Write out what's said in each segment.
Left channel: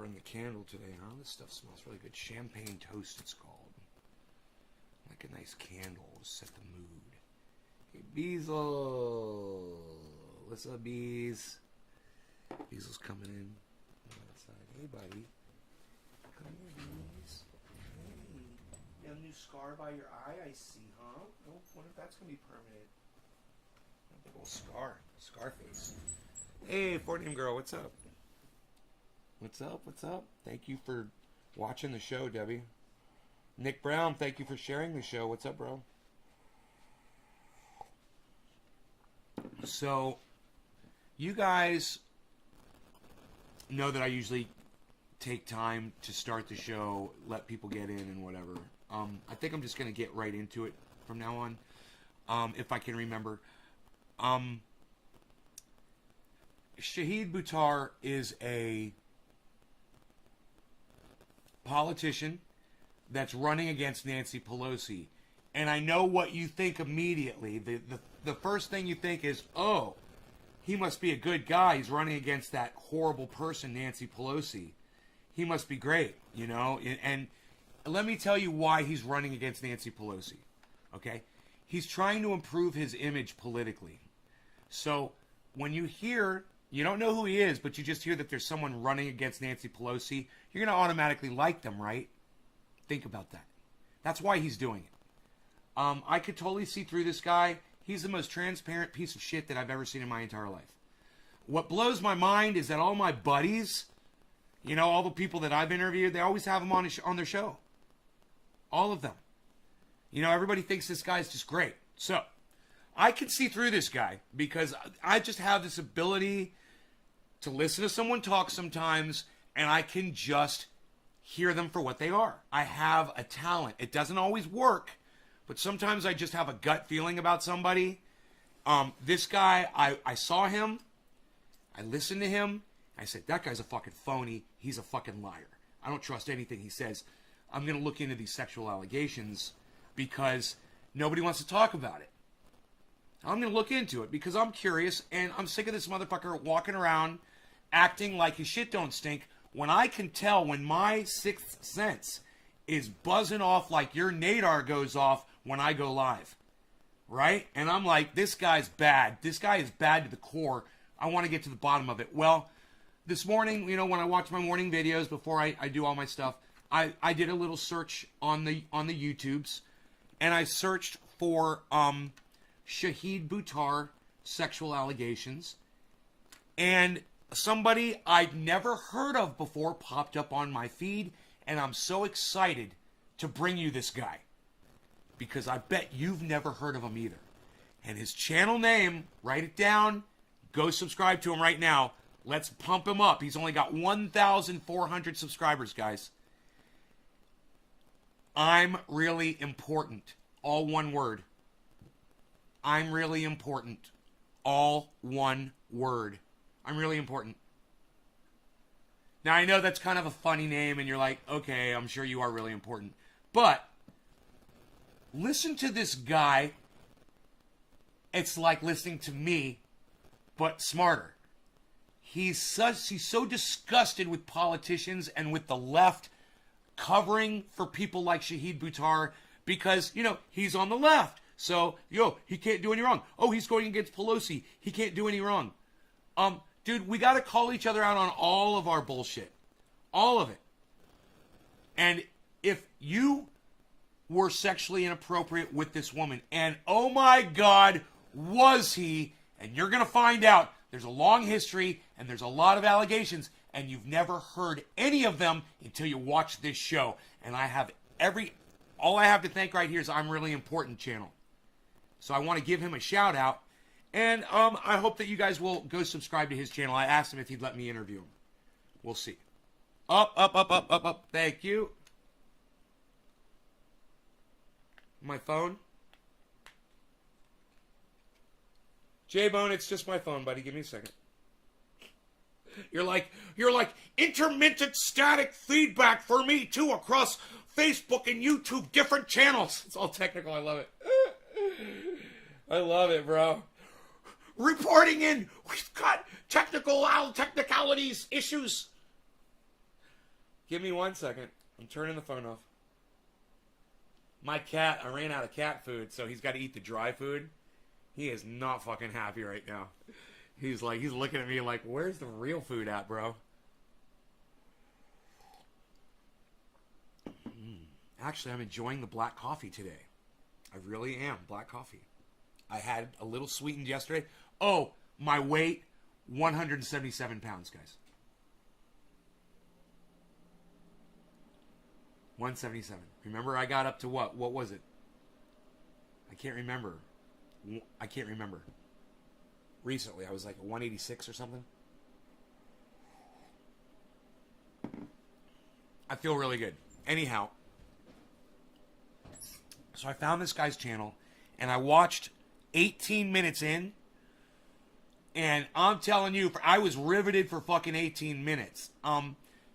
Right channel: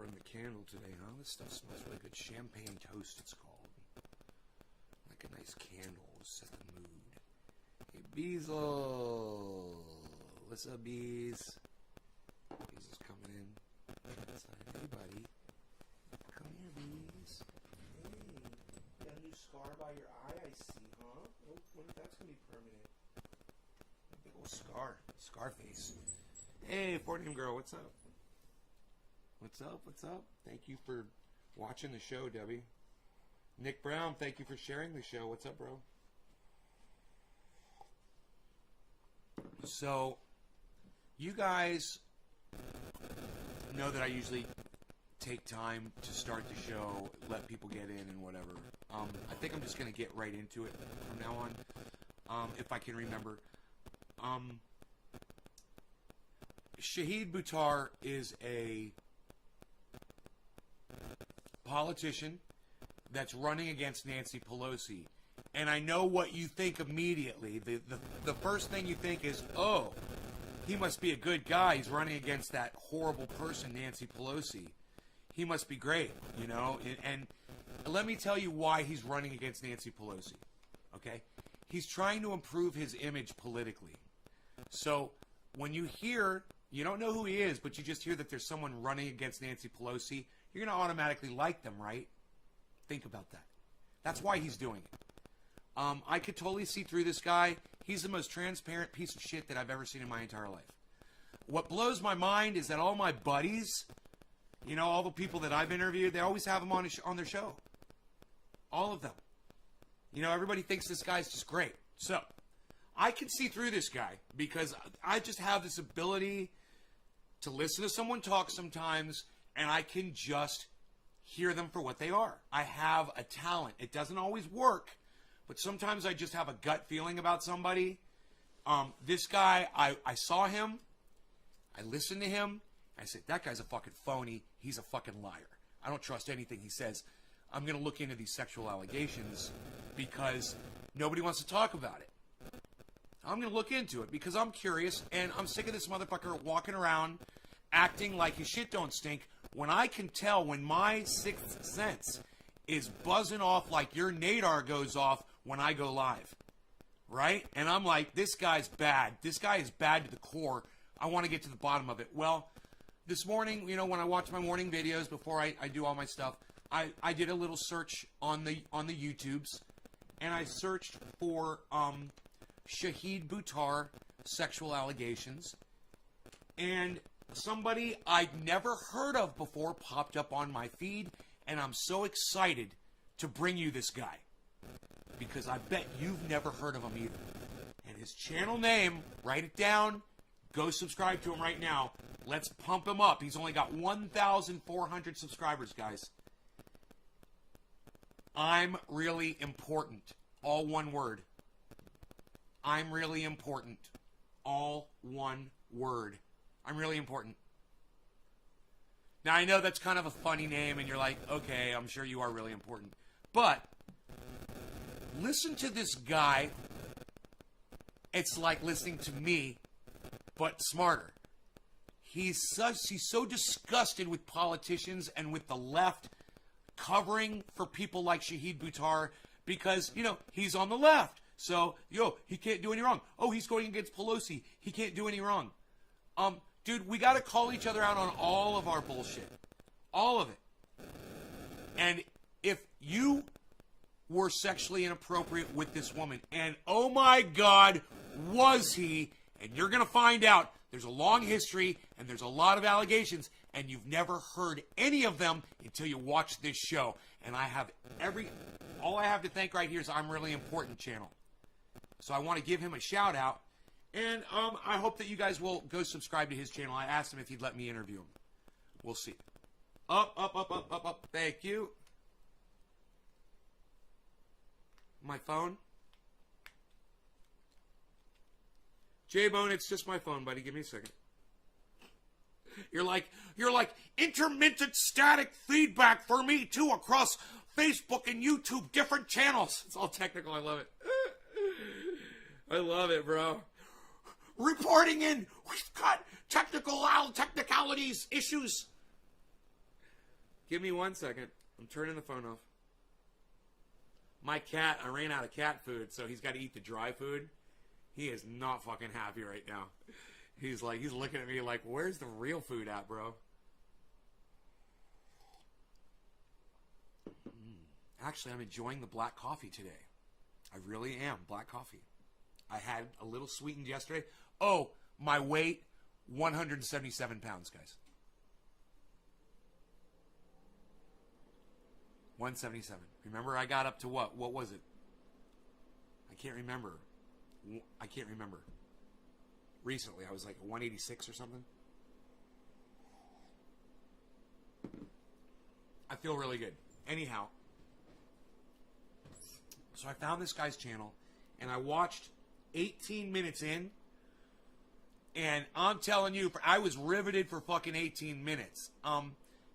burn the candle today, huh? This stuff smells really good. Champagne toast, it's called. Like a nice candle to set the mood. Hey, Beazle. What's up, Bees? Beazle's coming in. Hey, buddy. Come here, Bees. Hey. You got a new scar by your eye, I see, huh? I wonder if that's going to be permanent. A big old scar. Scar face. Hey, 4-name girl, what's up? What's up? What's up? Thank you for watching the show, Debbie. Nick Brown, thank you for sharing the show. What's up, bro? So, you guys know that I usually take time to start the show, let people get in and whatever. I think I'm just going to get right into it from now on, if I can remember. Shahid Buttar is a politician that's running against Nancy Pelosi. And I know what you think immediately. The first thing you think is, oh, he must be a good guy. He's running against that horrible person, Nancy Pelosi. He must be great, you know? And let me tell you why he's running against Nancy Pelosi, okay? He's trying to improve his image politically. So when you hear, you don't know who he is, but you just hear that there's someone running against Nancy Pelosi, you're going to automatically like them, right? Think about that. That's why he's doing it. I could totally see through this guy. He's the most transparent piece of shit that I've ever seen in my entire life. What blows my mind is that all my buddies, you know, all the people that I've interviewed, they always have him on their show. All of them. You know, everybody thinks this guy's just great. So, I can see through this guy because I just have this ability to listen to someone talk sometimes, and I can just hear them for what they are. I have a talent. It doesn't always work, but sometimes I just have a gut feeling about somebody. This guy, I saw him, I listened to him, I said, that guy's a fucking phony. He's a fucking liar. I don't trust anything he says. I'm going to look into these sexual allegations because nobody wants to talk about it. I'm going to look into it because I'm curious and I'm sick of this motherfucker walking around acting like his shit don't stink when I can tell when my sixth sense is buzzing off like your nadar goes off when I go live. Right? And I'm like, this guy's bad. This guy is bad to the core. I want to get to the bottom of it. Well, this morning, you know, when I watch my morning videos before I do all my stuff, I did a little search on the YouTubes, and I searched for Shahid Buttar sexual allegations, and somebody I'd never heard of before popped up on my feed, and I'm so excited to bring you this guy because I bet you've never heard of him either. And his channel name, write it down, go subscribe to him right now. Let's pump him up. He's only got 1,400 subscribers, guys. I'm really important. All one word. I'm really important. All one word. I'm really important. Now, I know that's kind of a funny name, and you're like, okay, I'm sure you are really important. But listen to this guy. It's like listening to me, but smarter. He's so disgusted with politicians and with the left covering for people like Shahid Buttar because, you know, he's on the left. So, he can't do any wrong. Oh, he's going against Pelosi. He can't do any wrong. Dude, we got to call each other out on all of our bullshit. All of it. And if you were sexually inappropriate with this woman, and oh my God, was he, and you're going to find out, there's a long history, and there's a lot of allegations, and you've never heard any of them until you watch this show. And I have all I have to thank right here is I'm Really Important channel. So I want to give him a shout out. And I hope that you guys will go subscribe to his channel. I asked him if he'd let me interview him. We'll see. Up, up, up, up, up, up. Thank you. My phone. J-Bone, it's just my phone, buddy. Give me a second. You're like intermittent static feedback for me too across Facebook and YouTube, different channels. It's all technical. I love it. I love it, bro. Reporting in. We've got technicalities, issues. Give me 1 second. I'm turning the phone off. My cat, I ran out of cat food, so he's got to eat the dry food. He is not fucking happy right now. He's looking at me like, where's the real food at, bro? Actually, I'm enjoying the black coffee today. I really am. Black coffee. I had a little sweetened yesterday. Oh, my weight, 177 pounds, guys. 177. Remember, I got up to what? What was it? I can't remember. Recently, I was like a 186 or something. I feel really good. Anyhow, so I found this guy's channel, and I watched 18 minutes in, and I'm telling you, I was riveted for fucking 18 minutes.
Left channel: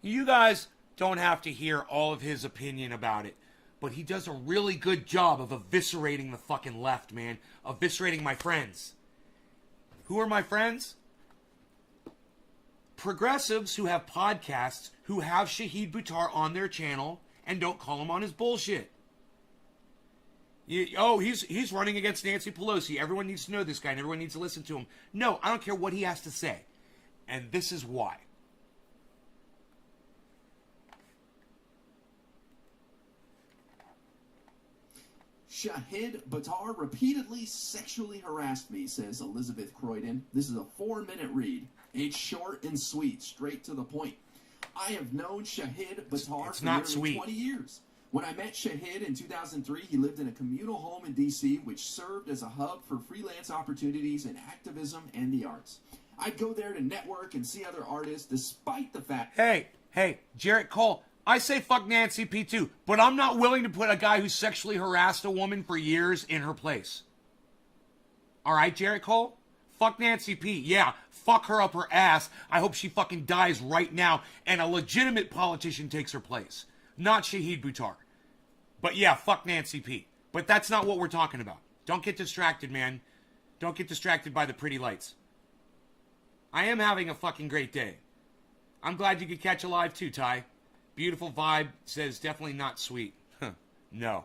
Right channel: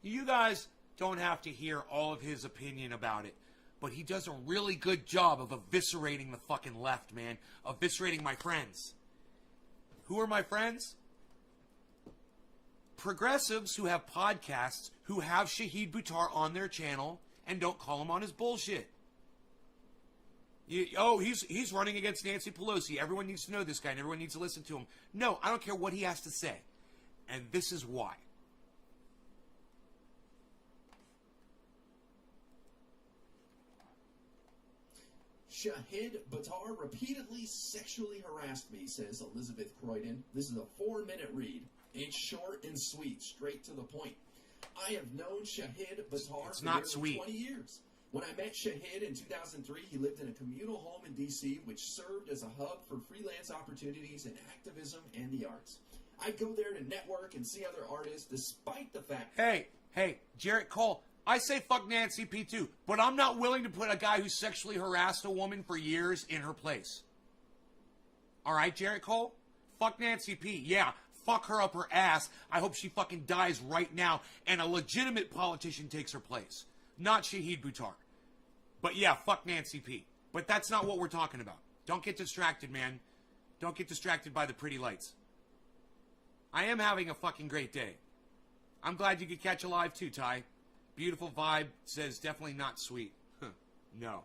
You guys don't have to hear all of his opinion about it, but he does a really good job of eviscerating the fucking left, man. Eviscerating my friends. Who are my friends? Progressives who have podcasts, who have Shahid Buttar on their channel, and don't call him on his bullshit. He's running against Nancy Pelosi. Everyone needs to know this guy, and everyone needs to listen to him. No, I don't care what he has to say. And this is why. Shahid Buttar repeatedly sexually harassed me, says Elizabeth Croydon. This is a 4-minute read. It's short and sweet, straight to the point. I have known Shahid Buttar for nearly 20 years. When I met Shahid in 2003, he lived in a communal home in D.C., which served as a hub for freelance opportunities in activism and the arts. I'd go there to network and see other artists, despite the fact... Hey, Jarrett Cole, I say fuck Nancy P too, but I'm not willing to put a guy who sexually harassed a woman for years in her place. Alright, Jarrett Cole? Fuck Nancy P. Yeah, fuck her up her ass. I hope she fucking dies right now and a legitimate politician takes her place. Not Shahid Buttar. But yeah, fuck Nancy P. But that's not what we're talking about. Don't get distracted, man. Don't get distracted by the pretty lights. I am having a fucking great day. I'm glad you could catch a live too, Ty. Beautiful vibe says definitely not sweet. No.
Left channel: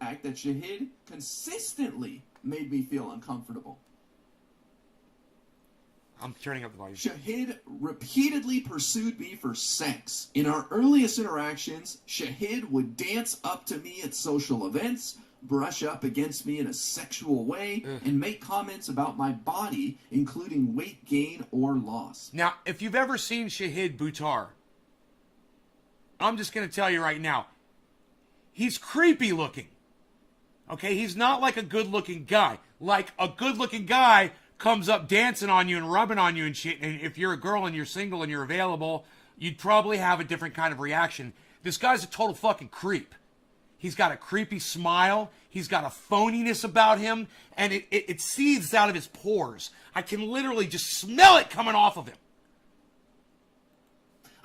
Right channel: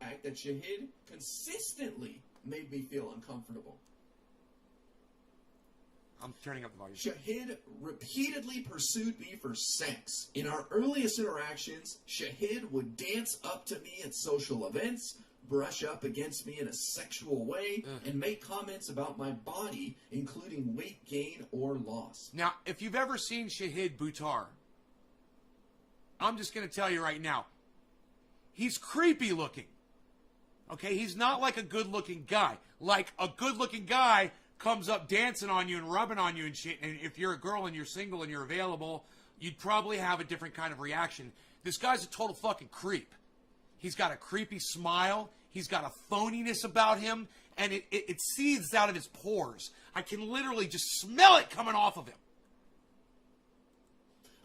Fact that Shahid consistently made me feel uncomfortable. I'm turning up the volume. Shahid repeatedly pursued me for sex. In our earliest interactions, Shahid would dance up to me at social events, brush up against me in a sexual way, and make comments about my body, including weight gain or loss. Now, if you've ever seen Shahid Buttar, I'm just going to tell you right now, he's creepy looking. Okay, he's not like a good-looking guy. Like, a good-looking guy comes up dancing on you and rubbing on you and shit, and if you're a girl and you're single and you're available, you'd probably have a different kind of reaction. This guy's a total fucking creep. He's got a creepy smile. He's got a phoniness about him, and it seethes out of his pores. I can literally just smell it coming off of him.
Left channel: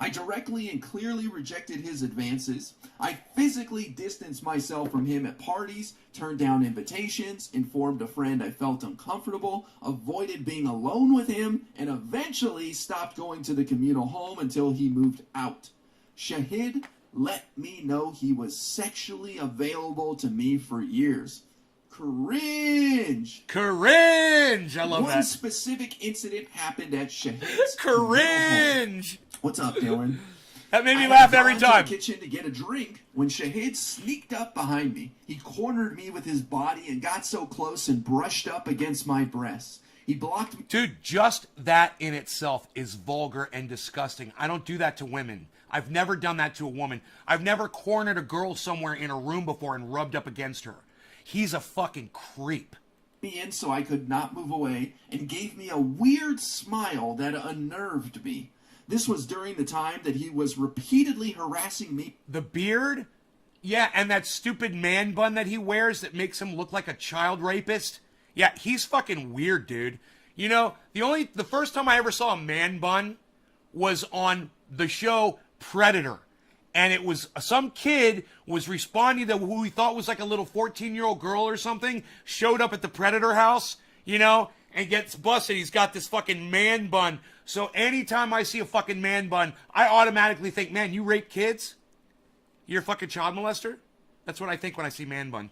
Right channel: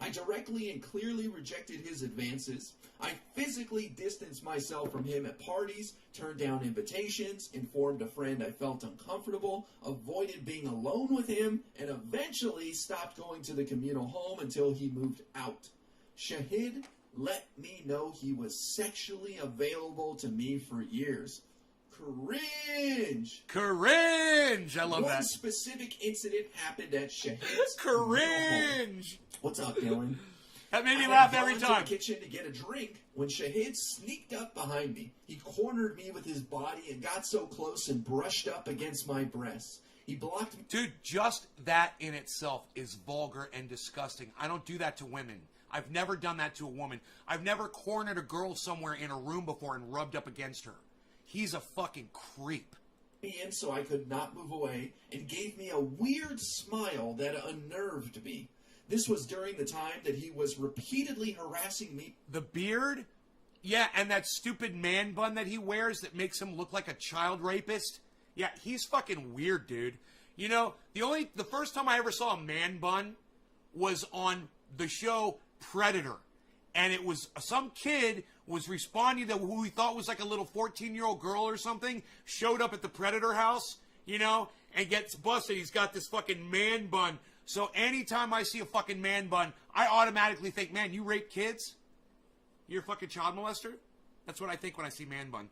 I directly and clearly rejected his advances. I physically distanced myself from him at parties, turned down invitations, informed a friend I felt uncomfortable, avoided being alone with him, and eventually stopped going to the communal home until he moved out. Shahid let me know he was sexually available to me for years. Cringe! Cringe! I love that. One specific incident happened at Shahid's Cringe! What's up, Dylan? That made me laugh every time. I went to the kitchen to get a drink when Shahid sneaked up behind me. He cornered me with his body and got so close and brushed up against my breasts. He blocked me. Dude, just that in itself is vulgar and disgusting. I don't do that to women. I've never done that to a woman. I've never cornered a girl somewhere in a room before and rubbed up against her. He's a fucking creep. Me in so I could not move away and gave me a weird smile that unnerved me. This was during the time that he was repeatedly harassing me. The beard? Yeah, and that stupid man bun that he wears that makes him look like a child rapist? Yeah, he's fucking weird, dude. You know, the first time I ever saw a man bun was on the show Predator. And it was some kid was responding to who he thought was like a little 14-year-old girl or something, showed up at the Predator house, you know, and gets busted. He's got this fucking man bun. So anytime I see a fucking man bun, I automatically think, man, you rape kids? You're a fucking child molester? That's what I think when I see man bun.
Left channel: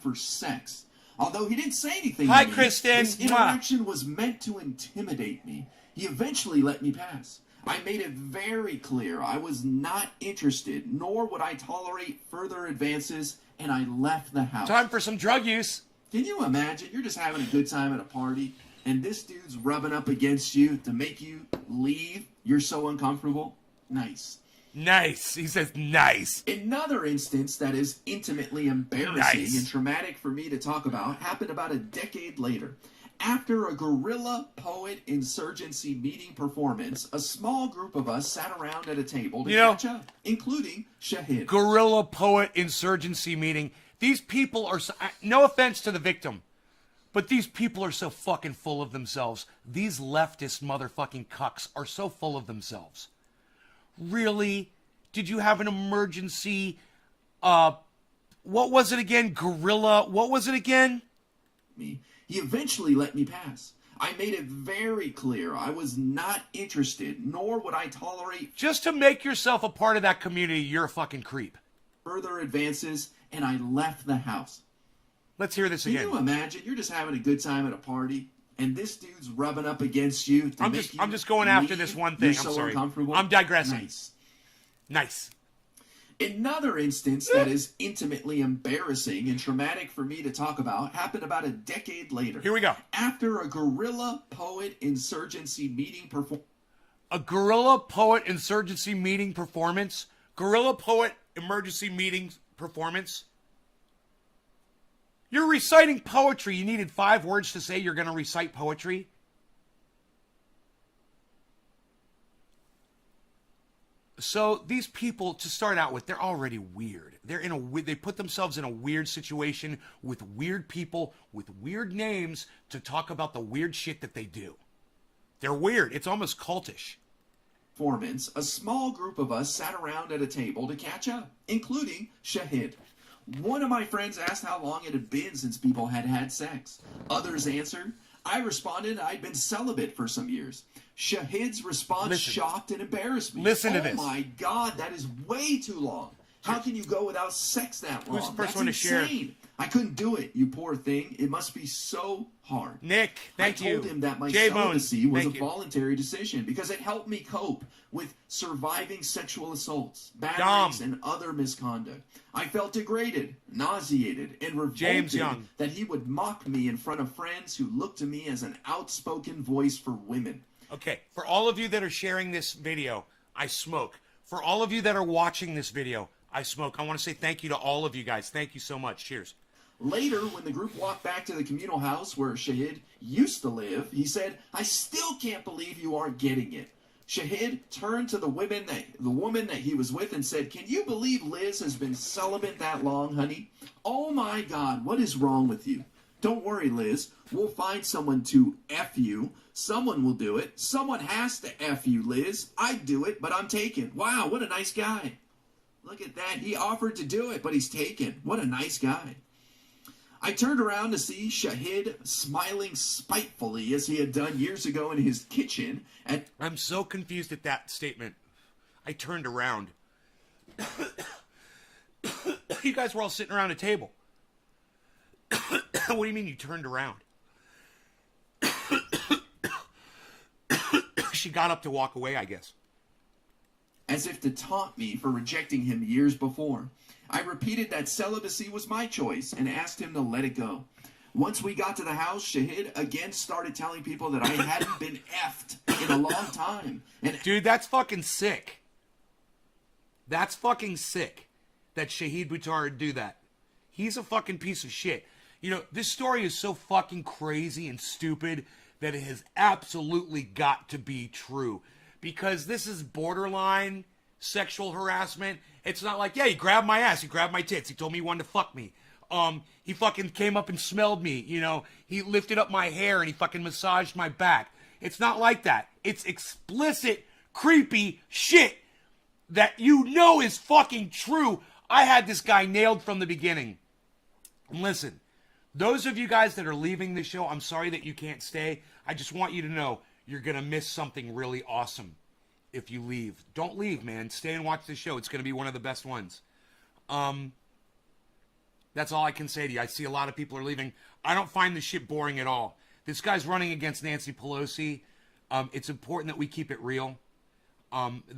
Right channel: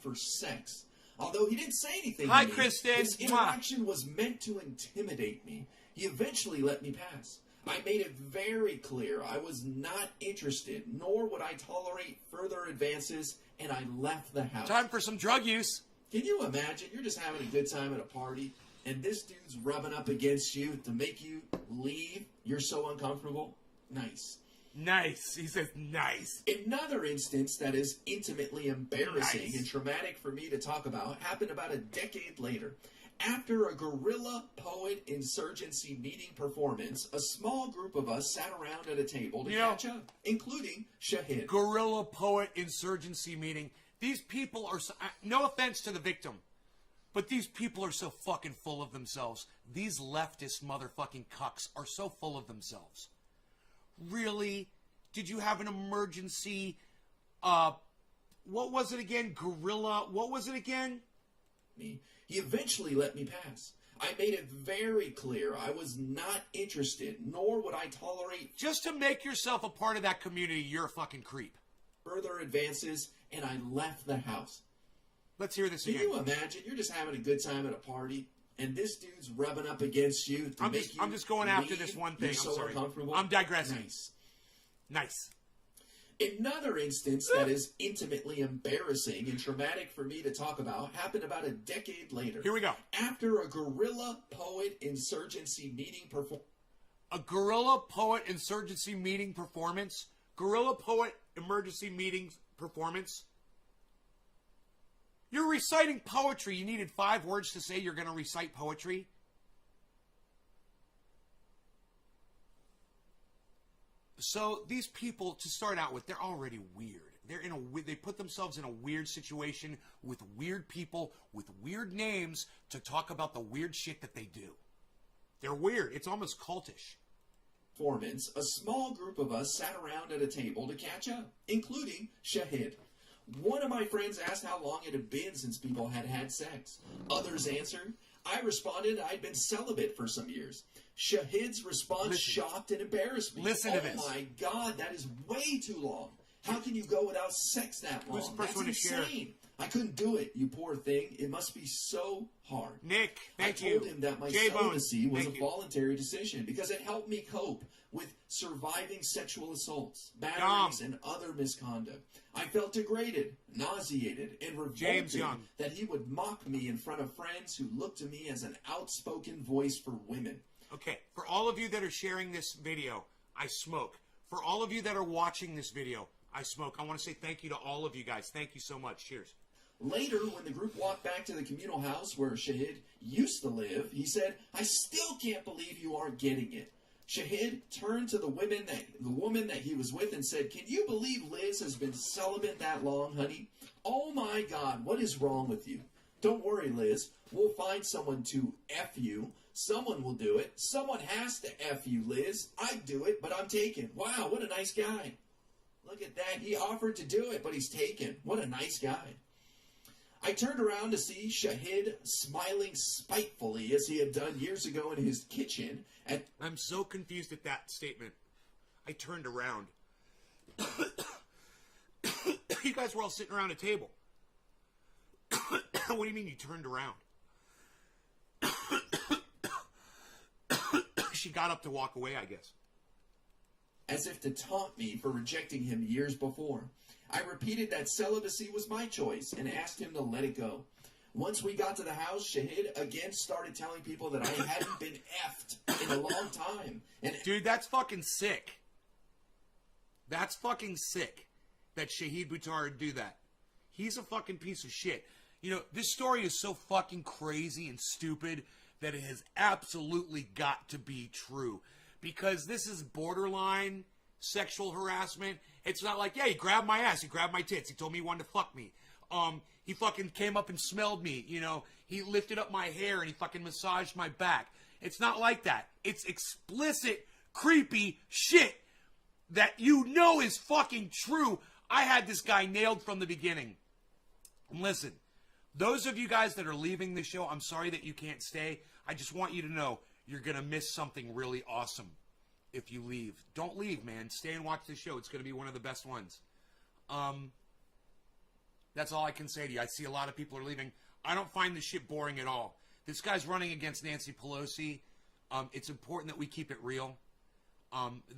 For sex. Although he didn't say anything Hi, to me, Kristen. this interaction was meant to intimidate me. He eventually let me pass. I made it very clear I was not interested, nor would I tolerate further advances, and I left the house. Time for some drug use. Can you imagine? You're just having a good time at a party, and this dude's rubbing up against you to make you leave. You're so uncomfortable. Nice. Nice. He says nice. Another instance that is intimately embarrassing and traumatic for me to talk about happened about a decade later. After a guerrilla poet insurgency meeting performance, a small group of us sat around at a table to catch up, including Shahid. Guerrilla poet insurgency meeting. These people are, no offense to the victim, but these people are so fucking full of themselves. These leftist motherfucking cucks are so full of themselves. Really? Did you have an emergency, what was it again? Guerrilla, what was it again? He eventually let me pass. I made it very clear I was not interested, nor would I tolerate... Just to make yourself a part of that community, you're a fucking creep. ...further advances, and I left the house. Let's hear this again. Can you imagine? You're just having a good time at a party, and this dude's rubbing up against you to make you I'm just going after this one thing. You're I'm sorry. Uncomfortable. I'm digressing. Nice. Another instance that is intimately embarrassing and traumatic for me to talk about happened about a decade later. Here we go. After a guerrilla poet insurgency meeting A guerrilla poet insurgency meeting performance? Guerrilla poet emergency meeting performance? You're reciting poetry. You needed 5 words to say you're going to recite poetry? So these people, to start out with, they're already weird. They put themselves in a weird situation with weird people with weird names to talk about the weird shit that they do. They're weird. It's almost cultish. Performance, a small group of us sat around at a table to catch up, including Shahid. One of my friends asked how long it had been since people had had sex. Others answered. I responded I'd been celibate for some years. Shahid's response shocked and embarrassed me. Listen to this. Oh my God, that is way too long. How can you go without sex that long? Who's the first That's one to insane. share? I couldn't do it, you poor thing. It must be so hard. Nick, thank you. I told him that my celibacy was a voluntary decision because it helped me cope with surviving sexual assaults, batteries, and other misconduct. I felt degraded, nauseated, and revolted that he would mock me in front of friends who looked to me as an outspoken voice for women. Okay, for all of you that are sharing this video, I smoke. For all of you that are watching this video, I smoke. I want to say thank you to all of you guys. Thank you so much. Cheers. Later, when the group walked back to the communal house where Shahid used to live, he said, I still can't believe you aren't getting it. Shahid turned to the woman that he was with and said, can you believe Liz has been celibate that long, honey? Oh my God, what is wrong with you? Don't worry, Liz. We'll find someone to F you. Someone will do it. Someone has to F you, Liz. I'd do it, but I'm taken. Wow, what a nice guy. Look at that. He offered to do it, but he's taken. What a nice guy. I turned around to see Shahid smiling spitefully as he had done years ago in his kitchen. I'm so confused at that statement. I turned around. You guys were all sitting around a table. What do you mean you turned around? She got up to walk away, I guess. As if to taunt me for rejecting him years before. I repeated that celibacy was my choice and asked him to let it go. Once we got to the house, Shahid again started telling people that I hadn't been effed in a long time. Dude, that's fucking sick. That's fucking sick that Shahid Buttar would do that. He's a fucking piece of shit. You know, this story is so fucking crazy and stupid that it has absolutely got to be true. Because this is borderline sexual harassment. It's not like, yeah, he grabbed my ass, he grabbed my tits, he told me he wanted to fuck me. He fucking came up and smelled me, you know. He lifted up my hair and he fucking massaged my back. It's not like that. It's explicit, creepy shit that you know is fucking true. I had this guy nailed from the beginning. And listen, Those of you guys that are leaving the show, I'm sorry that you can't stay. I just want you to know you're going to miss something really awesome if you leave. Don't leave, man. Stay and watch the show. It's going to be one of the best ones. That's all I can say to you. I see a lot of people are leaving. I don't find this shit boring at all. This guy's running against Nancy Pelosi. It's important that we keep it real.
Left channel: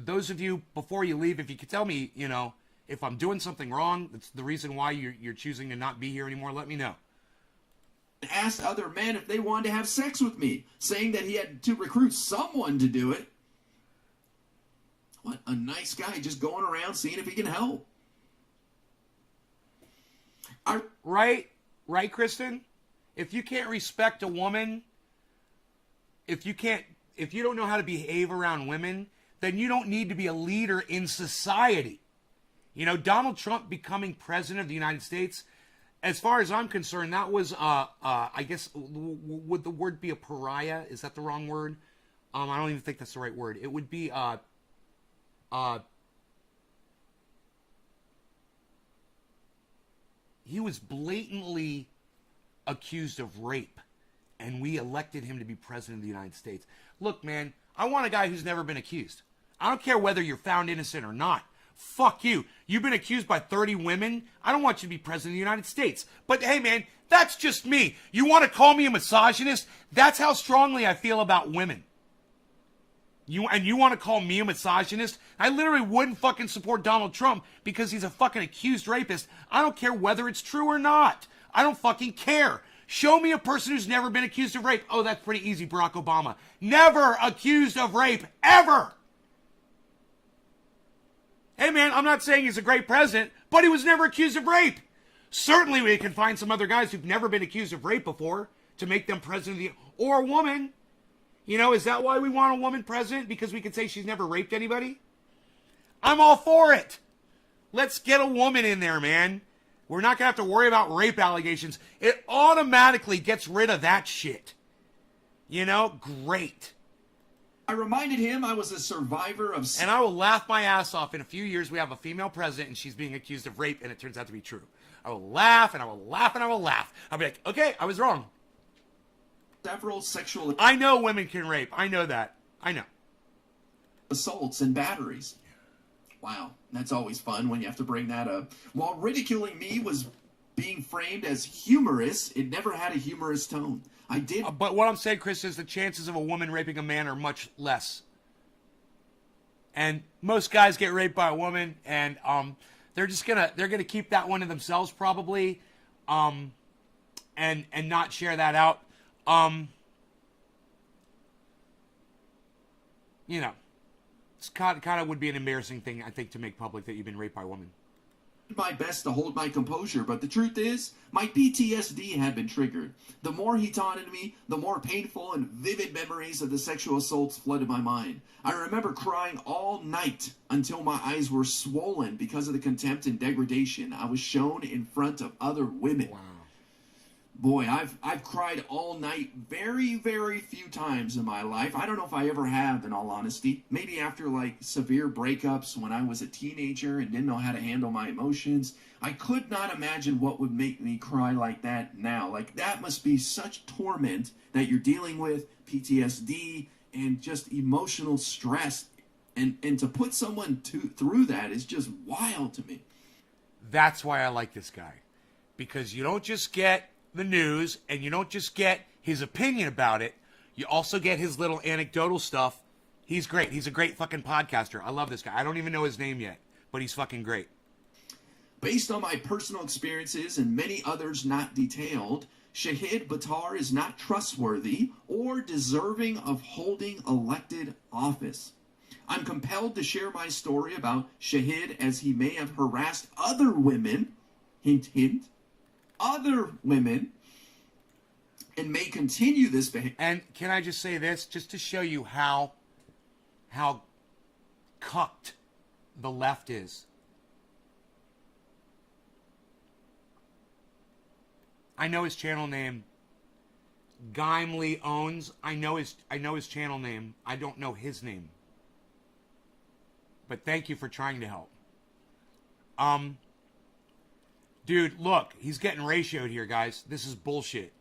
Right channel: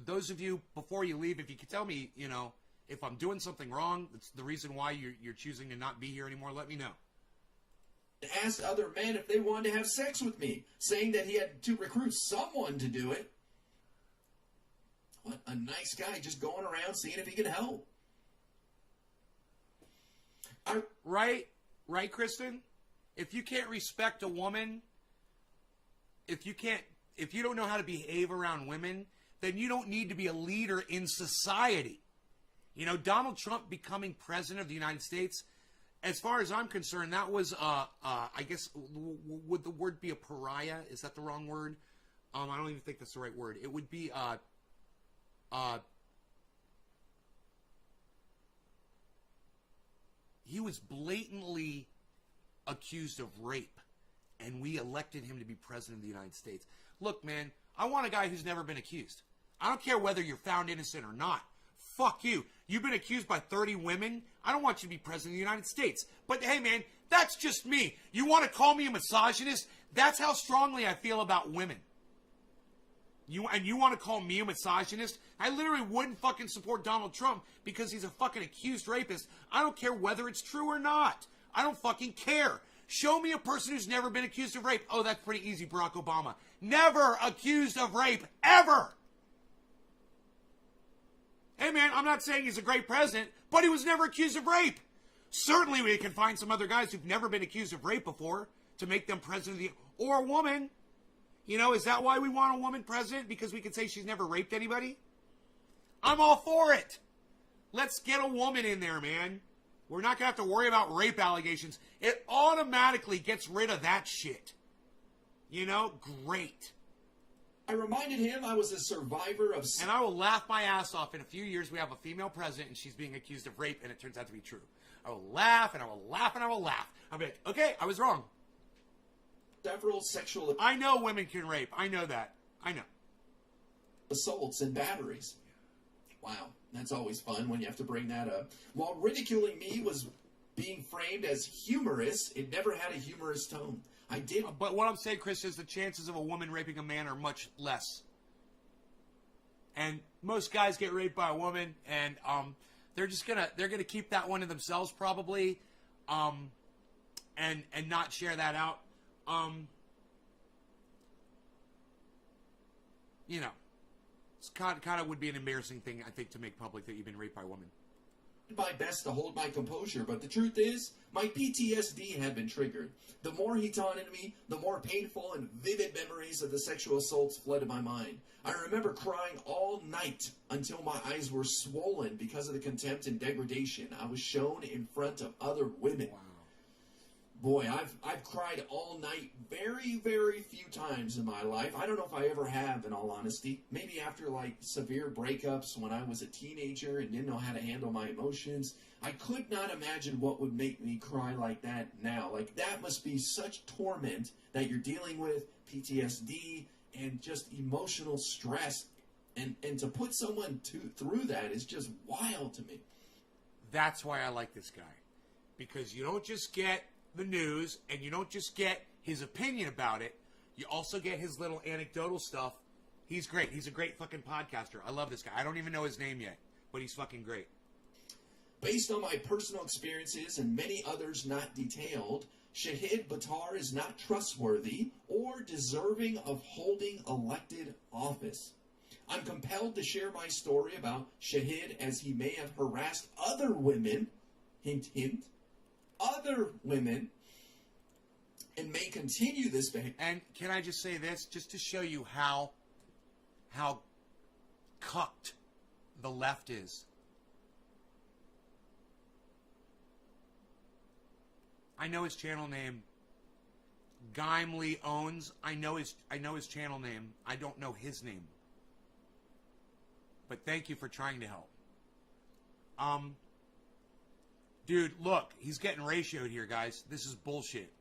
Those of you, before you leave, if you could tell me, you know, if I'm doing something wrong, that's the reason why you're choosing to not be here anymore, let me know. Asked other men if they wanted to have sex with me, saying that he had to recruit someone to do it. What a nice guy, just going around seeing if he can help. Right, Kristen? If you can't respect a woman, if you don't know how to behave around women, then you don't need to be a leader in society. You know, Donald Trump becoming president of the United States, as far as I'm concerned, that was, I guess, would the word be a pariah? Is that the wrong word? I don't even think that's the right word. It would be, he was blatantly accused of rape, and we elected him to be president of the United States. Look, man, I want a guy who's never been accused. I don't care whether you're found innocent or not. Fuck you. You've been accused by 30 women. I don't want you to be president of the United States. But hey, man, that's just me. You want to call me a misogynist? That's how strongly I feel about women. You want to call me a misogynist? I literally wouldn't fucking support Donald Trump because he's a fucking accused rapist. I don't care whether it's true or not. I don't fucking care. Show me a person who's never been accused of rape. Oh, that's pretty easy, Barack Obama. Never accused of rape, ever. Hey, man, I'm not saying he's a great president, but he was never accused of rape. Certainly we can find some other guys who've never been accused of rape before to make them president of the... Or a woman. You know, is that why we want a woman president? Because we can say she's never raped anybody? I'm all for it. Let's get a woman in there, man. We're not going to have to worry about rape allegations. It automatically gets rid of that shit. You know? Great. I reminded him I was a survivor of... And I will laugh my ass off. In a few years, we have a female president, and she's being accused of rape, and it turns out to be true. I will laugh, and I will laugh, and I will laugh. I'll be like, okay, I was wrong. Several sexual... I know women can rape. I know that. I know. Assaults and batteries. Wow, that's always fun when you have to bring that up. While ridiculing me was being framed as humorous, it never had a humorous tone. I did... But what I'm saying, Chris, is the chances of a woman raping a man are much less. And most guys get raped by a woman, and they're gonna keep that one to themselves probably, and not share that out. You know, it's kind of would be an embarrassing thing, I think, to make public that you've been raped by a woman. My best to hold my composure, but the truth is, my PTSD had been triggered. The more he taunted me, the more painful and vivid memories of the sexual assaults flooded my mind. I remember crying all night until my eyes were swollen because of the contempt and degradation I was shown in front of other women. Wow. Boy, I've cried all night very, very few times in my life. I don't know if I ever have, in all honesty. Maybe after, like, severe breakups when I was a teenager and didn't know how to handle my emotions. I could not imagine what would make me cry like that now. Like, that must be such torment that you're dealing with, PTSD, and just emotional stress. And to put someone through that is just wild to me. That's why I like this guy. Because you don't just get the news, and you don't just get his opinion about it, you also get his little anecdotal stuff. He's great. He's a great fucking podcaster. I love this guy. I don't even know his name yet, but he's fucking great. Based on my personal experiences and many others not detailed, Shahid Buttar is not trustworthy or deserving of holding elected office. I'm compelled to share my story about Shahid as he may have harassed other women, hint, hint, other women, and may continue this behavior. And can I just say this, just to show you how cucked the left is? I know his channel name. Gimli owns. I know his channel name. I don't know his name. But thank you for trying to help. Dude, look, he's getting ratioed here, guys. This is bullshit.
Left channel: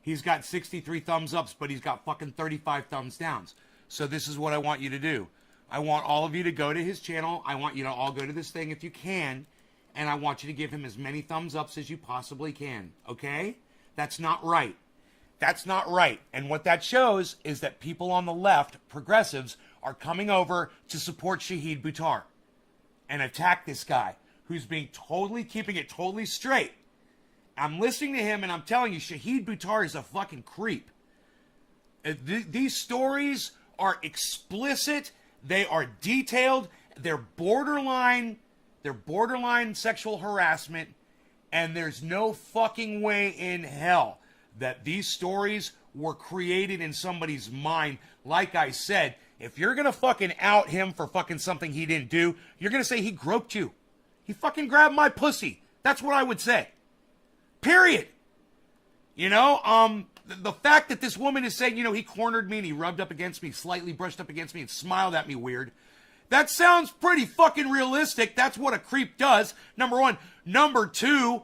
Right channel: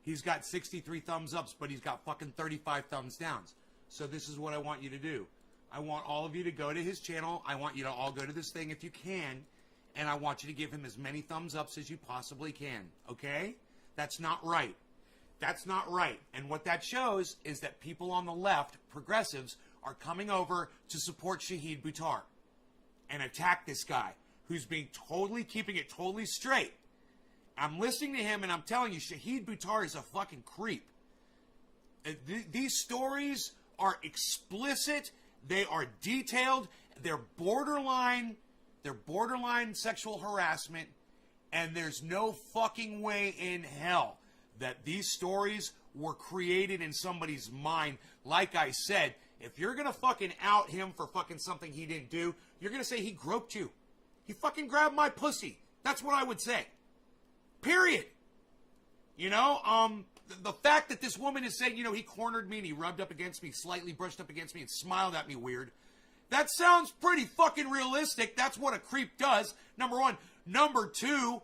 He's got 63 thumbs ups, but he's got fucking 35 thumbs downs. So this is what I want you to do. I want all of you to go to his channel. I want you to all go to this thing if you can. And I want you to give him as many thumbs ups as you possibly can. Okay? That's not right. That's not right. And what that shows is that people on the left, progressives, are coming over to support Shahid Buttar and attack this guy who's being keeping it totally straight. I'm listening to him and I'm telling you, Shahid Buttar is a fucking creep. These stories are explicit. They are detailed. They're borderline sexual harassment. And there's no fucking way in hell that these stories were created in somebody's mind. Like I said, if you're going to fucking out him for fucking something he didn't do, you're going to say he groped you. He fucking grabbed my pussy. That's what I would say. Period. You know, the fact that this woman is saying, you know, he cornered me and he rubbed up against me, slightly brushed up against me and smiled at me weird. That sounds pretty fucking realistic. That's what a creep does. Number one. Number two,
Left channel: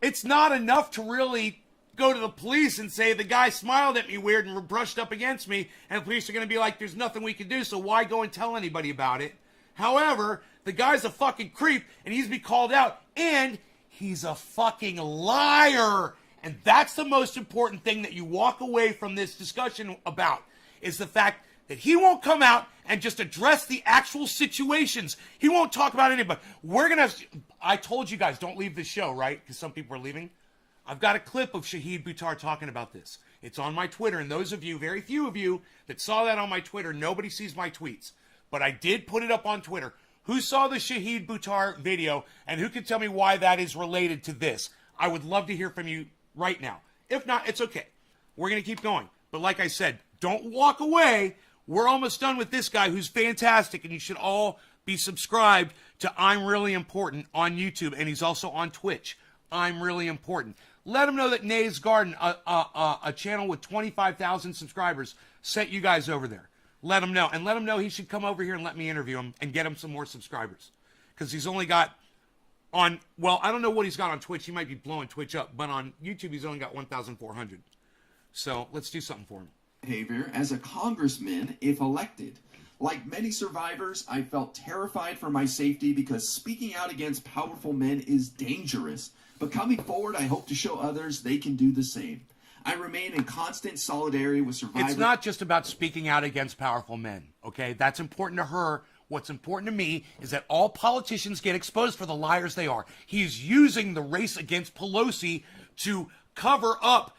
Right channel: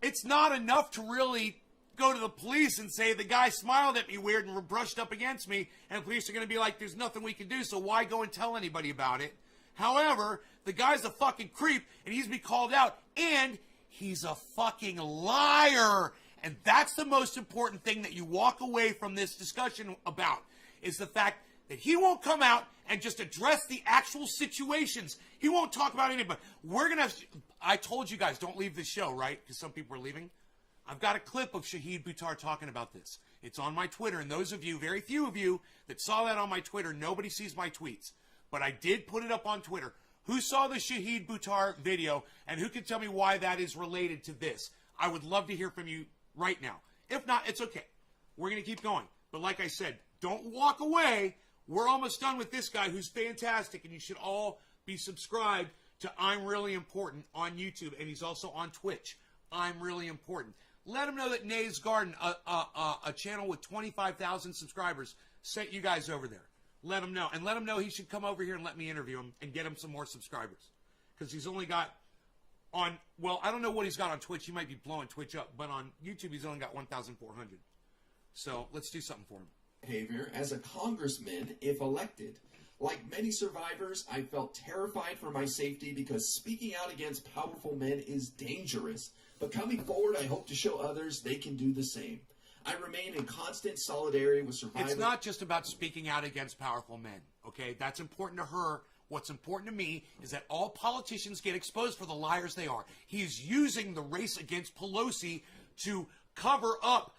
it's not enough to really go to the police and say the guy smiled at me weird and brushed up against me, and the police are going to be like, there's nothing we can do, so why go and tell anybody about it? However, the guy's a fucking creep, and he's be called out, and he's a fucking liar. And that's the most important thing that you walk away from this discussion about, is the fact that he won't come out and just address the actual situations. He won't talk about anybody. I told you guys, don't leave the show, right? Because some people are leaving. I've got a clip of Shahid Buttar talking about this. It's on my Twitter, and those of you, very few of you, that saw that on my Twitter, nobody sees my tweets. But I did put it up on Twitter. Who saw the Shahid Buttar video, and who can tell me why that is related to this? I would love to hear from you right now. If not, it's okay. We're going to keep going. But like I said, don't walk away. We're almost done with this guy who's fantastic, and you should all be subscribed to I'm Really Important on YouTube, and he's also on Twitch. I'm Really Important. Let him know that Nay's Garden, a channel with 25,000 subscribers, sent you guys over there. Let him know. And let him know he should come over here and let me interview him and get him some more subscribers. Because he's only got I don't know what he's got on Twitch. He might be blowing Twitch up. But on YouTube, he's only got 1,400. So let's do something for him. Behavior as a congressman if elected. Like many survivors, I felt terrified for my safety because speaking out against powerful men is dangerous. But coming forward, I hope to show others they can do the same. I remain in constant solidarity with survivors. It's not just about speaking out against powerful men, okay? That's important to her. What's important to me is that all politicians get exposed for the liars they are. He's using the race against Pelosi to cover up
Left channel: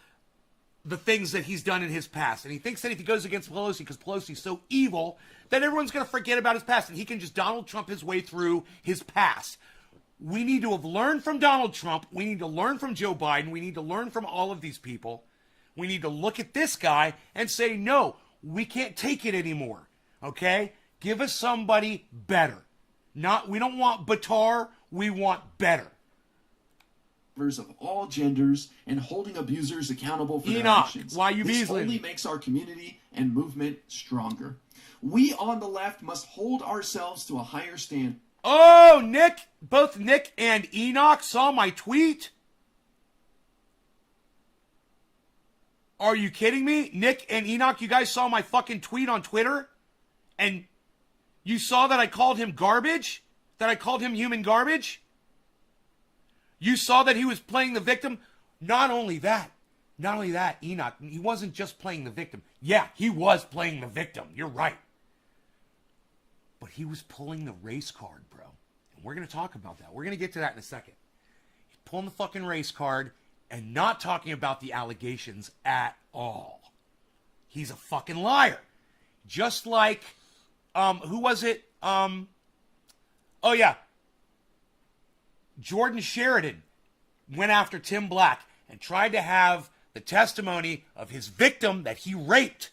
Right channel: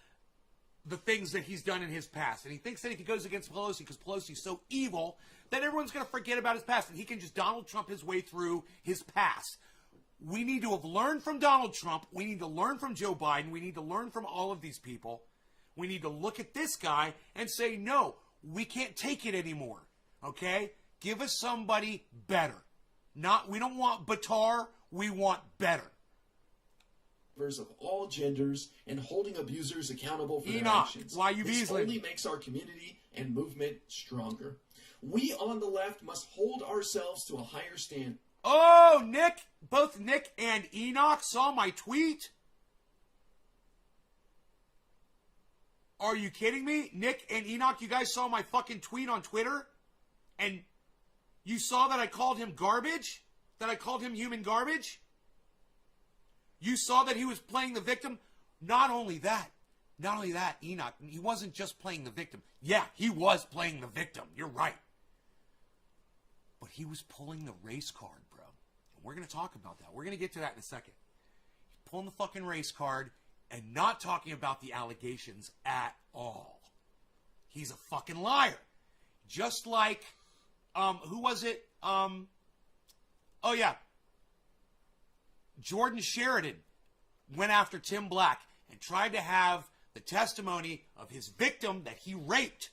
the things that he's done in his past. And he thinks that if he goes against Pelosi, because Pelosi's so evil, that everyone's going to forget about his past, and he can just Donald Trump his way through his past. We need to have learned from Donald Trump. We need to learn from Joe Biden. We need to learn from all of these people. We need to look at this guy and say, no, we can't take it anymore. Okay? Give us somebody better. We don't want Buttar. We want better. Of all genders and holding abusers accountable for their Enoch, actions. why you This beasling? only makes our community and movement stronger. We on the left must hold ourselves to a higher standard. Oh, Nick, both Nick and Enoch saw my tweet. Are you kidding me? Nick and Enoch, you guys saw my fucking tweet on Twitter? And you saw that I called him garbage? That I called him human garbage? You saw that he was playing the victim? Not only that, Enoch, he wasn't just playing the victim. Yeah, he was playing the victim. You're right. But he was pulling the race card, bro. And we're going to talk about that. We're going to get to that in a second. He's pulling the fucking race card and not talking about the allegations at all. He's a fucking liar. Just like, who was it? Oh, yeah. Jordan Sheridan went after Tim Black and tried to have the testimony of his victim that he raped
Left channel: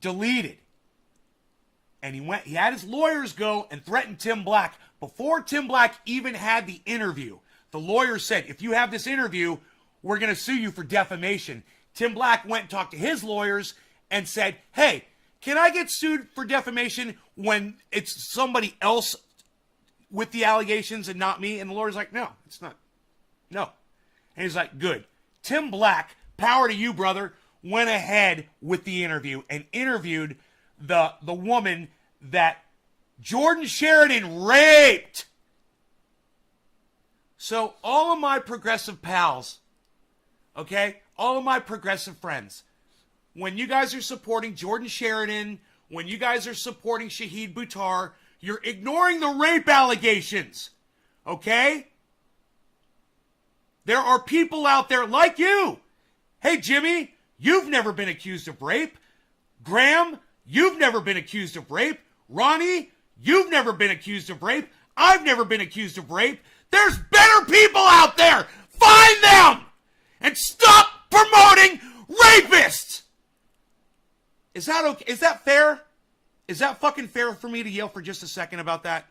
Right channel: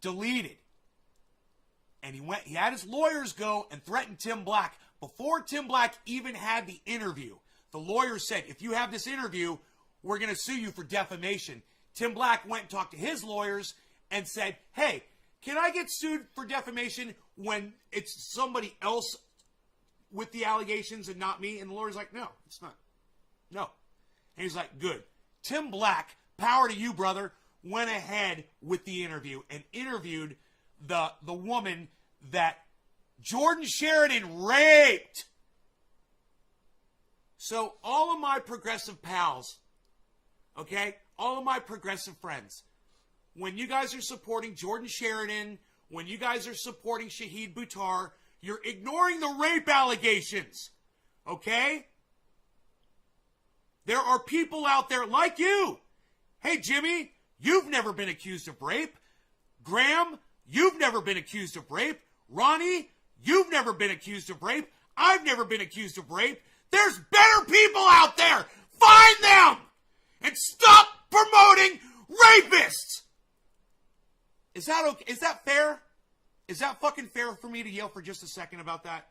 deleted. And he had his lawyers go and threaten Tim Black. Before Tim Black even had the interview, the lawyer said, if you have this interview, we're going to sue you for defamation. Tim Black went and talked to his lawyers and said, hey, can I get sued for defamation when it's somebody else with the allegations and not me? And the lawyer's like, no, it's not. No. And he's like, good. Tim Black, power to you, brother, went ahead with the interview and interviewed the woman that Jordan Sheridan raped. So all of my progressive pals, okay, all of my progressive friends, when you guys are supporting Jordan Sheridan, when you guys are supporting Shahid Buttar, you're ignoring the rape allegations, okay? There are people out there like you. Hey, Jimmy, you've never been accused of rape. Graham, you've never been accused of rape. Ronnie, you've never been accused of rape. I've never been accused of rape. There's better people out there. Find them and stop promoting rapists. Is that okay? Is that fair? Is that fucking fair for me to yell for just a second about that?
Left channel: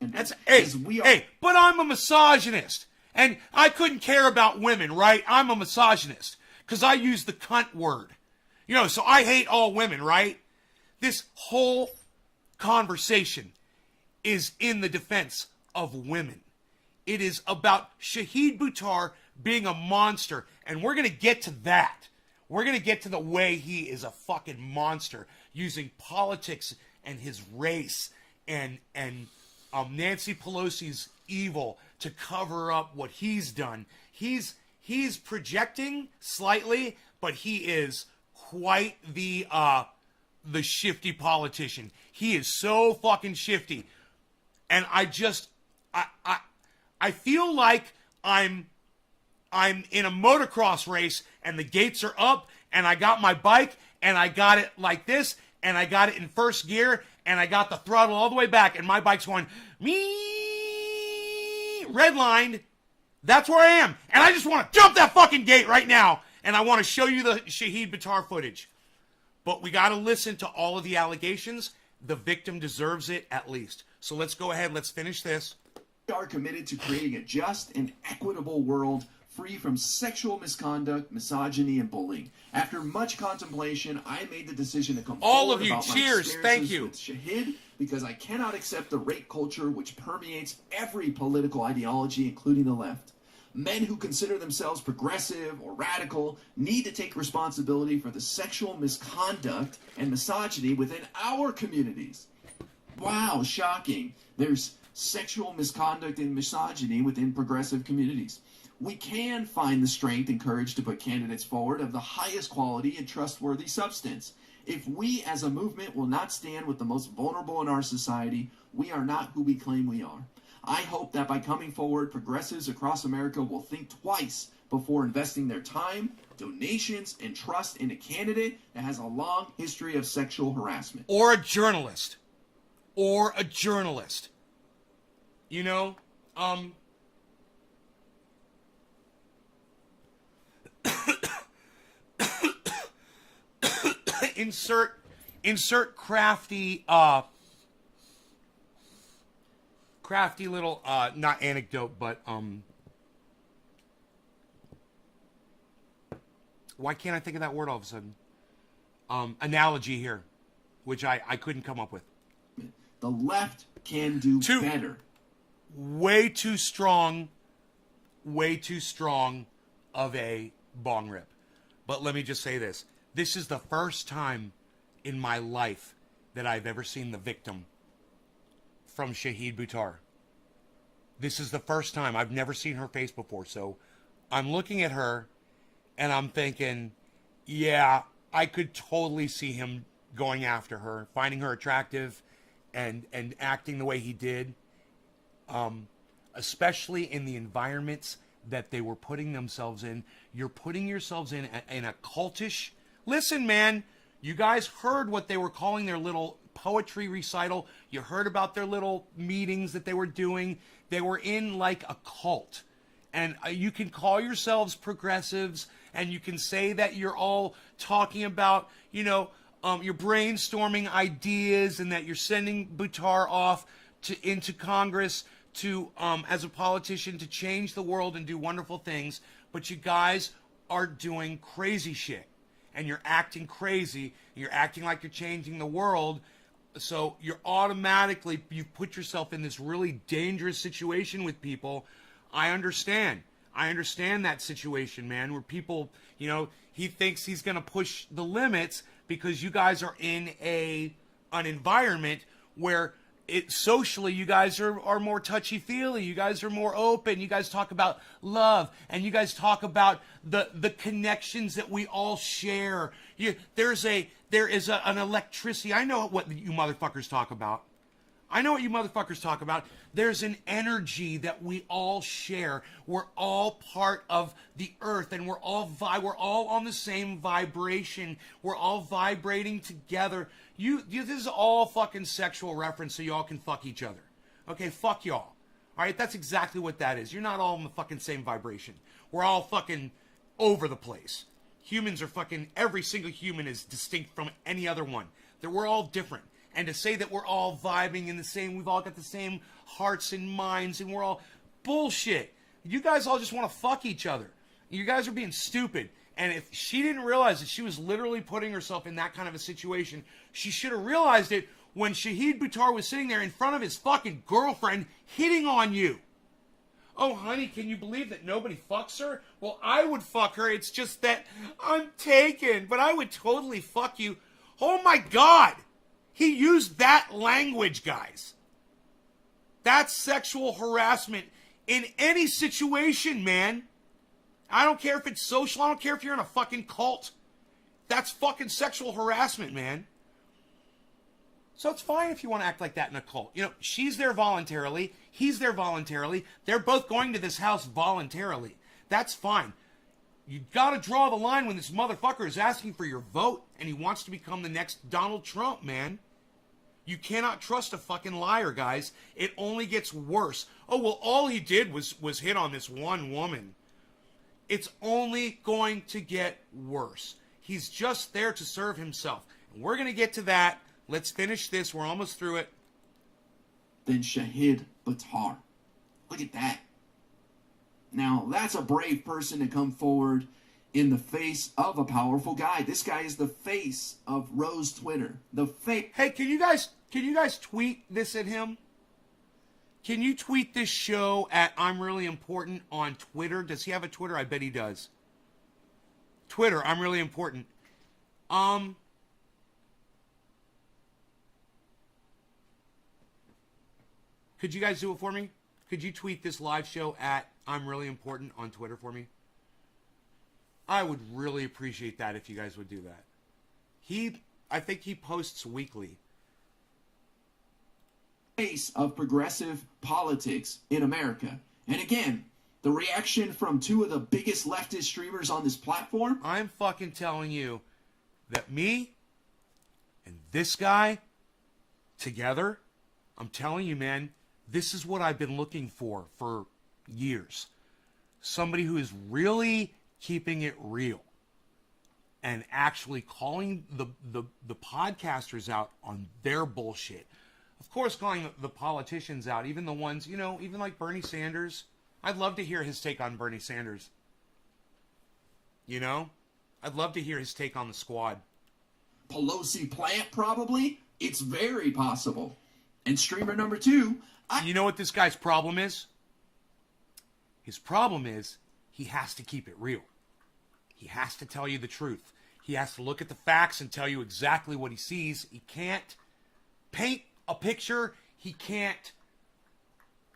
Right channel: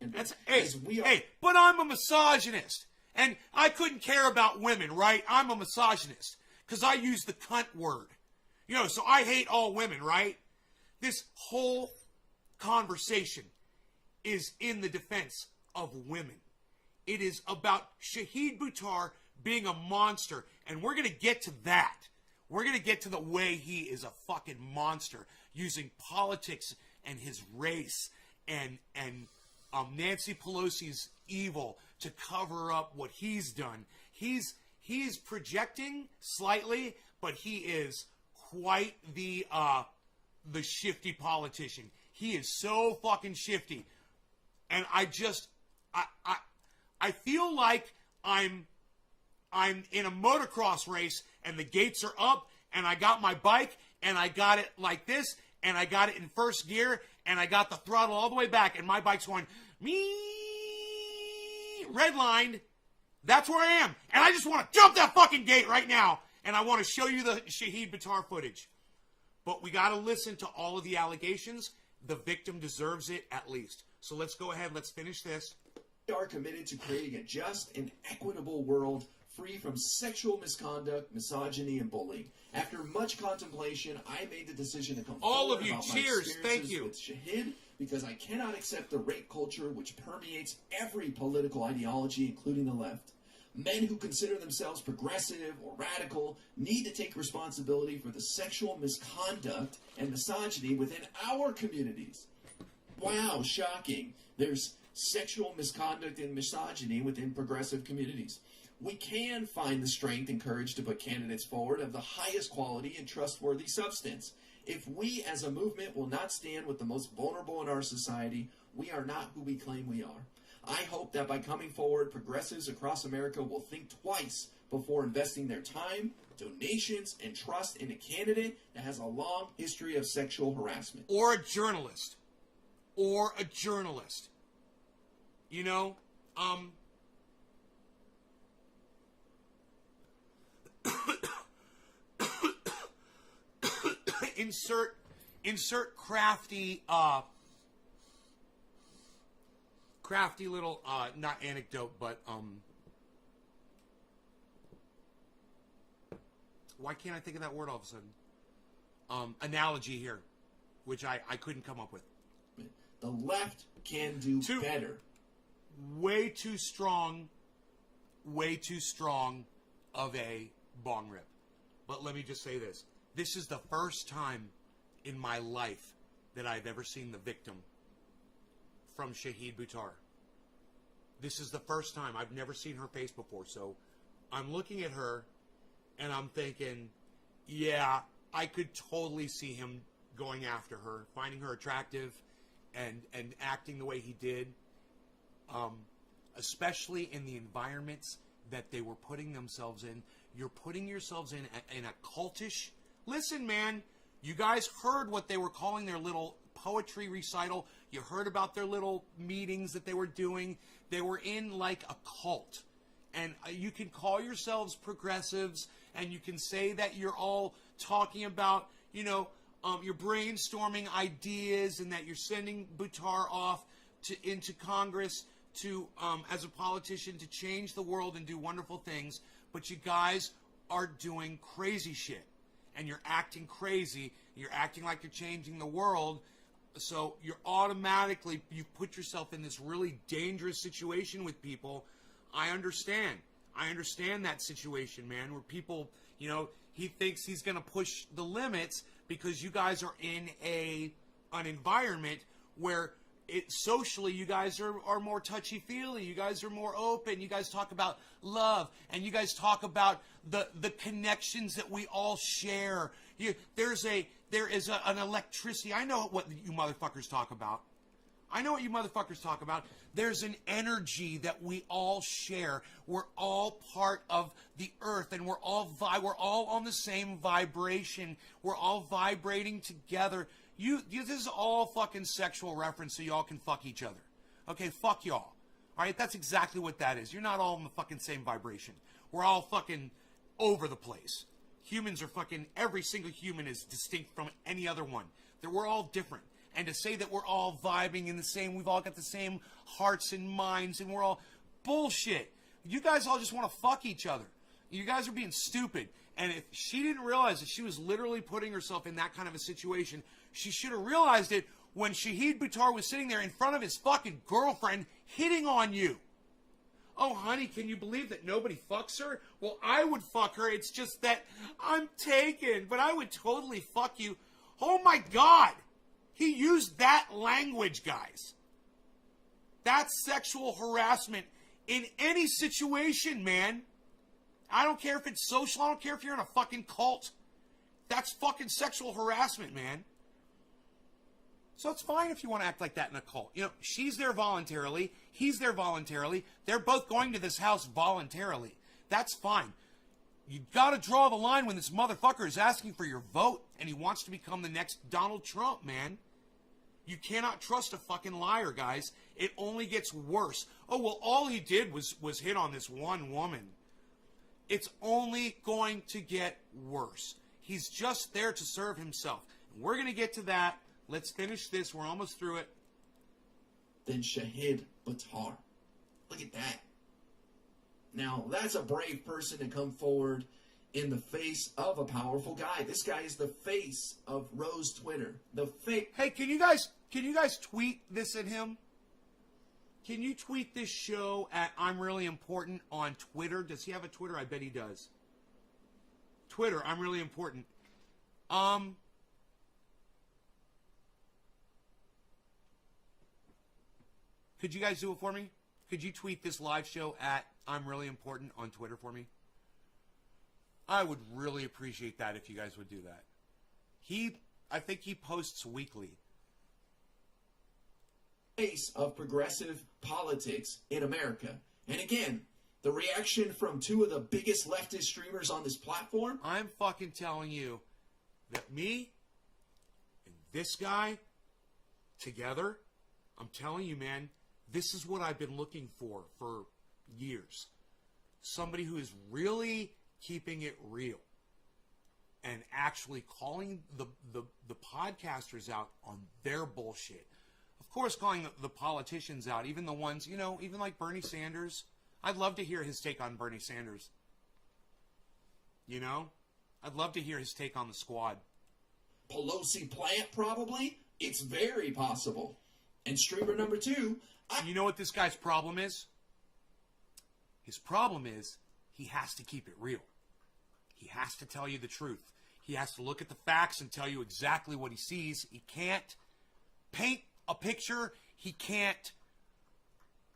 That's hey, but I'm a misogynist. And I couldn't care about women, right? I'm a misogynist because I use the cunt word. You know, so I hate all women, right? This whole conversation is in the defense of women. It is about Shahid Buttar being a monster. And we're going to get to that. We're going to get to the way he is a fucking monster using politics and his race and Nancy Pelosi's evil to cover up what he's done. He's projecting slightly, but he is quite the shifty politician. He is so fucking shifty. And I feel like I'm in a motocross race and the gates are up and I got my bike and I got it like this and I got it in first gear and I got the throttle all the way back and my bike's going redlined. That's where I am. And I just want to jump that fucking gate right now and I want to show you the Shahid Buttar footage. But we got to listen to all of the allegations. The victim deserves it at least. So let's go ahead. Let's finish this. We are committed to creating a just and equitable world free from sexual misconduct, misogyny, and bullying. After much contemplation, I made the decision to come all forward of you. about Cheers. my Thank you. With Shahid because I cannot accept the rape culture which permeates every political ideology, including the left. Men who consider themselves progressive or radical need to take responsibility for the sexual misconduct and misogyny within our communities. Wow, shocking. There's sexual misconduct and misogyny within progressive communities. We can find the strength and courage to put candidates forward of the highest quality and trustworthy substance. If we as a movement will not stand with the most vulnerable in our society, we are not who we claim we are. I hope that by coming forward, progressives across America will think twice before investing their time, donations, and trust in a candidate that has a long history of sexual harassment. Or a journalist. Or a journalist. You know, insert crafty little not anecdote, but why can't I think of that word all of a sudden? Analogy here, which I couldn't come up with. The left can do better. Way too strong of a bong rip. But let me just say this. This is the first time in my life that I've ever seen the victim from Shahid Buttar. This is the first time. I've never seen her face before. So I'm looking at her and I'm thinking, yeah, I could totally see him going after her, finding her attractive and acting the way he did. Especially in the environments that they were putting themselves in. You're putting yourselves in a cultish. Listen, man, you guys heard what they were calling their little poetry recital. You heard about their little meetings that they were doing. They were in like a cult. And you can call yourselves progressives and you can say that you're all talking about, you know, you're brainstorming ideas and that you're sending Buttar off into Congress to as a politician to change the world and do wonderful things, but you guys are doing crazy shit and you're acting crazy, you're acting like you're changing the world So you're automatically, you've put yourself in this really dangerous situation with people. I understand that situation, man, where people, he thinks he's going to push the limits because you guys are in an environment where socially you guys are more touchy-feely, you guys are more open, you guys talk about love, and you guys talk about the connections that we all share. There is an electricity. I know what you motherfuckers talk about. There's an energy that we all share. We're all part of the earth, and we're all on the same vibration. We're all vibrating together. This is all fucking sexual reference, so y'all can fuck each other. Okay, fuck y'all. All right, that's exactly what that is. You're not all in the fucking same vibration. We're all fucking over the place. Humans are fucking, every single human is distinct from any other one. That we're all different. And to say that we're all vibing in the same, we've all got the same hearts and minds, and we're all bullshit. You guys all just want to fuck each other. You guys are being stupid. And if she didn't realize that she was literally putting herself in that kind of a situation, she should have realized it when Shahid Buttar was sitting there in front of his fucking girlfriend hitting on you. Oh, honey, can you believe that nobody fucks her? Well, I would fuck her. It's just that I'm taken, but I would totally fuck you. Oh, my God. He used that language, guys. That's sexual harassment in any situation, man. I don't care if it's social. I don't care if you're in a fucking cult. That's fucking sexual harassment, man. So it's fine if you want to act like that in a cult. She's there voluntarily. He's there voluntarily. They're both going to this house voluntarily. That's fine. You got to draw the line when this motherfucker is asking for your vote and he wants to become the next Donald Trump, man. You cannot trust a fucking liar, guys. It only gets worse. Oh, well, all he did was hit on this one woman. It's only going to get worse. He's just there to serve himself. And we're going to get to that. Let's finish this. We're almost through it. Then Shahid Buttar. Look at that. Now, that's a brave person to come forward in the face of a powerful guy. This guy is the face of Rose Twitter. Hey, can you guys tweet this at him? Can you tweet this show at I'm Really Important on Twitter? Does he have a Twitter? I bet he does. Twitter, I'm Really Important. Could you guys do it for me? Could you tweet this live show at I'm Really Important on Twitter for me? I would really appreciate that if you guys would do that. I think he posts weekly. Face of progressive politics in America. And again, the reaction from two of the biggest leftist streamers on this platform. I'm fucking telling you that me and this guy together, I'm telling you, man, this is what I've been looking for years. Somebody who is really keeping it real and actually calling the podcasters out on their bullshit. Of course, calling the politicians out, even the ones, even like Bernie Sanders. I'd love to hear his take on Bernie Sanders. I'd love to hear his take on the squad. Pelosi plant, probably. It's very possible. And streamer number 2. You know what this guy's problem is? His problem is he has to keep it real. He has to tell you the truth. He has to look at the facts and tell you exactly what he sees. He can't paint a picture. He can't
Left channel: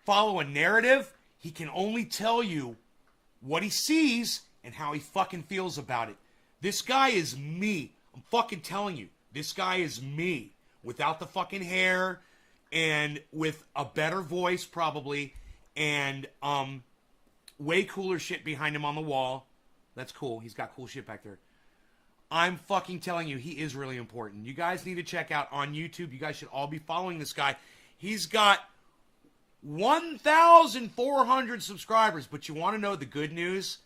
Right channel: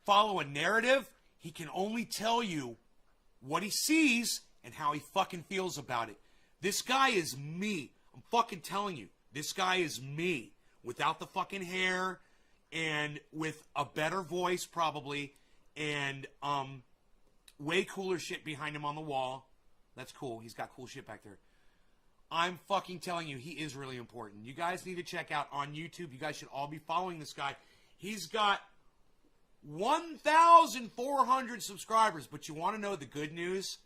follow a narrative. He can only tell you what he sees and how he fucking feels about it. This guy is me. I'm fucking telling you. This guy is me. Without the fucking hair and with a better voice probably and way cooler shit behind him on the wall. That's cool. He's got cool shit back there. I'm fucking telling you, he is really important. You guys need to check out on YouTube. You guys should all be following this guy. He's got 1,400 subscribers. But you want to know the good news?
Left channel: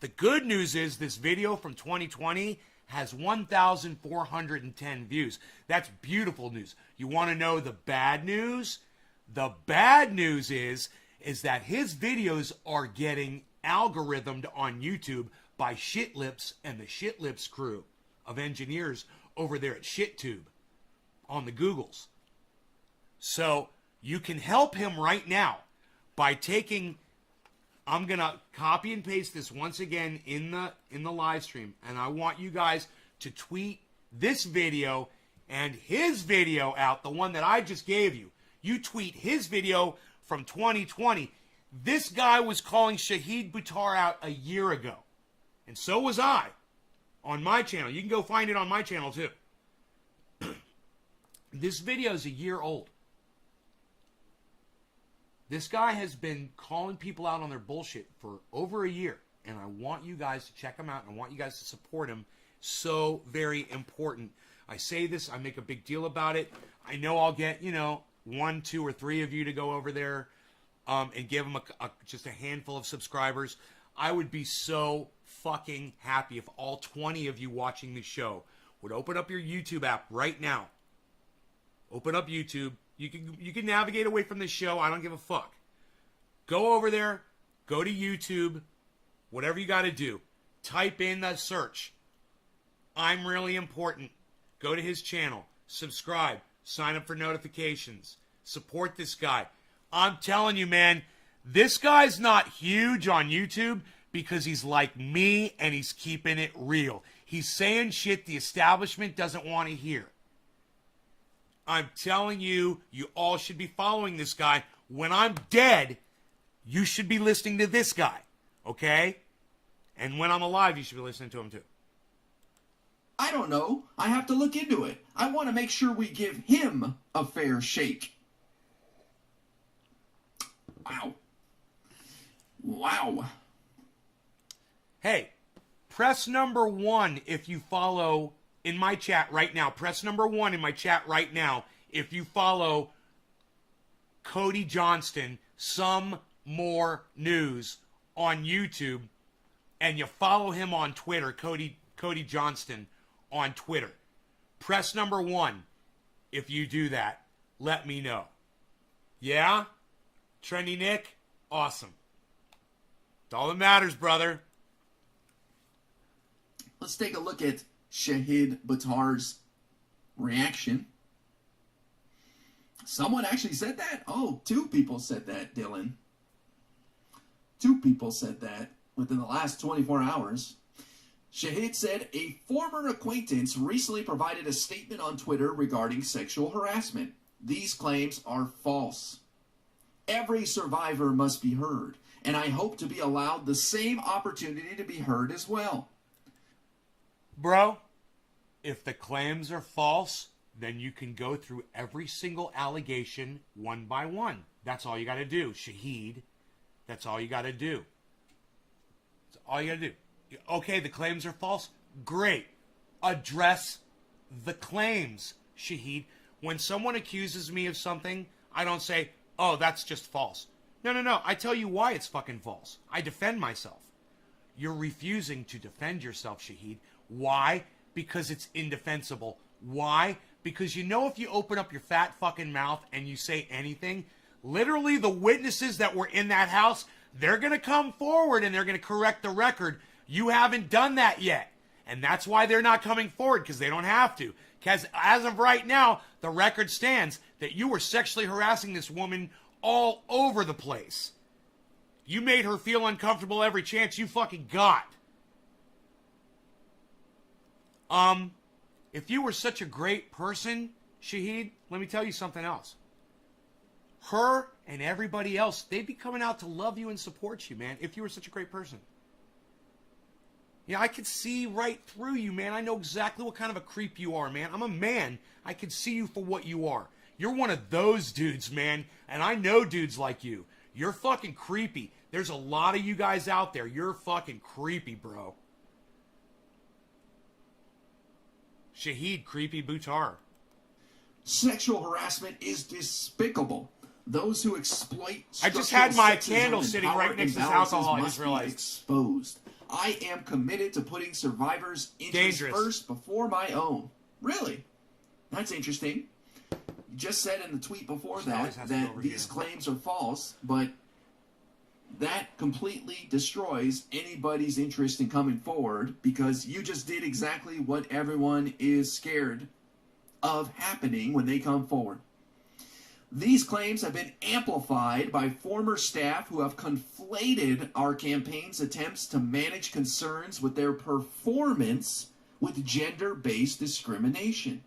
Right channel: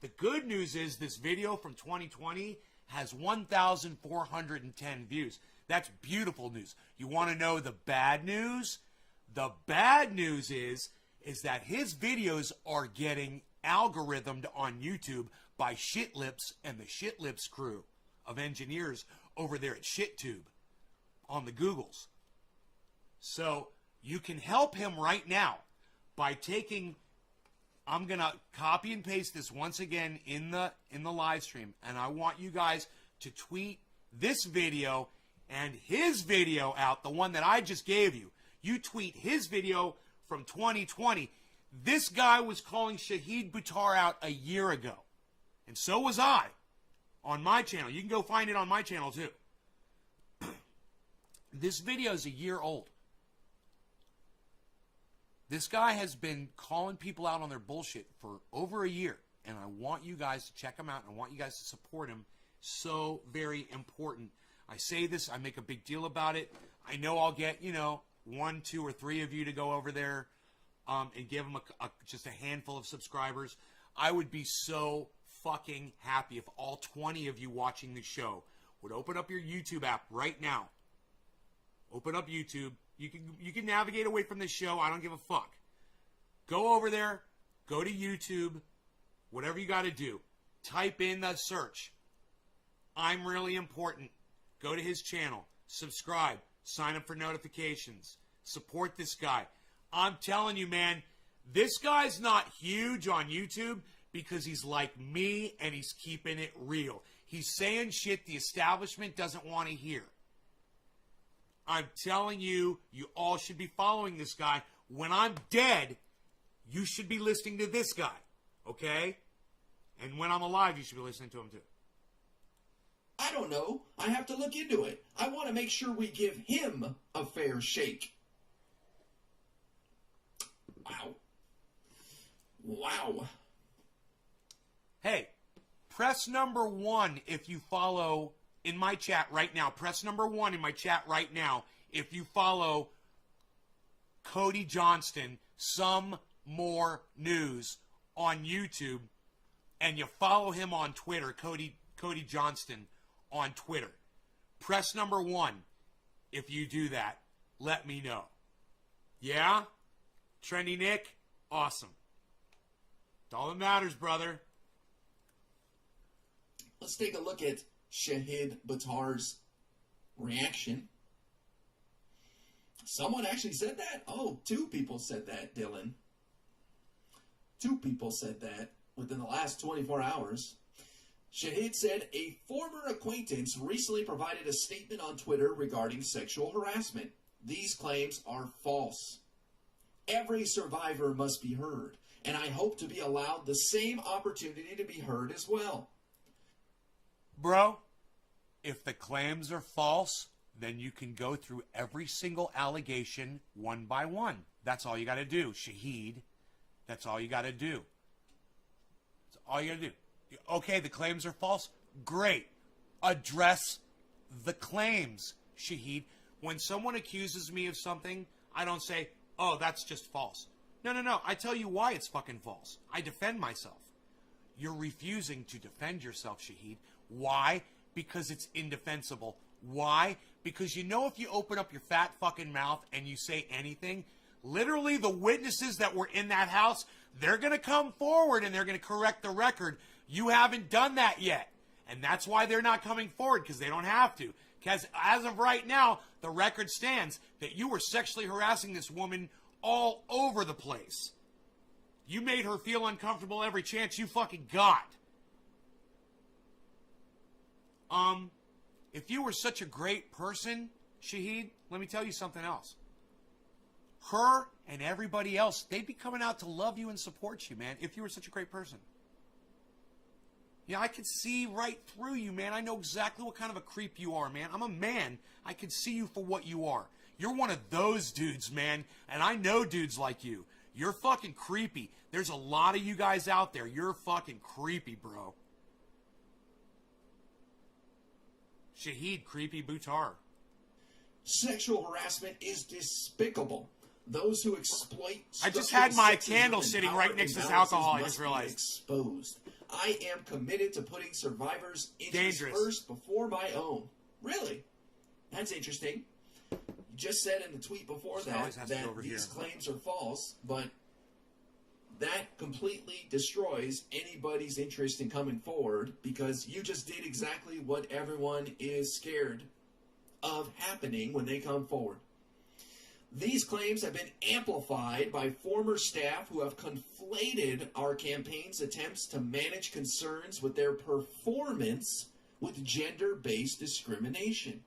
The good news is this video from 2020 has 1,410 views. That's beautiful news. You want to know the bad news? The bad news is that his videos are getting algorithmed on YouTube by Shitlips and the Shitlips crew of engineers over there at ShitTube. on the Googles. So you can help him right now by taking, I'm going to copy and paste this once again in the live stream, and I want you guys to tweet this video and his video out, the one that I just gave you. You tweet his video from 2020. This guy was calling Shahid Buttar out a year ago. And so was I on my channel. You can go find it on my channel too. This video is a year old. This guy has been calling people out on their bullshit for over a year. And I want you guys to check him out. And I want you guys to support him. So very important. I say this, I make a big deal about it. I know I'll get, 1, 2, or 3 of you to go over there and give him just a handful of subscribers. I would be so fucking happy if all 20 of you watching the show would open up your YouTube app right now. Open up YouTube. You can navigate away from this show. I don't give a fuck. Go over there. Go to YouTube. Whatever you got to do. Type in the search. I'm Really Important. Go to his channel. Subscribe. Sign up for notifications. Support this guy. I'm telling you, man, this guy's not huge on YouTube because he's like me and he's keeping it real. He's saying shit the establishment doesn't want to hear. I'm telling you, you all should be following this guy. When I'm dead, you should be listening to this guy, okay? And when I'm alive, you should be listening to him too. I don't know. I have to look into it. I want to make sure we give him a fair shake. Wow. Wow. Hey, press number 1 if you follow in my chat right now. Press number 1 in my chat right now if you follow Cody Johnston, Some More News on YouTube, and you follow him on Twitter, Cody Johnston on Twitter. Press number 1 if you do that. Let me know. Yeah? Trendy Nick? Awesome. It's all that matters, brother. Let's take a look at Shahid Buttar's reaction. Someone actually said that? Oh, 2 people said that, Dylan. 2 people said that within the last 24 hours. Shahid said a former acquaintance recently provided a statement on Twitter regarding sexual harassment. These claims are false. Every survivor must be heard, and I hope to be allowed the same opportunity to be heard as well. Bro, if the claims are false, then you can go through every single allegation one by one. That's all you got to do, Shahid. That's all you got to do. That's all you got to do. Okay, the claims are false. Great. Address the claims, Shahid. When someone accuses me of something, I don't say, oh, that's just false. No. I tell you why it's fucking false. I defend myself. You're refusing to defend yourself, Shahid. Why? Because it's indefensible. Why? Because you know if you open up your fat fucking mouth and you say anything, literally the witnesses that were in that house, they're going to come forward and they're going to correct the record. You haven't done that yet. And that's why they're not coming forward, because they don't have to. Because as of right now, the record stands that you were sexually harassing this woman all over the place. You made her feel uncomfortable every chance you fucking got. If you were such a great person, Shahid, let me tell you something else. Her and everybody else, they'd be coming out to love you and support you, man, if you were such a great person. Yeah, I could see right through you, man. I know exactly what kind of a creep you are, man. I'm a man. I could see you for what you are. You're one of those dudes, man. And I know dudes like you. You're fucking creepy. There's a lot of you guys out there. You're fucking creepy, bro. Shahid, creepy Buttar. Sexual harassment is despicable. Those who exploit I just had my sexism candle and sitting power right next to this imbalances alcohol, I must just be realized. Exposed. I am committed to putting survivors' interests Dangerous. first before my own. Really? That's interesting. You just said in the tweet before that these claims are false, but that completely destroys anybody's interest in coming forward because you just did exactly what everyone is scared of happening when they come forward. These claims have been amplified by former staff who have conflated our campaign's attempts to manage concerns with their performance with gender-based discrimination.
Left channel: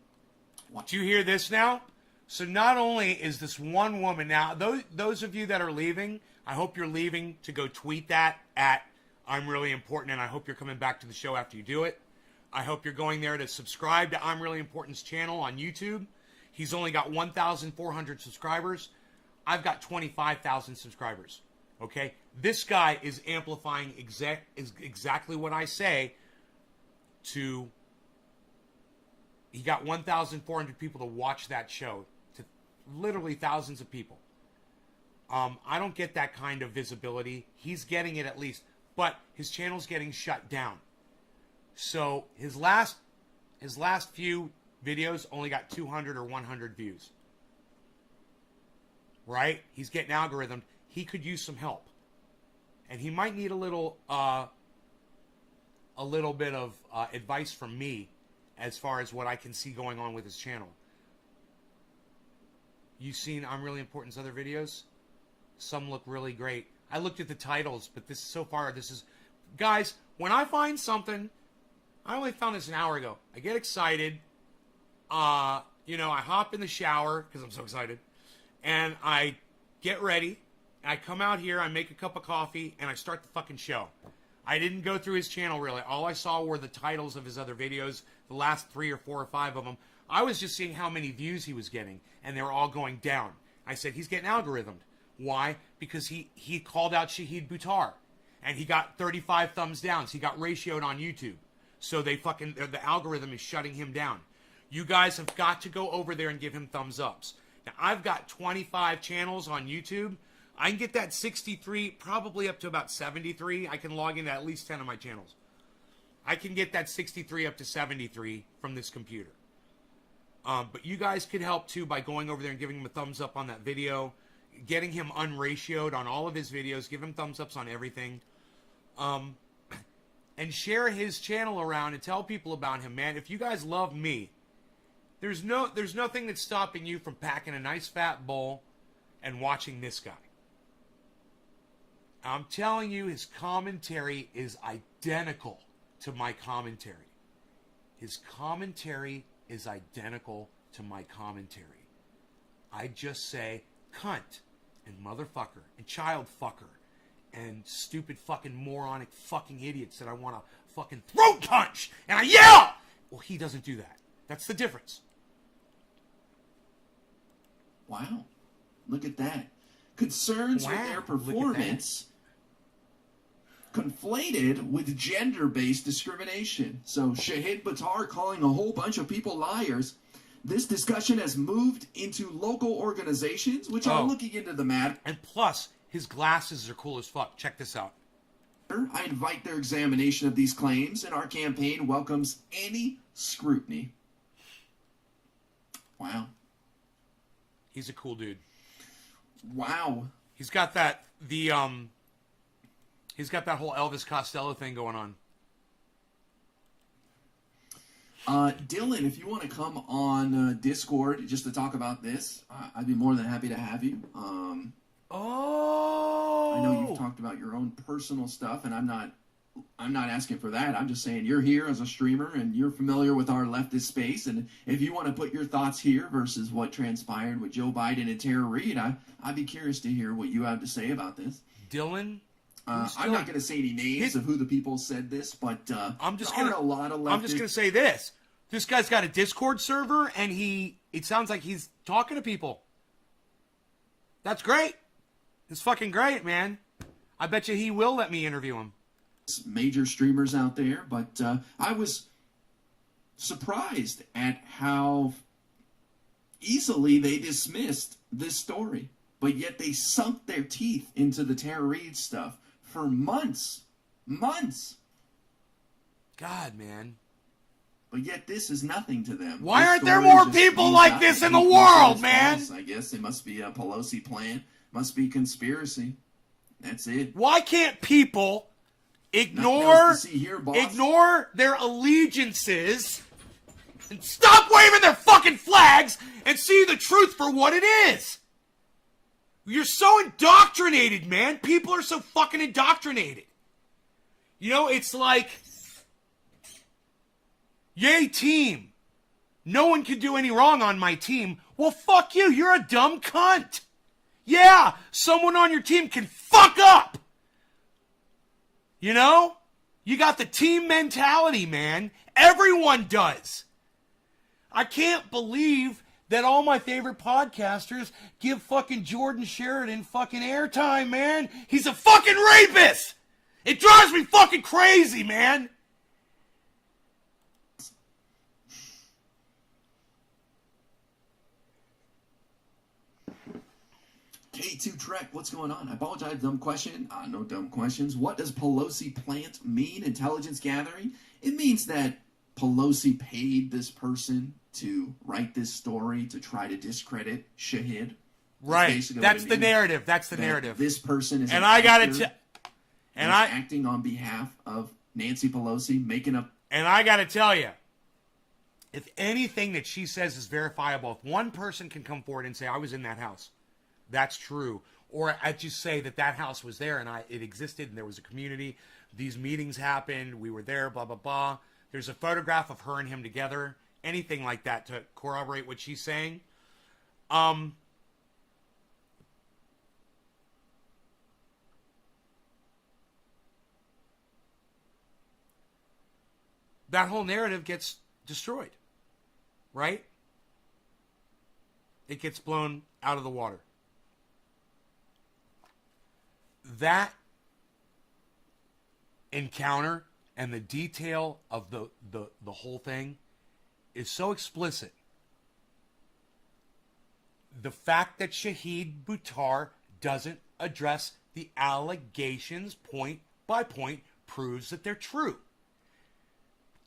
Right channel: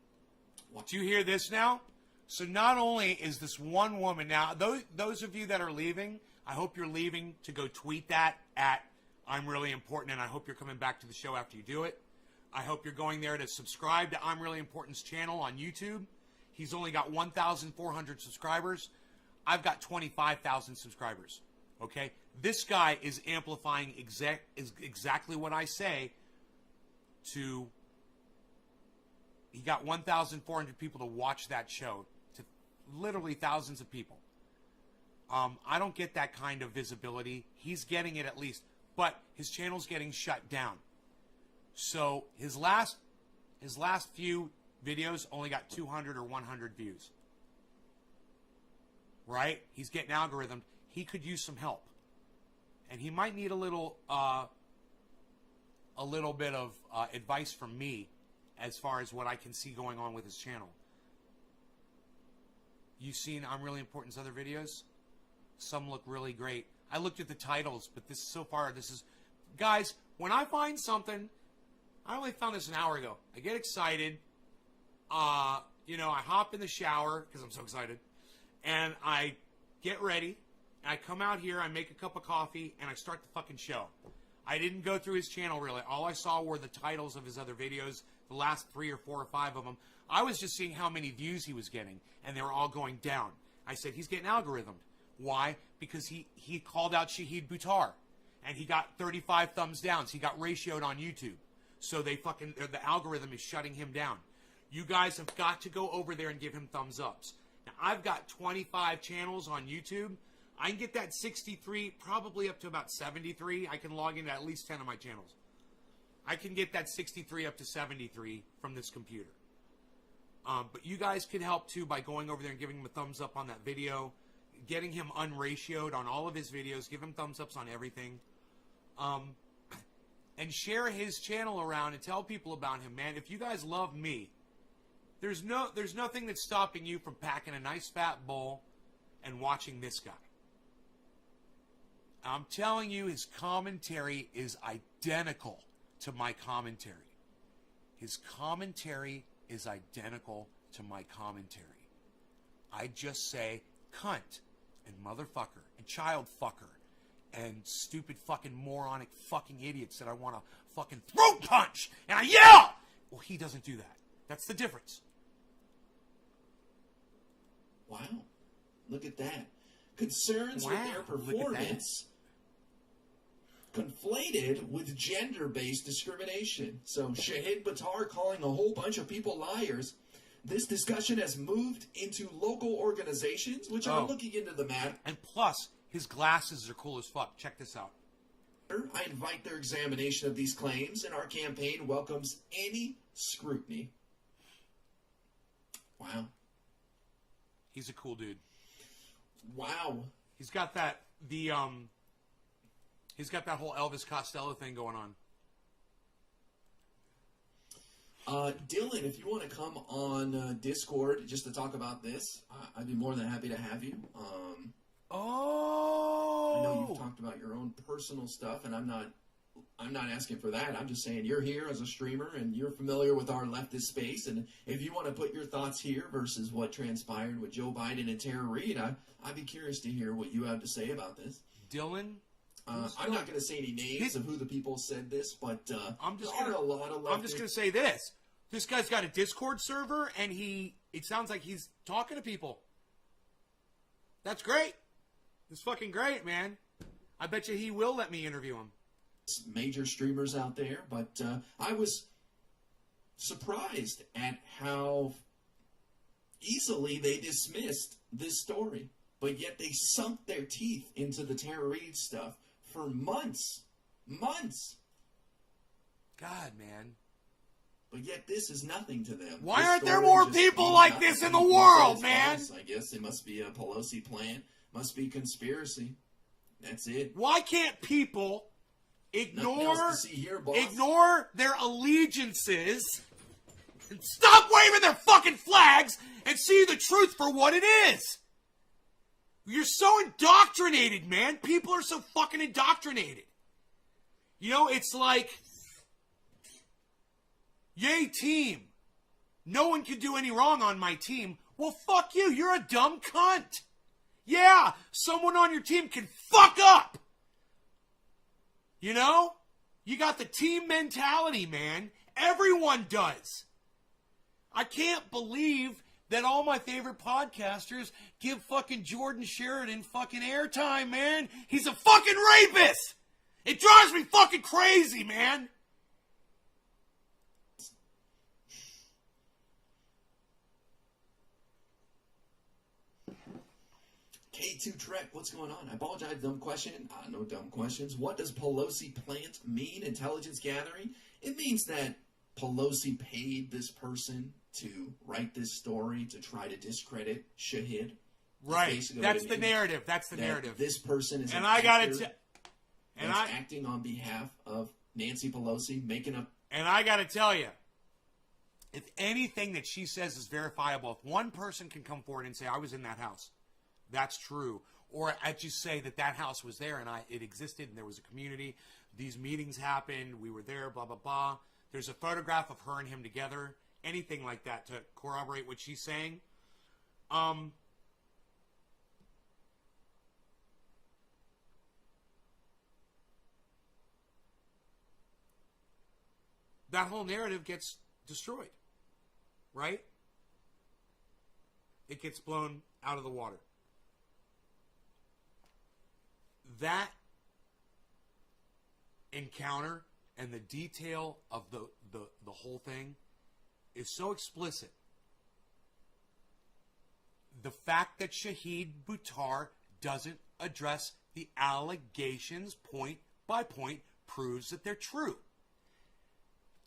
Do you hear this now? So not only is this one woman now, those of you that are leaving, I hope you're leaving to go tweet that at I'm Really Important, and I hope you're coming back to the show after you do it. I hope you're going there to subscribe to I'm Really Important's channel on YouTube. He's only got 1,400 subscribers. I've got 25,000 subscribers. Okay? This guy is amplifying exactly what I say to... He got 1,400 people to watch that show. To literally thousands of people. I don't get that kind of visibility. He's getting it at least. But his channel's getting shut down. So his last few videos only got 200 or 100 views. Right? He's getting algorithmed. He could use some help. And he might need a little bit of advice from me as far as what I can see going on with his channel. You seen I'm Really Important's other videos? Some look really great. I looked at the titles, but this is... Guys, when I find something... I only found this an hour ago. I get excited. I hop in the shower, because I'm so excited. And I get ready. I come out here, I make a cup of coffee, and I start the fucking show. I didn't go through his channel, really. All I saw were the titles of his other videos, the last 3 or 4 or 5 of them. I was just seeing how many views he was getting, and they were all going down. I said, he's getting algorithmed. Why? Because he called out Shahid Buttar, and he got 35 thumbs downs. He got ratioed on YouTube. So the algorithm is shutting him down. You guys have got to go over there and give him thumbs ups. Now, I've got 25 channels on YouTube. I can get that 63, probably up to about 73. I can log into at least 10 of my channels. I can get that 63 up to 73 from this computer. But you guys could help too by going over there and giving him a thumbs up on that video, getting him unratioed on all of his videos, give him thumbs ups on everything. And share his channel around and tell people about him, man. If you guys love me, there's nothing that's stopping you from packing a nice fat bowl and watching this guy. I'm telling you, his commentary is identical to my commentary. His commentary is identical to my commentary. I just say cunt and motherfucker and child fucker and stupid fucking moronic fucking idiots that I want to fucking throat punch and I yell. Well, he doesn't do that. That's the difference. Wow. Look at that. Concerns with their performance conflated with gender-based discrimination. So Shahid Buttar calling a whole bunch of people liars. This discussion has moved into local organizations, which are looking into the matter. And plus, his glasses are cool as fuck. Check this out. I invite their examination of these claims, and our campaign welcomes any scrutiny. Wow. He's a cool dude. Wow. He's got that he's got that whole Elvis Costello thing going on. Dylan, if you want to come on Discord just to talk about this, I'd be more than happy to have you. I know you've talked about your own personal stuff, and I'm not asking for that. I'm just saying you're here as a streamer, and you're familiar with our leftist space, and if you want to put your thoughts here versus what transpired with Joe Biden and Tara Reid, I'd be curious to hear what you have to say about this. Dylan? I'm not going to say any names of who the people said this, but I'm just there are a lot of leftists. I'm just going to say this. This guy's got a Discord server, and it sounds like he's talking to people. That's great. It's fucking great, man. I bet you he will let me interview him. Major streamers out there, but I was surprised at how easily they dismissed this story, but yet they sunk their teeth into the Tara Reid stuff for months. God, man. But yet this is nothing to them. Why aren't there more people like this in the world, man? I guess it must be a Pelosi plan. Must be conspiracy. That's it. Why can't people ignore their allegiances and stop waving their fucking flags and see the truth for what it is. You're so indoctrinated, man. People are so fucking indoctrinated. You know, it's like, yay team. No one can do any wrong on my team. Well, fuck you. You're a dumb cunt. Yeah, someone on your team can fuck up. You know? You got the team mentality, man. Everyone does. I can't believe that all my favorite podcasters give fucking Jordan Sheridan fucking airtime, man. He's a fucking rapist. It drives me fucking crazy, man. K2 Trek, what's going on? I apologize, dumb question. No dumb questions. What does Pelosi plant mean, intelligence gathering? It means that Pelosi paid this person to write this story to try to discredit Shahid. Right. That's the narrative. That's the narrative. This person is acting on behalf of Nancy Pelosi, making up. And I got to tell you, if anything that she says is verifiable, if one person can come forward and say, I was in that house, that's true. Or I just say that house was there and it existed and there was a community. These meetings happened. We were there, blah, blah, blah. There's a photograph of her and him together. Anything like that to corroborate what she's saying. That whole narrative gets destroyed. Right? It gets blown out of the water. That encounter and the detail of the whole thing is so explicit. The fact that Shahid Buttar doesn't address the allegations point by point proves that they're true.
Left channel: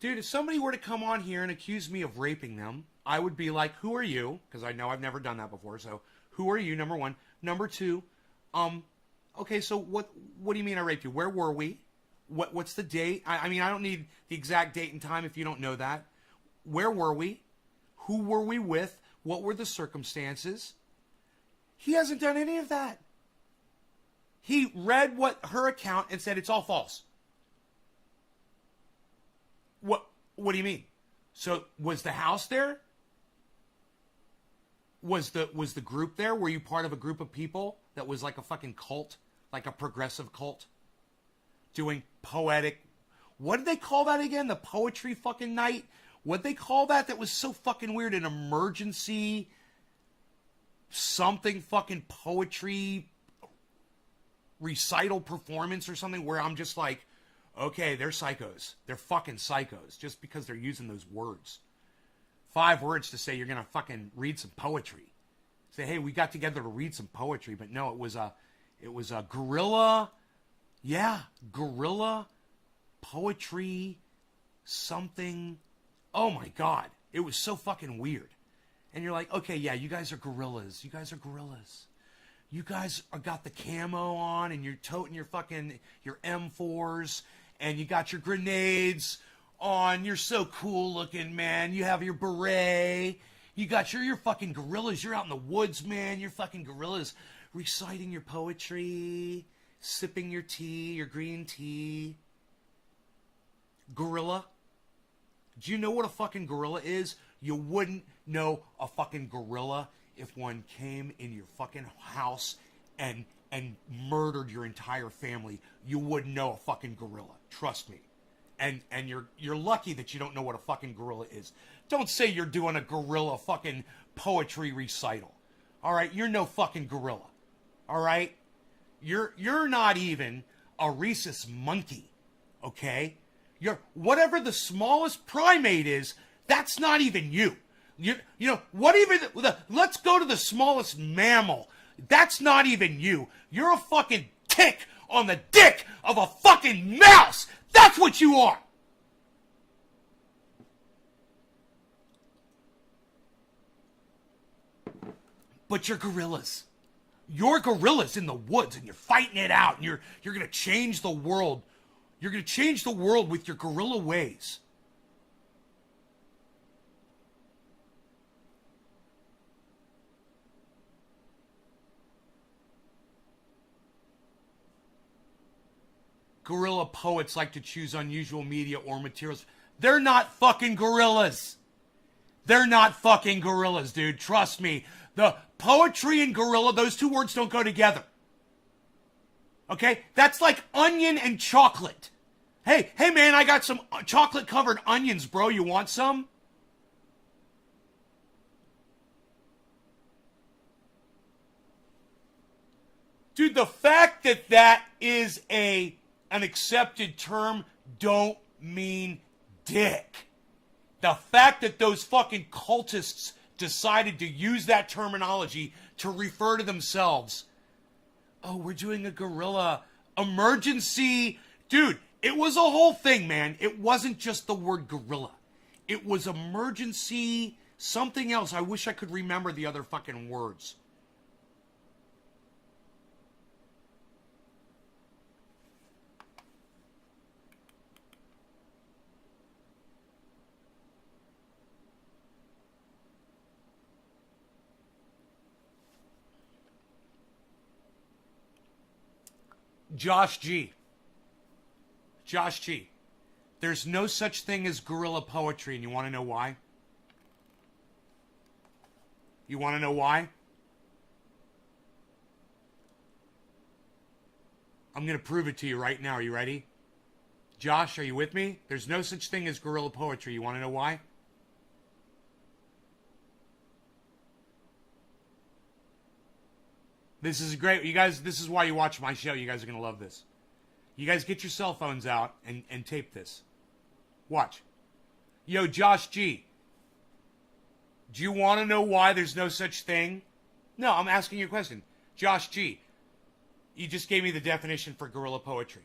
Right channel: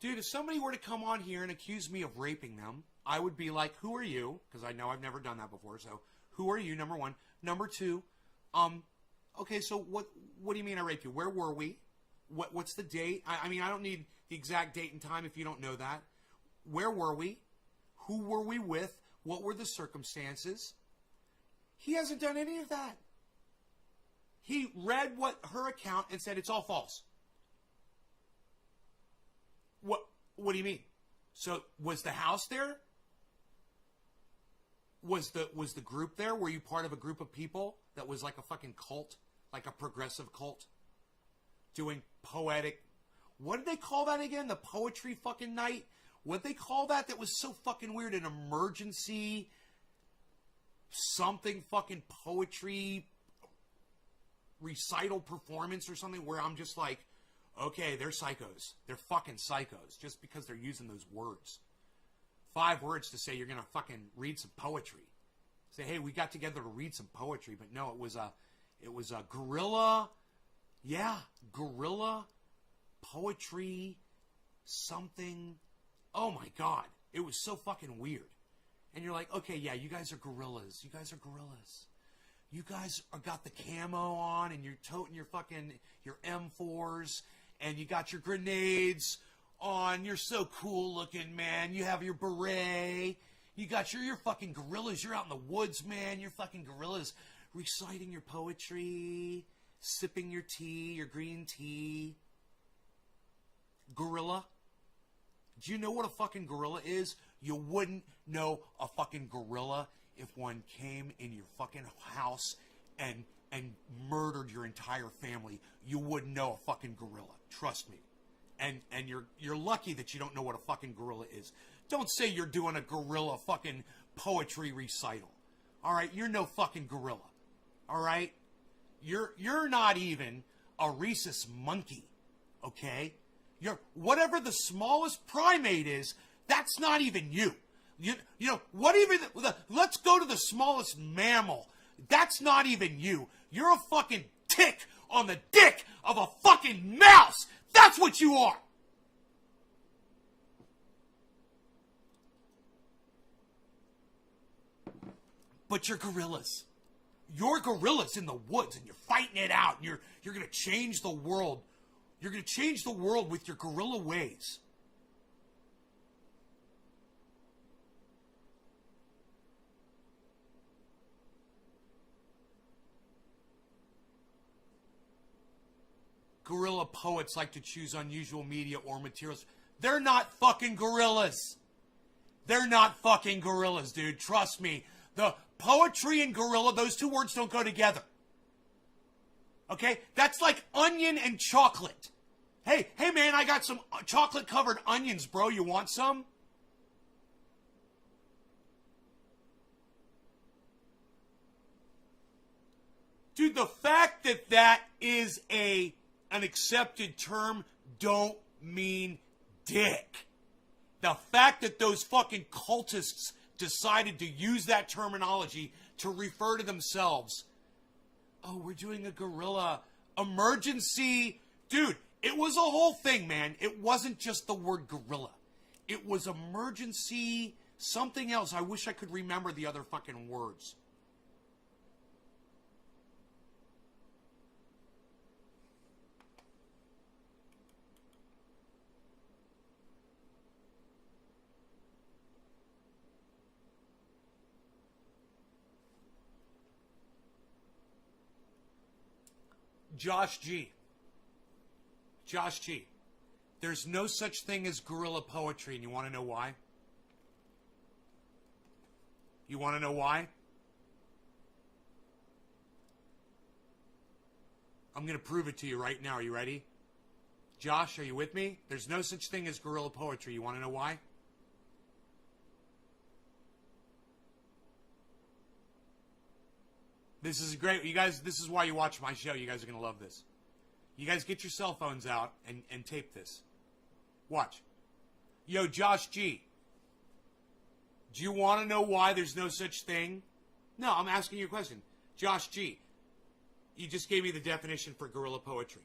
Dude, if somebody were to come on here and accuse me of raping them, I would be like, who are you? Because I know I've never done that before. So, who are you, number one? Number two, okay, so what do you mean I raped you? Where were we? What's the date? I mean, I don't need the exact date and time if you don't know that. Where were we? Who were we with? What were the circumstances? He hasn't done any of that. He read her account and said it's all false. What do you mean? So was the house there? Was the group there? Were you part of a group of people that was like a fucking cult? Like a progressive cult? Doing poetic... What did they call that again? The poetry fucking night? What'd they call that? That was so fucking weird. An emergency... something fucking poetry... recital performance or something where I'm just like... Okay, they're psychos. They're fucking psychos. Just because they're using those words. 5 words to say you're going to fucking read some poetry. Say, hey, we got together to read some poetry. But no, it was a guerrilla... Yeah, guerrilla poetry something. Oh my God. It was so fucking weird. And you're like, okay, yeah, you guys are gorillas. You guys are gorillas. You guys got the camo on and you're toting your M4s and you got your grenades on. You're so cool looking, man. You have your beret. You're fucking gorillas. You're out in the woods, man. You're fucking gorillas reciting your poetry. Sipping your tea, your green tea. Gorilla. Do you know what a fucking gorilla is? You wouldn't know a fucking gorilla if one came in your fucking house and murdered your entire family. You wouldn't know a fucking gorilla. Trust me. And you're lucky that you don't know what a fucking gorilla is. Don't say you're doing a gorilla fucking poetry recital. All right? You're no fucking gorilla. All right? You're not even a rhesus monkey, okay? You're whatever the smallest primate is. That's not even you. You know what? Even let's go to the smallest mammal. That's not even you. You're a fucking tick on the dick of a fucking mouse. That's what you are. But you're gorillas. You're gorillas in the woods and you're fighting it out and you're going to change the world. You're going to change the world with your gorilla ways. guerrilla poets like to choose unusual media or materials. They're not fucking gorillas. They're not fucking gorillas, dude. Trust me. The poetry and gorilla, those two words don't go together. Okay? That's like onion and chocolate. Hey man, I got some chocolate covered onions, bro. You want some? Dude, the fact that that is an accepted term don't mean dick. The fact that those fucking cultists decided to use that terminology to refer to themselves. Oh, we're doing a guerrilla emergency. Dude, it was a whole thing, man. It wasn't just the word gorilla. It was emergency something else. I wish I could remember the other fucking words. Josh G. There's no such thing as guerrilla poetry, and you want to know why? You want to know why? I'm going to prove it to you right now. Are you ready? Josh, are you with me? There's no such thing as guerrilla poetry. You want to know why? This is great. You guys, this is why you watch my show. You guys are going to love this. You guys get your cell phones out and tape this. Watch. Yo, Josh G. Do you want to know why there's no such thing? No, I'm asking you a question. Josh G. You just gave me the definition for guerrilla poetry.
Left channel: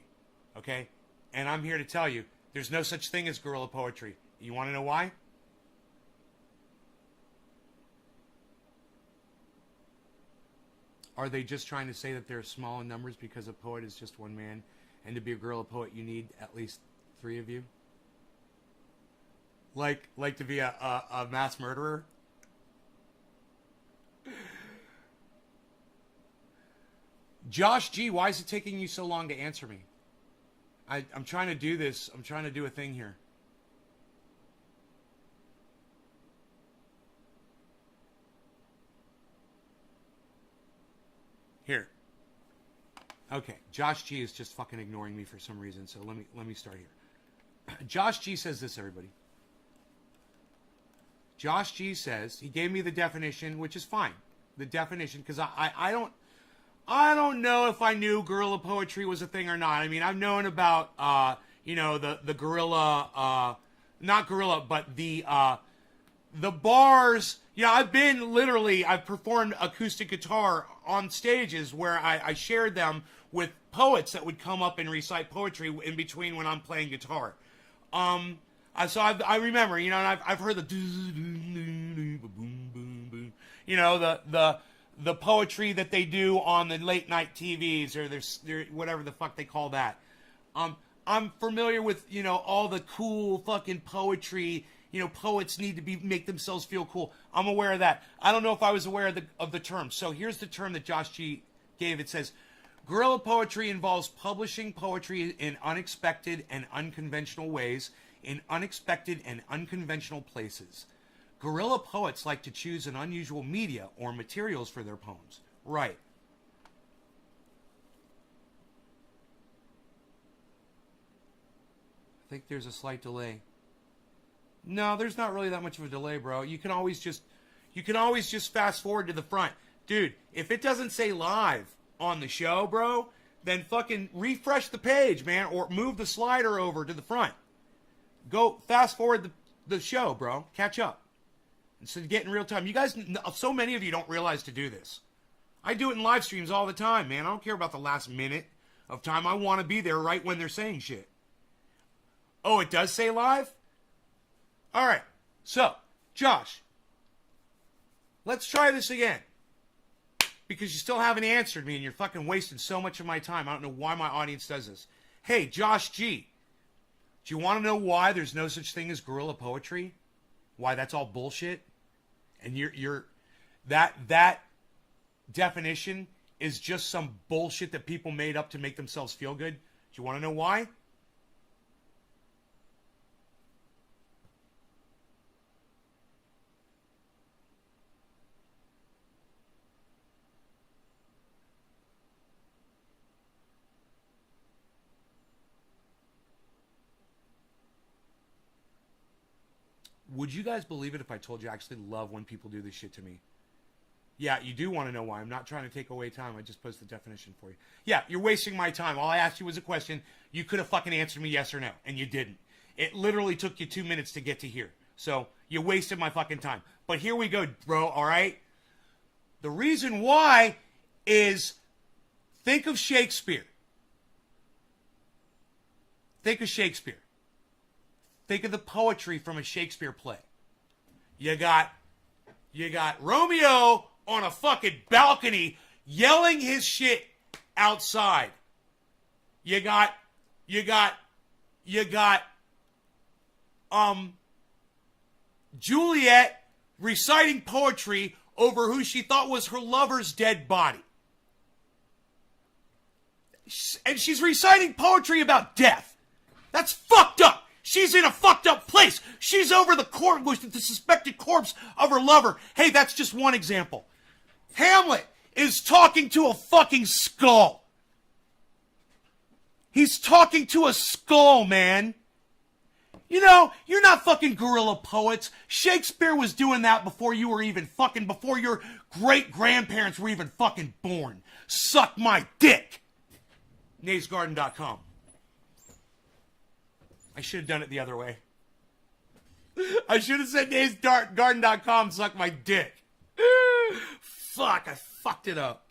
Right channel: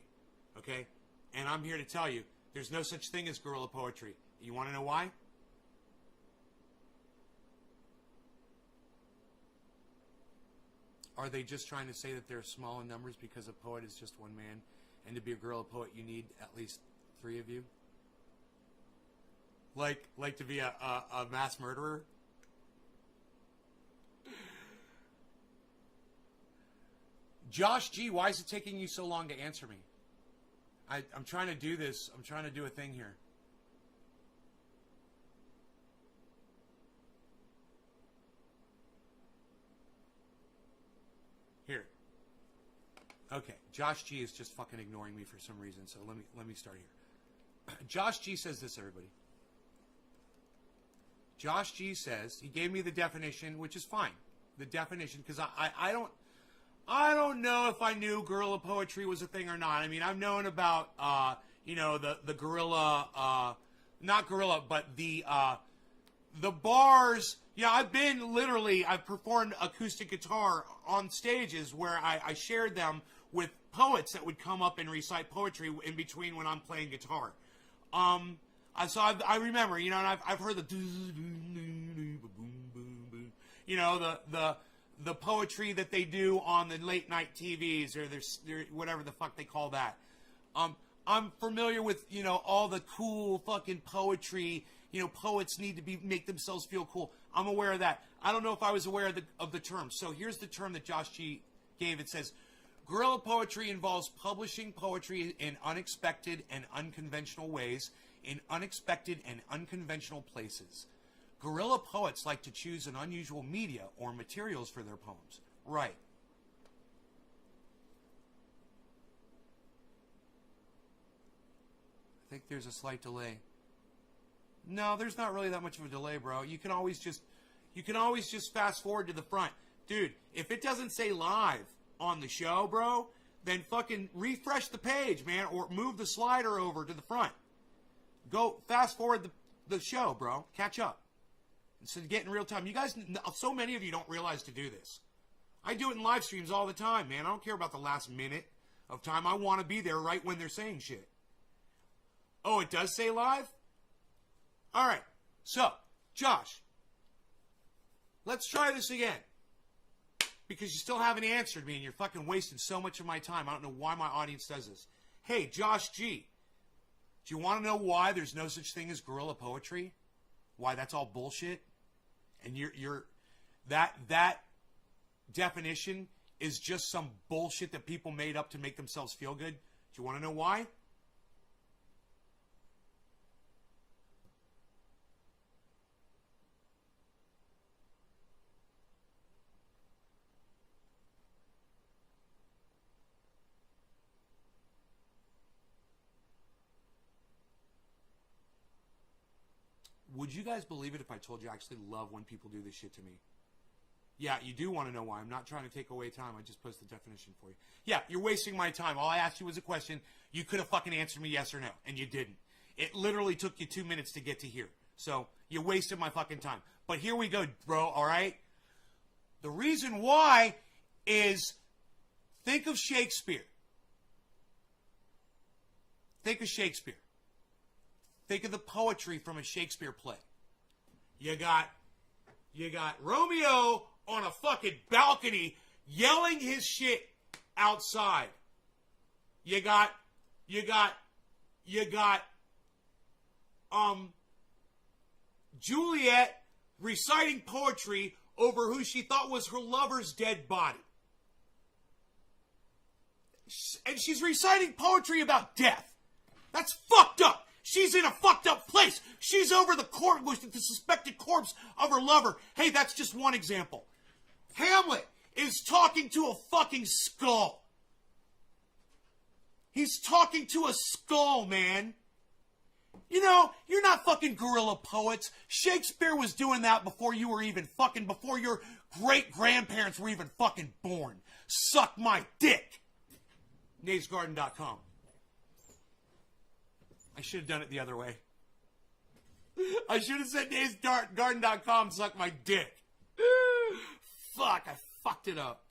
Okay? And I'm here to tell you, there's no such thing as guerrilla poetry. You want to know why? Are they just trying to say that they're small in numbers because a poet is just one man? And to be a guerrilla poet, you need at least 3 of you? Like to be a mass murderer? Josh G, why is it taking you so long to answer me? I'm trying to do this. I'm trying to do a thing here. Here. Okay, Josh G is just fucking ignoring me for some reason, so let me start here. Josh G says this, everybody. Josh G says, he gave me the definition, which is fine. The definition, because I don't know if I knew guerrilla poetry was a thing or not. I mean, I've known about, the guerrilla, not guerrilla, but the bars. Yeah, I've performed acoustic guitar on stages where I shared them with poets that would come up and recite poetry in between when I'm playing guitar. So I remember, and I've heard the poetry that they do on the late night TVs or their whatever the fuck they call that. I'm familiar with, all the cool fucking poetry. Poets need to make themselves feel cool. I'm aware of that. I don't know if I was aware of the term. So here's the term that Josh G gave. It says, guerrilla poetry involves publishing poetry in unexpected and unconventional ways, in unexpected and unconventional places. Guerrilla poets like to choose an unusual media or materials for their poems. Right. I think there's a slight delay. No, there's not really that much of a delay, bro. You can always just fast forward to the front. Dude, if it doesn't say live on the show, bro, then fucking refresh the page, man, or move the slider over to the front. Go fast forward the show, bro. Catch up. Instead of getting real time. You guys, so many of you don't realize to do this. I do it in live streams all the time, man. I don't care about the last minute of time. I want to be there right when they're saying shit. Oh, it does say live? All right, so, Josh, let's try this again. Because you still haven't answered me and you're fucking wasting so much of my time. I don't know why my audience does this. Hey, Josh G, do you want to know why there's no such thing as guerrilla poetry? Why that's all bullshit? And that definition is just some bullshit that people made up to make themselves feel good? you want to know why? Would you guys believe it if I told you I actually love when people do this shit to me? Yeah, you do want to know why. I'm not trying to take away time. I just posted the definition for you. Yeah, you're wasting my time. All I asked you was a question. You could have fucking answered me yes or no, and you didn't. It literally took you 2 minutes to get to here. So you wasted my fucking time. But here we go, bro, all right? The reason why is think of Shakespeare. Think of Shakespeare. Think of the poetry from a Shakespeare play. You got Romeo on a fucking balcony yelling his shit outside. You got Juliet reciting poetry over who she thought was her lover's dead body. And she's reciting poetry about death. That's fucked up. She's in a fucked up place. She's over the suspected corpse of her lover. Hey, that's just one example. Hamlet is talking to a fucking skull. He's talking to a skull, man. You know, you're not fucking guerrilla poets. Shakespeare was doing that before you were even fucking, before your great-grandparents were even fucking born. Suck my dick. NaysGarden.com. I should have done it the other way. I should have said NaysGarden.com, suck my dick. Fuck, I fucked it up.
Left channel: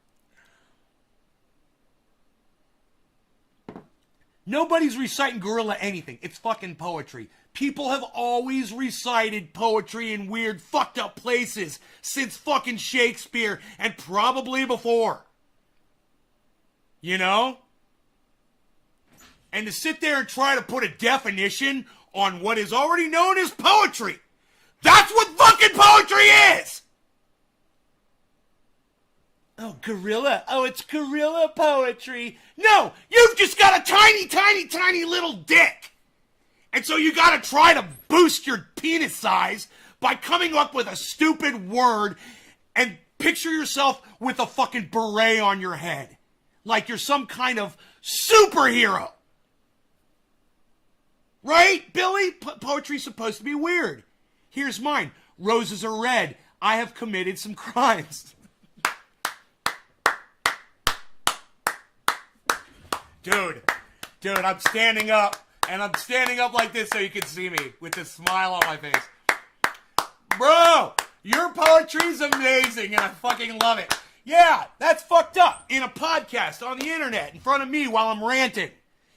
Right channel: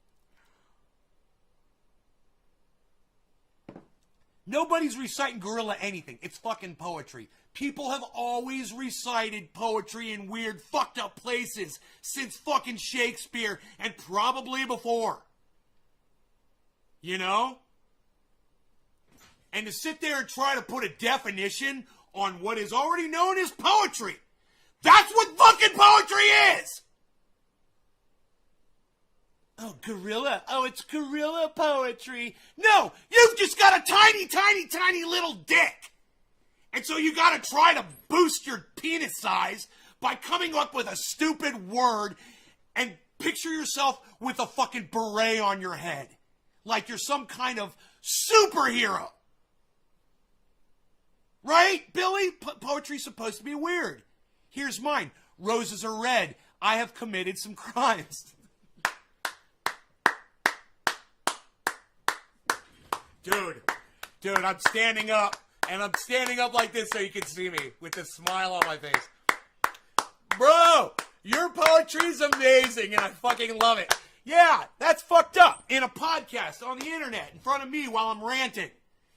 Nobody's reciting guerrilla anything. It's fucking poetry. People have always recited poetry in weird, fucked up places since fucking Shakespeare and probably before. You know? And to sit there and try to put a definition on what is already known as poetry. That's what fucking poetry is! Oh, gorilla. Oh, it's gorilla poetry. No, you've just got a tiny, tiny, tiny little dick. And so you gotta try to boost your penis size by coming up with a stupid word and picture yourself with a fucking beret on your head. Like you're some kind of superhero. Right, Billy? Poetry's supposed to be weird. Here's mine. Roses are red. I have committed some crimes. Dude, I'm standing up, and I'm standing up like this so you can see me with this smile on my face. Bro, your poetry's amazing, and I fucking love it. Yeah, that's fucked up. In a podcast, on the internet, in front of me while I'm ranting.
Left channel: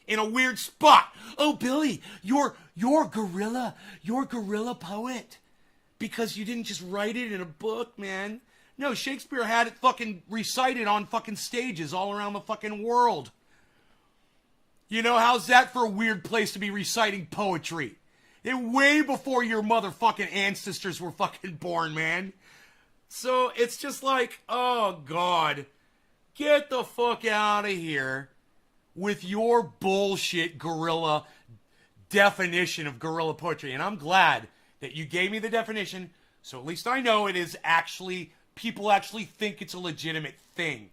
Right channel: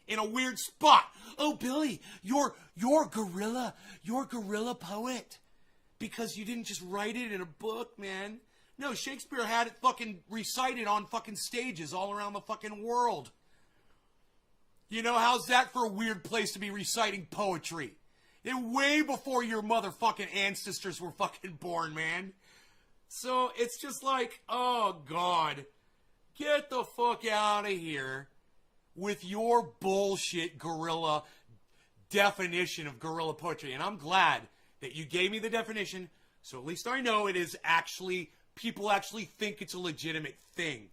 In a weird spot. Oh, Billy, you're gorilla poet. Because you didn't just write it in a book, man. No, Shakespeare had it fucking recited on fucking stages all around the fucking world. You know, how's that for a weird place to be reciting poetry? Way before your motherfucking ancestors were fucking born, man. So it's just like, oh, God. Get the fuck out of here with your bullshit guerrilla definition of guerrilla poetry. And I'm glad that you gave me the definition, so at least I know it is actually, people actually think it's a legitimate thing.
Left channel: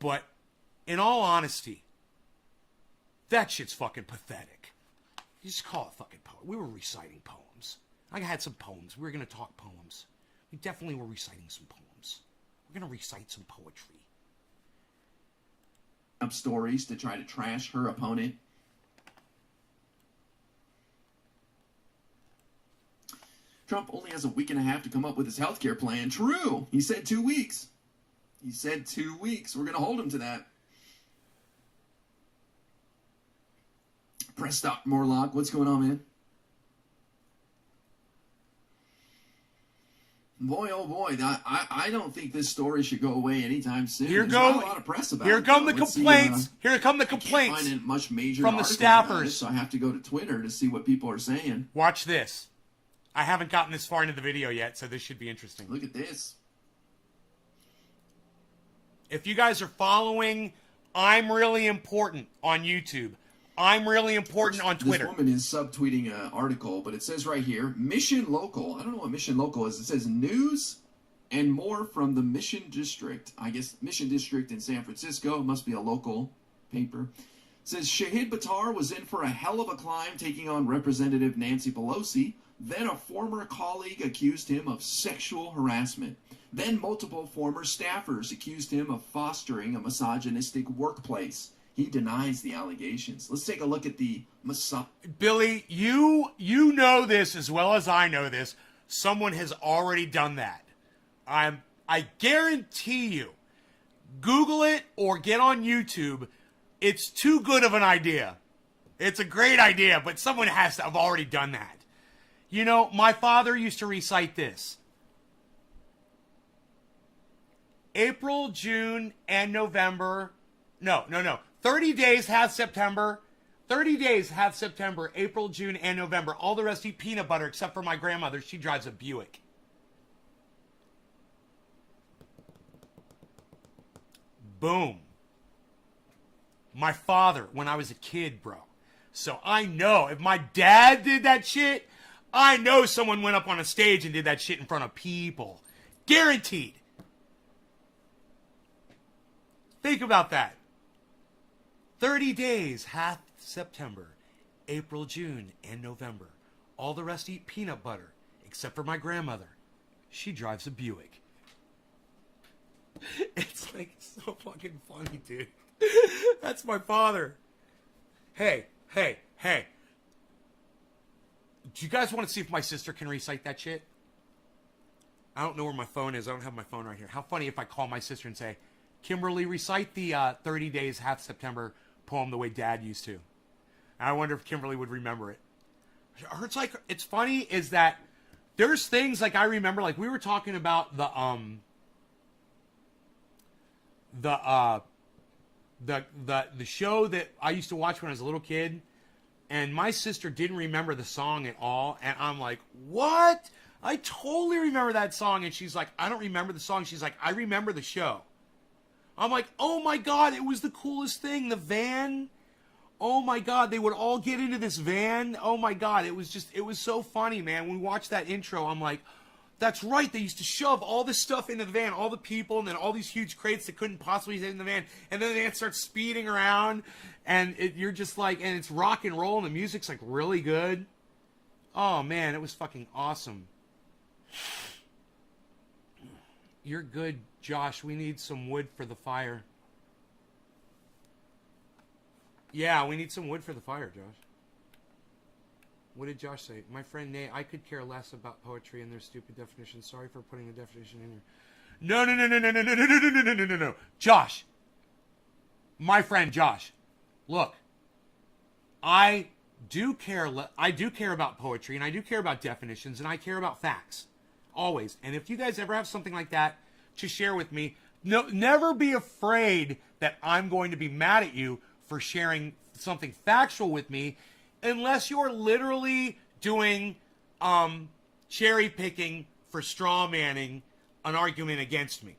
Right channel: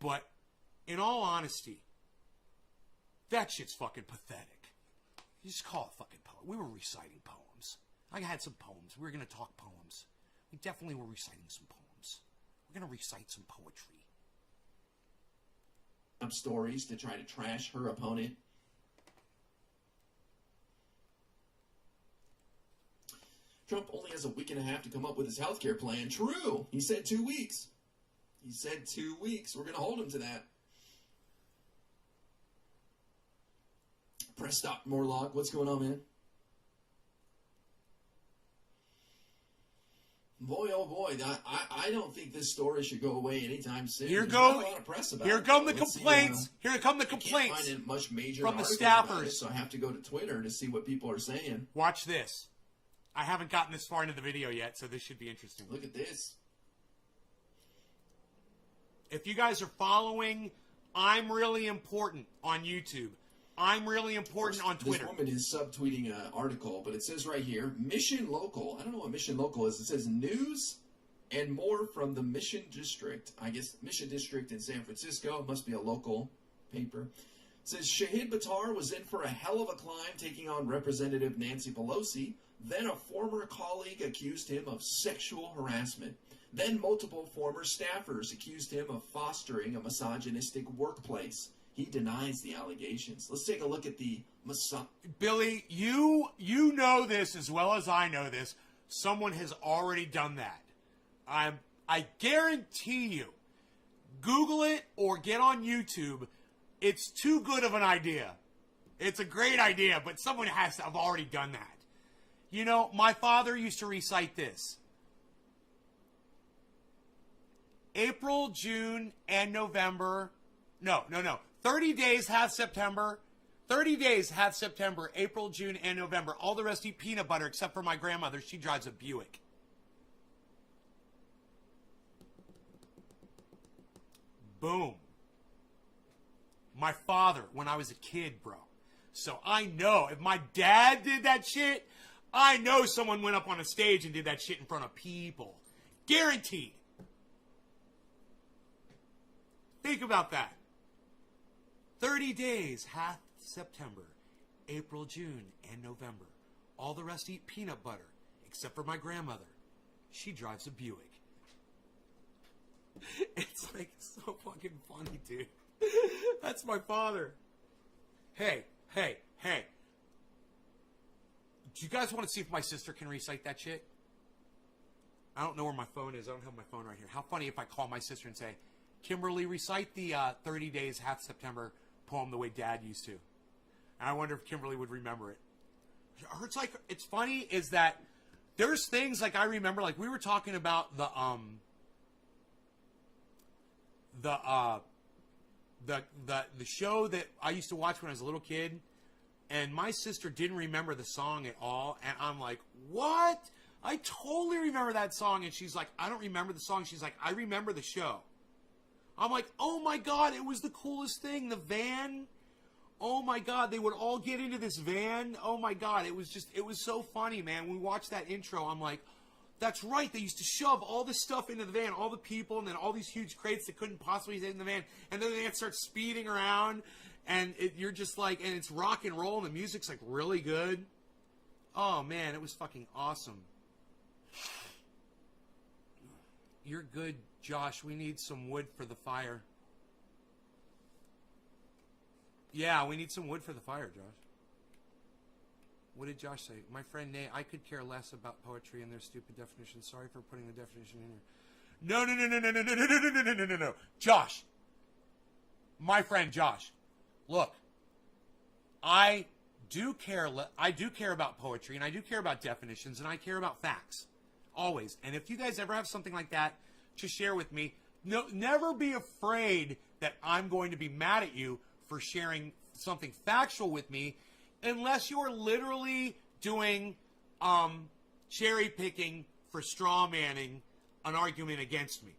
But in all honesty, that shit's fucking pathetic. You just call it fucking poetry. We were reciting poems. I had some poems. We were going to talk poems. We definitely were reciting some poems. We're going to recite some poetry. Up stories to try to trash her opponent. Trump only has a week and a half to come up with his healthcare plan. True. He said 2 weeks. He said 2 weeks. We're going to hold him to that. Press stop, Morlock. What's going on, man? Boy, oh boy, I don't think this story should go away anytime soon. Here There's not a lot of press about here it. come the complaints. Here come the complaints I can't find much major from the staffers. it, so I have to go to Twitter to see what people are saying. Watch this. I haven't gotten this far into the video yet, so this should be interesting. Look at this. If you guys are following I'm really important on YouTube. I'm really important on Twitter. This woman is subtweeting an article, but it says right here, Mission Local. I don't know what Mission Local is. It says news and more from the Mission District. I guess Mission District in San Francisco. It must be a local paper. It says Shahid Buttar was in for a hell of a climb taking on Representative Nancy Pelosi. Then a former colleague accused him of sexual harassment. Then multiple former staffers accused him of fostering a misogynistic workplace. He denies the allegations. Let's take a look at the Billy, you know this as well as I know this. Someone has already done that. I guarantee you. Google it or get on YouTube. It's too good of an idea. It's a great idea, but someone has to have already done that. You know, my father used to recite this. April, June, and November. No. 30 days have September. 30 days have September, April, June, and November. All the rest eat peanut butter except for my grandmother. She drives a Buick. Boom. My father, when I was a kid, bro. So I know if my dad did that shit, I know someone went up on a stage and did that shit in front of people. Guaranteed. Think about that. 30 days hath September, April, June, and November. All the rest eat peanut butter, except for my grandmother. She drives a Buick. It's like so fucking funny, dude. That's my father. Hey. Do you guys want to see if my sister can recite that shit? I don't know where my phone is. I don't have my phone right here. How funny if I call my sister and say, Kimberly, recite the 30 days hath September poem the way Dad used to. And I wonder if Kimberly would remember it. It's funny is that there's things like I remember, like we were talking about the show that I used to watch when I was a little kid, and my sister didn't remember the song at all, and I'm like, what? I totally remember that song, and she's like, I don't remember the song. She's like, I remember the show. I'm like, oh my God, it was the coolest thing. The van. Oh my God, they would all get into this van. Oh my God, it was so funny, man. When we watched that intro, I'm like, that's right. They used to shove all this stuff into the van, all the people, and then all these huge crates that couldn't possibly fit in the van. And then they start speeding around, and you're just like, and it's rock and roll, and the music's like really good. Oh man, it was fucking awesome. You're good, Josh. We need some wood for the fire. Yeah, we need some wood for the fire, Josh. What did Josh say? My friend Nate, I could care less about poetry and their stupid definitions. Sorry for putting the definition in here. No. Josh. My friend Josh. Look. I do care about poetry, and I do care about definitions, and I care about facts. Always. And if you guys ever have something like that to share with me, never be afraid that I'm going to be mad at you for sharing something factual with me, unless you're literally doing cherry picking for straw manning an argument against me.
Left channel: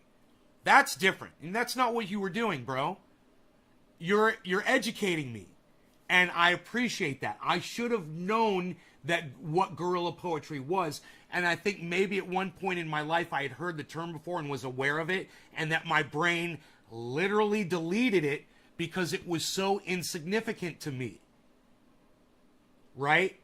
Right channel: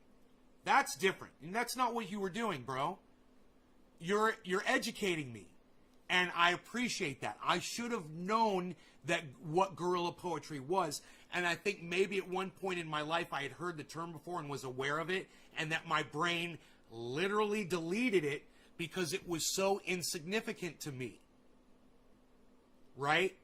That's different. And that's not what you were doing, bro. You're educating me. And I appreciate that. I should have known that what guerrilla poetry was. And I think maybe at one point in my life I had heard the term before and was aware of it, and that my brain literally deleted it because it was so insignificant to me. Right?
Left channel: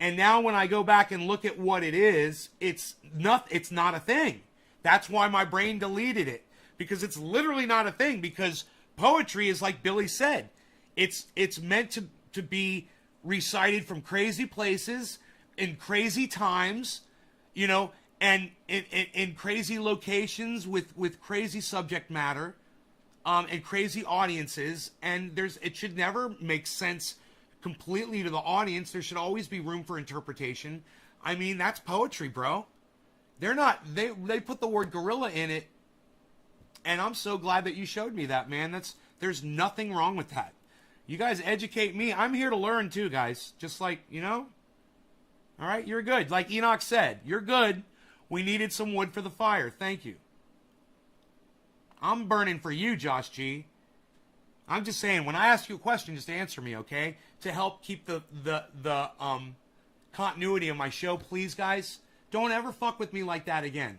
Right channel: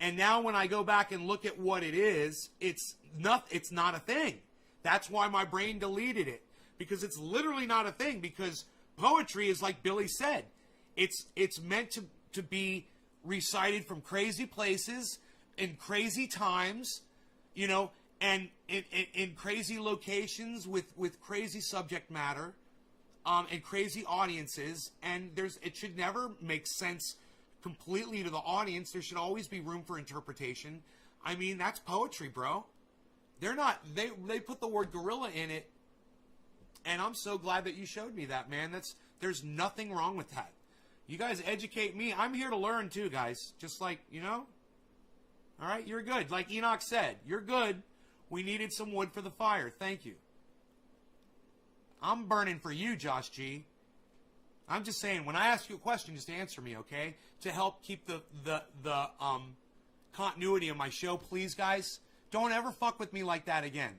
And now when I go back and look at what it is, it's not a thing. That's why my brain deleted it, because it's literally not a thing, because poetry is like Billy said. It's meant to be recited from crazy places in crazy times, you know, and in crazy locations with crazy subject matter, and crazy audiences, and it should never make sense completely to the audience. There should always be room for interpretation. I mean, that's poetry, bro. They put the word gorilla in it, and I'm so glad that you showed me that, man. There's nothing wrong with that. You guys educate me. I'm here to learn too, guys. Just like, you know? All right, you're good. Like Enoch said, you're good. We needed some wood for the fire. Thank you. I'm burning for you, Josh G. I'm just saying, when I ask you a question, just answer me, okay? To help keep the continuity of my show, please, guys. Don't ever fuck with me like that again.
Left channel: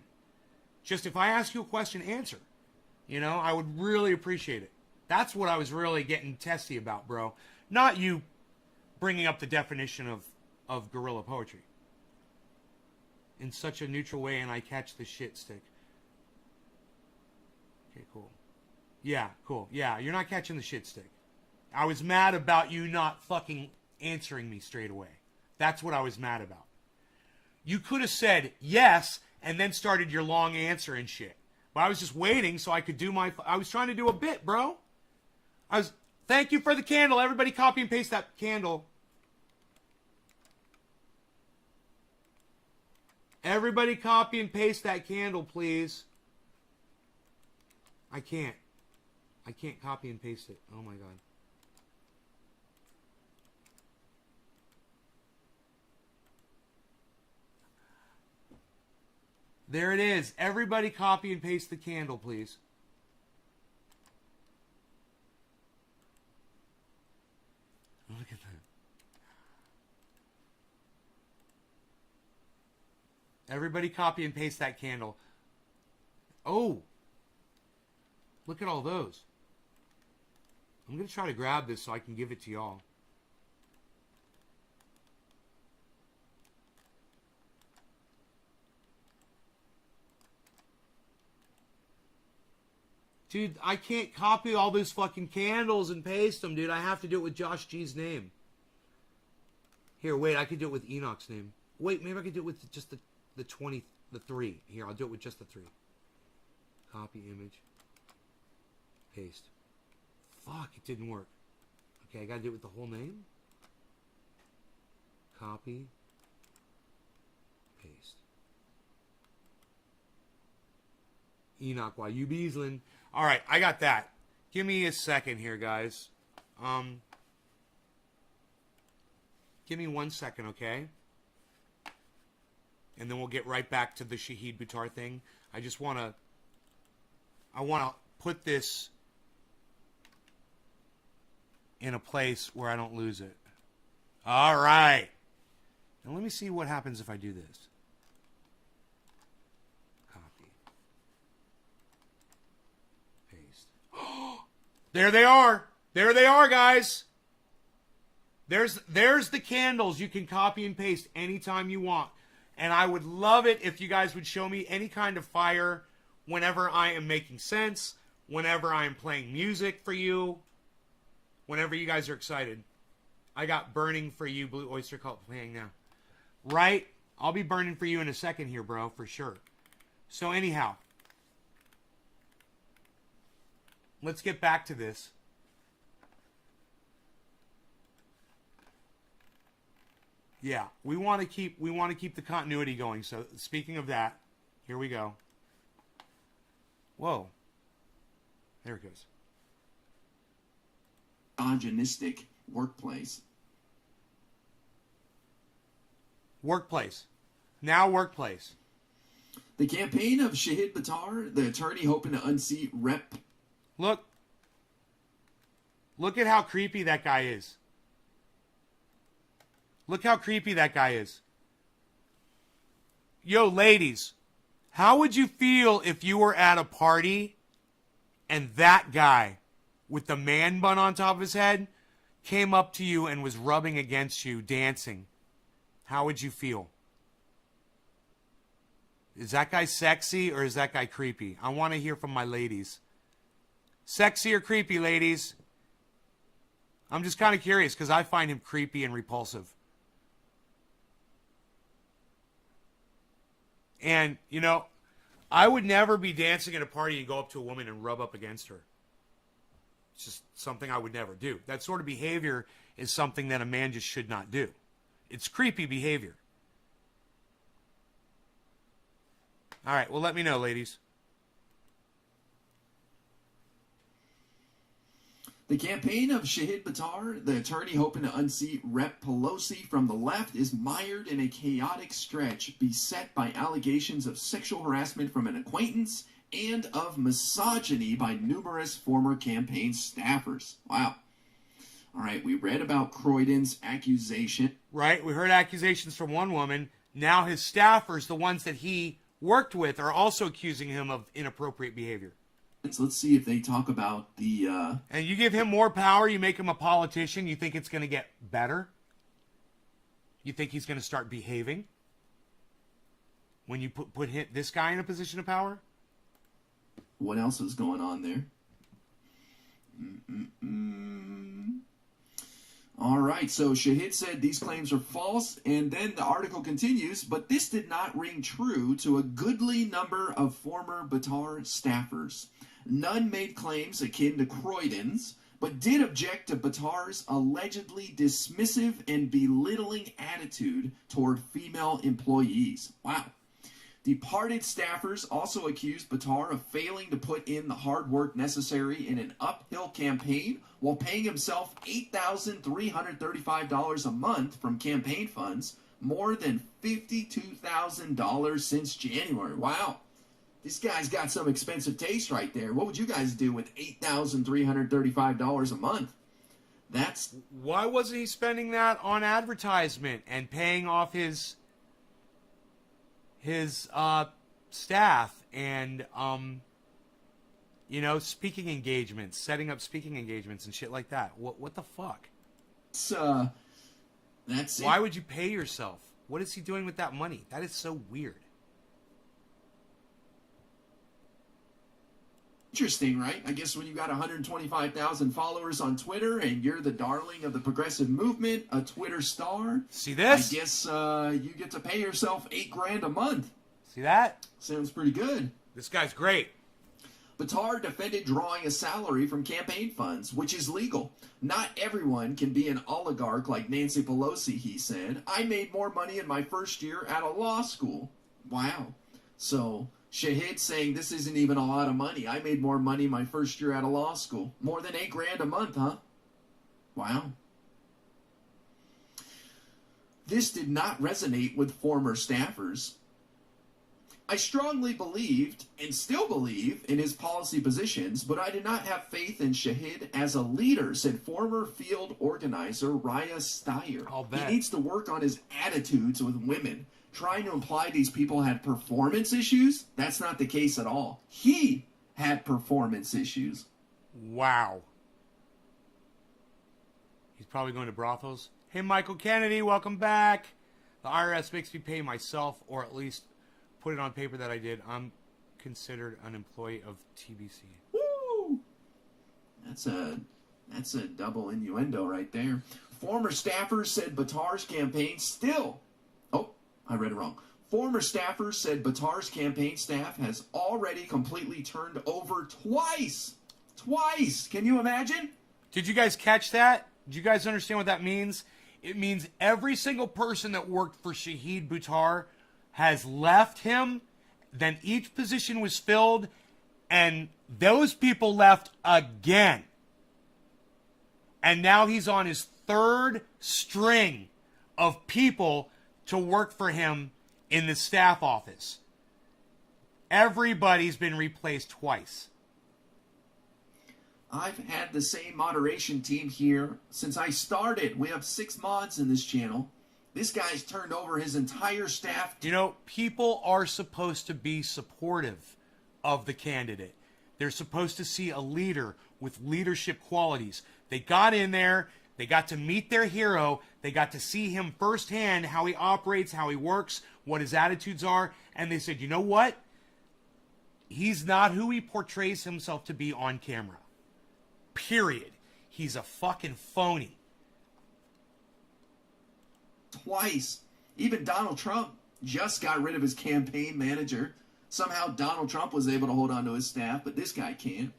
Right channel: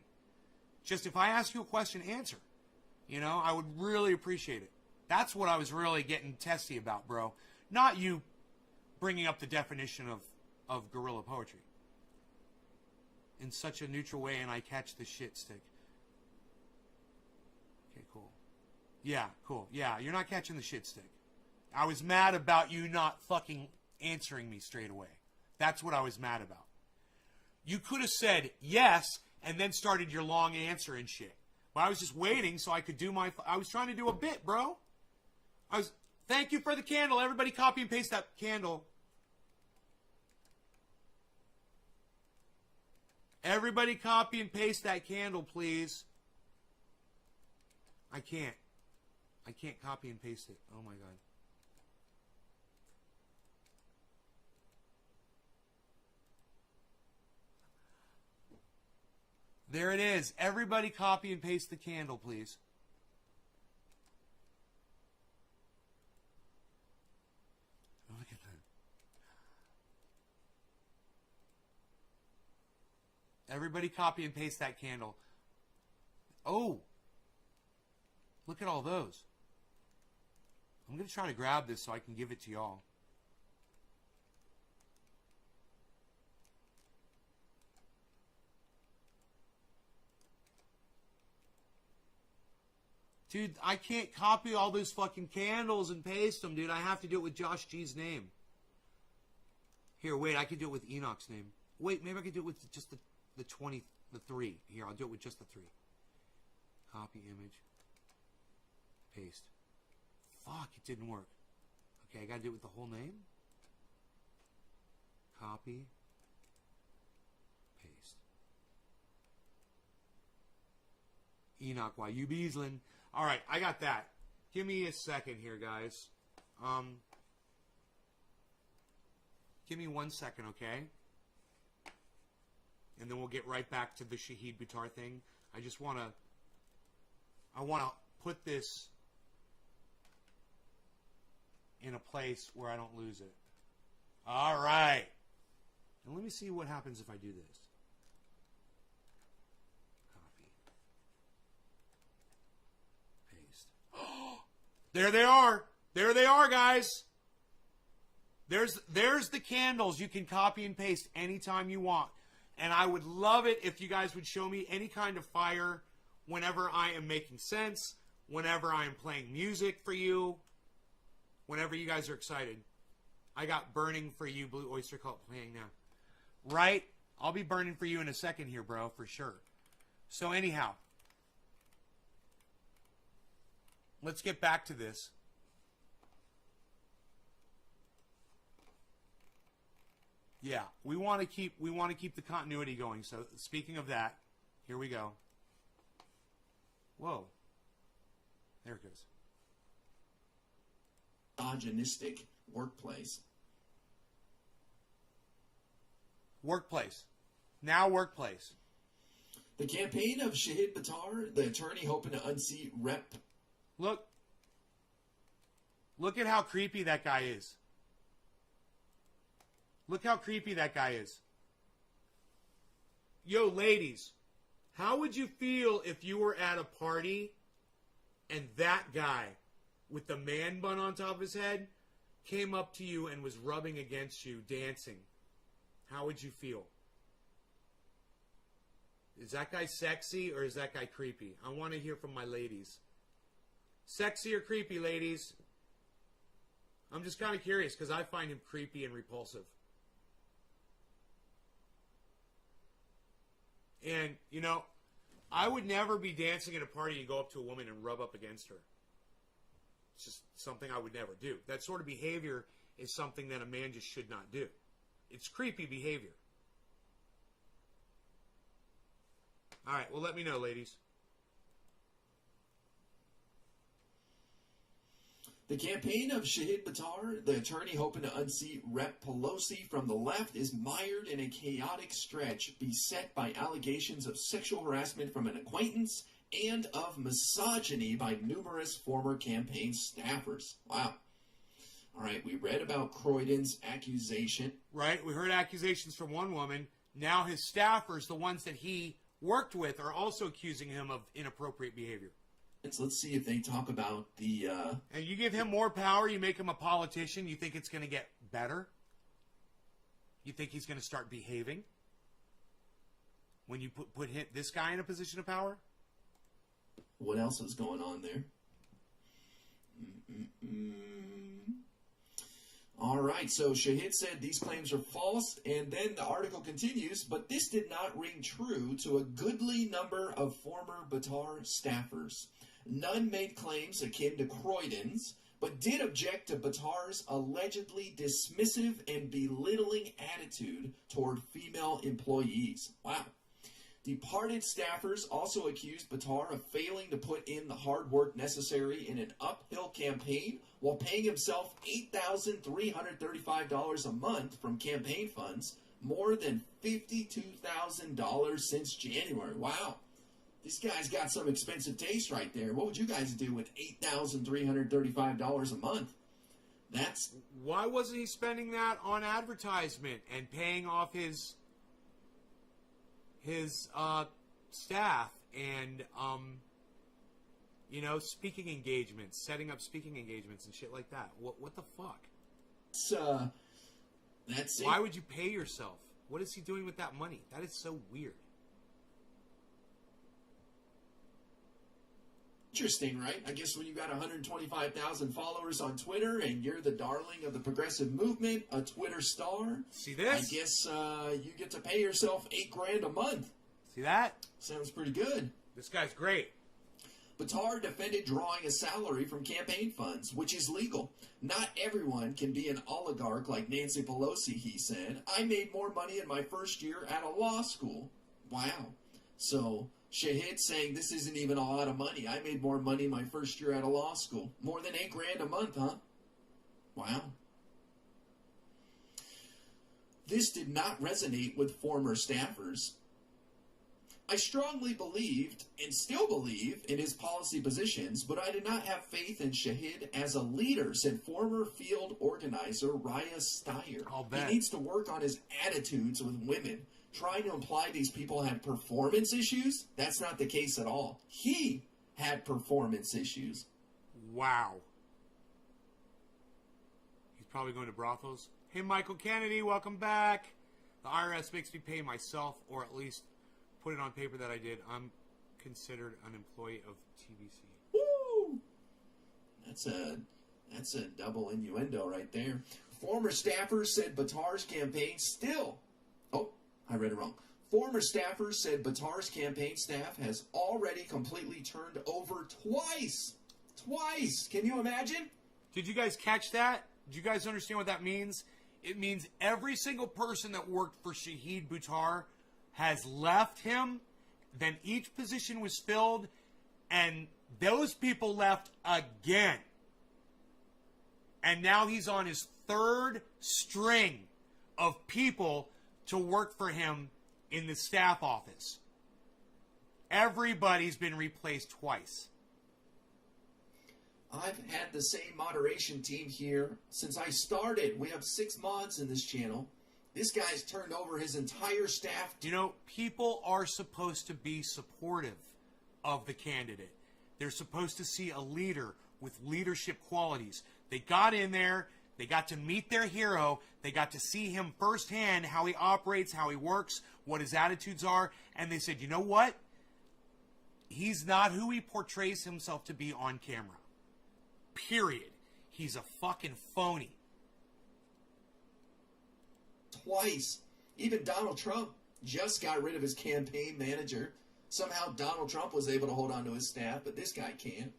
Just if I ask you a question, answer. You know, I would really appreciate it. That's what I was really getting testy about, bro. Not you bringing up the definition of guerrilla poetry in such a neutral way, and I catch the shit stick. Okay, cool. Yeah, cool. Yeah, you're not catching the shit stick. I was mad about you not fucking answering me straight away. That's what I was mad about. You could have said yes and then started your long answer and shit. But I was just waiting so I could do my... I was trying to do a bit, bro. Thank you for the candle. Everybody copy and paste that candle. Everybody copy and paste that candle, please. I can't copy and paste it. Oh my god. There it is. Everybody copy and paste the candle, please. Look at that. Everybody copy and paste that candle. Oh. Look at all those. I'm going to try to grab this so I can give it to y'all. Dude, I can't copy all those fucking candles and paste them, dude. I have to do it with Josh G's name. Here, wait, I could do it with Enoch's name. Wait, maybe I could do it with just the 3. Here, I'll do it with just the 3. Copy image. Paste. Fuck, it didn't work. Okay, I gotta do it with the whole name. Copy. Paste. Enoch, why you Beaslin? Alright, I got that. Give me a second here, guys. Give me 1 second, okay? And then we'll get right back to the Shahid Buttar thing. I want to put this in a place where I don't lose it. All right. Now let me see what happens if I do this. Copy. Paste. There they are. There they are, guys. There's the candles you can copy and paste anytime you want. And I would love it if you guys would show me any kind of fire whenever I am making sense, whenever I am playing music for you, whenever you guys are excited. I got Burning for You, Blue Oyster Cult playing now. Right? I'll be burning for you in a second here, bro, for sure. So anyhow, let's get back to this. Yeah, we want to keep the continuity going. So speaking of that, here we go. Whoa. There it goes. Misogynistic workplace. Workplace. Now workplace. The campaign of Shahid Buttar, the attorney hoping to unseat Rep. Look at how creepy that guy is. Look how creepy that guy is. Yo, ladies, how would you feel if you were at a party and that guy with the man bun on top of his head came up to you and was rubbing against you, dancing? How would you feel? Is that guy sexy or is that guy creepy? I want to hear from my ladies. Sexy or creepy, ladies? I'm just kind of curious because I find him creepy and repulsive. And, you know, I would never be dancing at a party and go up to a woman and rub up against her. It's just something I would never do. That sort of behavior is something that a man just should not do. It's creepy behavior. All right, well, let me know, ladies. The campaign of Shahid Buttar, the attorney hoping to unseat Rep. Pelosi from the left, is mired in a chaotic stretch beset by allegations of sexual harassment from an acquaintance and of misogyny by numerous former campaign staffers. Wow. All right, we read about Croydon's accusation. Right, we heard accusations from one woman. Now his staffers, the ones that he worked with, are also accusing him of inappropriate behavior. Let's see if they talk about the... And you give him more power, you make him a politician, you think it's going to get better? You think he's going to start behaving? When you put this guy in a position of power? What else is going on there? All right, so Shahid said these claims are false, and then the article continues, but this did not ring true to a goodly number of former Buttar staffers. None made claims akin to Croydon's, but did object to Buttar's allegedly dismissive and belittling attitude toward female employees. Wow. Departed staffers also accused Buttar of failing to put in the hard work necessary in an uphill campaign while paying himself $8,335 a month from campaign funds, more than $52,000 since January. Wow. This guy's got some expensive taste right there. What would you guys do with $8,335 a month? That's... Why wasn't he spending that on advertisement and paying off his staff and speaking engagements, setting up speaking engagements and shit like that? What the fuck? That's it. Why would you pay yourself? What is he doing with that money? That is so weird. Interesting, right? I guess when you got 125,000 followers on Twitter and you're the darling of the progressive movement, a Twitter star. See this? I guess you get to pay yourself $8,000 a month. See that? Sounds pretty good. This guy's great. Buttar defended drawing a salary from campaign funds, which is legal. Not everyone can be an oligarch like Nancy Pelosi, he said. I made more money in my first year out of law school. Wow. So... Shahid saying this isn't even a lot of money. I made more money my first year out of law school. More than $8,000 a month, huh? Wow. This did not resonate with former staffers. I strongly believed and still believe in his policy positions, but I did not have faith in Shahid as a leader, said former field organizer Raya Steyer. I'll bet. He needs to work on his attitudes with women. Trying to imply these people had performance issues? That's not the case at all. He had performance issues. Wow. He's probably going to brothels. Hey, Michael Kennedy, welcome back. The IRS makes me pay myself, or at least put it on paper that I did. I'm considered an employee of TBC. Woo! That's a double innuendo right there. Former staffers said Buttar's campaign still... I read it wrong. Former staffers said Buttar's campaign staff has already completely turned over twice. Twice. Can you imagine? Did you guys catch that? Do you guys understand what that means? It means every single person that worked for Shahid Buttar has left him. Then each position was filled, and those people left again. And now he's on his third string of people to work for him in the staff office. Everybody's been replaced twice. I've had the same moderation team here since I started. We have 6 mods in this channel. This guy's turned over his entire staff. You know, people are supposed to be supportive of the candidate. They're supposed to see a leader with leadership qualities. They got in there. They got to meet their hero. They got to see him firsthand, how he operates, how he works, what his attitudes are. And they said, you know what? He's not who he portrays himself to be on camera. Period. He's a fucking phony. Twice. Even Donald Trump just got rid of his campaign manager. Somehow Donald Trump was able to hold on to his staff, but this guy can't.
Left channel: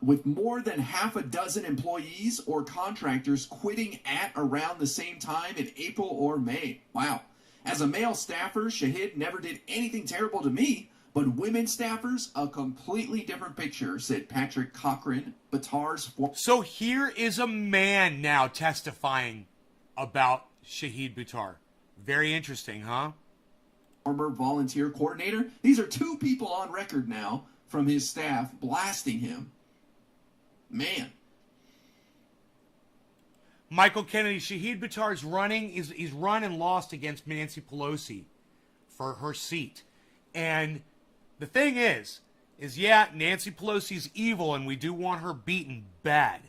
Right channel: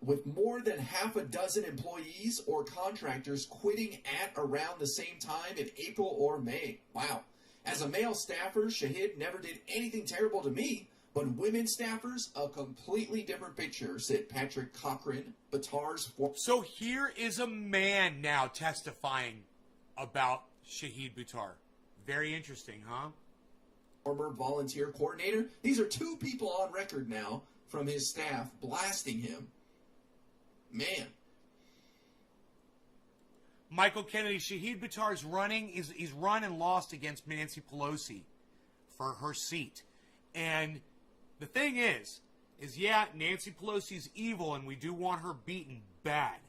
With more than half a dozen employees or contractors quitting at around the same time in April or May. Wow. As a male staffer, Shahid never did anything terrible to me, but women staffers, a completely different picture, said Patrick Cochran, Buttar's... So here is a man now testifying about Shahid Buttar. Very interesting, huh? former volunteer coordinator. These are two people on record now from his staff blasting him. Man. Michael Kennedy, Shahid Buttar's running. He's run and lost against Nancy Pelosi for her seat. And the thing is yeah, Nancy Pelosi's evil and we do want her beaten bad.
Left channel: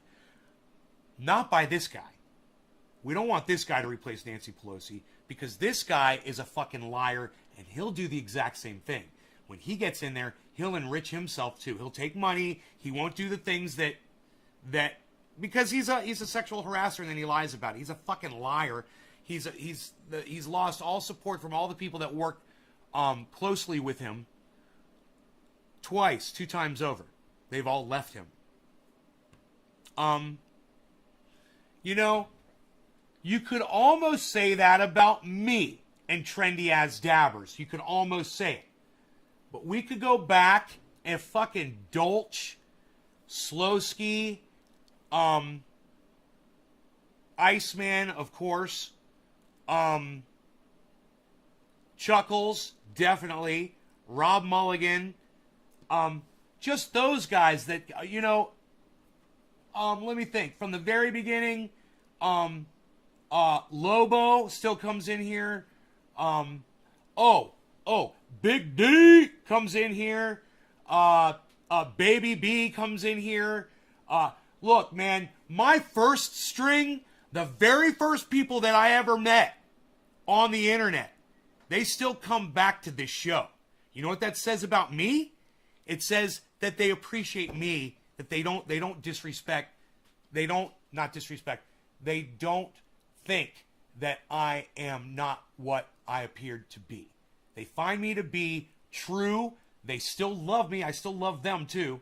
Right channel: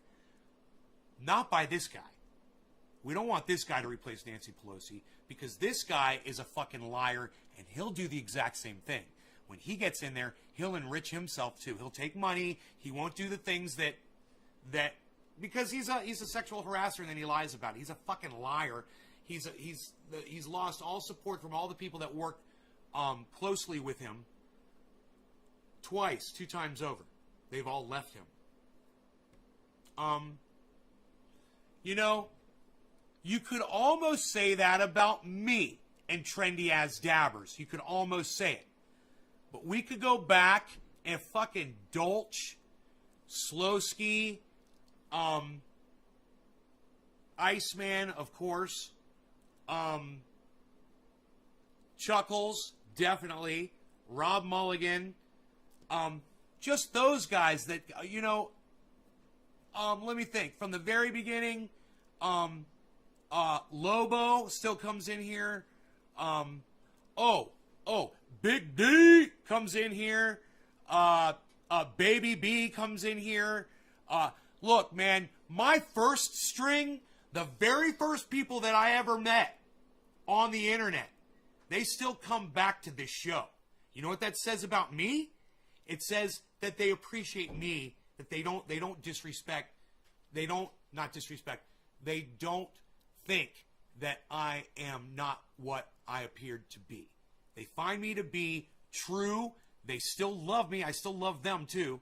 Not by this guy. We don't want this guy to replace Nancy Pelosi because this guy is a fucking liar and he'll do the exact same thing. When he gets in there, he'll enrich himself too. He'll take money. He won't do the things that because he's a sexual harasser and then he lies about it. He's a fucking liar. He's lost all support from all the people that work closely with him twice, 2 times over. They've all left him. You know, you could almost say that about me and Trendy as Dabbers. You could almost say it. But we could go back and fucking Dolch, Slowski, Iceman, of course, Chuckles, definitely, Rob Mulligan, just those guys that, you know, let me think. From the very beginning, Lobo still comes in here. Big D comes in here. Baby B comes in here. Look, man, my first string, the very first people that I ever met on the internet, they still come back to this show. You know what that says about me? It says that they appreciate me, that they don't disrespect, they don't think that I am not what I appeared to be. They find me to be true. They still love me. I still love them too.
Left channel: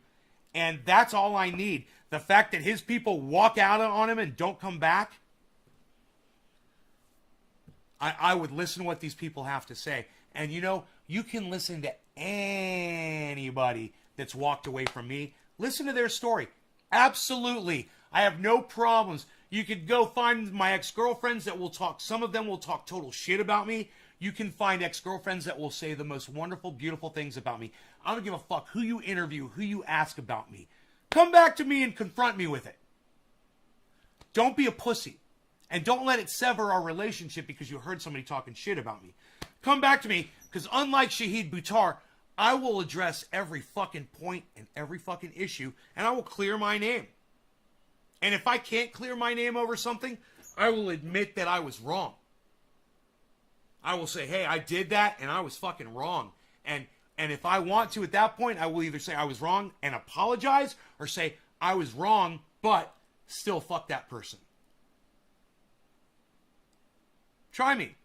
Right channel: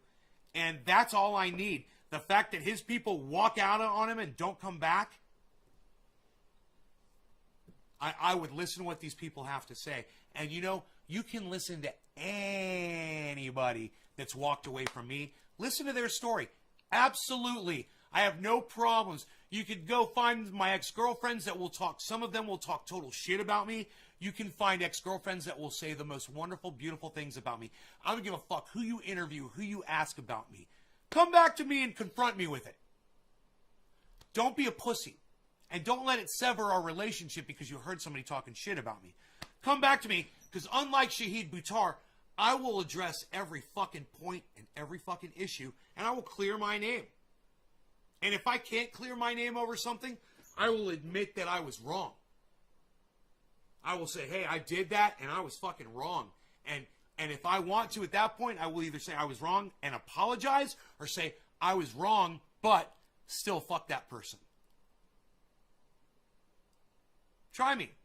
And that's all I need. The fact that his people walk out on him and don't come back, I would listen to what these people have to say. And you know, you can listen to anybody that's walked away from me. Listen to their story. Absolutely. I have no problems. You could go find my ex-girlfriends that will talk. Some of them will talk total shit about me. You can find ex-girlfriends that will say the most wonderful, beautiful things about me. I don't give a fuck who you interview, who you ask about me. Come back to me and confront me with it. Don't be a pussy. And don't let it sever our relationship because you heard somebody talking shit about me. Come back to me because unlike Shahid Buttar, I will address every fucking point and every fucking issue and I will clear my name. And if I can't clear my name over something, I will admit that I was wrong. I will say, hey, I did that and I was fucking wrong. And if I want to at that point, I will either say I was wrong and apologize or say I was wrong, but still fuck that person. Try me.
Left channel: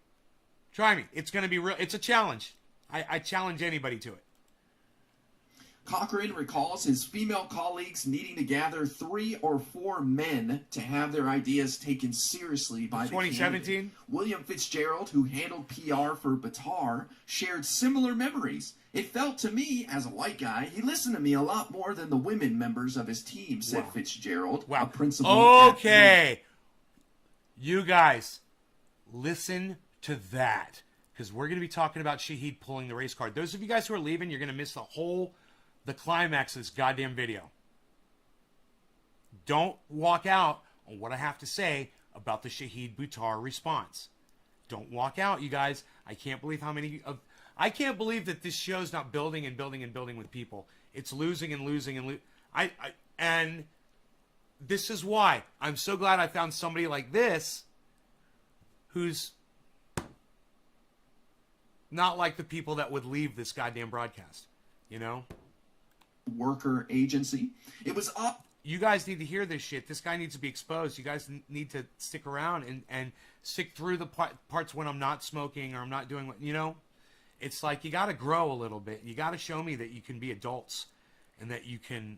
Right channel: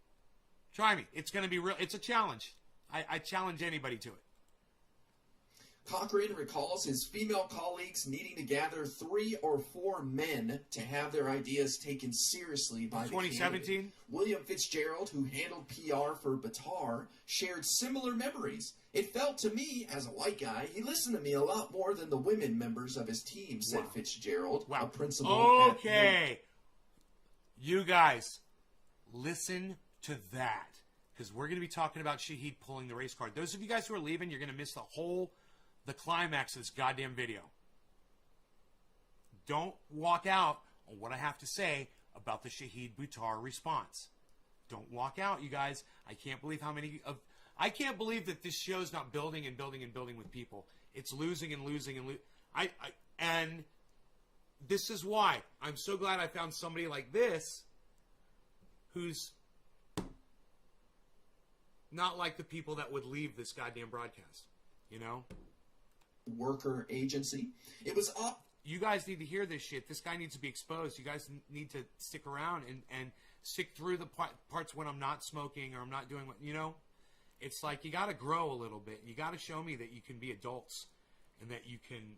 Try me. It's going to be real. It's a challenge. I challenge anybody to it. Cochrane recalls his female colleagues needing to gather 3 or 4 men to have their ideas taken seriously by the 2017? candidate. William Fitzgerald, who handled PR for Buttar, shared similar memories. It felt to me, as a white guy, he listened to me a lot more than the women members of his team, said Fitzgerald, a principal. Okay. You guys, listen to that. Because we're going to be talking about Shahid pulling the race card. Those of you guys who are leaving, you're going to miss the climax of this goddamn video. Don't walk out on what I have to say about the Shahid Buttar response. Don't walk out, you guys. I can't believe I can't believe that this show's not building and building and building with people. It's losing and losing and and this is why I'm so glad I found somebody like this who's not like the people that would leave this goddamn broadcast, you know? Worker agency. It was up. You guys need to hear this shit. This guy needs to be exposed. You guys need to stick around and stick through the parts when I'm not smoking or I'm not doing what, you know? It's like you got to grow a little bit. You got to show me that you can be adults and that you can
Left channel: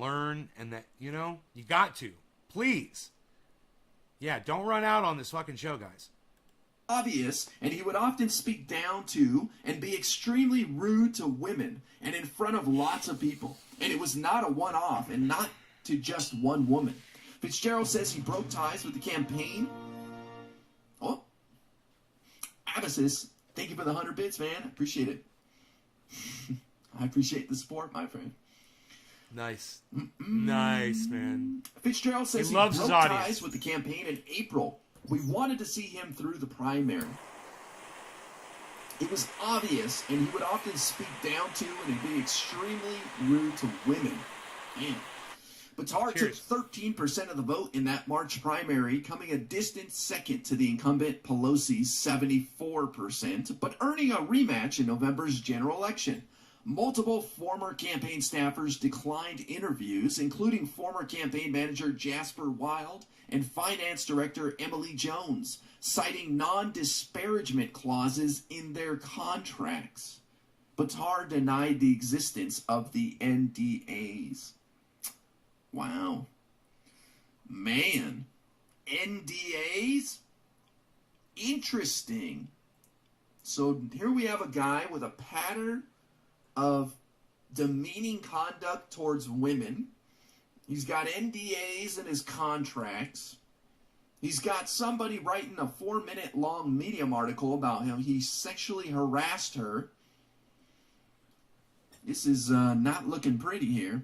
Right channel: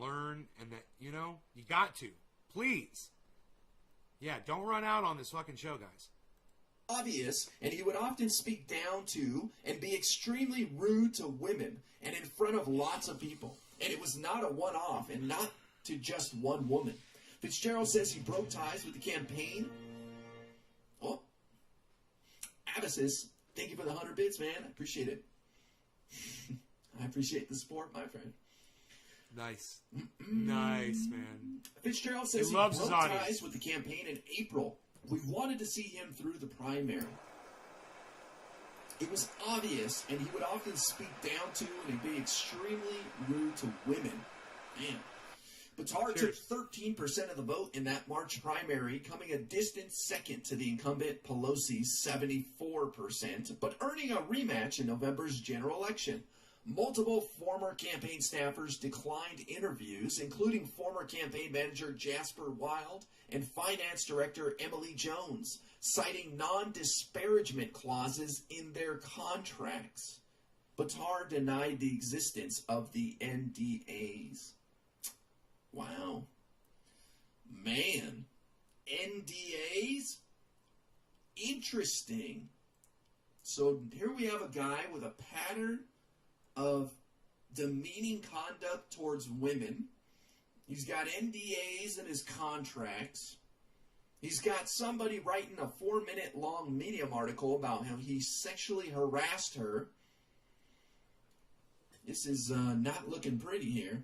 learn and that, you know, you got to. Please. Yeah, don't run out on this fucking show, guys. Obvious, and he would often speak down to and be extremely rude to women and in front of lots of people. And it was not a one-off and not to just one woman. Fitzgerald says he broke ties with the campaign. Oh, Nemesis, thank you for the 100 bits, man. I appreciate it. I appreciate the support, my friend. Nice. Nice, man. Fitzgerald says He loves broke his audience. ties with the campaign in April. We wanted to see him through the primary. It was obvious, and he would often speak down to and be extremely rude to women. Man. Buttar took 13% of the vote in that March primary, coming a distant second to the incumbent Pelosi's 74%, but earning a rematch in November's general election. Multiple former campaign staffers declined interviews, including former campaign manager Jasper Wild and finance director Emily Jones, citing non-disparagement clauses in their contracts. Buttar denied the existence of the NDAs. Wow. Man. NDAs? Interesting. So here we have a guy with a pattern of demeaning conduct towards women. He's got NDAs in his contracts. He's got somebody writing a 4-minute long Medium article about how he sexually harassed her. This is not looking pretty here.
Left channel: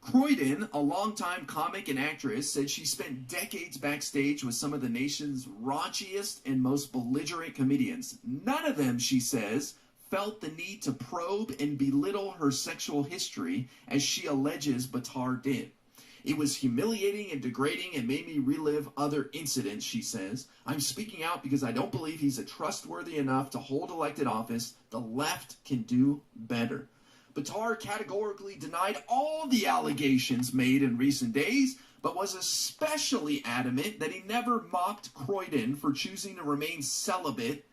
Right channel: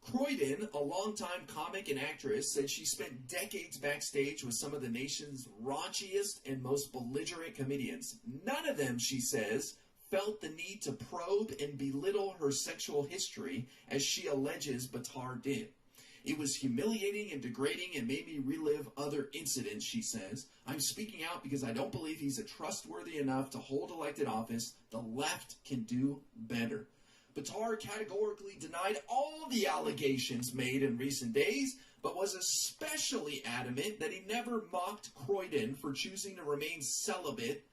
Croydon, a longtime comic and actress, said she spent decades backstage with some of the nation's raunchiest and most belligerent comedians. None of them, she says, felt the need to probe and belittle her sexual history as she alleges Buttar did. It was humiliating and degrading and made me relive other incidents, she says. I'm speaking out because I don't believe he's trustworthy enough to hold elected office. The left can do better. Buttar categorically denied all the allegations made in recent days, but was especially adamant that he never mocked Croydon for choosing to remain celibate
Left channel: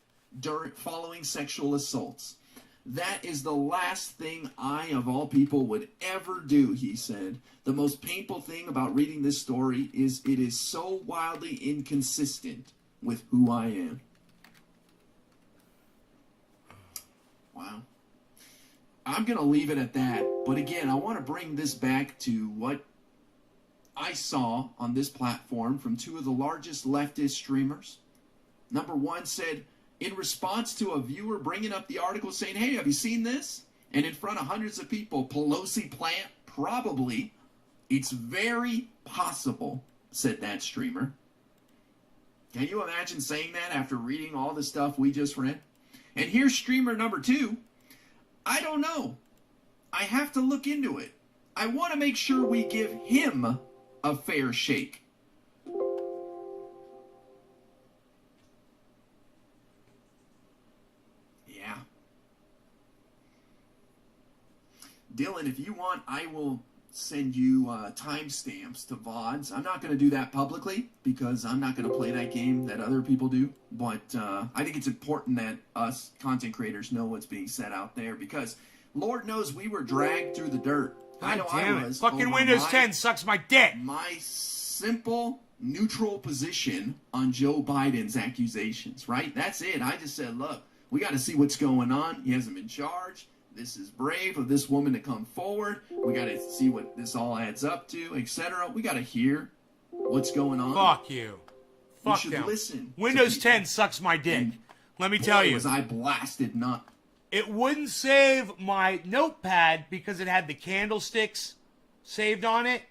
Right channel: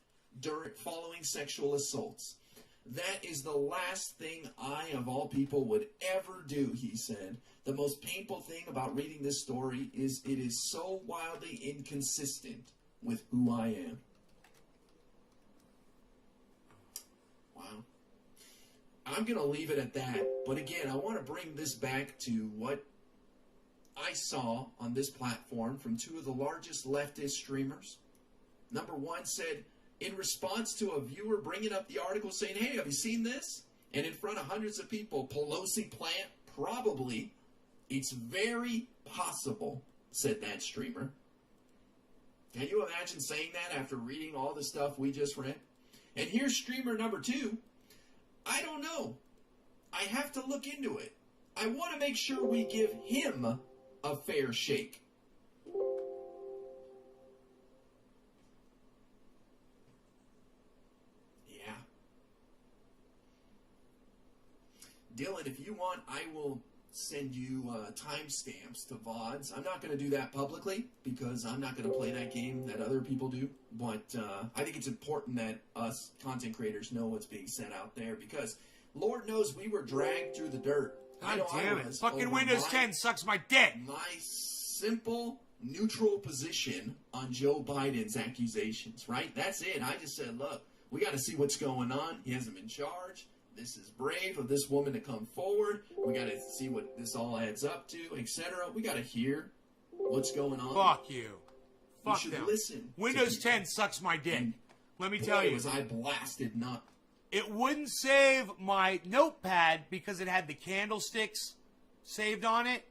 following sexual assaults. That is the last thing I, of all people, would ever do, he said. The most painful thing about reading this story is it is so wildly inconsistent with who I am. Wow. I'm going to leave it at that. But again, I want to bring this back to what I saw on this platform from two of the largest leftist streamers. Number one said, in response to a viewer bringing up the article saying, hey, have you seen this? And in front of hundreds of people, Pelosi plant, probably. It's very possible, said that streamer. Can you imagine saying that after reading all the stuff we just read? And here's streamer number two. I don't know. I have to look into it. I want to make sure we give him a fair shake. Yeah. Dylan, if you want, I will send you timestamps to VODs. I'm not going to do that publicly because I'm not going to play that game that other people do. But I think it's important that us content creators know what's being said out there because Lord knows we were dragged through the dirt. I know I was. Fucking Windows 10 sucks my dick. My simple, neutral position on Joe Biden's accusations, right? That's it. I just said, look, we got to see what's going on. He hasn't been charged. This is brave of this woman to come forward. We got to see what this all adds up to, etc. We got to hear what's going on. Fuck you. Fuck we should them. Listen. Windows 10 sucks my dick. And let me tell you. Was I blasted not? It wouldn't save my notepad because it had the candlesticks saved on it.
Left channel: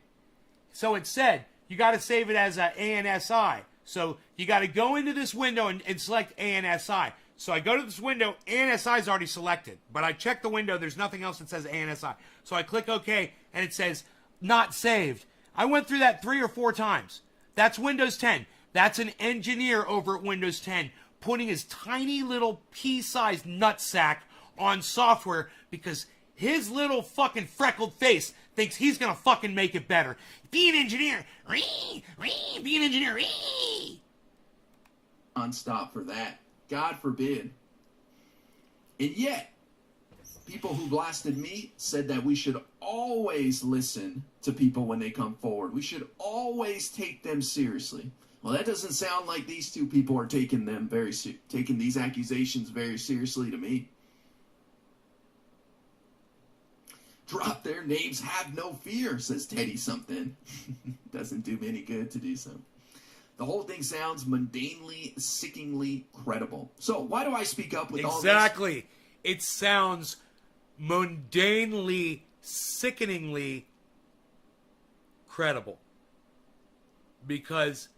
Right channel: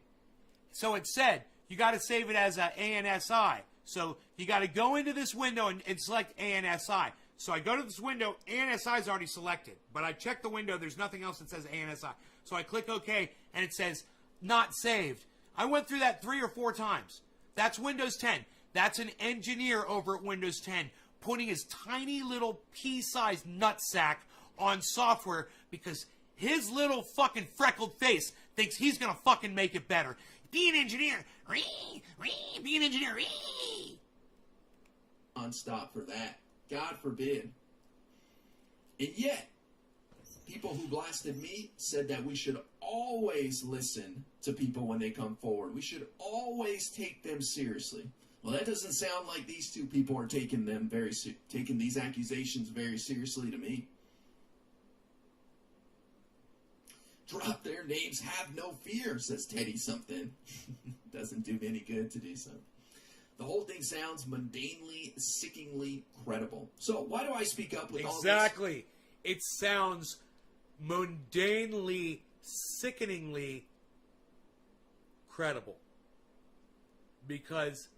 So it said, you got to save it as a ANSI. So you got to go into this window and select ANSI. So I go to this window, ANSI is already selected. But I check the window, there's nothing else that says ANSI. So I click OK, and it says, not saved. I went through that 3 or 4 times. That's Windows 10. That's an engineer over at Windows 10 putting his tiny little pea-sized nutsack on software because his little fucking freckled face thinks he's going to fucking make it better. Be an engineer. Be an engineer. Unstop for that. God forbid. And yet, people who blasted me said that we should always listen to people when they come forward. We should always take them seriously. Well, that doesn't sound like these two people are taking these accusations very seriously to me. Drop their names, have no fear, says Teddy something. Doesn't do me any good to do so. The whole thing sounds mundanely, sickeningly credible. So why do I speak up with all this? Exactly. It sounds mundanely, sickeningly credible. Because,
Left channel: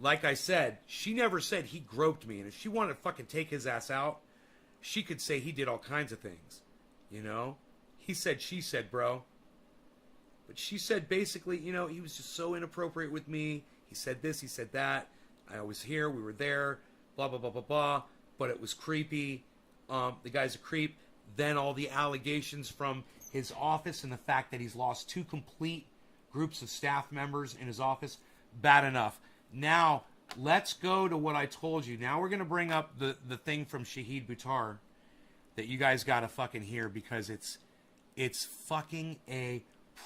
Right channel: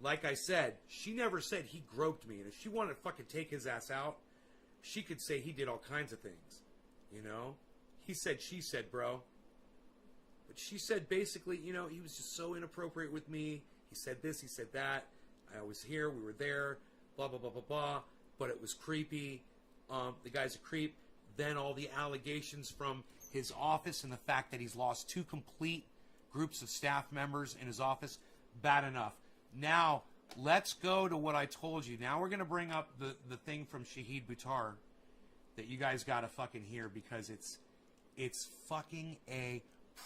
like I said, she never said he groped me. And if she wanted to fucking take his ass out, she could say he did all kinds of things. You know? He said, she said, bro. But she said basically, you know, he was just so inappropriate with me. He said this, he said that. I was here, we were there, blah, blah, blah, blah, blah. But it was creepy. The guy's a creep. Then all the allegations from his office and the fact that he's lost 2 complete groups of staff members in his office. Bad enough. Now, let's go to what I told you. Now we're going to bring up the thing from Shahid Buttar that you guys got to fucking hear because it's fucking a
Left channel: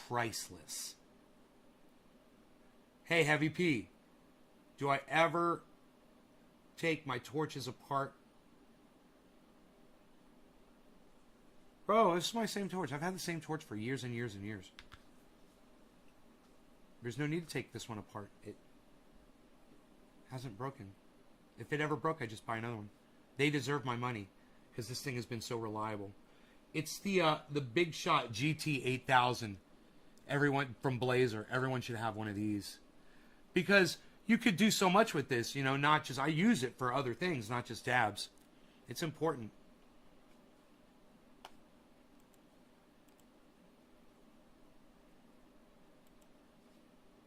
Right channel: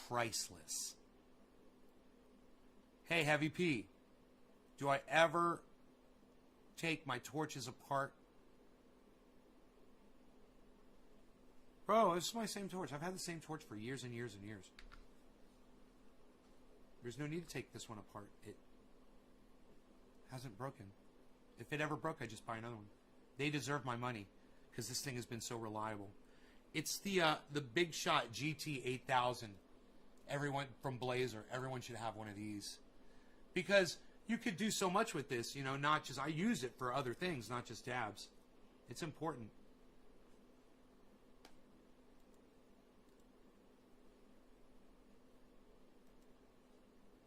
priceless. Hey, Heavy P, do I ever take my torches apart? Bro, this is my same torch. I've had the same torch for years and years and years. There's no need to take this one apart. It hasn't broken. If it ever broke, I'd just buy another one. They deserve my money because this thing has been so reliable. It's the Big Shot GT 8000. Everyone from Blazer, everyone should have one of these. Because you could do so much with this, you know, not just, I use it for other things, not just dabs. It's important.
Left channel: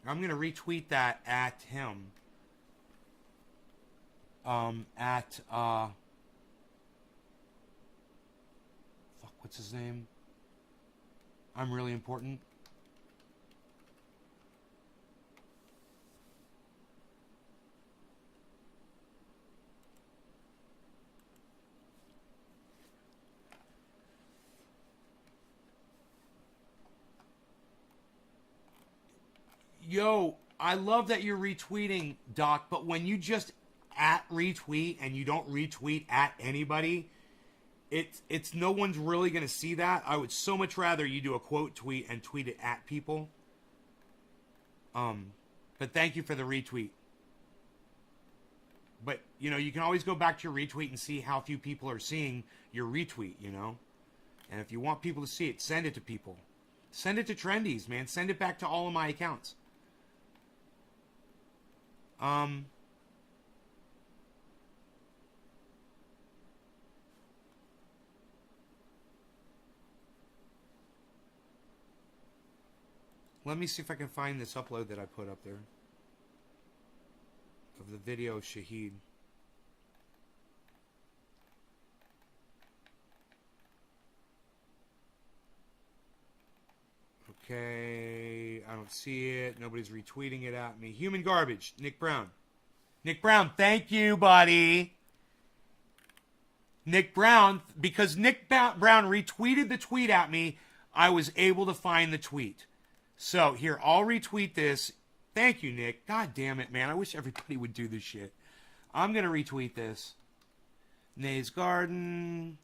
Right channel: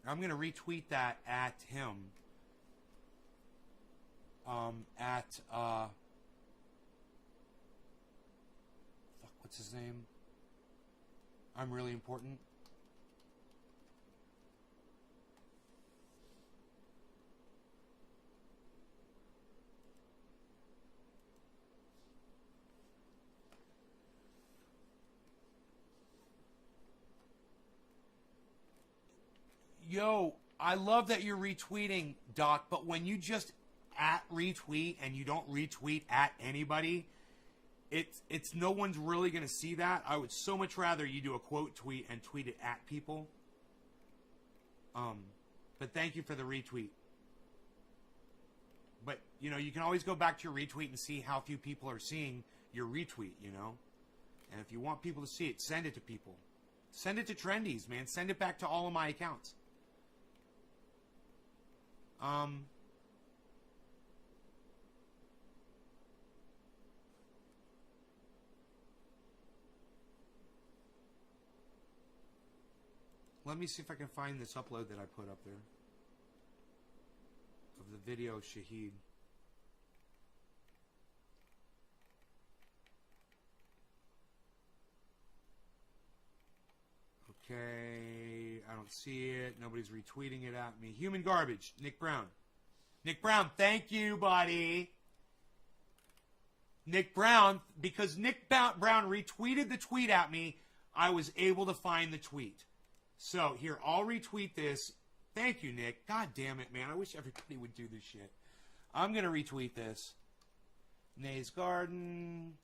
I'm going to retweet that at him. Fuck, what's his name? I'm really important. Yo, I love that you're retweeting, Doc, but when you just at retweet and you don't retweet at anybody, it's no one's really going to see that. I would so much rather you do a quote tweet and tweet it at people. But thank you for the retweet. But, you know, you can always go back to your retweet and see how few people are seeing your retweet, you know? And if you want people to see it, send it to people. Send it to Trendies, man. Send it back to all of my accounts. Let me see if I can find this upload that I put up there of the video of Shahid. Okay, I don't see it. Nobody's retweeting it at me. Human garbage, Nick Brown. Nick Brown, thank you, buddy. Nick Brown, because Nick Brown retweeted the tweet at me, I was able to find the tweet. So, here, I'll retweet this. Thank you, Nick. God damn it, man. I wish everybody would do this shit. I'm going to retweet this. Nay's Garden.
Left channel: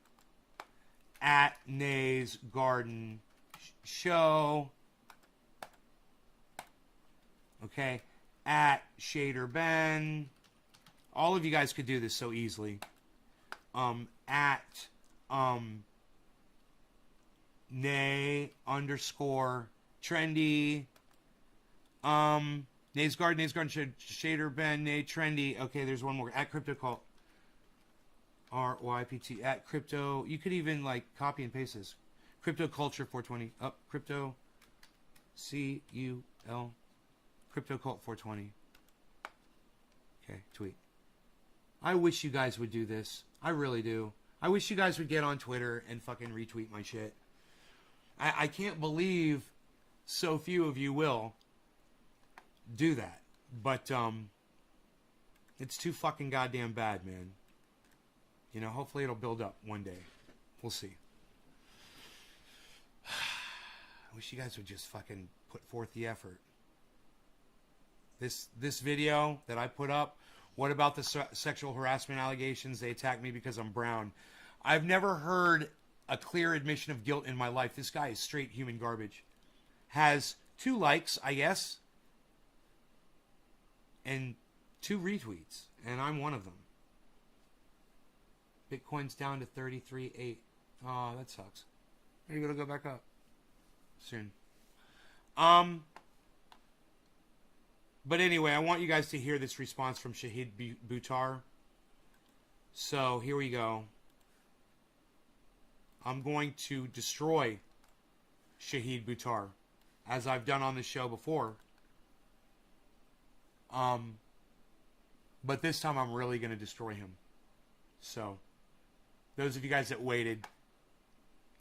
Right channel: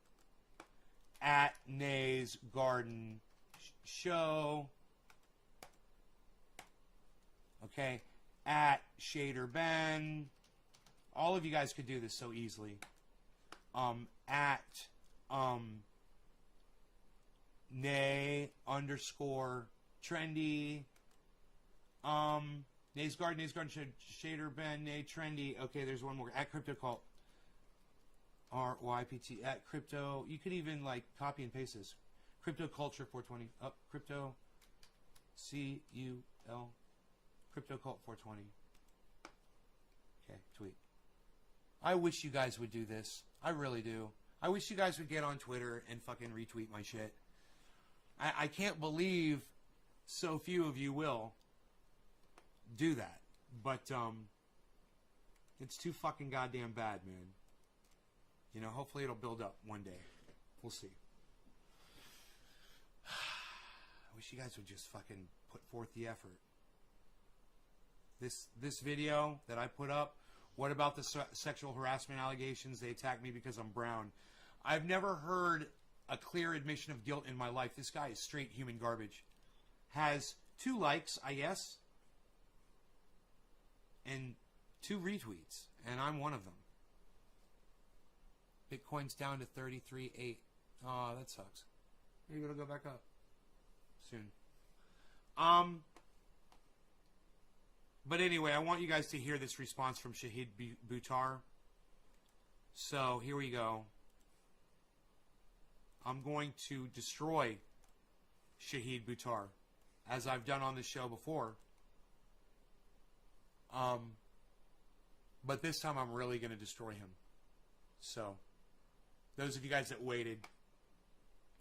At Nay's Garden Show. Okay. At Shader Ben. All of you guys could do this so easily. At Nay _ Trendy. Nay's Garden, Shader Ben, Nay Trendy. Okay, there's one more. At Crypto Cult. RYPT. At Crypto. You could even like copy and paste this. Crypto Culture 420. Up. Crypto. CUL. Crypto Cult 420. Okay, tweet. I wish you guys would do this. I really do. I wish you guys would get on Twitter and fucking retweet my shit. I can't believe so few of you will do that. But, it's too fucking goddamn bad, man. You know, hopefully it'll build up one day. We'll see. I wish you guys would just fucking put forth the effort. This video that I put up, what about the sexual harassment allegations? They attacked me because I'm brown. I've never heard a clear admission of guilt in my life. This guy is straight human garbage. Has 2 likes, I guess. And 2 retweets, and I'm one of them. Bitcoin's down to 33.8. Oh, that sucks. Maybe it'll go back up soon. But anyway, I want you guys to hear this response from Shahid Buttar. So here we go. I'm going to destroy Shahid Buttar, as I've done on this show before. But this time I'm really going to destroy him. So, those of you guys that waited,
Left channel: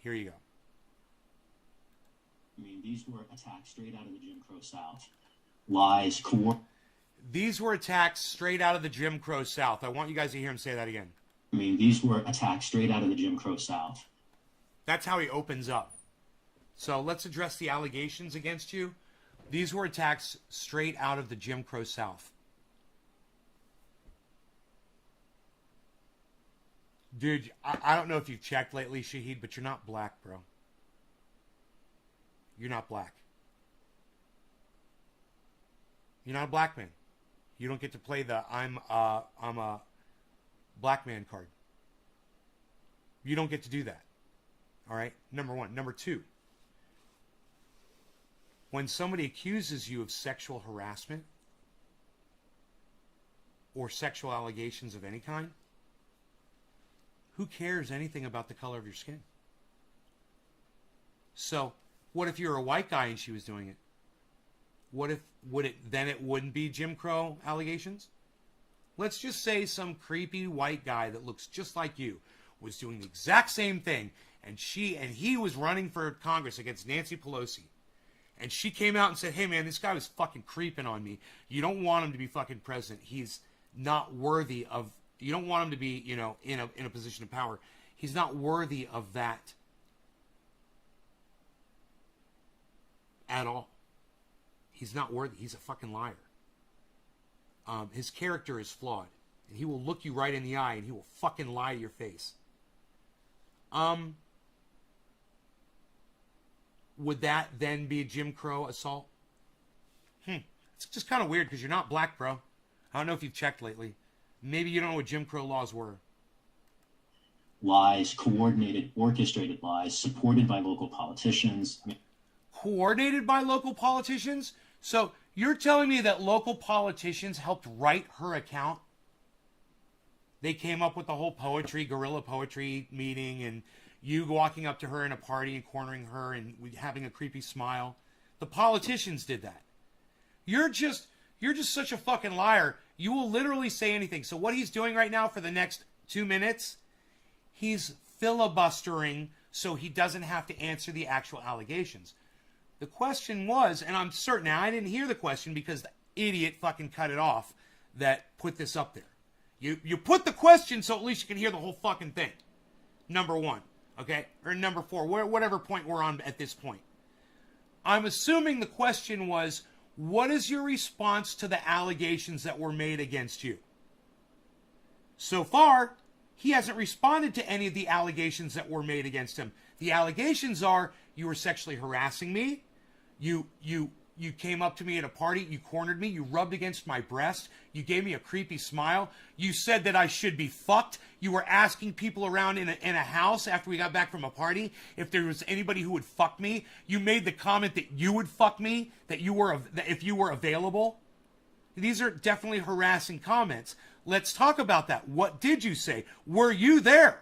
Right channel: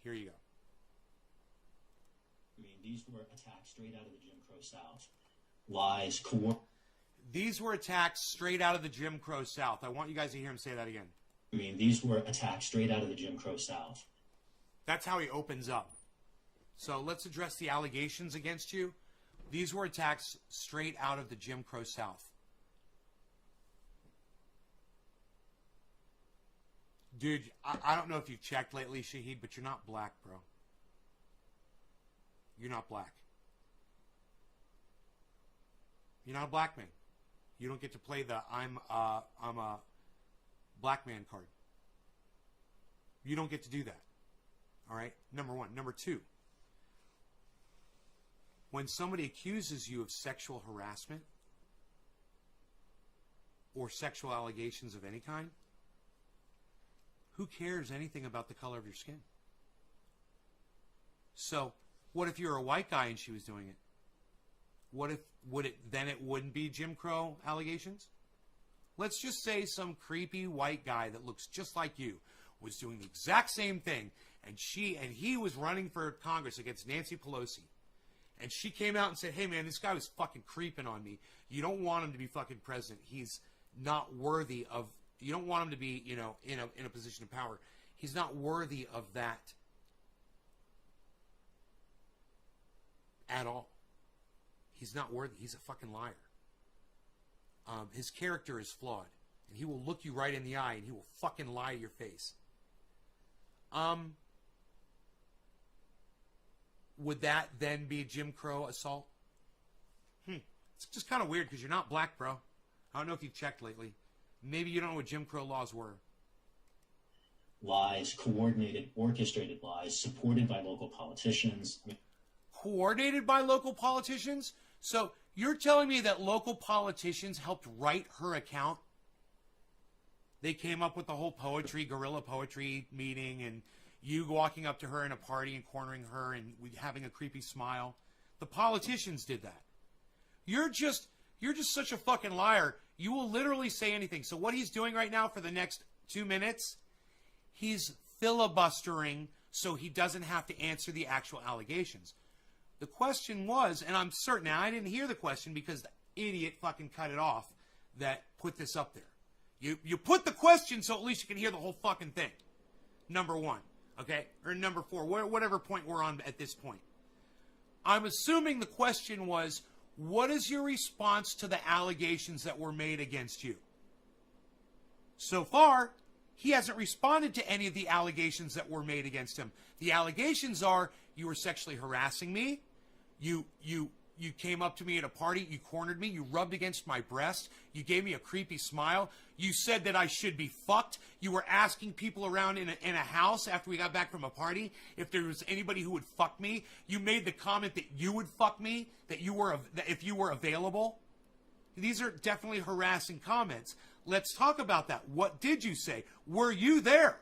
here you go. I mean, these were attacks straight out of the Jim Crow South. Lies, These were attacks straight out of the Jim Crow South. I want you guys to hear him say that again. I mean, these were attacks straight out of the Jim Crow South. That's how he opens up. So let's address the allegations against you. These were attacks straight out of the Jim Crow South. Dude, I don't know if you've checked lately, Shahid, but you're not black, bro. You're not black. You're not a black man. You don't get to play the I'm a black man card. You don't get to do that. All right? Number one. Number two. When somebody accuses you of sexual harassment or sexual allegations of any kind, who cares anything about the color of your skin? So, what if you're a white guy and she was doing it? What if it wouldn't be Jim Crow allegations? Let's just say some creepy white guy that looks just like you was doing the exact same thing, and he was running for Congress against Nancy Pelosi. And she came out and said, "Hey man, this guy was fucking creeping on me. You don't want him to be fucking president. He's not worthy of, you don't want him to be, you know, in a position of power. He's not worthy of that at all. He's not worthy. He's a fucking liar. His character is flawed. And he will look you right in the eye and he will fucking lie to your face." Would that then be a Jim Crow assault? It's just kind of weird because you're not black, bro. I don't know if you've checked lately. Maybe you don't know what Jim Crow laws were. Lies, coordinated, orchestrated lies, supported by local politicians. Coordinated by local politicians? So you're telling me that local politicians helped write her account? They came up with the whole guerrilla poetry meeting, and you walking up to her in a party and cornering her and having a creepy smile. The politicians did that. You're just such a fucking liar. You will literally say anything. So what he's doing right now for the next 2 minutes, he's filibustering so he doesn't have to answer the actual allegations. The question was, and I'm certain, now I didn't hear the question because the idiot fucking cut it off that put this up there. You put the question so at least you can hear the whole fucking thing. Number one, okay? Or number four, whatever point we're on at this point. I'm assuming the question was, what is your response to the allegations that were made against you? So far, he hasn't responded to any of the allegations that were made against him. The allegations are, you were sexually harassing me, you came up to me at a party, you cornered me, you rubbed against my breast, you gave me a creepy smile, you said that I should be fucked, you were asking people around in a house after we got back from a party if there was anybody who would fuck me, you made the comment that you would fuck me, that if you were available. These are definitely harassing comments. Let's talk about that. What did you say? Were you there?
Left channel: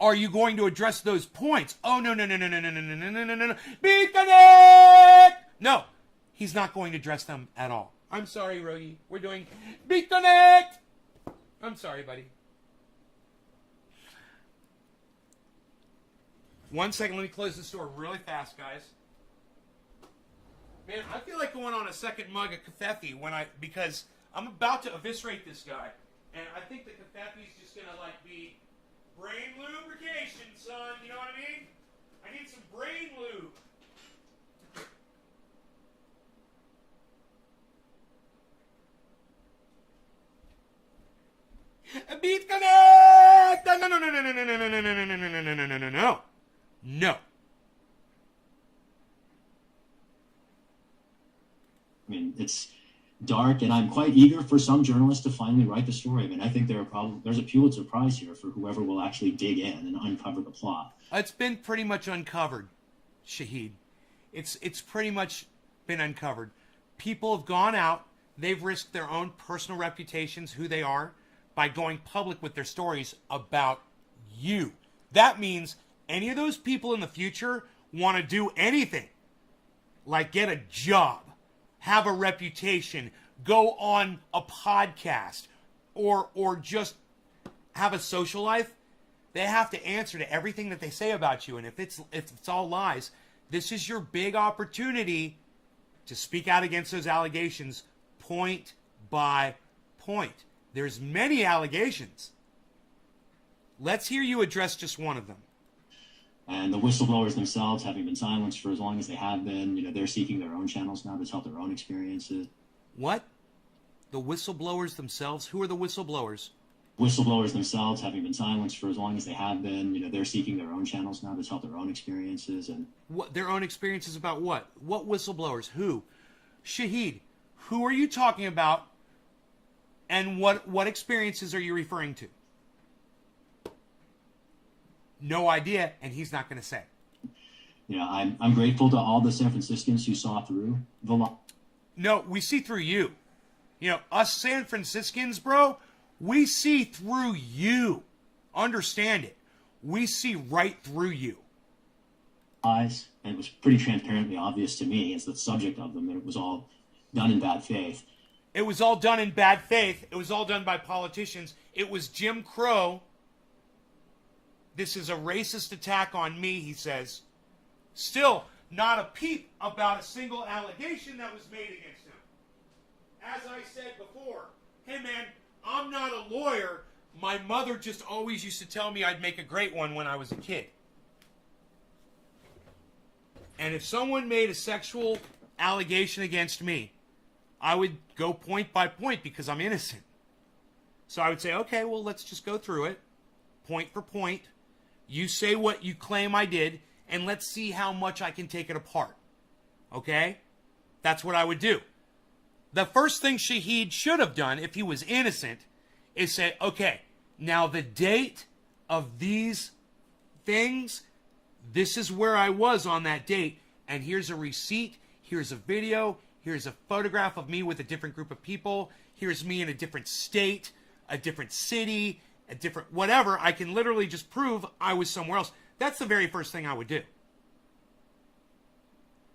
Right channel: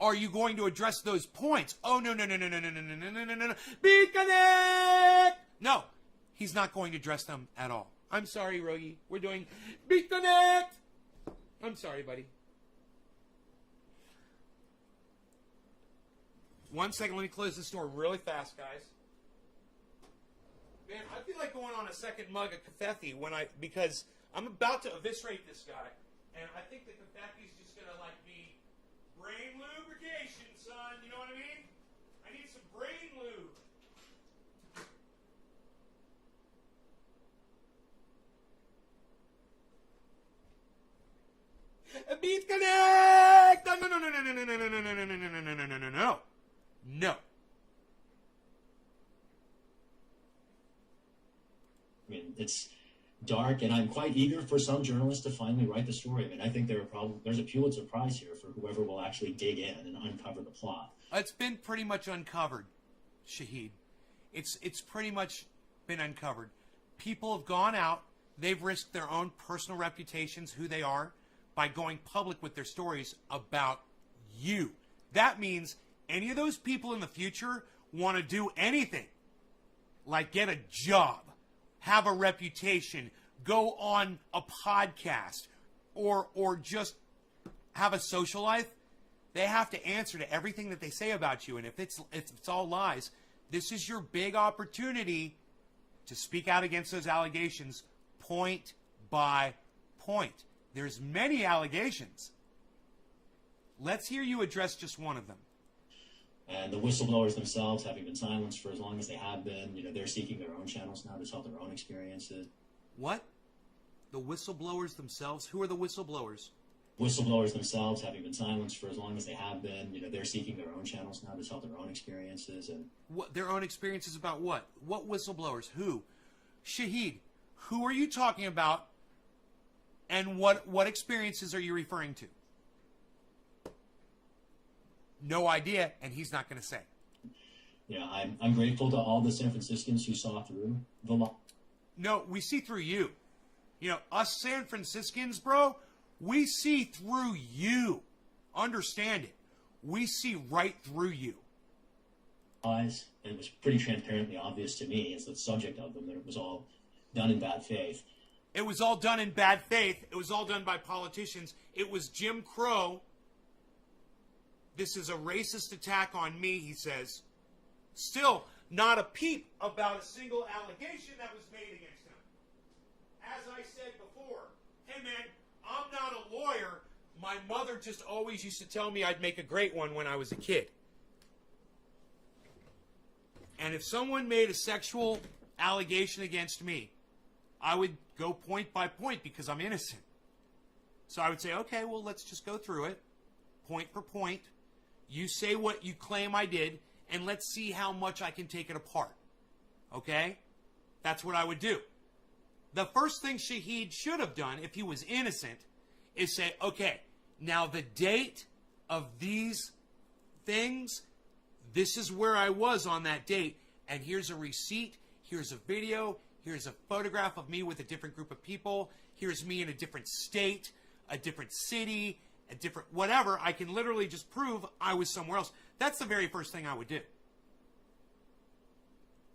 Are you going to address those points? Oh, no. Beat Connect! No, he's not going to address them at all. I'm sorry, Rogi. We're doing Beat Connect! I'm sorry, buddy. 1 second, let me close this door really fast, guys. Man, I feel like going on a second mug of Kefefi because I'm about to eviscerate this guy. And I think the Kefefi's just going to, be brain lubrication, son. You know what I mean? I need some brain lube. Beat Connect! No. I mean, dark, and I'm quite eager for some journalists to finally write the story. I mean, I think there's a Pulitzer Prize here for whoever will actually dig in and uncover the plot. It's been pretty much uncovered, Shahid. It's pretty much been uncovered. People have gone out. They've risked their own personal reputations, who they are, by going public with their stories about you. That means any of those people in the future want to do anything, like get a job, have a reputation, go on a podcast, or just have a social life, they have to answer to everything that they say about you. And if it's all lies, this is your big opportunity to speak out against those allegations point by point. There's many allegations. Let's hear you address just one of them. And the whistleblowers themselves, having been silenced for as long as they have been, they're seeking their own channels now to tell their own experiences. What? The whistleblowers themselves? Who are the whistleblowers? Whistleblowers themselves, having been silenced for as long as they have been, they're seeking their own channels now to tell their own experiences. And What, their own experiences about what? What whistleblowers? Who? Shahid, who are you talking about, and what experiences are you referring to? No idea, and he's not going to say. I'm grateful to all the San Franciscans who saw through the law. No, we see through you. Us San Franciscans, bro, we see through you. Understand it. We see right through you. And it was pretty transparently obvious to me as the subject of them that it was all done in bad faith. It was all done in bad faith. It was all done by politicians. It was Jim Crow. This is a racist attack on me, he says. Still, not a peep about a single allegation that was made against him. As I said before, hey man, I'm not a lawyer. My mother just always used to tell me I'd make a great one when I was a kid. And if someone made a sexual allegation against me, I would go point by point because I'm innocent. So I would say, okay, well, let's just go through it, point for point. You say what you claim I did, and let's see how much I can take it apart. Okay? That's what I would do. The first thing Shahid should have done, if he was innocent, is say, okay, now the date of these things, this is where I was on that date, and here's a receipt, here's a video, here's a photograph of me with a different group of people, here's me in a different state, a different city, a different whatever. I can literally just prove I was somewhere else. That's the very first thing I would do.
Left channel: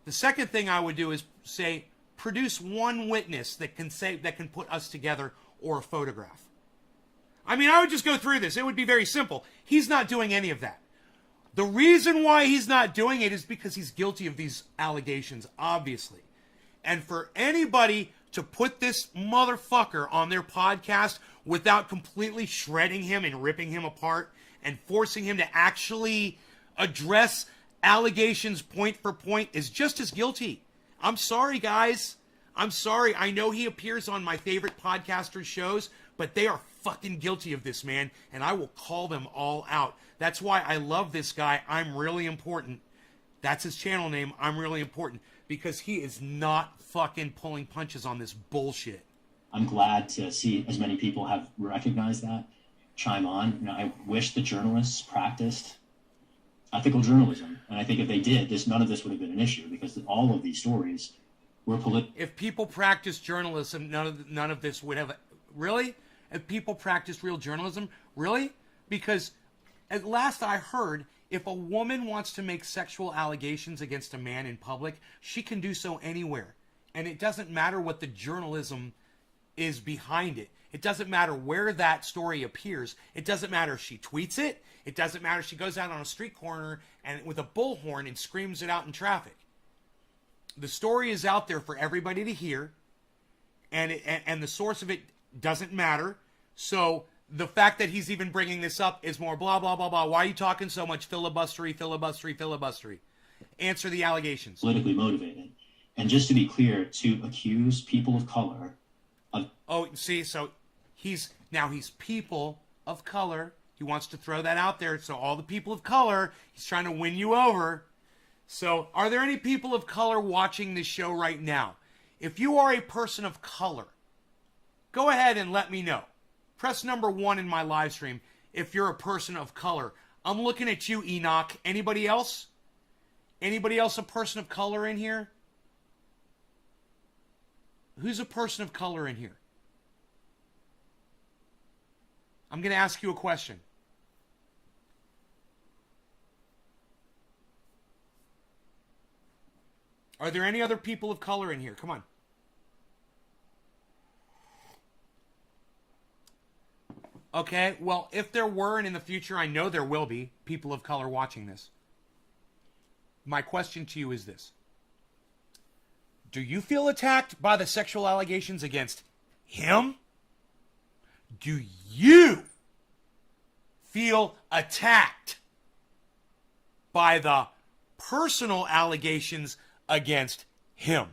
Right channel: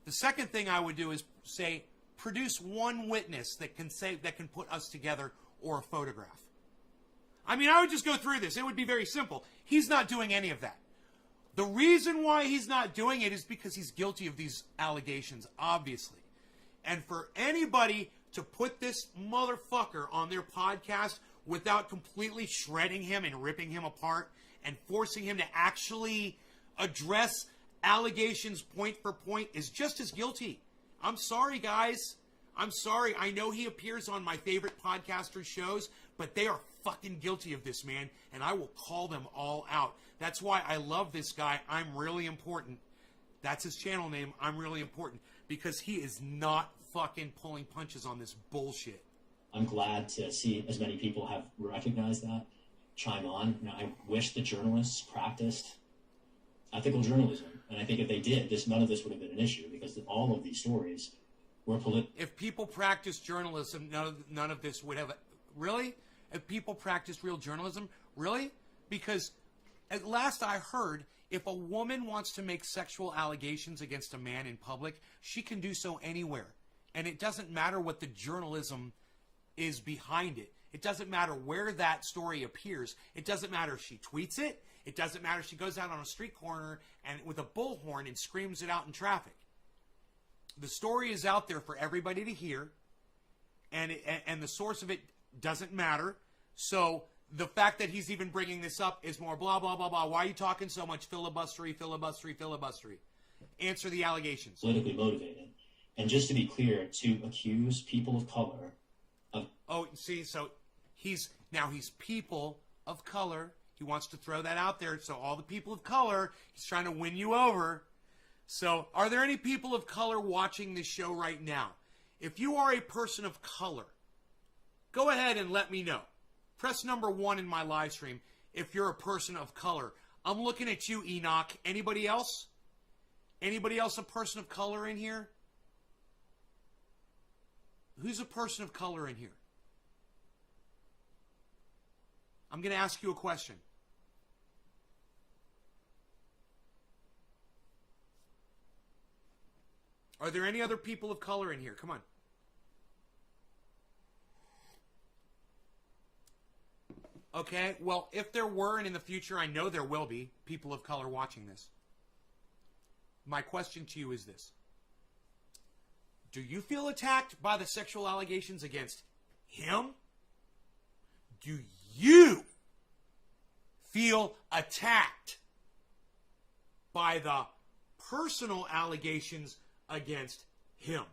The second thing I would do is say, produce one witness that can put us together, or a photograph. I mean, I would just go through this. It would be very simple. He's not doing any of that. The reason why he's not doing it is because he's guilty of these allegations, obviously. And for anybody to put this motherfucker on their podcast without completely shredding him and ripping him apart and forcing him to actually address allegations point for point is just as guilty. I'm sorry, guys. I'm sorry. I know he appears on my favorite podcasters' shows, but they are fucking guilty of this, man, and I will call them all out. That's why I love this guy. I'm Really Important. That's his channel name, I'm Really Important, because he is not fucking pulling punches on this bullshit. I'm glad to see as many people have recognized that, chime on. I wish the journalists practiced ethical journalism, and I think if they did, none of this would have been an issue, because all of these stories were political. If people practiced journalism, none of this would have. Really? If people practiced real journalism, really? Because at last I heard, if a woman wants to make sexual allegations against a man in public, she can do so anywhere. And it doesn't matter what the journalism is behind it. It doesn't matter where that story appears. It doesn't matter if she tweets it. It doesn't matter if she goes out on a street corner and with a bullhorn and screams it out in traffic. The story is out there for everybody to hear, and the source of it doesn't matter. So the fact that he's even bringing this up is more blah, blah, blah, blah. Why are you talking so much filibustery? Answer the allegations. Politically motivated. And just to be clear, to accuse people of color of... Oh, see, so he's people of color. He wants to throw that out there. So all the people of color, he's trying to win you over. So are there any people of color watching this show right now? If you are a person of color, go ahead and let me know. Press number 1 in my live stream if you're a person of color. I'm looking at you, Enoch. Anybody else? Anybody else a person of color in here? Who's a person of color in here? I'm going to ask you a question. Are there any other people of color in here? Come on. Okay, well, if there were, and in the future I know there will be, people of color watching this, my question to you is this. Do you feel attacked by the sexual allegations against him? Do you feel attacked by the personal allegations against him?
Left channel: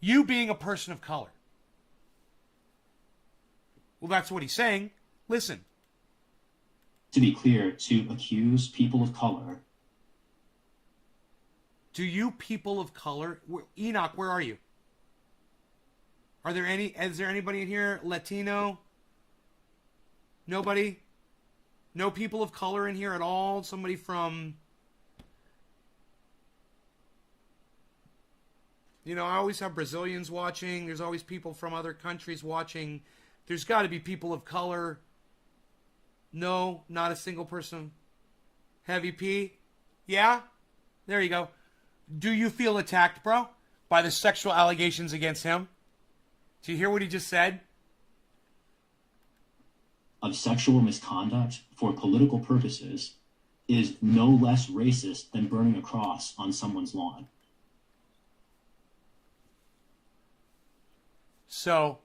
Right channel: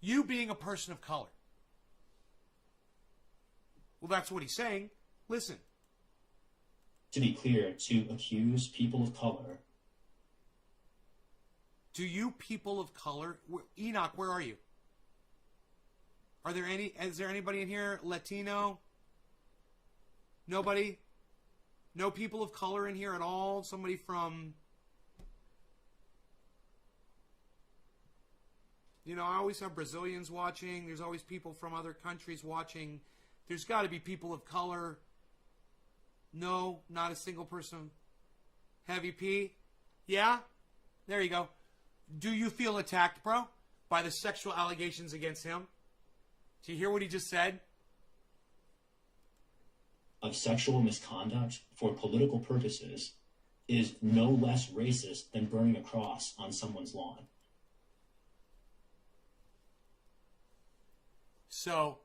You being a person of color. Well, that's what he's saying. Listen. To be clear, to accuse people of color. Do you people of color... Enoch, where are you? Are there any... Is there anybody in here? Latino? Nobody? No people of color in here at all? Somebody from... You know, I always have Brazilians watching. There's always people from other countries watching. There's got to be people of color. No, not a single person. Heavy P? Yeah? There you go. Do you feel attacked, bro? By the sexual allegations against him? Do you hear what he just said? Of sexual misconduct for political purposes is no less racist than burning a cross on someone's lawn. So,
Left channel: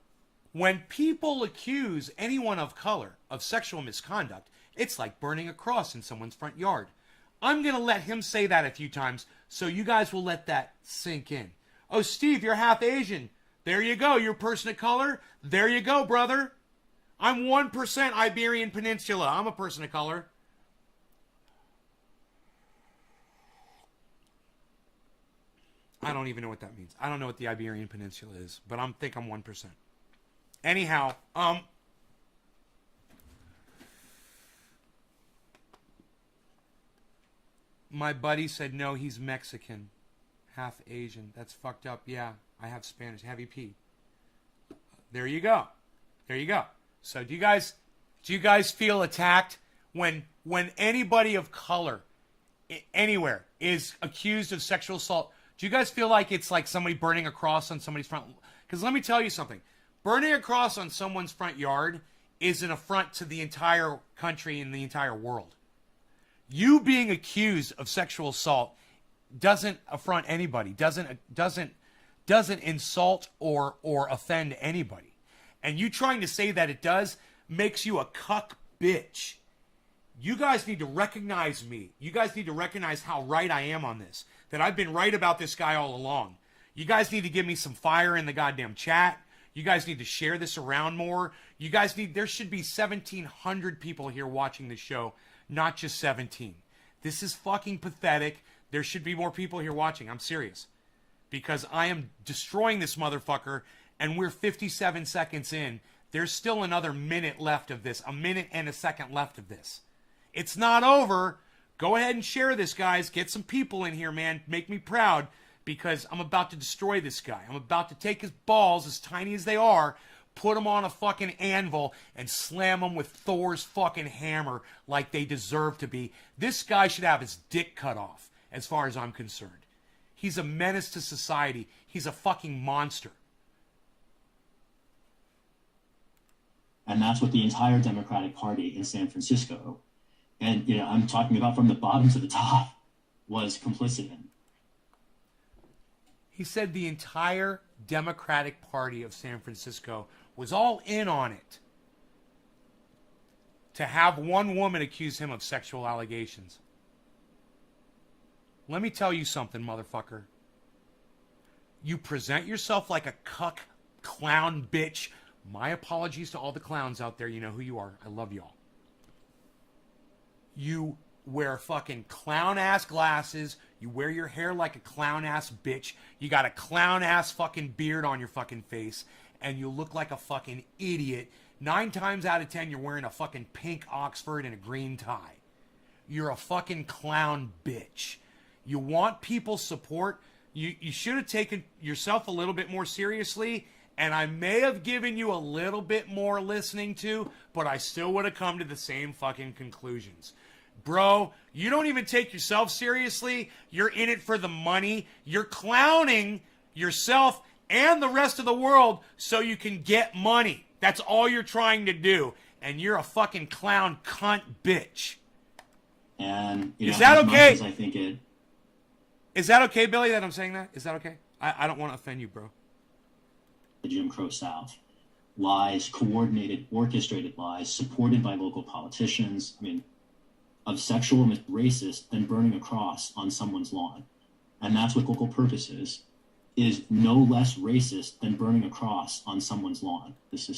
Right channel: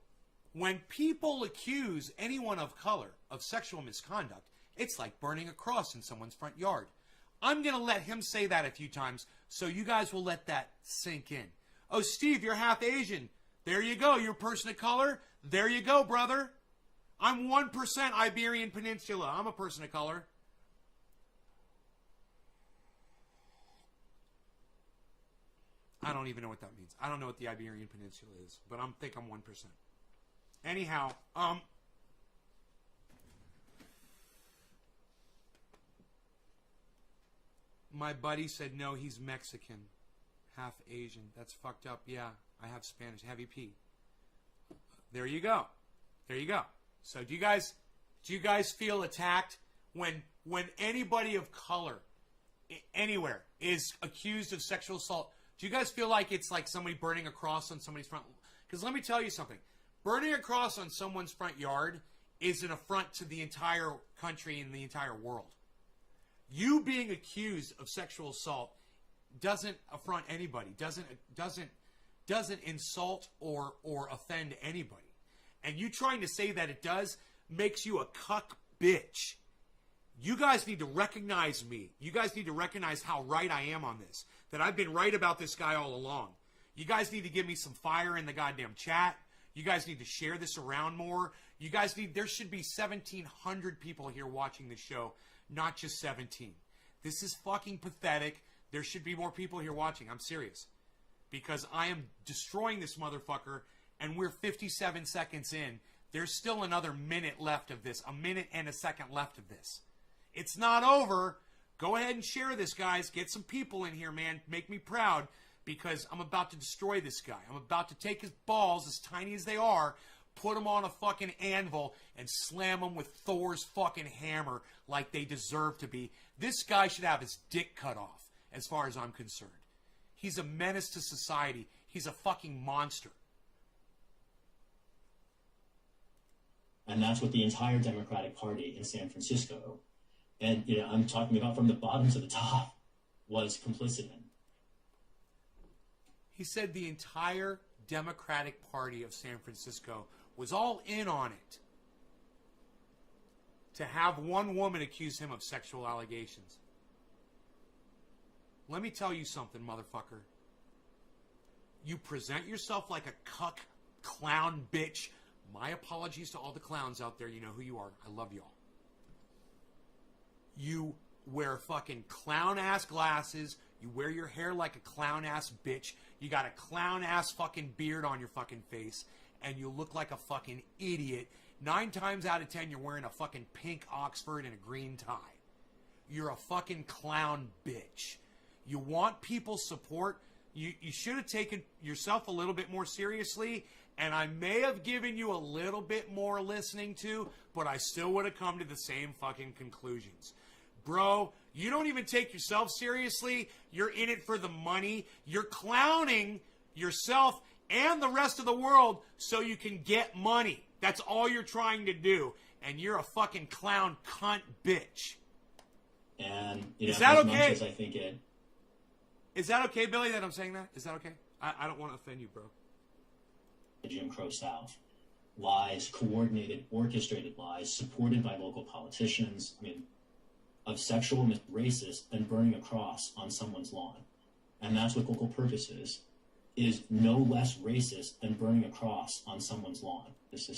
when people accuse anyone of color of sexual misconduct, it's like burning a cross in someone's front yard. I'm going to let him say that a few times, so you guys will let that sink in. Oh, Steve, you're half Asian. There you go. You're a person of color. There you go, brother. I'm 1% Iberian Peninsula. I'm a person of color. I don't even know what that means. I don't know what the Iberian Peninsula is, but I think I'm 1%. Anyhow, my buddy said no, he's Mexican, half Asian. That's fucked up. Yeah, I have Spanish. Heavy P. There you go. There you go. So do you guys feel attacked when anybody of color anywhere is accused of sexual assault? Do you guys feel like it's like somebody burning a cross on somebody's front? Because let me tell you something. Burning a cross on someone's front yard is an affront to the entire country and the entire world. You being accused of sexual assault doesn't affront anybody, doesn't insult or offend anybody. And you trying to say that it does makes you a cuck bitch. You guys need to recognize me. You guys need to recognize how right I am on this. That I've been right about this guy all along. You guys need to give me some fire in the goddamn chat. You guys need to share this around more. You guys need... There should be 1,700 people here watching this show, not just 17. This is fucking pathetic. There should be more people here watching. I'm serious. Because I am destroying this motherfucker, and we're 57 seconds in. There's still another minute left of this. A minute and a second left of this. It's not over. Go ahead and share this, guys. Get some people in here, man. Make me proud, because I'm about to destroy this guy. I'm about to take his balls, as tiny as they are, put them on a fucking anvil, and slam them with Thor's fucking hammer like they deserve to be. This guy should have his dick cut off, as far as I'm concerned. He's a menace to society. He's a fucking monster. And that's what the entire Democratic Party in San Francisco, and you know, I'm talking about from the bottom to the top, was complicit in. He said the entire Democratic Party of San Francisco was all in on it. To have one woman accuse him of sexual allegations. Let me tell you something, motherfucker. You present yourself like a cuck, clown, bitch. My apologies to all the clowns out there. You know who you are. I love y'all. You wear fucking clown-ass glasses. You wear your hair like a clown-ass bitch. You got a clown-ass fucking beard on your fucking face. And you look like a fucking idiot. 9 times out of 10, you're wearing a fucking pink Oxford and a green tie. You're a fucking clown bitch. You want people's support. You should have taken yourself a little bit more seriously. And I may have given you a little bit more listening to, but I still would have come to the same fucking conclusions. Bro, you don't even take yourself seriously. You're in it for the money. You're clowning yourself and the rest of the world so you can get money. That's all you're trying to do. And you're a fucking clown cunt bitch. And is that okay? I think it. Is that okay, Billy, that I'm saying that? Is that okay? I don't want to offend you, bro. The Jim Crow South. Lies, coordinated, orchestrated lies, supported by local politicians. I mean, of sexual racist than burning a cross on someone's lawn. And that's what local purpose is no less racist than burning a cross on someone's lawn. This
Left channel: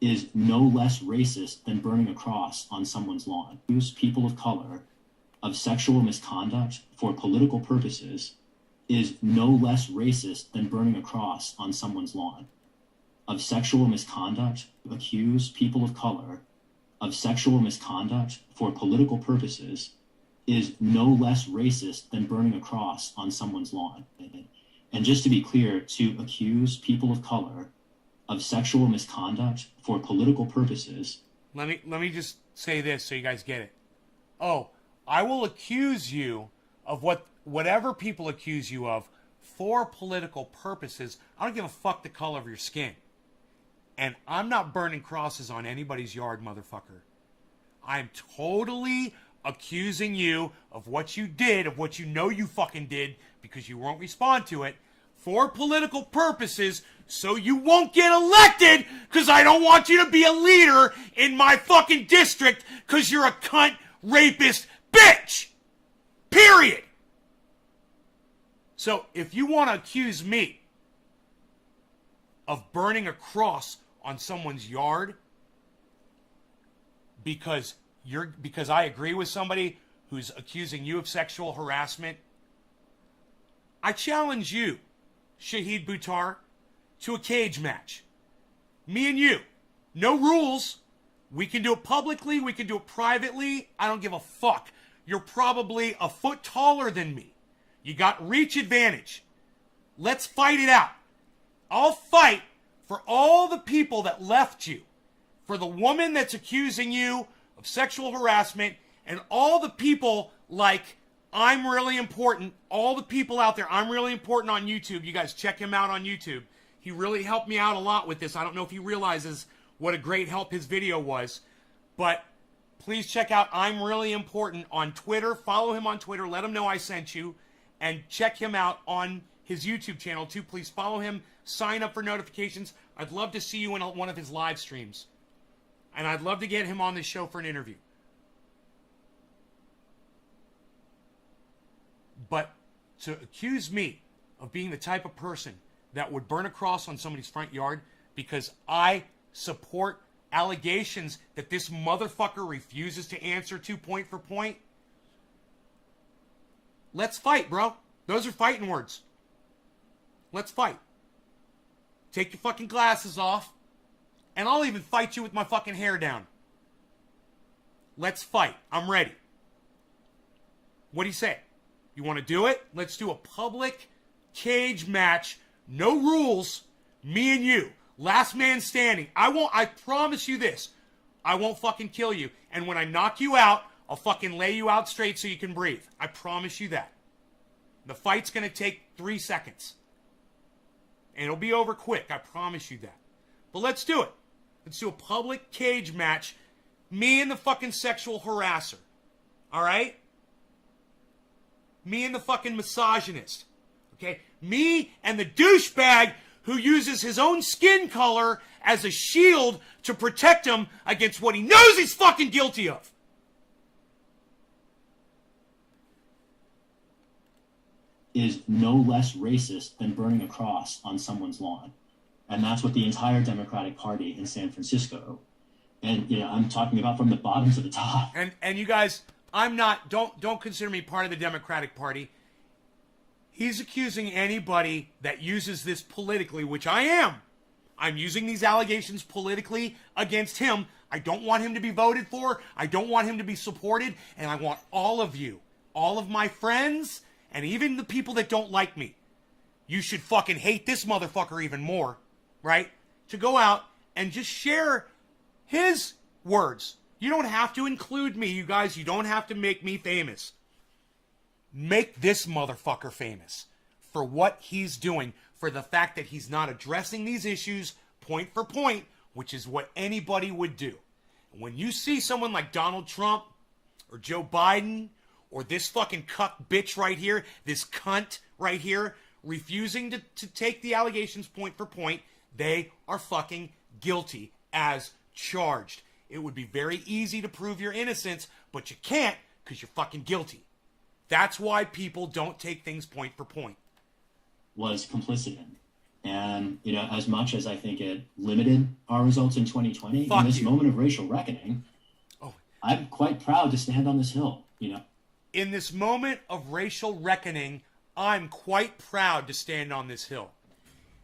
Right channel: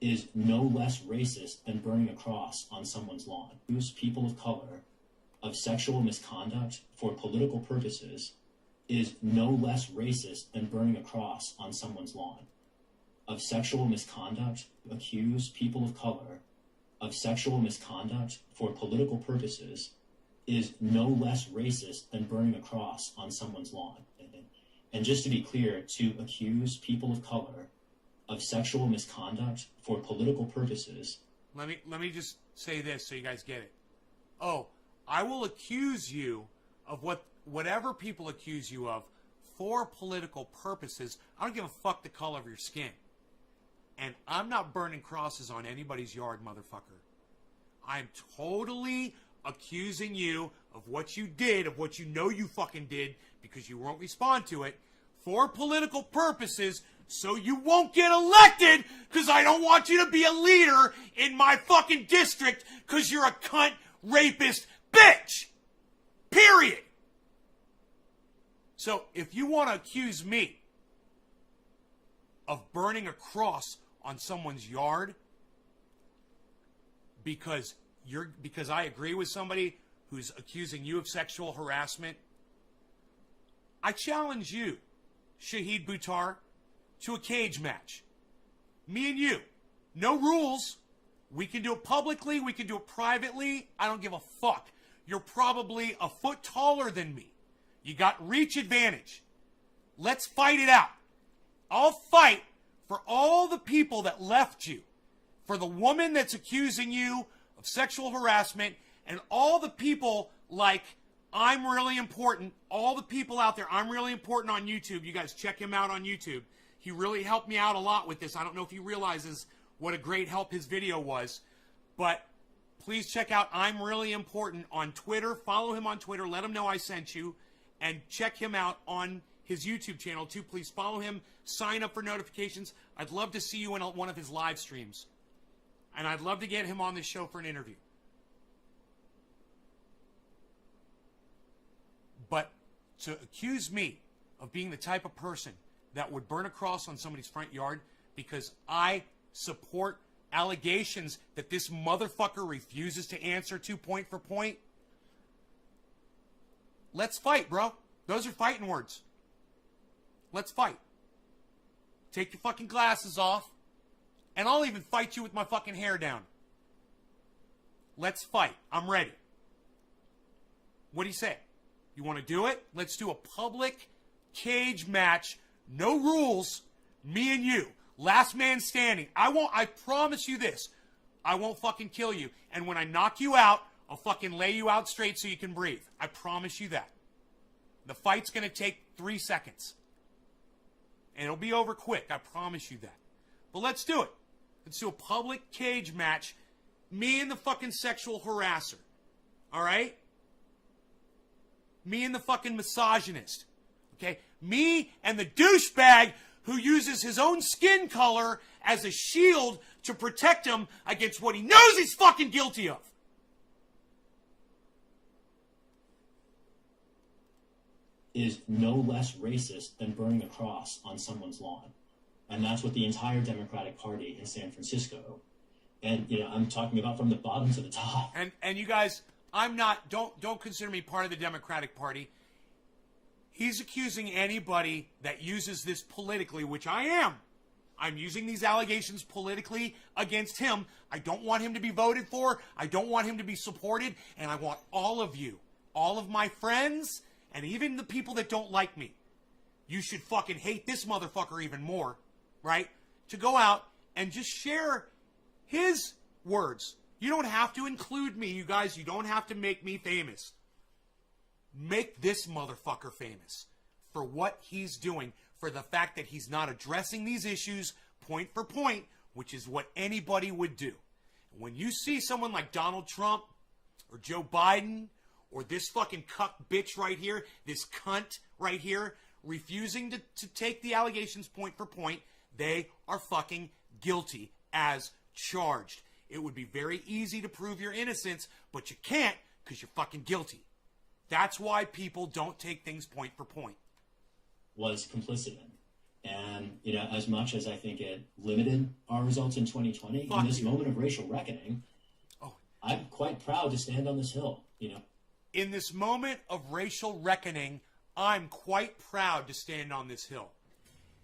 is no less racist than burning a cross on someone's lawn. Use people of color of sexual misconduct for political purposes is no less racist than burning a cross on someone's lawn. Of sexual misconduct, accuse people of color of sexual misconduct for political purposes is no less racist than burning a cross on someone's lawn. And just to be clear, to accuse people of color of sexual misconduct for political purposes. Let me just say this so you guys get it. Oh, I will accuse you of whatever people accuse you of for political purposes. I don't give a fuck the color of your skin. And I'm not burning crosses on anybody's yard, motherfucker. I'm totally accusing you of what you did, of what you know you fucking did, because you won't respond to it, for political purposes, so you won't get elected, because I don't want you to be a leader in my fucking district, because you're a cunt, rapist, bitch! Period! So, if you want to accuse me of burning a cross on someone's yard because I agree with somebody who's accusing you of sexual harassment, I challenge you, Shahid Buttar, to a cage match. Me and you. No rules. We can do it publicly. We can do it privately. I don't give a fuck. You're probably a foot taller than me. You got reach advantage. Let's fight it out. I'll fight for all the people that left you. For the woman that's accusing you of sexual harassment, and all the people like I'm Really Important, all the people out there, I'm Really Important on YouTube. You guys check him out on YouTube. He really helped me out a lot with this. I don't know if he realizes what a great help his video was, but please check out I'm Really Important on Twitter. Follow him on Twitter. Let him know I sent you, and check him out on his YouTube channel too. Please follow him. Sign up for notifications. I'd love to see you in one of his live streams. And I'd love to get him on this show for an interview. But to accuse me of being the type of person that would burn a cross on somebody's front yard because I support allegations that this motherfucker refuses to answer to point for point, let's fight, bro. Those are fighting words. Let's fight. Take your fucking glasses off, and I'll even fight you with my fucking hair down. Let's fight. I'm ready. What do you say? You want to do it? Let's do a public cage match. No rules. Me and you. Last man standing. I promise you this. I won't fucking kill you. And when I knock you out, I'll fucking lay you out straight so you can breathe. I promise you that. The fight's going to take 3 seconds. And it'll be over quick. I promise you that. But let's do it. Let's do a public cage match. Me and the fucking sexual harasser. All right? Me and the fucking misogynist. Okay? Me and the douchebag who uses his own skin color as a shield to protect him against what he knows he's fucking guilty of. Is no less racist than burning a cross on someone's lawn. And that's what the entire Democratic Party in San Francisco, and I'm talking about from the bottom to the top. And you guys, I'm not, don't consider me part of the Democratic Party. He's accusing anybody that uses this politically, which I am. I'm using these allegations politically against him. I don't want him to be voted for. I don't want him to be supported. And I want all of you, all of my friends, and even the people that don't like me. You should fucking hate this motherfucker even more, right? To go out and just share his words. You don't have to include me, you guys. You don't have to make me famous. Make this motherfucker famous for what he's doing, for the fact that he's not addressing these issues point for point, which is what anybody would do. When you see someone like Donald Trump or Joe Biden or this fucking cuck bitch right here, this cunt right here, refusing to take the allegations point for point, they are fucking guilty as charged. It would be very easy to prove your innocence, but you can't because you're fucking guilty. That's why people don't take things point for point. Was complicit in. And, you know, as much as I think it limited our results in 2020, in this moment of racial reckoning, I'm quite proud to stand on this hill, you know. In this moment of racial reckoning, I'm quite proud to stand on this hill.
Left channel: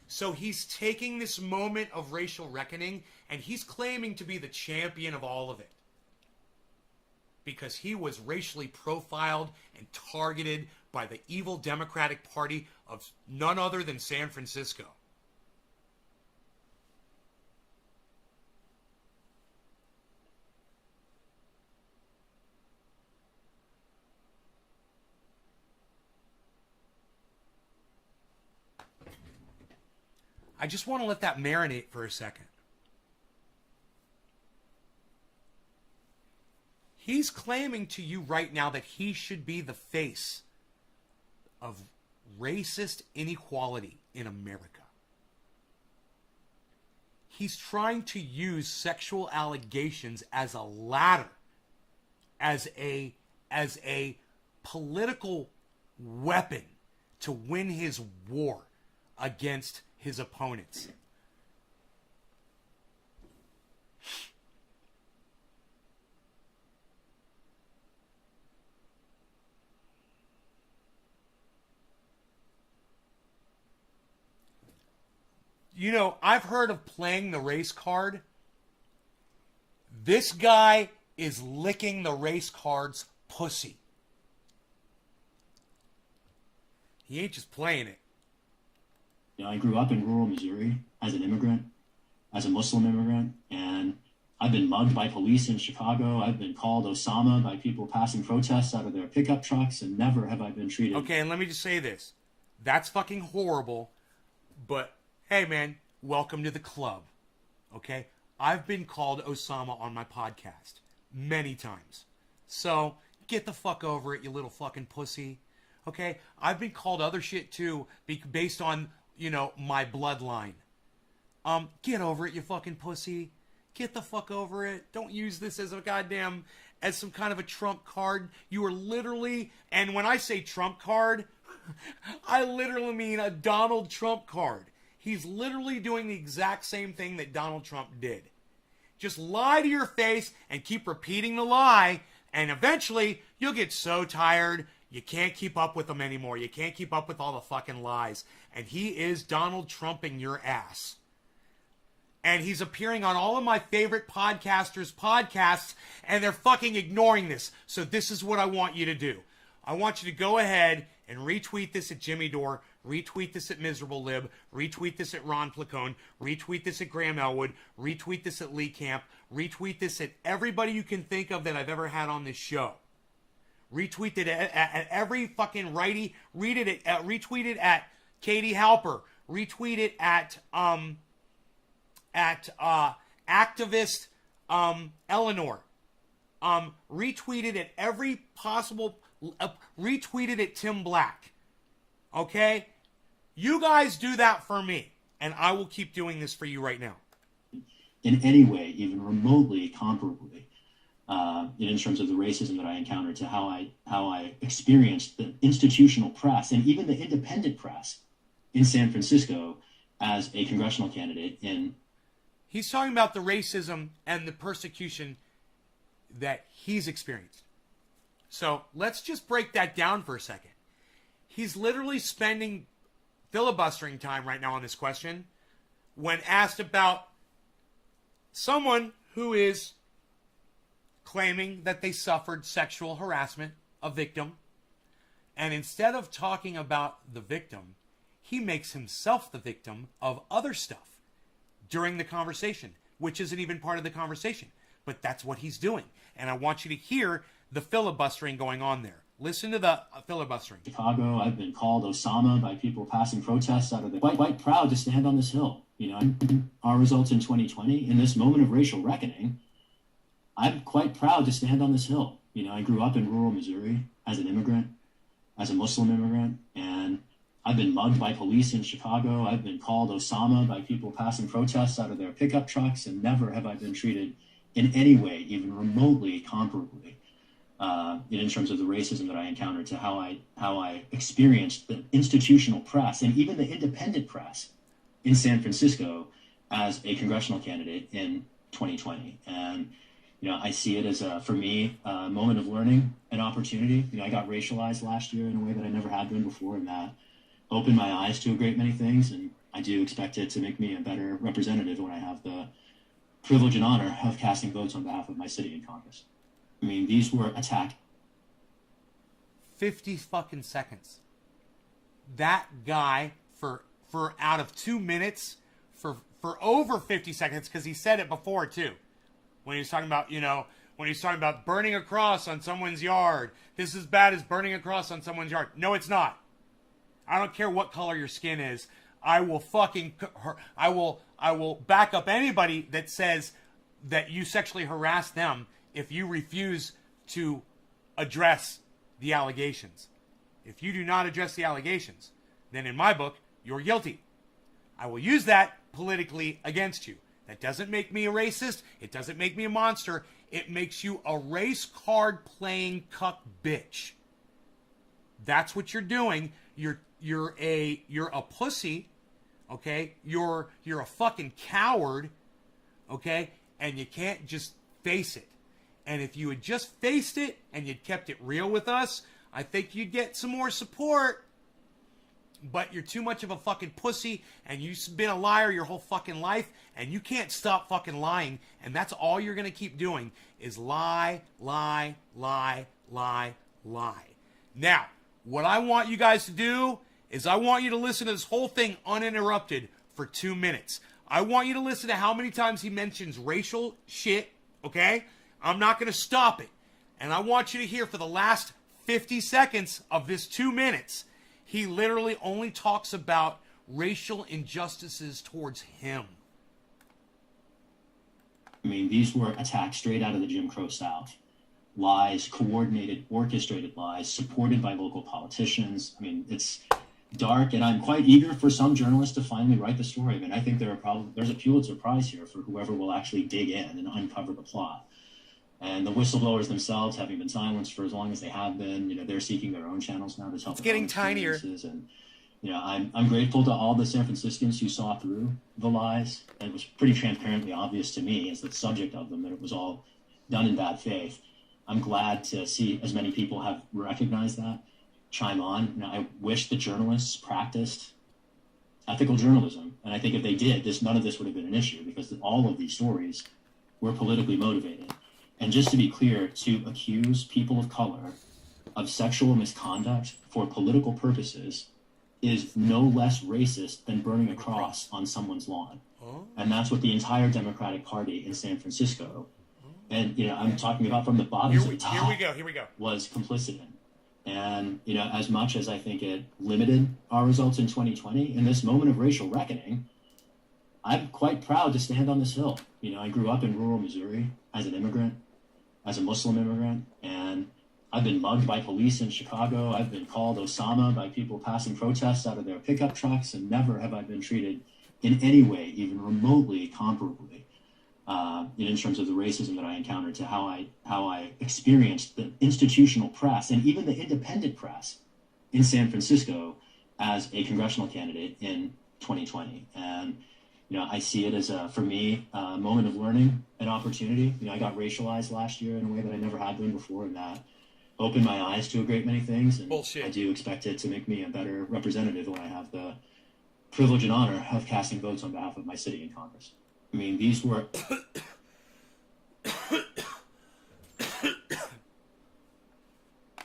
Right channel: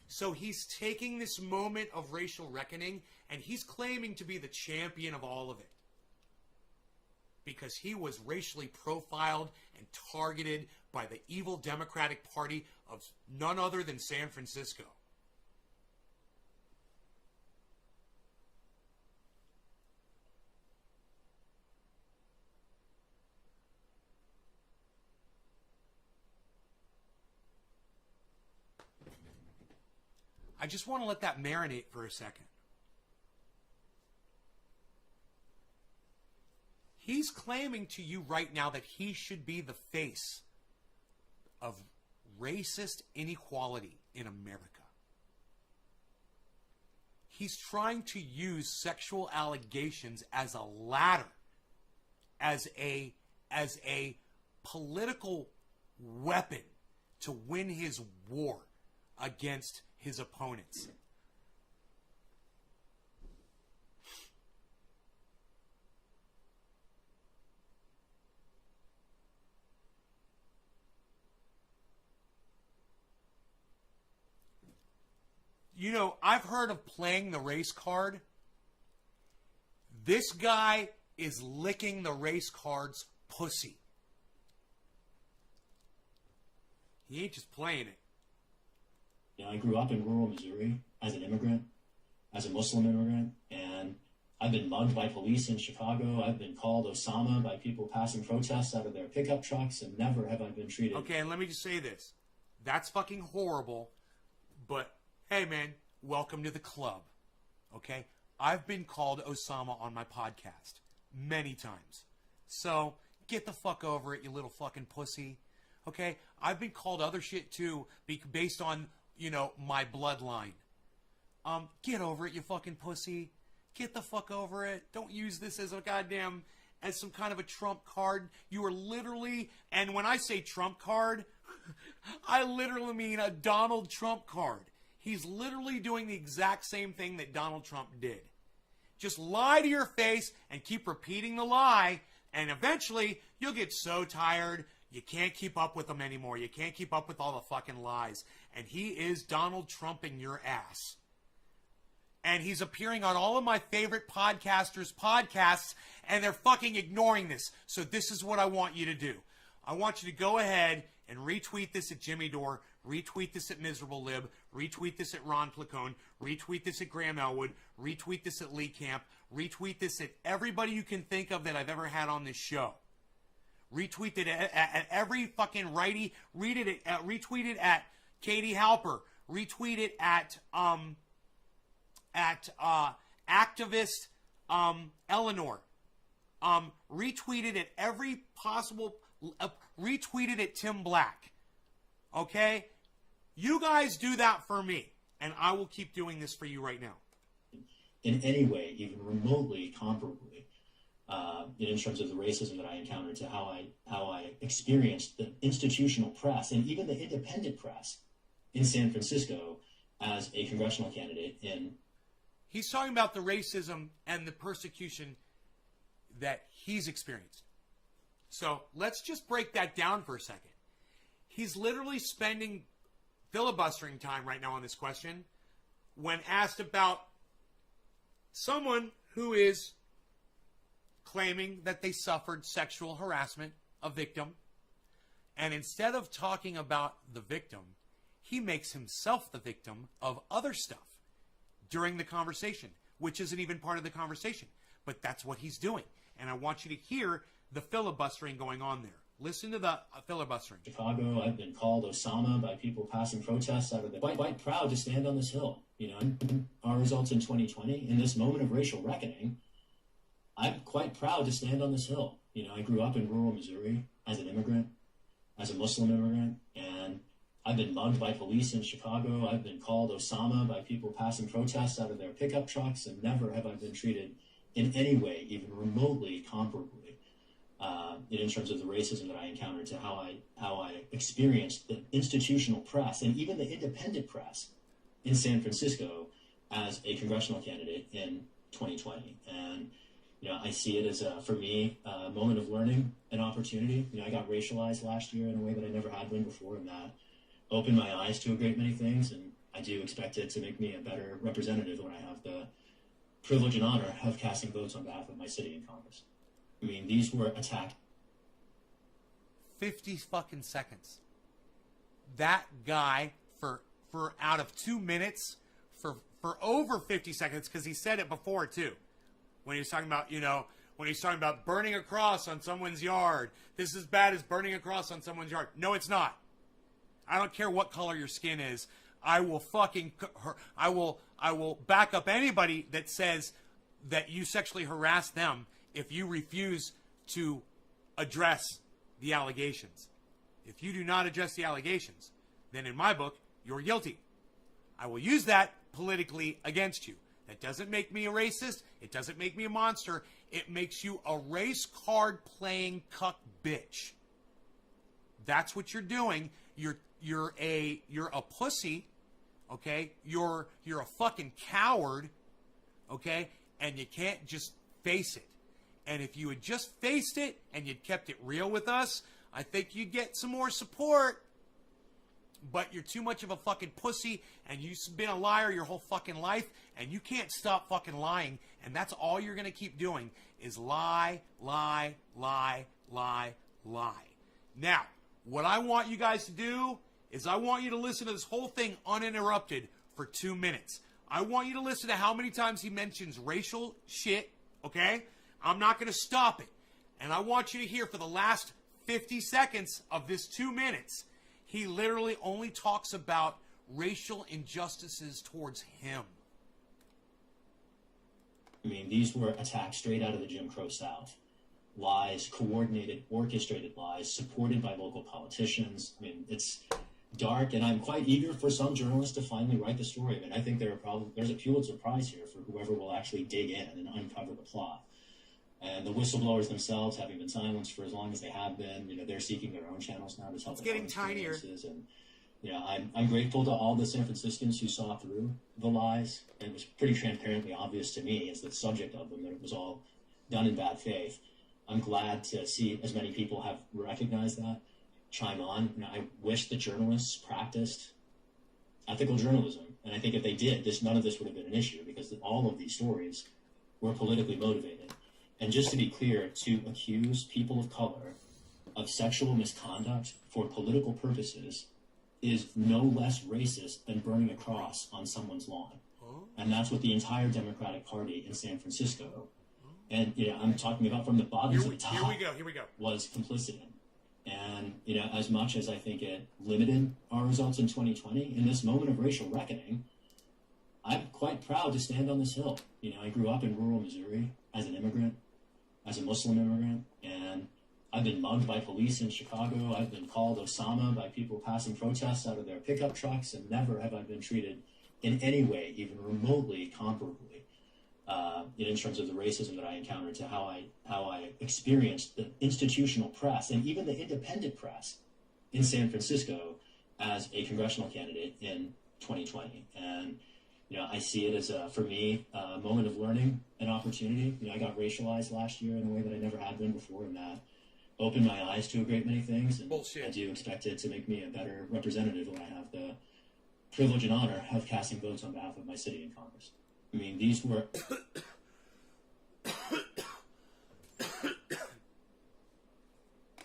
So he's taking this moment of racial reckoning and he's claiming to be the champion of all of it. Because he was racially profiled and targeted by the evil Democratic Party of none other than San Francisco. I just want to let that marinate for a second. He's claiming to you right now that he should be the face of racist inequality in America. He's trying to use sexual allegations as a ladder, as a political weapon to win his war against his opponents. You know, I've heard of playing the race card. This guy is licking the race card's pussy. He ain't just playing it. You know, I grew up in rural Missouri as an immigrant, as a Muslim immigrant, and I've been mugged by police in Chicago. I've been called Osama by people passing protests out of their pickup trucks, and never have I been treated. Okay, and let me just say this. That's fucking horrible, but hey, man, welcome to the club, okay? I've been called Osama on my podcast many times. So, get the fuck over it, you little fucking pussy, okay? I've been called other shit, too, based on, you know, my bloodline. Get over it, you fucking pussy. Get the fuck over it. Don't use this as as some kind of a trump card. You are literally, and when I say trump card, I literally mean a Donald Trump card. He's literally doing the exact same thing that Donald Trump did. Just lie to your face and keep repeating the lie, and eventually you'll get so tired you can't keep up with them anymore. You can't keep up with all the fucking lies. And he is Donald Trumping your ass. And he's appearing on all of my favorite podcasters' podcasts, and they're fucking ignoring this. So this is what I want you to do. I want you to go ahead and retweet this at Jimmy Dore, retweet this at Miserable Lib, retweet this at Ron Placone, retweet this at Graham Elwood, retweet this at Lee Camp, retweet this at everybody you can think of that I've ever had on this show. Retweet it at every fucking righty. Retweet it at Katie Halper. Retweet it at activist Eleanor. Retweet it at every possible. Retweet it at Tim Black. Okay? You guys do that for me, and I will keep doing this for you right now. In any way, even remotely comparably, in terms of the racism that I encountered, to how I experienced the institutional press and even the independent press in San Francisco as a congressional candidate. He's talking about the racism and the persecution that he's experienced. So let's just break that down for a second. He's literally spending filibustering time right now on this question when asked about someone who is claiming that they suffered sexual harassment, a victim. And instead of talking about the victim, he makes himself the victim of other stuff during the conversation, which isn't even part of the conversation. But that's what he's doing. And I want you to hear the filibustering going on there. Listen to the filibustering. Chicago, I've been called Osama by people passing protests out of the... Quite proud to stand on this hill. You know, our results in 2020, in this moment of racial reckoning, I'm quite proud to stand on this hill. You know, I grew up in rural Missouri as an immigrant, as a Muslim immigrant, and I've been mugged by police in Chicago. I've been called Osama by people passing protests out of their pickup trucks, and never have I been treated in any way, even remotely comparably, in terms of the racism that I encountered, to how I experienced the institutional press and even the independent press in San Francisco as a congressional candidate in 2020. And you know, I see it as for me, a moment of learning, an opportunity. You know, I got racialized last year in a way that I never had been before, and that opened my eyes to a great many things. And I do expect it to make me a better representative when I have the privilege and honor of casting votes on behalf of my city in Congress. I mean, these were attacked. 50 fucking seconds. That guy for out of 2 minutes, for over 50 seconds, because he said it before too. When he was talking about, you know, when he's talking about burning a cross on someone's yard. This is bad as burning a cross on someone's yard. No, it's not. I don't care what color your skin is. I will back up anybody that says that you sexually harassed them if you refuse to address the allegations. If you do not address the allegations, then in my book, you're guilty. I will use that politically against you. That doesn't make me a racist. It doesn't make me a monster. It makes you a race card playing cuck bitch. That's what you're doing. You're a pussy, okay? You're a fucking coward, okay? And you can't just face it. And if you had just faced it and you'd kept it real with us, I think you'd get some more support. But you're too much of a fucking pussy, and you've been a liar your whole fucking life, and you can't stop fucking lying, and that's all you're going to keep doing is lie, lie, lie, lie, lie. Now, what I want you guys to do is I want you to listen to this whole thing uninterrupted for 2 minutes. I want you to listen to how many times he mentions racial shit, okay? I'm not going to stop it. And I want you to hear for the last 50 seconds of this 2 minutes, he literally only talks about racial injustices towards him. I mean, these were attacks straight out of the Jim Crow South. Lies, coordinated, orchestrated lies, supported by local politicians. I mean, it's dark, and I'm quite eager for some journalists to finally write the story. I mean, I think there's a Pulitzer Prize here for whoever will actually dig in and uncover the plot. And the whistleblowers themselves, having been silenced for as long as they have been, you know, they're seeking their own channels now to tell it's getting tinier. And you know, I'm grateful to all the San Franciscans who saw through the lies, and it was pretty transparently obvious to me as the subject of them that it was all done in bad faith. I'm glad to see as many people have recognized that, chime on. You know, I wish the journalists practiced ethical journalism, and I think if they did, none of this would have been an issue, because all of these stories were politically motivated. And just to be clear, to accuse people of color of sexual misconduct for political purposes is no less racist than burning a cross on someone's lawn. And that's what the entire Democratic Party in San Francisco, and you know, I'm talking about from the bottom to the top, here we go, was complicit in. And you know, as much as I think it limited our results in 2020, in this moment of racial reckoning, I'm quite proud to stand on this hill. You know, I grew up in rural Missouri as an immigrant, as a Muslim immigrant, and I've been mugged by police in Chicago. I've been called Osama by people passing protests out of their pickup trucks, and never have I been treated in any way, even remotely comparably, in terms of the racism that I encountered, to how I experienced the institutional press and even the independent press in San Francisco as a congressional candidate in 2020. And you know, I see it as for me, a moment of learning, an opportunity. You know, I got racialized last year in a way that I never had been before, and that opened my eyes to a great many things, and Bullshit. I do expect it to make me a better representative when I have the privilege and honor of casting votes on behalf of my city in Congress. I mean, these were...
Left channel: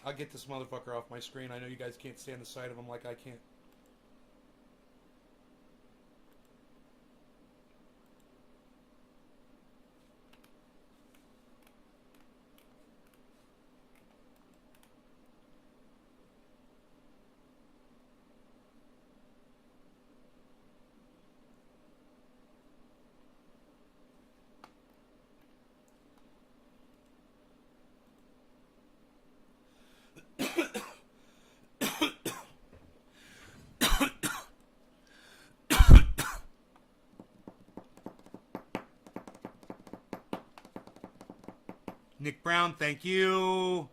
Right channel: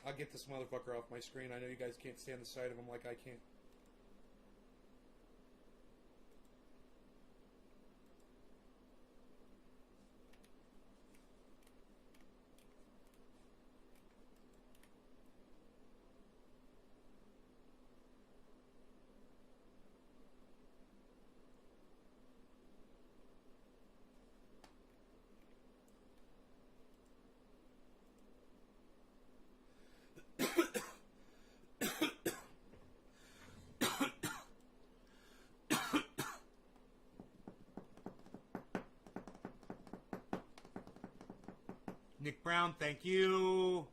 I'll get this motherfucker off my screen. I know you guys can't stand the sight of him like I can't. Nick Brown, thank you.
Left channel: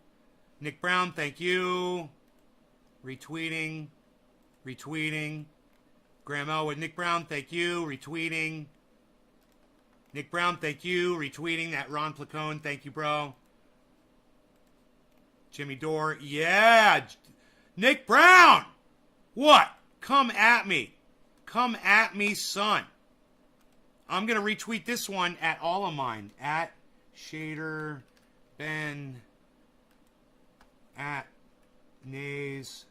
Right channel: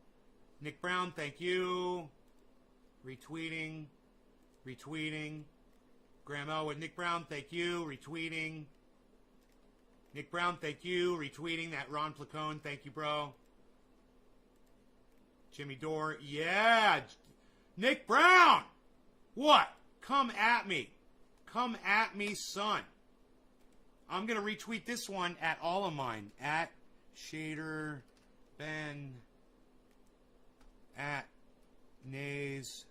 Nick Brown, thank you. Retweeting. Graham Elwood, Nick Brown, thank you. Retweeting. Nick Brown, thank you. Retweeting that Ron Placone, thank you, bro. Jimmy Dore, yeah. Nick Brown, what? Come at me. Come at me, son. I'm going to retweet this one at all of mine. At Shader Ben. At Nays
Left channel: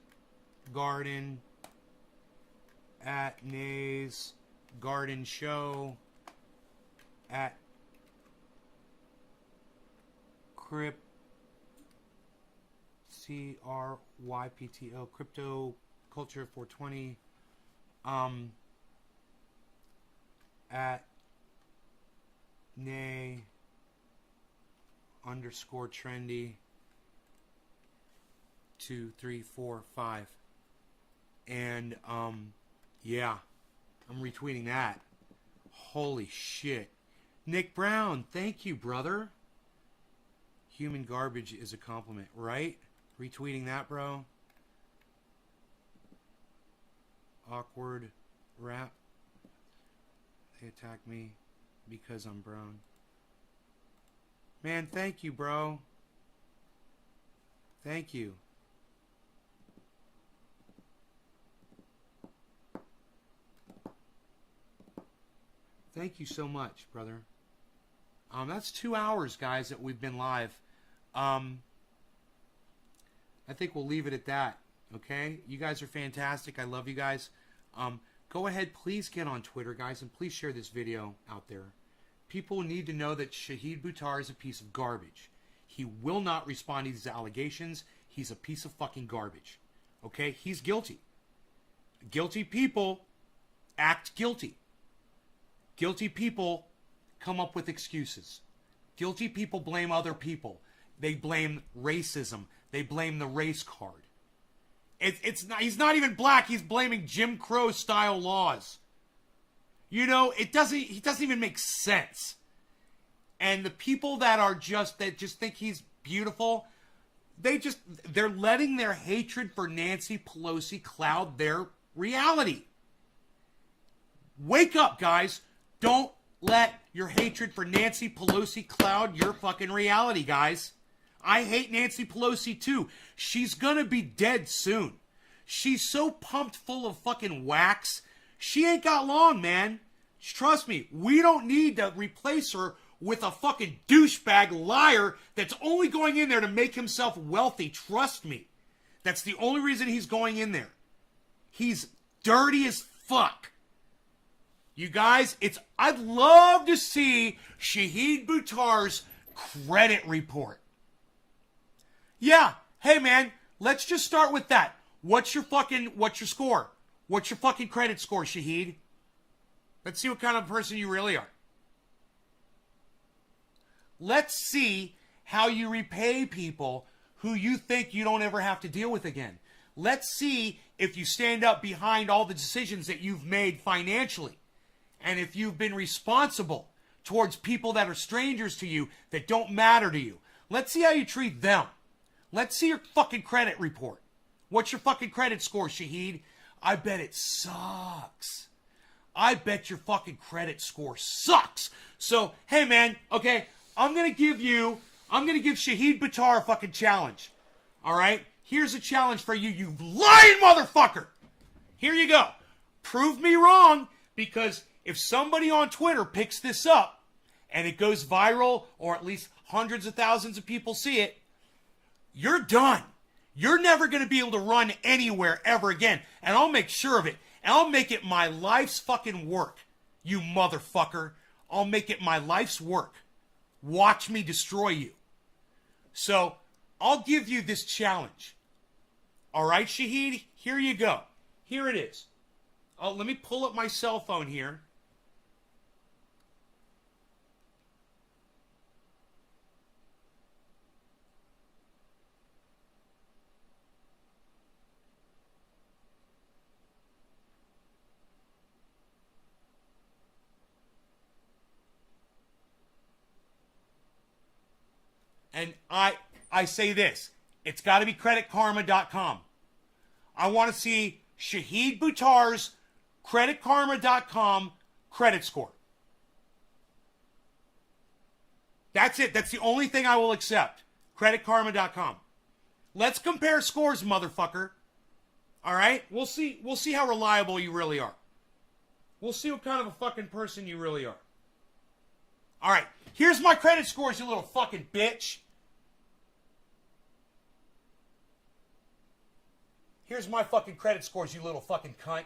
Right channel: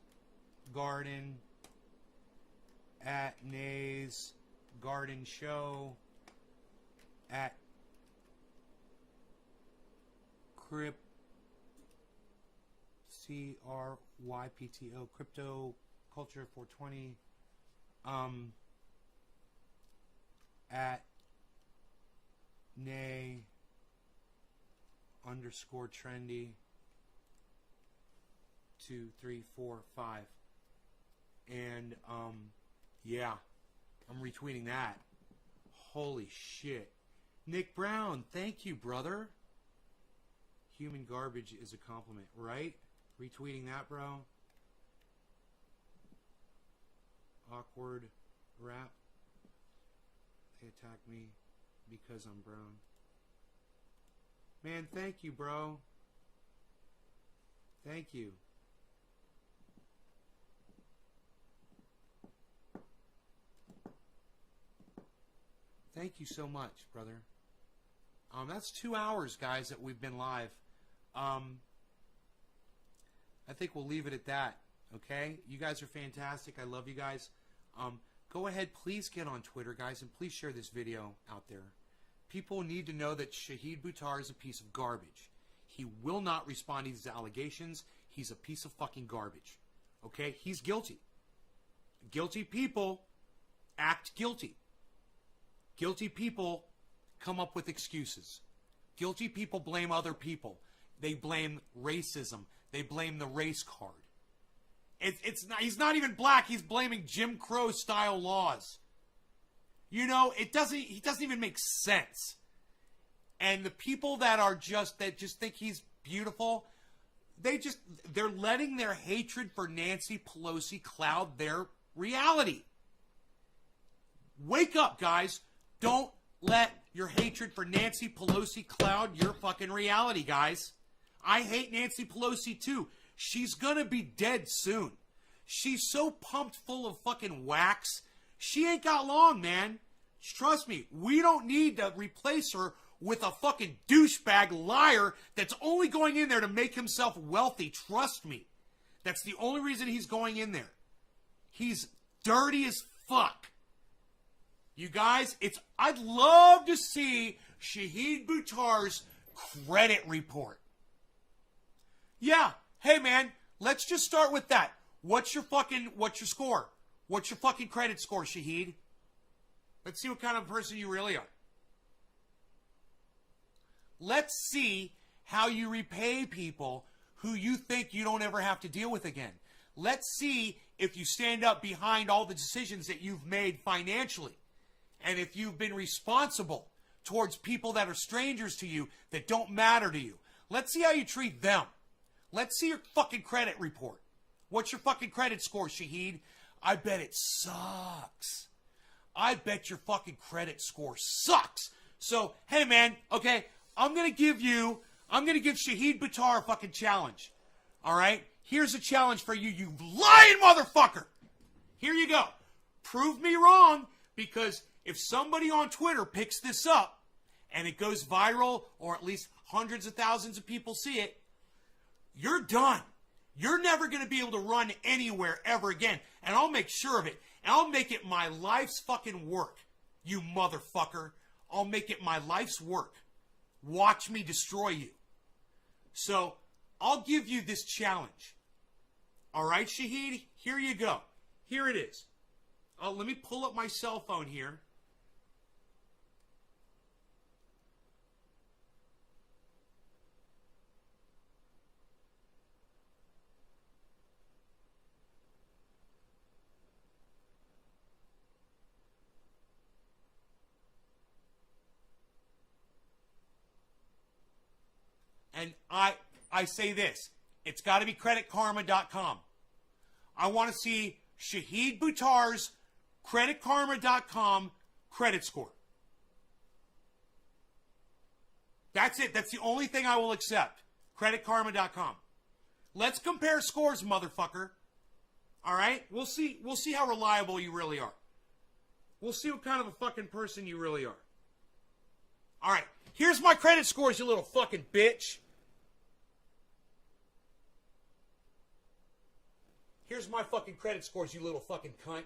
Garden. At Nays Garden Show. At Crypt. CRYPTO. Crypto Culture 420. At Nay underscore trendy 2, 3, 4, 5. And yeah, I'm retweeting that. Holy shit. Nick Brown, thank you, brother. Human garbage is a compliment, right? Retweeting that, bro. Awkward rap. They attack me because I'm brown. Man, thank you, bro. Thank you. Thank you so much, brother. That's 2 hours, guys, that we've been live. I think we'll leave it at that, okay? You guys are fantastic. I love you guys. Go ahead, please get on Twitter, guys, and please share this video out there. People need to know that Shahid Buttar is a piece of garbage. He will not respond to these allegations. He's a piece of fucking garbage. Okay? He's guilty. Guilty people act guilty. Guilty people come up with excuses. Guilty people blame other people. They blame racism. They blame the race card. It's not. He's not even black. He's blaming Jim Crow style laws. You know, he doesn't even make sense. And the people that just think he's beautiful, they're letting their hatred for Nancy Pelosi cloud their reality. Wake up, guys. Don't let your hatred for Nancy Pelosi cloud your fucking reality, guys. I hate Nancy Pelosi too. She's gonna be dead soon. She's so pumped full of fucking wax. She ain't got long, man. Trust me, we don't need to replace her with a fucking douchebag liar that's only going in there to make himself wealthy. Trust me. That's the only reason he's going in there. He's dirty as fuck. You guys, I'd love to see Shahid Buttar's credit report. Yeah, hey man, let's just start with that. What's your score? What's your fucking credit score, Shahid? Let's see what kind of person you really are. Let's see how you repay people who you think you don't ever have to deal with again. Let's see if you stand up behind all the decisions that you've made financially. And if you've been responsible towards people that are strangers to you, that don't matter to you. Let's see how you treat them. Let's see your fucking credit report. What's your fucking credit score, Shahid? I bet it sucks. I bet your fucking credit score sucks. So, hey man, okay, I'm gonna give Shahid Buttar a fucking challenge. All right? Here's a challenge for you, you lying motherfucker. Here you go. Prove me wrong, because if somebody on Twitter picks this up and it goes viral, or at least hundreds of thousands of people see it, you're done. You're never going to be able to run anywhere ever again. And I'll make sure of it. And I'll make it my life's fucking work, you motherfucker. I'll make it my life's work. Watch me destroy you. So, I'll give you this challenge. All right, Shahid? Here you go. Here it is. Let me pull up my cell phone here. And I say this. It's got to be creditkarma.com. I want to see Shahid Buttar's creditkarma.com credit score. That's it. That's the only thing I will accept. Creditkarma.com. Let's compare scores, motherfucker. All right? We'll see how reliable you really are. We'll see what kind of a fucking person you really are. All right. Here's my credit scores, you little fucking bitch. Here's my fucking credit scores, you little fucking cunt.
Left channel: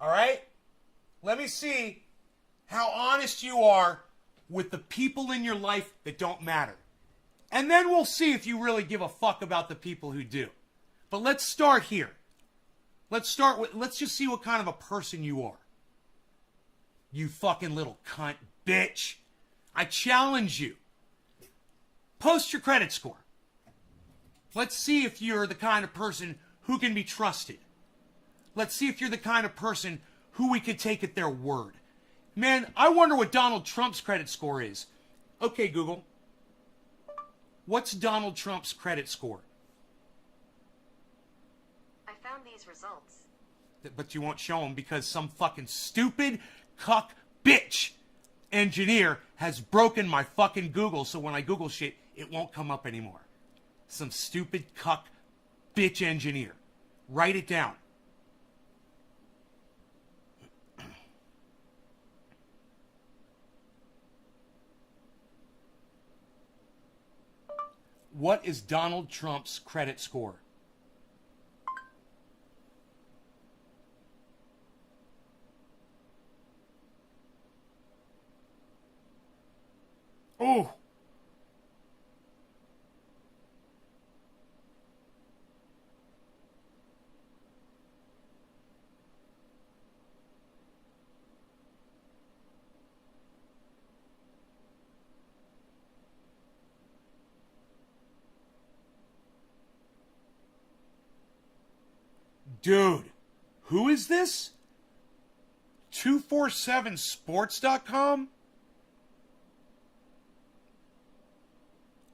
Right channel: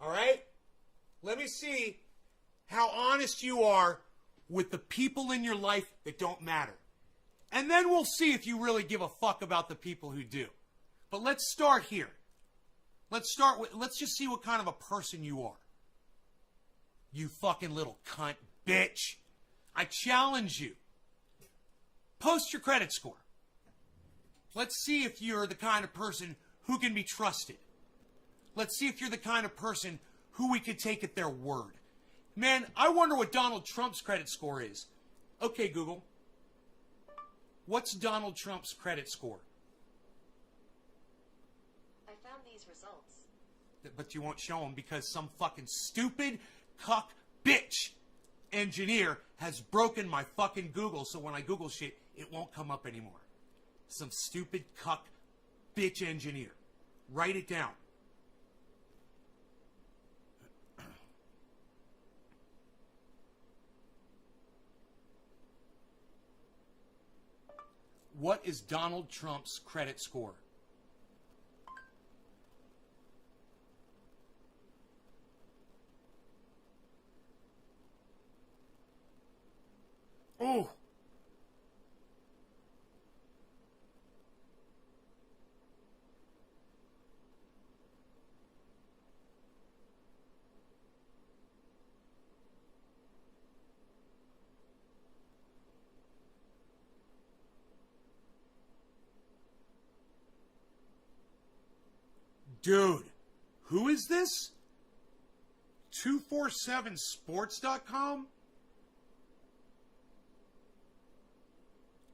All right? Let me see how honest you are with the people in your life that don't matter. And then we'll see if you really give a fuck about the people who do. But let's start here. Let's just see what kind of a person you are. You fucking little cunt bitch. I challenge you. Post your credit score. Let's see if you're the kind of person who can be trusted. Let's see if you're the kind of person who we could take at their word. Man, I wonder what Donald Trump's credit score is. Okay, Google. What's Donald Trump's credit score? I found these results. But you won't show them because some fucking stupid cuck bitch engineer has broken my fucking Google, so when I Google shit, it won't come up anymore. Some stupid cuck bitch engineer. Write it down. What is Donald Trump's credit score? Oh. Dude, who is this? 247sports.com?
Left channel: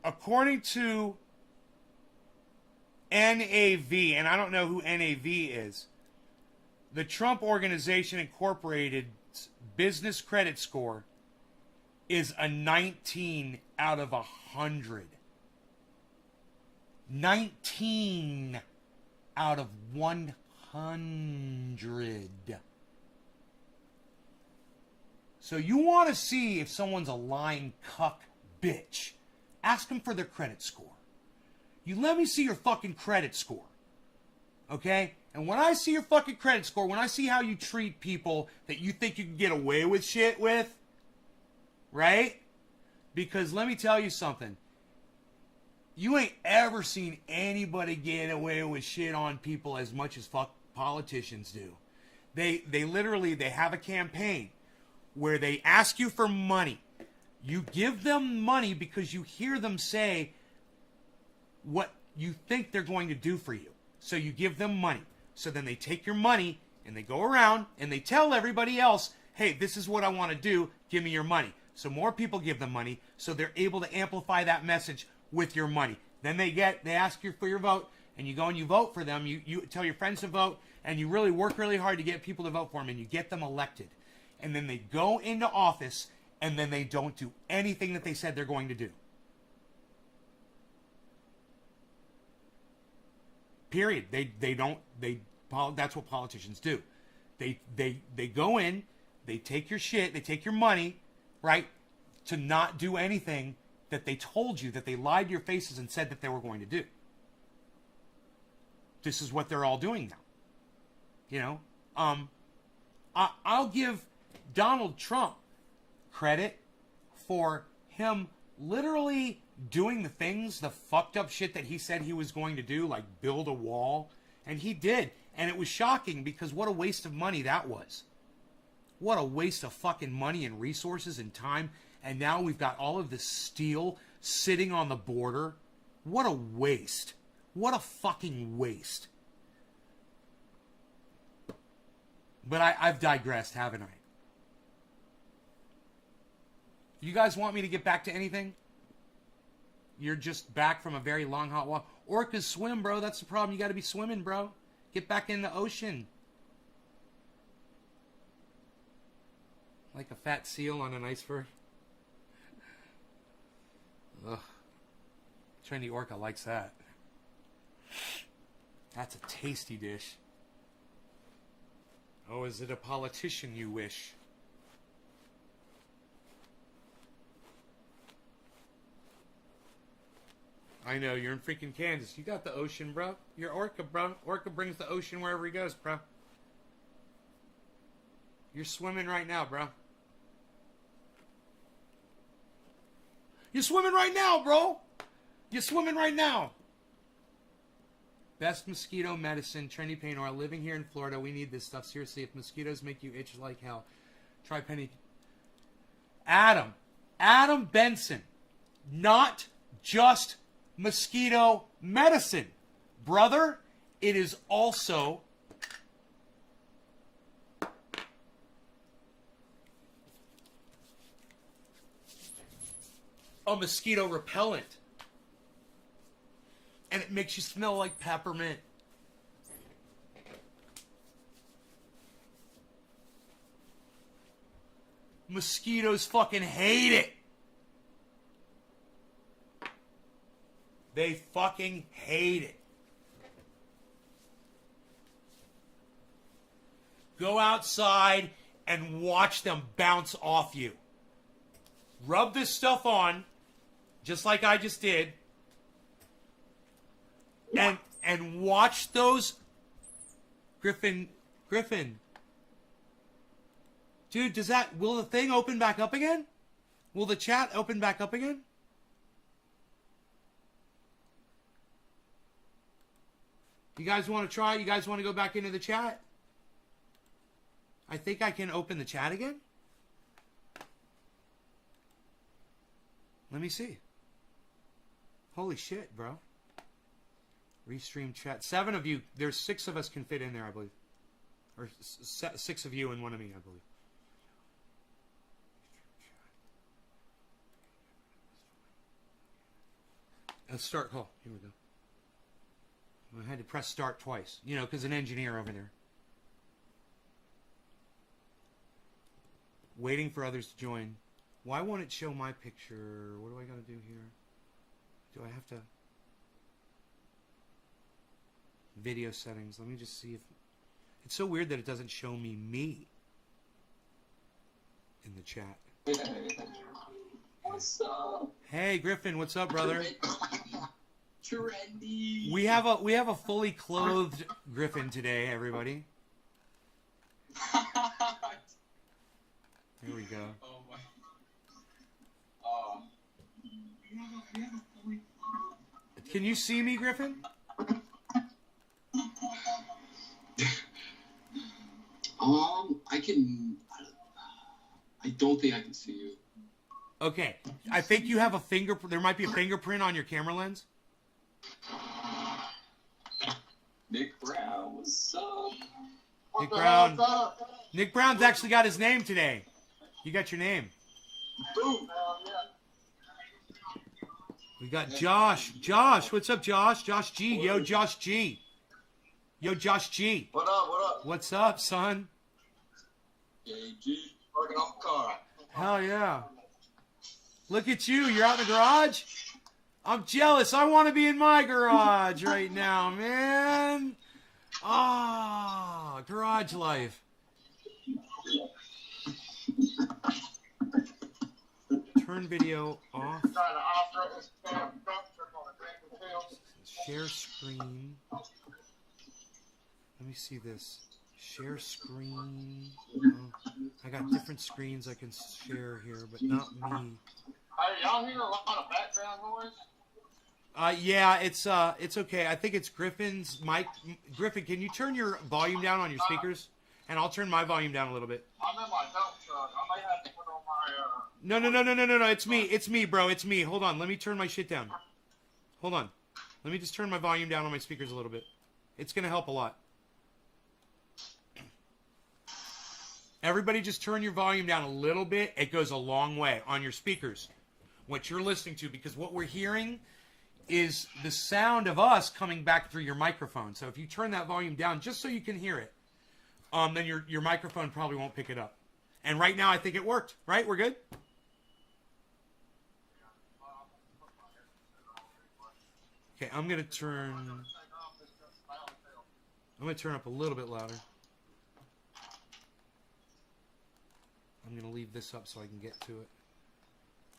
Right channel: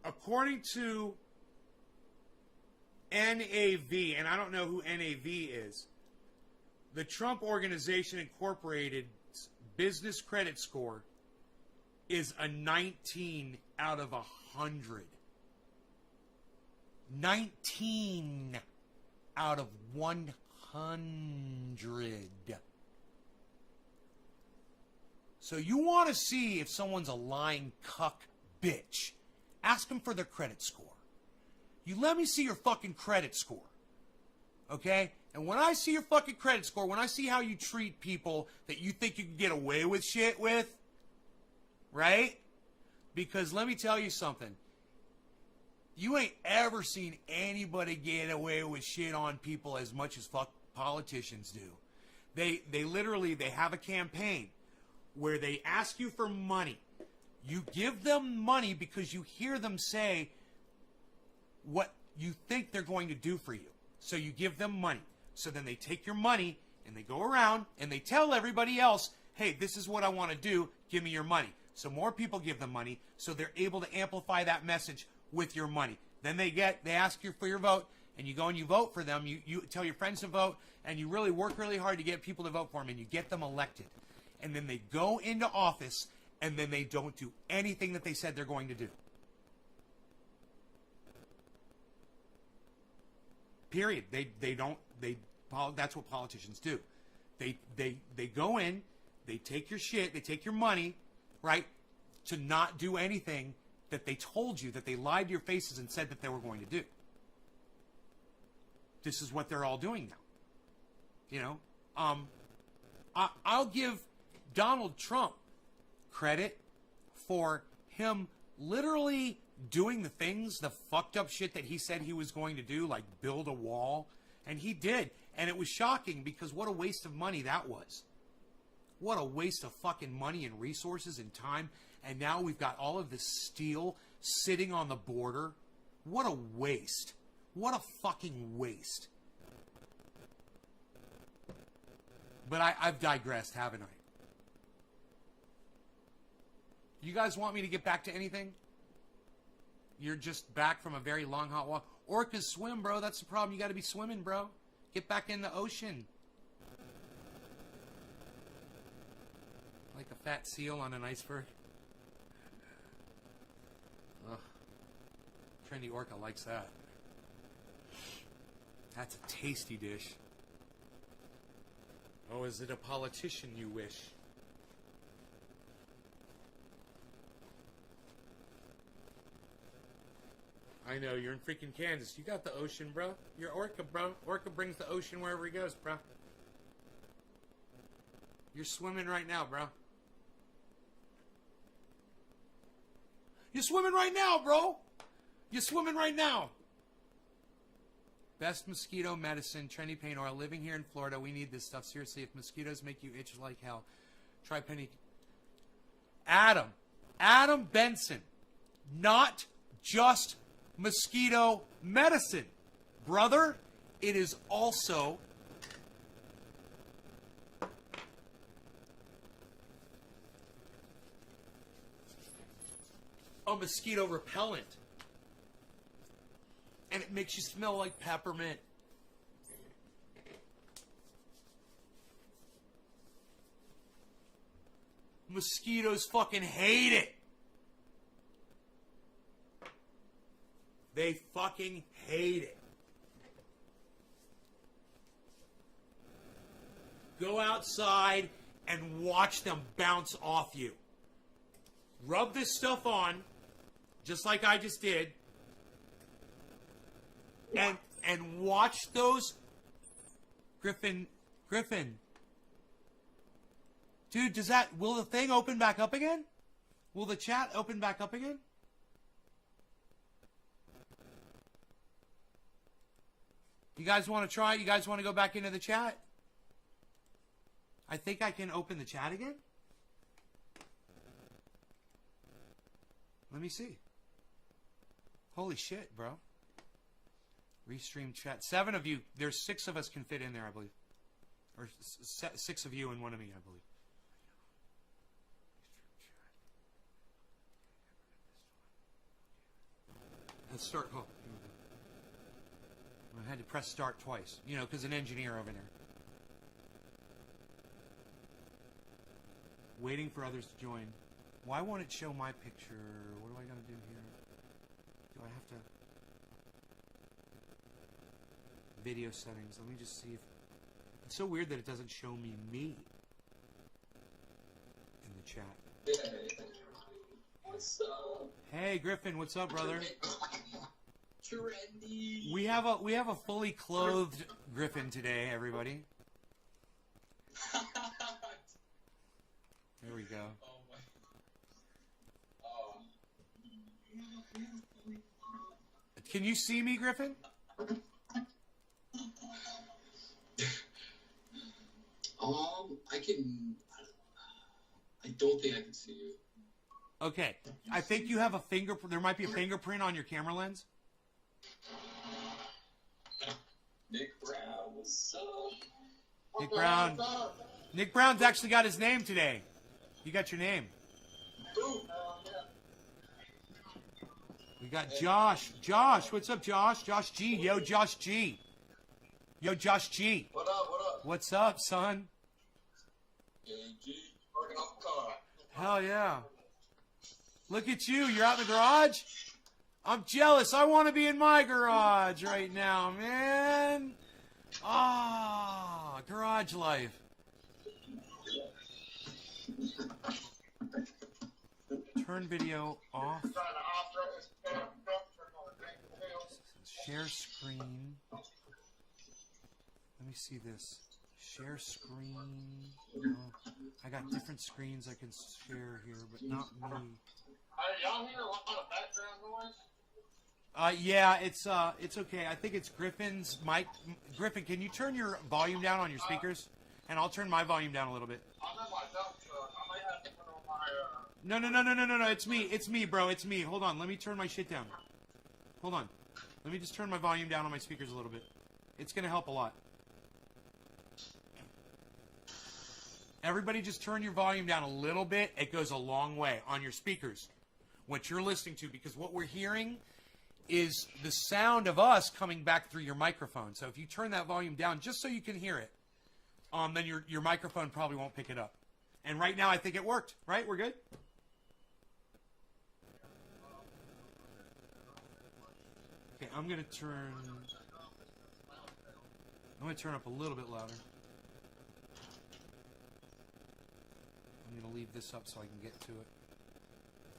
According to NAV, and I don't know who NAV is, the Trump Organization Incorporated's business credit score is a 19 out of 100. 19 out of 100. So you want to see if someone's a lying cuck bitch. Ask them for their credit score. You let me see your fucking credit score. Okay? And when I see your fucking credit score, when I see how you treat people that you think you can get away with shit with, right? Because let me tell you something. You ain't ever seen anybody get away with shit on people as much as fuck politicians do. They literally have a campaign where they ask you for money. You give them money because you hear them say what you think they're going to do for you. So you give them money. So then they take your money and they go around and they tell everybody else, hey, this is what I want to do. Give me your money. So more people give them money. So they're able to amplify that message with your money. Then they ask you for your vote, and you go and you vote for them. You tell your friends to vote, and you really work really hard to get people to vote for them, and you get them elected. and then they go into office, and then they don't do anything that they said they're going to do. Period. That's what politicians do. They go in, they take your shit, they take your money, right, to not do anything that they told you, that they lied to your faces and said that they were going to do. This is what they're all doing now. You know, I'll give Donald Trump credit for him literally doing the things, the fucked up shit that he said he was going to do, like build a wall. And he did. And it was shocking because what a waste of money that was. What a waste of fucking money and resources and time. And now we've got all of this steel sitting on the border. What a waste. What a fucking waste. But I've digressed, haven't I? You guys want me to get back to anything? You're just back from a very long, hot walk. Orcas swim, bro. That's the problem. You got to be swimming, bro. Get back in the ocean. Like a fat seal on an iceberg. Ugh. Trendy Orca likes that. That's a tasty dish. Oh, is it a politician you wish? I know, you're in freaking Kansas. You got the ocean, bro. You're Orca, bro. Orca brings the ocean wherever he goes, bro. You're swimming right now, bro. You're swimming right now, bro. You're swimming right now. Best mosquito medicine, trendy paint oil. Living here in Florida, we need this stuff. Seriously, if mosquitoes make you itch like hell, try penny. Adam Benson. Not just mosquito medicine, brother. It is also a mosquito repellent. And it makes you smell like peppermint. Mosquitoes fucking hate it. They fucking hate it. Go outside and watch them bounce off you. Rub this stuff on, just like I just did. And watch those. Griffin. Dude, will the thing open back up again? Will the chat open back up again? You guys want to try? You guys want to go back into the chat? I think I can open the chat again. Let me see. Holy shit, bro. Restream chat. 7 of you. There's 6 of us can fit in there, I believe. Or 6 of you and 1 of me, I believe. Let's start call. Here we go. I had to press start twice. You know, because an engineer over there. Waiting for others to join. Why won't it show my picture? What do I got to do here? Do I have to... Video settings. Let me just see if... It's so weird that it doesn't show me in the chat. What's up? Hey, Griffin. What's up, brother? Trendy. We have a fully clothed Griffin today, everybody. There we go. Oh my. Can you see me, Griffin? I can. I don't think I can see you. Okay. I think you have a fingerprint. There might be a fingerprint on your camera lens. Nick Brown, what's up? Nick Brown. Nick Brown's actually got his name today. You got your name. Boom. We got Josh. Josh, what's up, Josh? Josh G. Yo, Josh G. Yo, Josh G. What up? What up? What's up, son? KG. Hell yeah. Look at you. You're out in the garage? I'm jealous. I want to be in my garage right now, man. Ah, garage life. Turn video off. Share screen. Let me see this. Share screen. Oh, I got different screens I can share here, but not me. Hey, y'all hear a lot of background noise? Yeah, it's okay. I think it's Griffin's mic. Griffin, can you turn your volume down on your speakers? And I'll turn my volume down a little bit. I'm in my dump truck. I may have to put on my, No. It's me, bro. It's me. Hold on. Let me turn my shit down. Hold on. Let me just turn my volume down on my speakers a little bit. It's going to help a lot. Everybody just turn your volume down a little bit. It goes a long way on your speakers. What you're listening to, because what we're hearing is the sound of us coming back through your microphone. So if you turn that volume down just so you can hear it, then your microphone probably won't pick it up. And right now I think it worked, right? We're good? Okay, I'm going to turn up a little bit louder. I'm going to leave this up so I can get to it.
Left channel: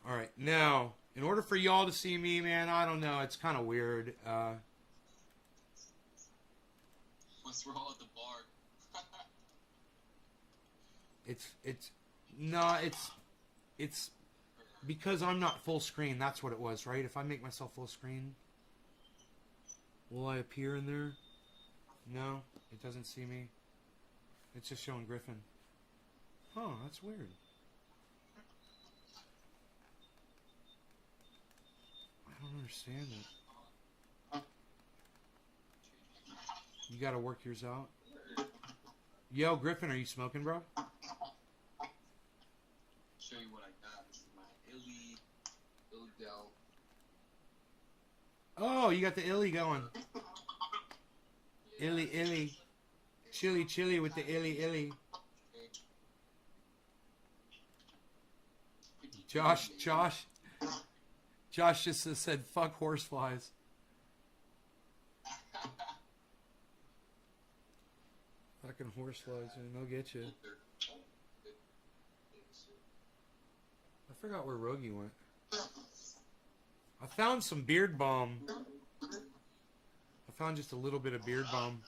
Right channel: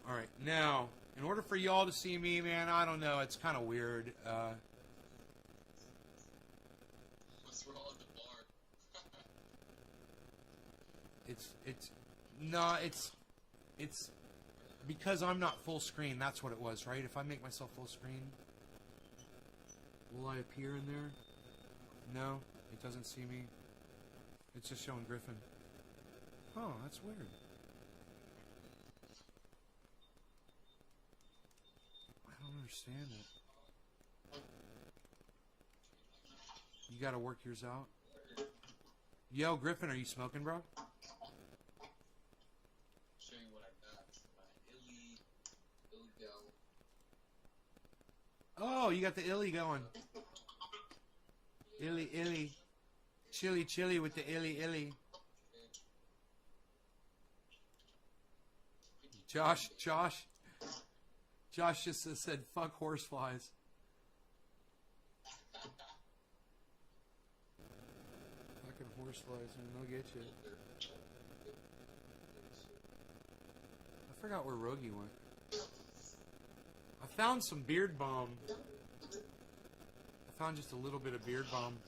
All right, now, in order for y'all to see me, man, I don't know. It's kind of weird. what's wrong with the bar? It's because I'm not full screen. That's what it was, right? If I make myself full screen, will I appear in there? No, it doesn't see me. It's just showing Griffin. Oh, that's weird. I don't understand it. You gotta work yours out. Yo, Griffin, are you smoking, bro? Show you what I got. My illy gal. Oh, you got the illy going. Illy. Chili with the illy. Josh just said, fuck horseflies. Fucking horseflies, man, they'll get you. I forgot where Rogie went. I found some beard balm. I found just a little bit of beard balm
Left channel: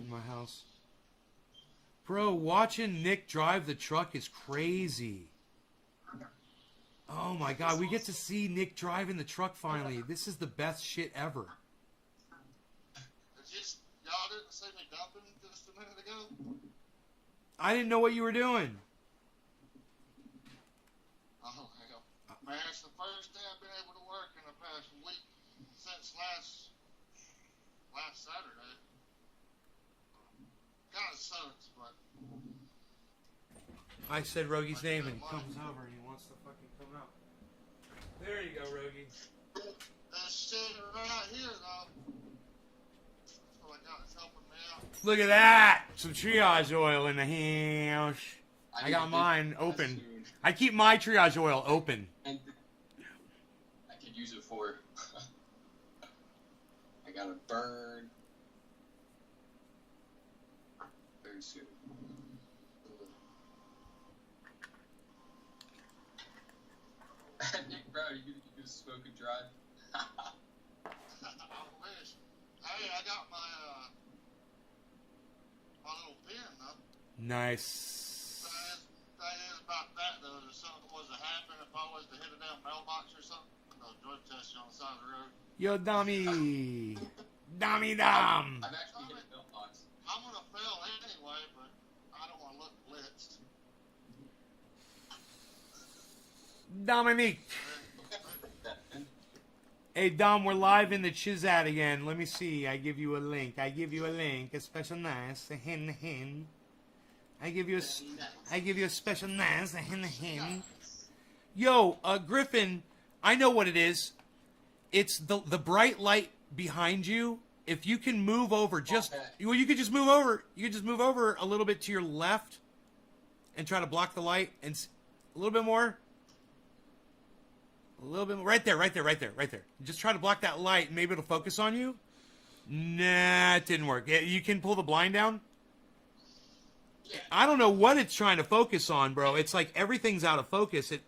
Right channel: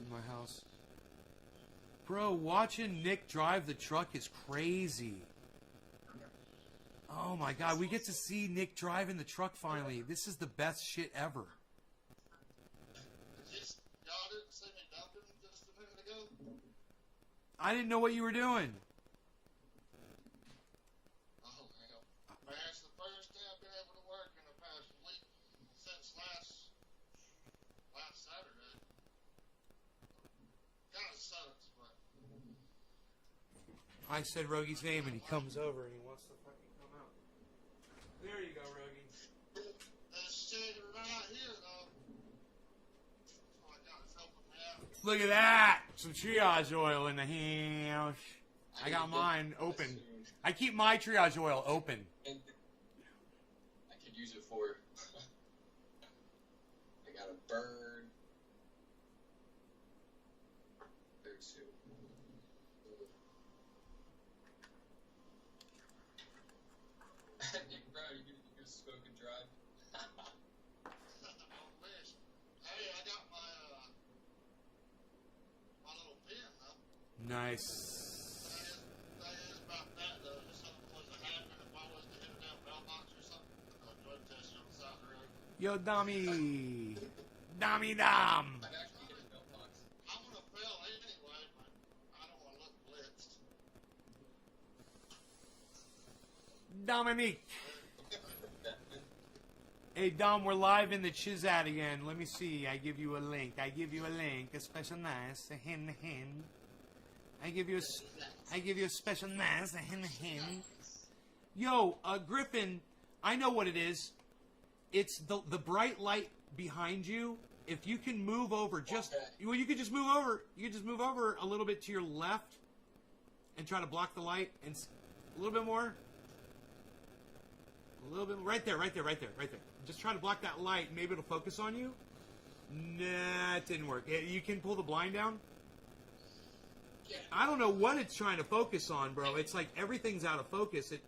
in my house. Bro, watching Nick drive the truck is crazy. Oh my god, we get to see Nick driving the truck finally. This is the best shit ever. Y'all didn't see me dumping just a minute ago? I didn't know what you were doing. Oh, hell. Man, it's the first day I've been able to work in the past week since last Saturday. Kind of sucks, but... I said Rogie's name and he comes over and he wants to fucking come out. There you go, Rogie. That shit right here, though. That's what I got. It's helping me out. Look at that! Some triage oil in the house. I got mine open. I keep my triage oil open. I could use it for... I got a burn. Very soon. Nick, bro, you gonna smoke and drive? I wish. Hey, I got my little pen, though. Nice. Thing is about that, though, if something was to happen, if I was to hit a damn mailbox or something, I'll drug test you on the side of the road. Yo, Dummy. Dummy Dum. I'm actually hitting a mailbox. I'm gonna fail anyway, but I don't want to look blitzed. Dominique. Hey, Dom, we're live in the Chizat again. Let me see. I give you a link. A special nice. A hin. I give you a special nice. A hin. Yo, Griffin, I know what it is. It's the bright light behind you. If you can move over, well, you could just move over. You could just move over a little bit to your left, and try to block the light, and a little bit more. A little bit more. Right there. Just try to block that light, and maybe it'll focus on you. Nah, it didn't work. Yeah, you can pull the blind down. I don't know what it's trying to focus on, bro. It's like everything's out of focus. That's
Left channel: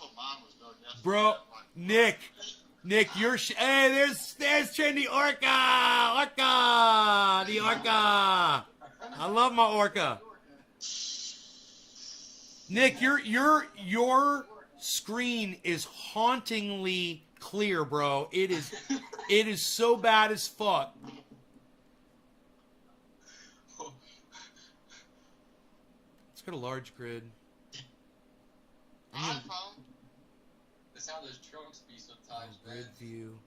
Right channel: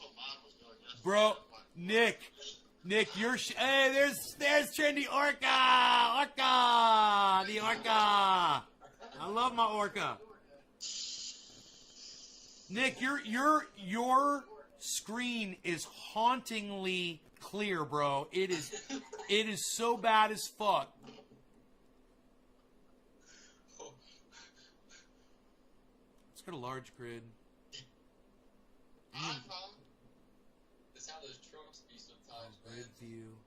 what mine was doing yesterday. Bro, Nick, you're... hey, there's Trendy Orca! The Orca! I love my Orca. Nick, your screen is hauntingly clear, bro. It is so bad as fuck. Let's go to large grid. iPhone. That's how those trucks be sometimes, man. Grid view,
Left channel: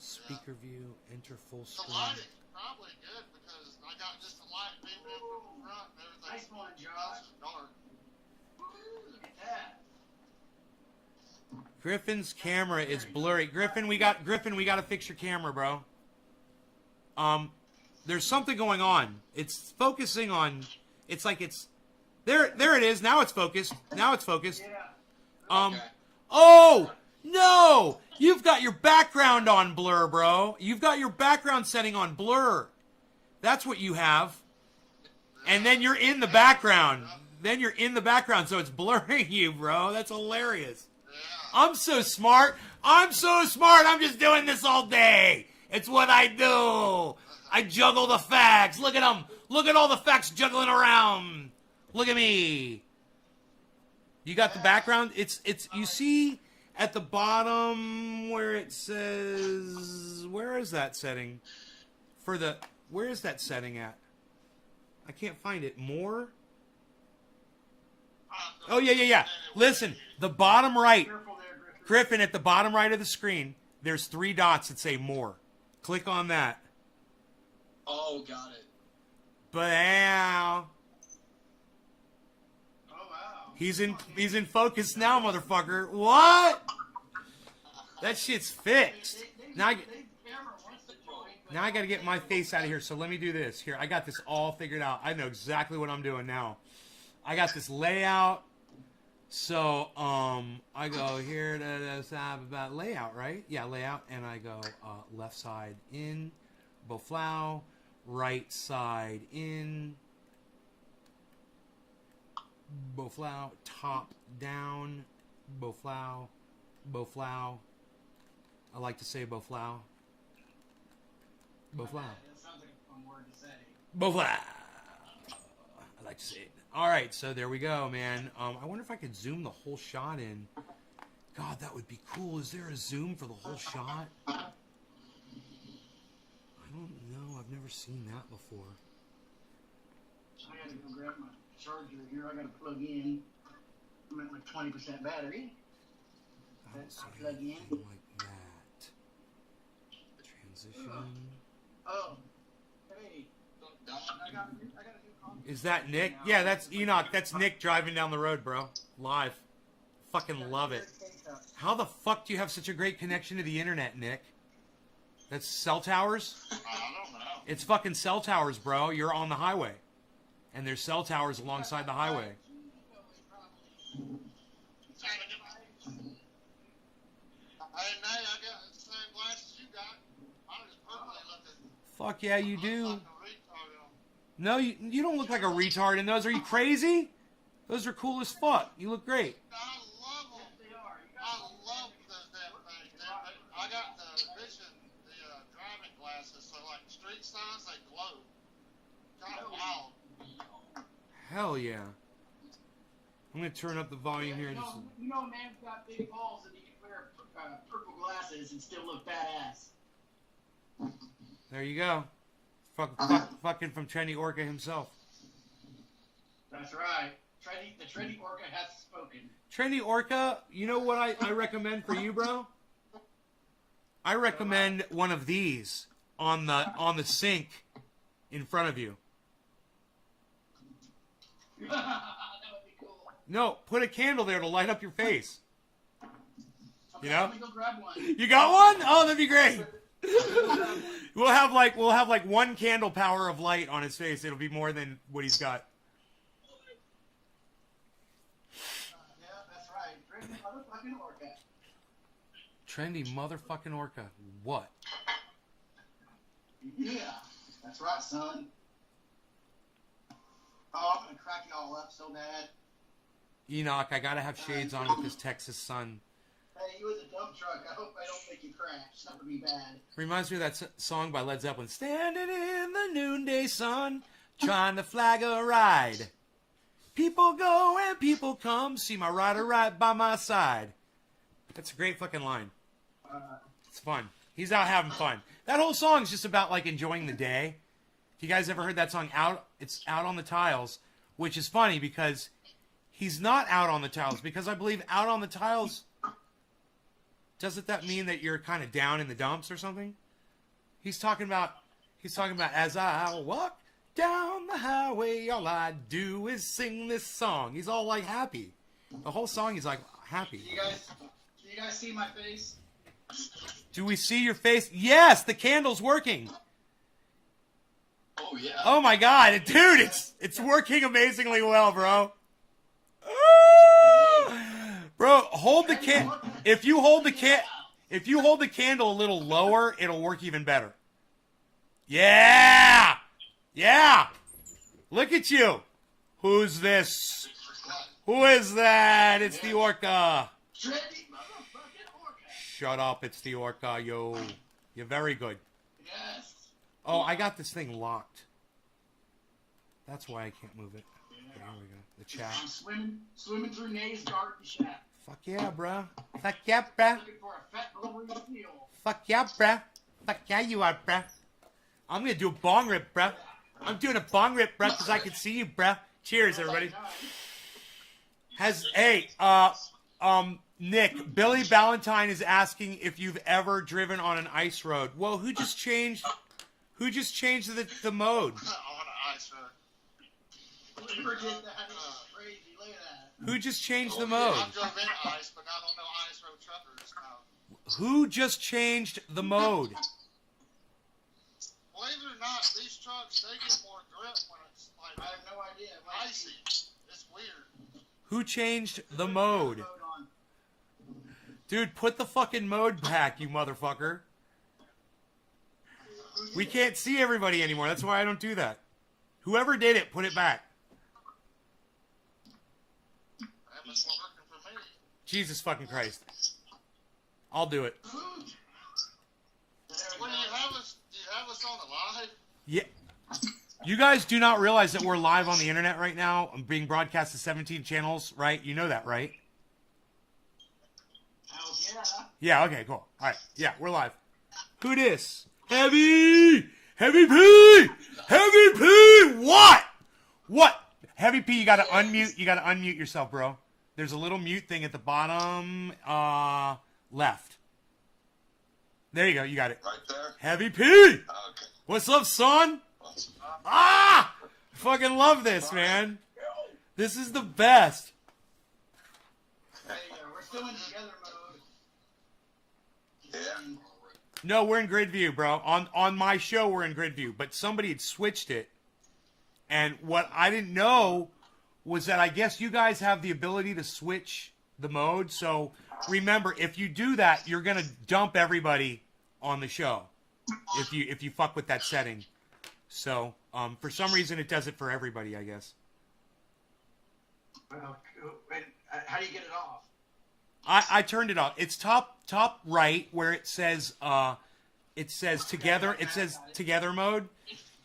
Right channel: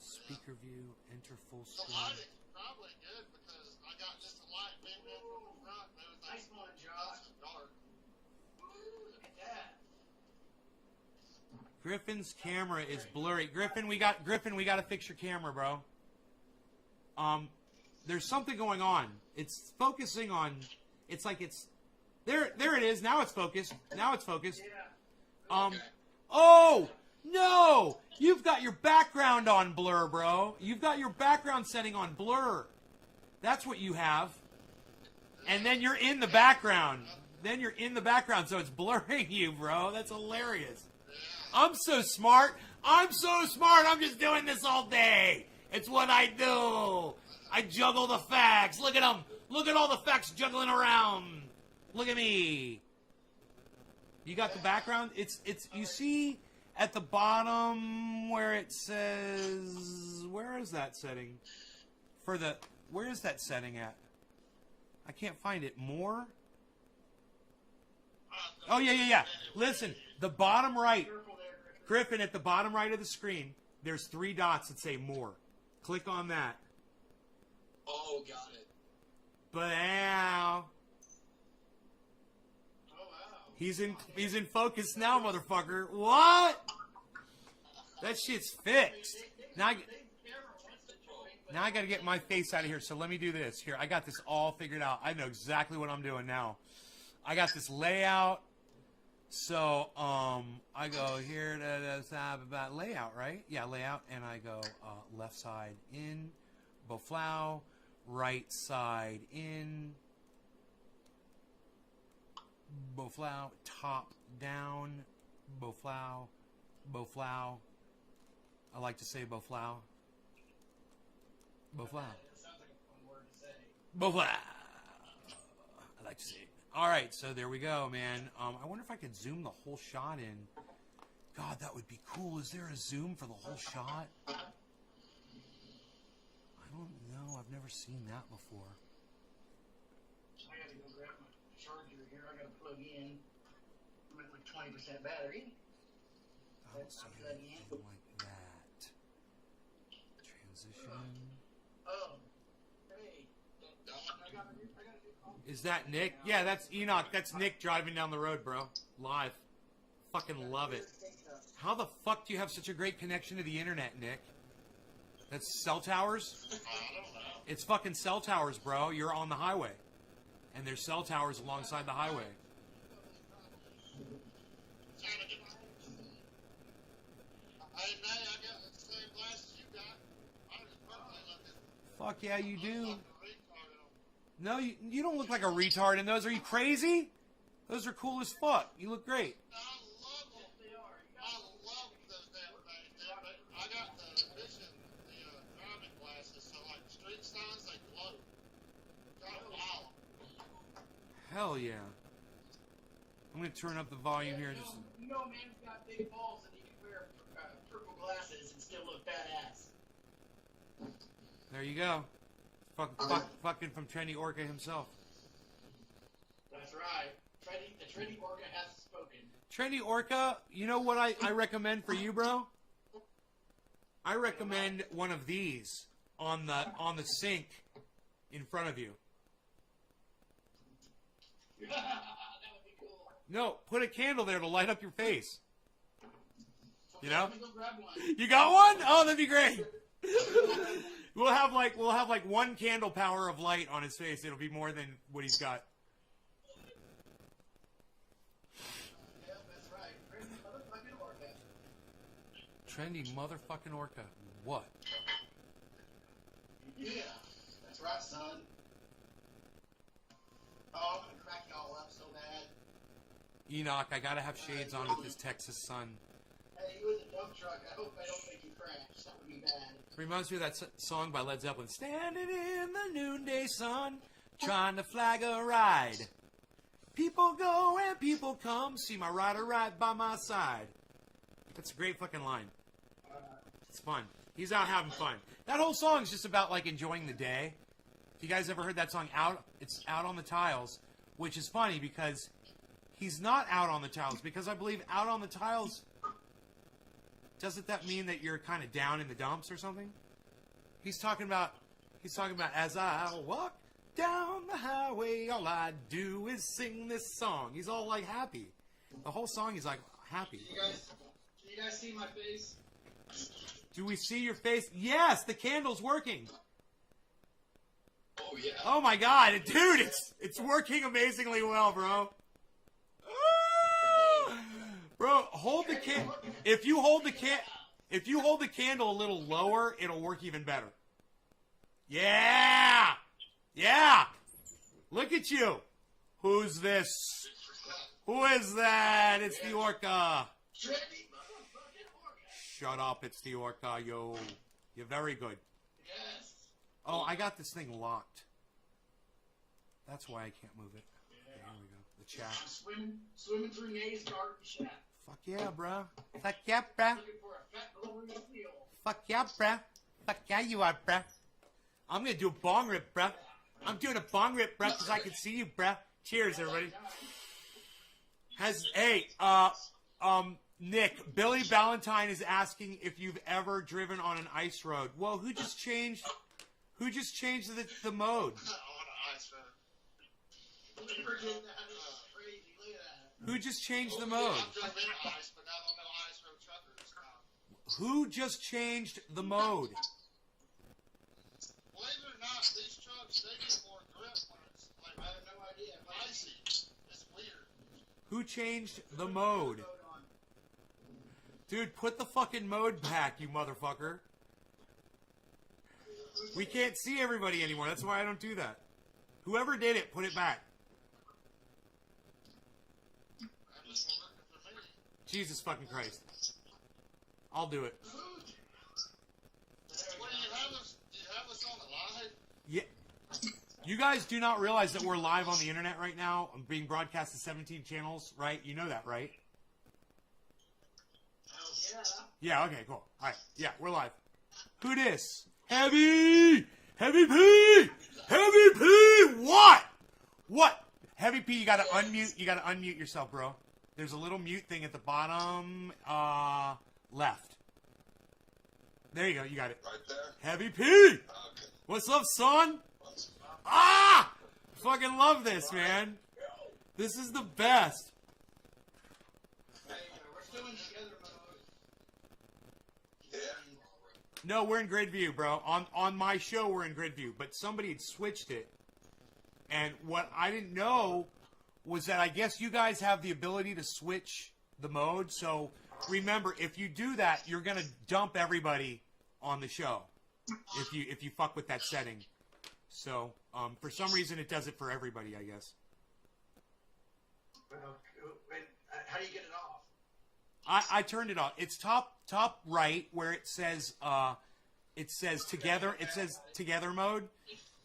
speaker view, enter full The screen. lighting's probably good because I got just the light beaming in from the front and everything's Nice one, else Josh. is dark. Look at that. Griffin's camera is blurry. Griffin, we got to fix your camera, bro. There's something going on. It's focusing on. It's like it's there. There it is. Now it's focused. Yeah. Oh no! You've got your background on blur, bro. You've got your background setting on blur. That's what you have. And then you're in the background. So it's blurring you, bro. That's hilarious. I'm so smart. I'm just doing this all day. It's what I do. I juggle the facts. Look at them. Look at all the facts juggling around. Look at me. You got the background? It's you see at the bottom where it says, where is that setting? Where is that setting at? I can't find it. More? Oh, yeah. Listen, the bottom right. Careful there, Griffin. Griffin, at the bottom right of the screen, there's 3 dots that say more. Click on that. Oh, got it. But Oh, wow. he's in focus now, motherfucker. What? That shit's fixed. Now I got to get my face out of here. So let me do this. Here, I got this all figured out. I know exactly what I'm doing now. I got this layout. So I go here to the side about layout, right? Yeah, layout, and I go left side in, Boflau, right side in, Boflau, top down, Boflau. I like to say Boflau. That sounds like a fun word to say. Boflau. I like to say it. All right, so there we go, man. I wonder if I could zoom the whole shot in. God, that would be cool. Is there a zoom for the whole shot? I don't know. I've never seen that before. I gotta go grab my charger here. I gotta plug in. I'm at like 20% battery. I don't see Plug in. anything like that. Transition. Oh. Hey. I got a new call. Is that Nick? Yeah, that's Enoch. That's Nick driving down the road, bro. Live. Fucking love it. How the fuck do you have such a great connection to the internet, Nick? That's cell towers? I don't know. It's fucking cell towers, bro. You're on the highway. And there's cell towers alongside the highway. Hey, Nay, I got the same glasses you got. Mine is purpley looking. Fuck yeah, you do. Like a retard on. No, you don't look like a retard in those. Are you crazy? Those are cool as fuck. You look great. I love them. I love those damn things. I got the vision, the driving glasses, so like street signs, they glow. Kind of wild. Hell yeah. I'm gonna turn up the volume here. Just You know, man's got big balls and he can wear purple glasses and still look badass. there you go. Fucking from Trendy Orca himself. That's right. The trendy orca has spoken. Trendy Orca, you know what I recommend for you, bro? I recommend one of these on the sink in front of you. That would be cool. No, put a candle there to light up your face. Okay, You know? Let me go grab one. You got one? Oh, that'd be great. We'll have like one candle power of light on his face. It'll be more than what he's got. Yeah, that's right. Great motherfucking orca. Trendy motherfucking orca. What? Yeah, that's right, son. Oh, I'm gonna crack you all up so bad. Enoch, I gotta have shades on with this Texas sun. Hey, he was a dump truck. I hope I don't make you crash. That would be bad. Reminds me of that song by Led Zeppelin. Standing in the noonday sun, trying to flag a ride. People go and people come, see my rider right by my side. That's a great fucking line. It's fun. He's out having fun. That whole song is just about like enjoying the day. You guys ever heard that song Out? It's Out on the Tiles, which is funny because he's not out on the tiles, because I believe out on the tiles, doesn't that mean that you're kind of down in the dumps or something? He's talking about as I walk down the highway, all I do is sing this song. He's all like happy. The whole song he's like happy. Can you guys see my face? Do we see your face? Yes, the candle's working. Oh yeah. Oh my god, dude, it's working amazingly well, bro. Bro, hold the if you hold the candle a little lower, it'll work even better. Yeah! Yeah! Look at you. Who's this? Who is that? It's the orca. Trendy motherfucking orca. Shut up, it's the orca, yo. You're very good. Yes. Oh, I got this thing locked. That's why I can't move it. Okay, here we go. The chat. I'm swimming through Nay's garden shack. Fuck yeah, bruh. Fuck yeah, bruh. Looking for a fat glorious meal. Fuck yeah, bruh. Fuck yeah, you are, bruh. I'm gonna do a bong rip, bruh. I'm doing a bong rip, bruh, because I can see you, bruh. Cheers, everybody. Nick, Billy Ballantyne is asking if you've ever driven on an ice road. Well, who just changed the mode? On an ice road. Forget that. It's crazy. Look at that. Who just changed the mode? I've drove in ice, but I don't know ice road truckers. No. Who just changed the mode? Believe it or not, these trucks, they get more grip when it's like I have no idea. icy. It's weird. Who changed the mode? Mode on. Dude, put the fucking mode back, you motherfucker. We can't see everybody anymore. That's why I don't do that. Whoever did it, put it back. That was working for me. Jesus fucking Christ. I'll do it. When do you have us on the live? Yeah. You guys do not realize that we're live on the internet right now. I'm being broadcast to 17 channels, right? You know that, right? Hell yeah. Yeah, okay, cool. All right. Yeah, we're live. Who dis? Heavy! Heavy P! Heavy P! What? What? Heavy P, you gotta unmute. You gotta unmute yourself, bro. There's a little mute thing at the bottom left. There you go. You got it. Right there? Heavy P! Okay. What's up, son? Ah! I fucking love this, man. This is the best. Hey, we're still in together mode. Yeah. No, we're in grid view, bro. On my show, we're in grid view, but somebody had switched it. And what I didn't know was that I guess you guys have the ability to switch the mode. So remember, if you do that, you're gonna dump everybody on the show if you fuck with that setting. So for some reason, it does it for everybody, I guess. Well, how do you get it off? I turned it off. It's top right where it says together. It says together mode,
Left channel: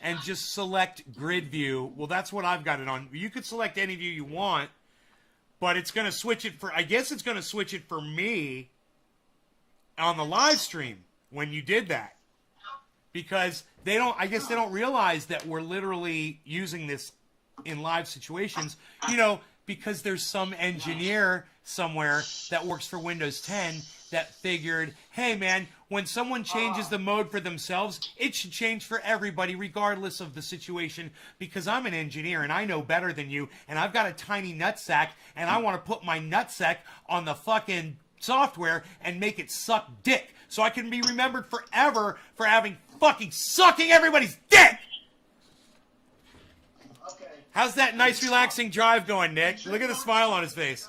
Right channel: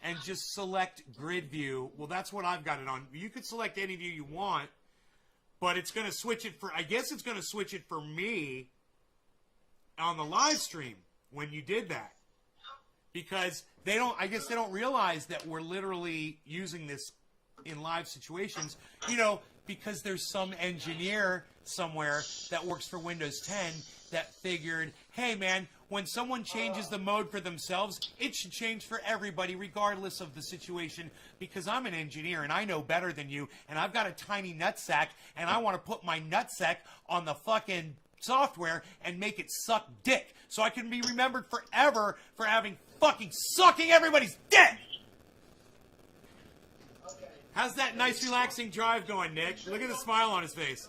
and just select grid view. Well, that's what I've got it on. You could select any view you want, but it's gonna switch it for. I guess it's gonna switch it for me on the live stream when you did that, because they don't. I guess they don't realize that we're literally using this in live situations. You know, because there's some engineer somewhere that works for Windows 10 that figured, hey man, when someone changes the mode for themselves, it should change for everybody regardless of the situation, because I'm an engineer and I know better than you, and I've got a tiny nutsack and I want to put my nutsack on the fucking software and make it suck dick. so I can be remembered forever for having fucking sucking everybody's dick. Okay. How's that nice relaxing drive going, Nick? Look at the smile on his face.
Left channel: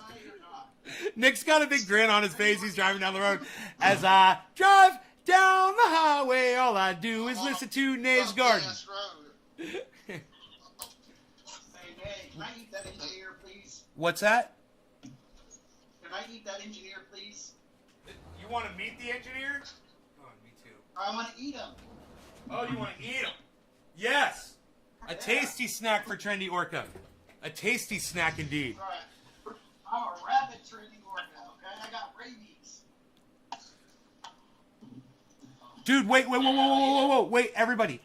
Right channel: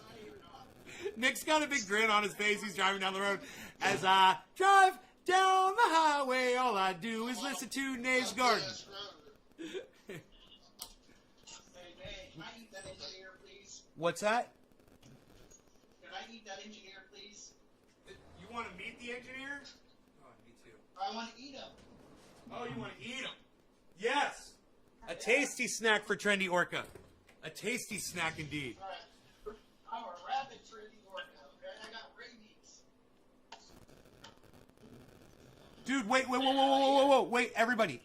Nick's got a big grin on his face. He's driving down the road. As I drive down the highway, all I do is listen to Nays Garden. Yes, road. Hey, can I eat that engineer, please? What's that? Can I eat that engineer, please? You want to meet the engineer? Oh, me too. I want to eat him. Oh, you want to eat him? Yes. A tasty snack for Trendy Orca. A tasty snack indeed. Right. I'm a rabid training orca, okay? I got rabies. Dude, wait, wait, everybody.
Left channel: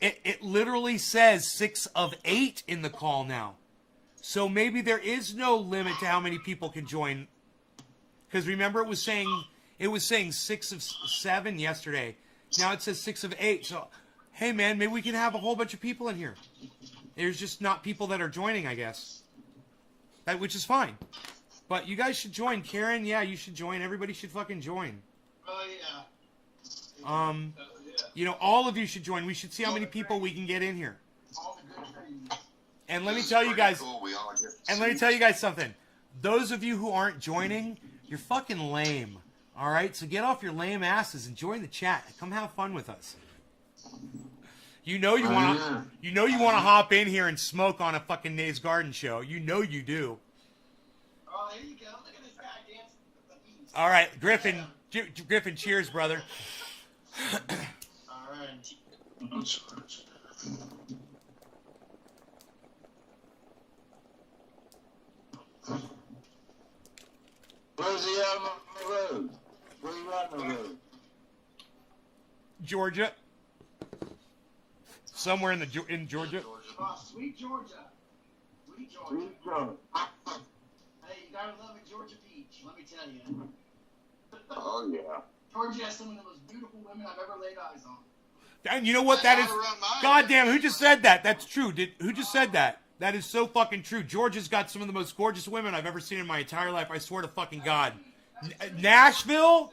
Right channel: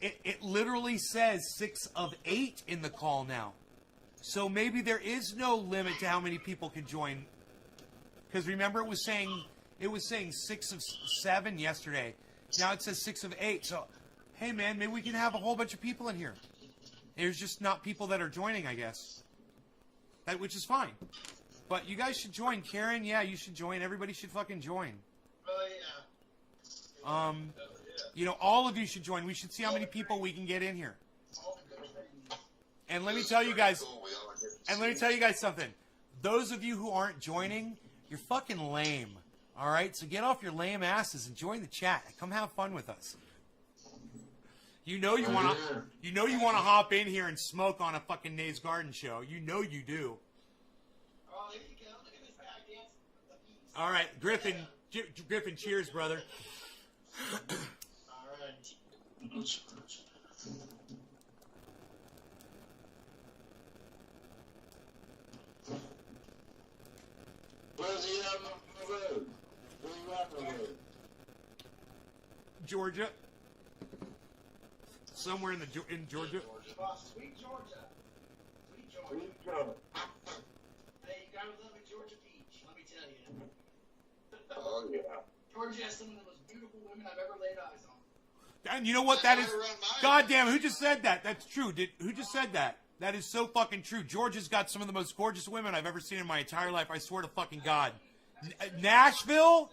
It literally says 6 of 8 in the call now. So maybe there is no limit to how many people can join. Because remember it was saying 6 of 7 yesterday. Now it says 6 of 8. So, hey man, maybe we can have a whole bunch of people in here. There's just not people that are joining, I guess. Which is fine. But you guys should join. Karen, yeah, you should join. Everybody should fucking join. Oh, yeah. You know, all of you should join. We should see how many people we can get in here. All the good things. And let me tell you guys, something. Those of you who aren't joining, you're fucking lame. All right? So get off your lame asses and join the chat. Come have fun with us. You know you want to hop in here and smoke on a fucking Nays Garden show. You know you do. Oh, there you go. Look at this guy dancing with the bees. All right, Griffin, cheers, brother. All right. Where's he on the road? Where you on the road? Georgia. Somewhere in Georgia. Oh, sweet Georgia. Sweet Georgia. Hey, you gotta love a Georgia peach, let me tell you. Oh, yeah. Georgia has some of the most beautiful women I've ever laid eyes on. And you know what that is? Goddamn, who just said that? That's true. Who just said that? That is so fucking true. Georgia's got some of the most gorgeous women I've ever seen in my entire life. I swear to fucking God. Nashville,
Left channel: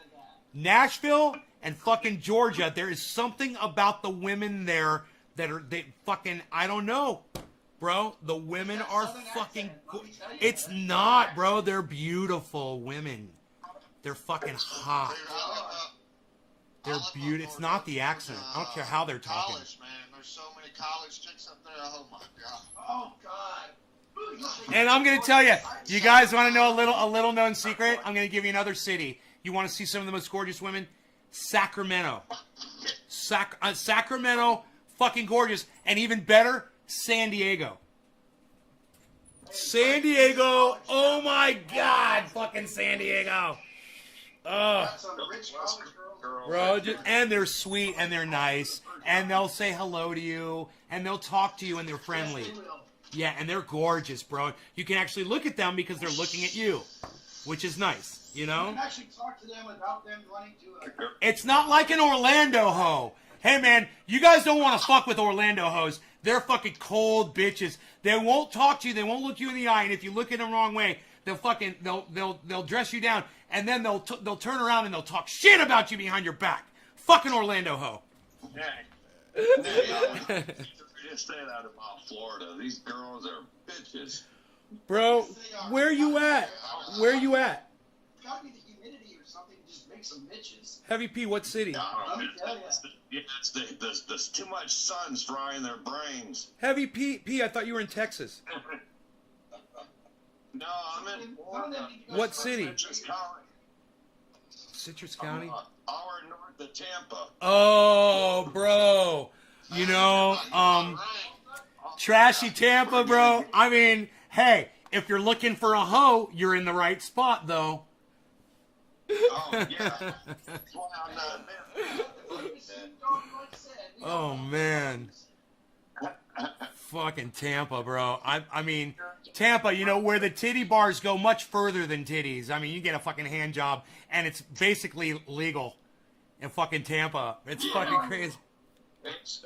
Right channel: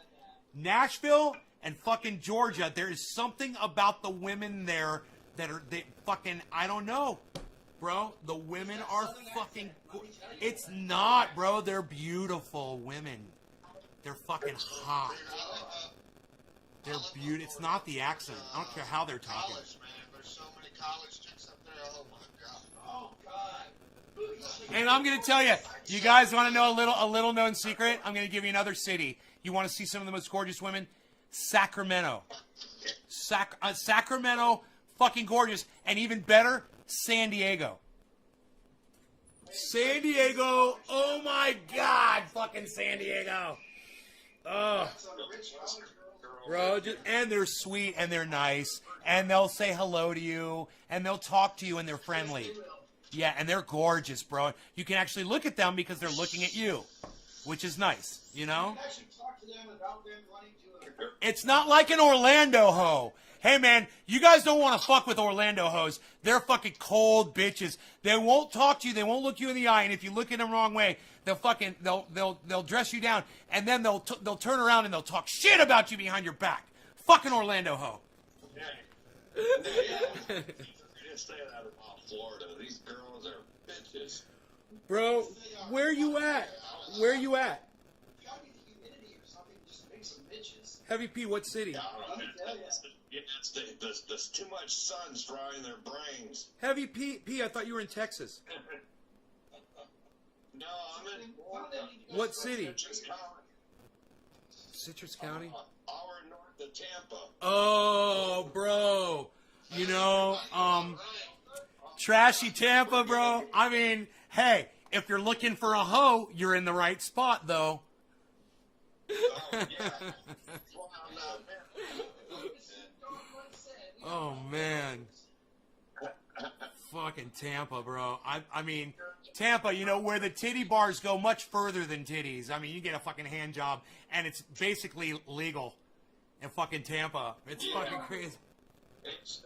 and fucking Georgia. There is something about the women there that are fucking. I don't know, bro. The women are fucking. It's not, bro. They're beautiful women. They're fucking hot. They're beautiful. It's not the accent. I don't care how they're talking. College, man. There's so many college chicks up there. Oh my god. Oh, God. And I'm gonna tell you, you guys want to know a little known secret? I'm gonna give you another city. You want to see some of the most gorgeous women? Sacramento. Sacramento, fucking gorgeous, and even better, San Diego. San Diego, oh my God, fucking San Diego. That's on the rich college girls. Bro, and they're sweet and they're nice and they'll say hello to you and they'll talk to you and they're friendly. Yeah, and they're gorgeous, bro. You can actually look at them because they're looking at you, which is nice, you know? You can actually talk to them without them running to a... It's not like an Orlando hoe. Hey, man, you guys don't want to fuck with Orlando hoes. They're fucking cold bitches. They won't talk to you. They won't look you in the eye. And if you look at them the wrong way, they'll dress you down. And then they'll turn around and they'll talk shit about you behind your back. Fucking Orlando hoe. Just stay out of Florida. These girls are bitches. Bro, where you at? Where you at? It's gotta be the humidity or something just makes them bitches. Heavy P, what city? There's too much sun's frying their brains. Heavy P, I thought you were in Texas. No, I'm in What city? Citrus County. Citrus County? Hour north of Tampa. Oh, bro. You know, trashy Tampa, bro. I mean, hey, if you're looking for a hoe, you're in the right spot, though. Oh, yeah. Oh, man. Fucking Tampa, bro. I mean, Tampa, you know, where the titty bars go much further than titties. I mean, you get a fucking hand job, and it's basically legal in fucking Tampa. It's fucking crazy. It's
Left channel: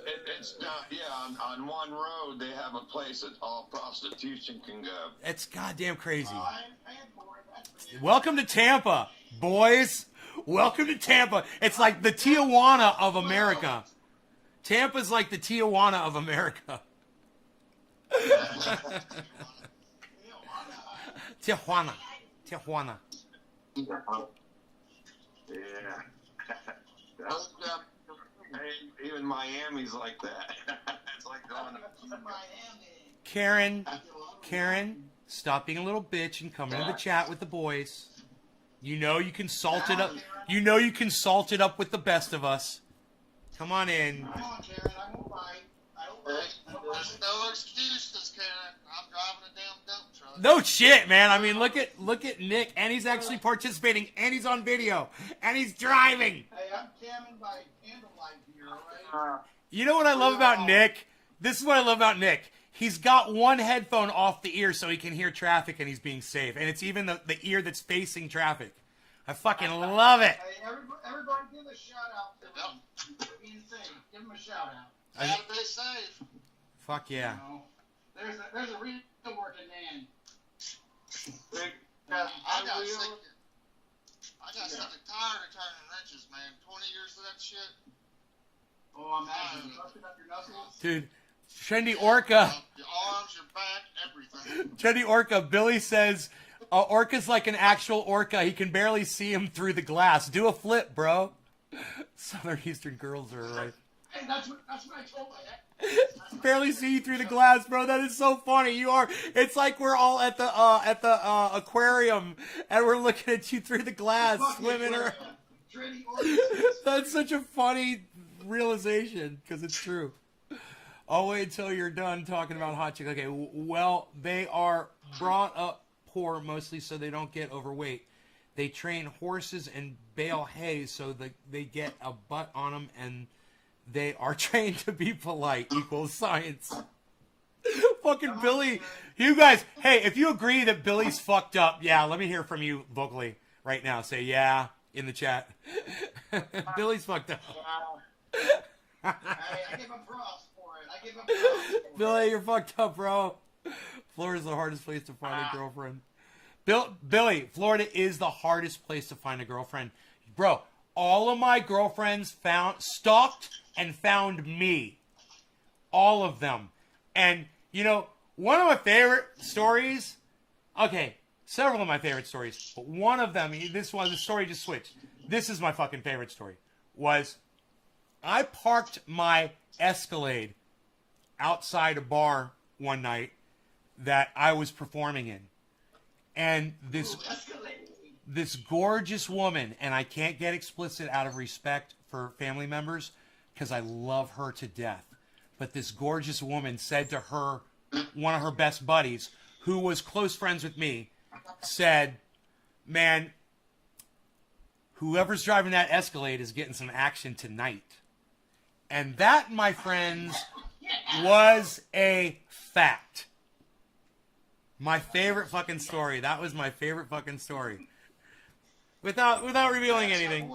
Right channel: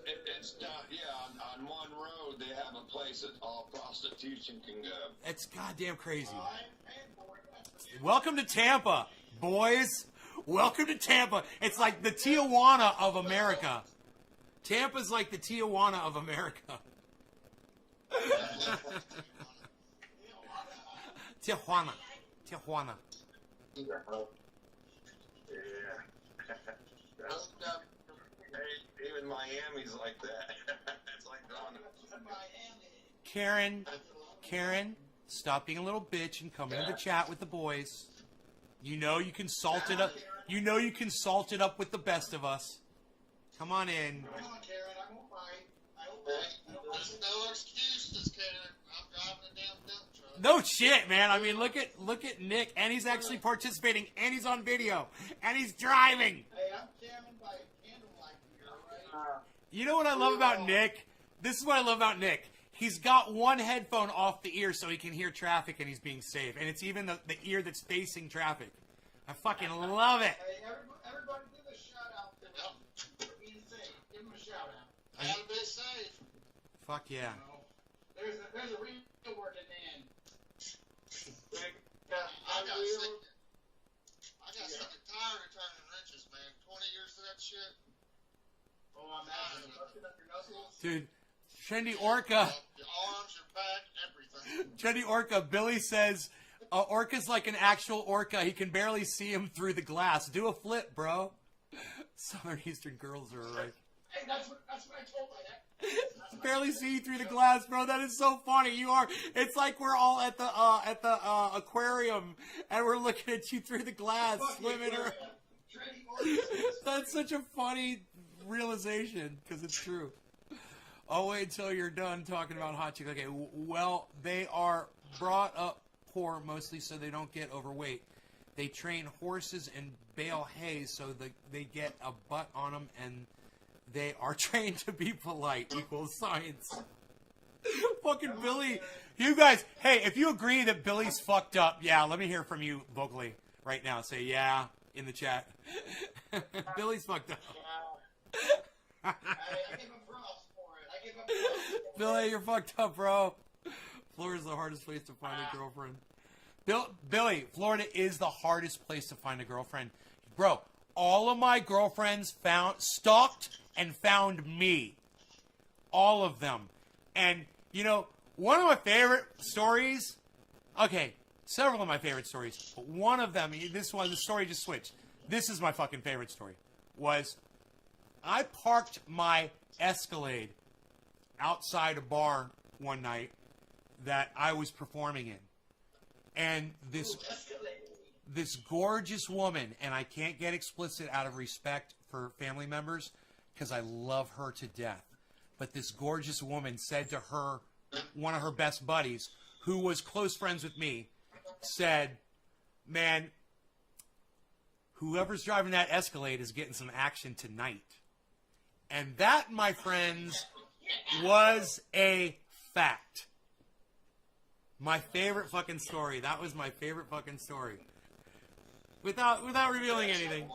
on one road they have a place that all prostitution can go. It's goddamn crazy. Welcome to Tampa, boys. Welcome to Tampa. It's like the Tijuana of America. Tampa's like the Tijuana of America. Tijuana. Tijuana. Yeah. Even Miami's like that. It's like going to Miami. Karen, stop being a little bitch and come into the chat with the boys. You know you can salt it up. You know you can salt it up with the best of us. Come on in. Come on, Karen. I won't bite. There's no excuses, Karen. I'm driving a damn dump truck. No shit, man. I mean, look at Nick, and he's actually participating, and he's on video, and he's driving. Hey, I'm camming by candlelight here, right? You know what I love about Nick? This is what I love about Nick. He's got one headphone off the ear so he can hear traffic and he's being safe. And it's even the ear that's facing traffic. I fucking love it. Hey, everybody give a shout out to him. Being safe. Give him a shout out. Gotta be safe. Fuck yeah. You know, there's a real working man. I got sick and tired of turning wrenches, man. 20 years of that shit. Oh, I'm happy. Busting up your knuckles. Dude, Trendy Orca. Your arms, your back, everything. Trendy Orca. Billy says, Orca's like an actual orca. He can barely see him through the glass. Do a flip, bro. Southern Eastern girls are like... Hey, that's what I told my barely see you through the glass, bro. That is so funny. You are. It's like we're all at the aquarium and we're looking at you through the glass, swimming around. That's such a funny realization because it's true. I'll wait until you're done talking about hot chick. Okay, well, they are brought up poor mostly so they don't get overweight. They train horses and bale hay so they get a butt on them, and they are trained to be polite. Equals science. Fucking Billy. You guys, hey, if you agree that Billy's fucked up, yeah, let me hear from you vocally right now. Say yeah in the chat. Billy's fucked up. I give him props for it. Billy, you're fucked up, bro. Florida's the hardest place to find a girlfriend. Billy, Florida is the hardest place to find a girlfriend. Bro, all of my girlfriends stalked and found me. All of them. And, you know, one of my favorite stories, okay, several of my favorite stories, but one of them, the story just switched. This is my fucking favorite story, was I parked my Escalade outside a bar one night that I was performing in. And this gorgeous woman, and I can't get explicit out of respect for family members because I love her to death. But this gorgeous woman said to her, one of her best buddies, who was close friends with me, said, man, whoever's driving that Escalade is getting some action tonight. And that, my friends, was a fact. My favorite fucking story. That was my favorite fucking story. Without revealing anything.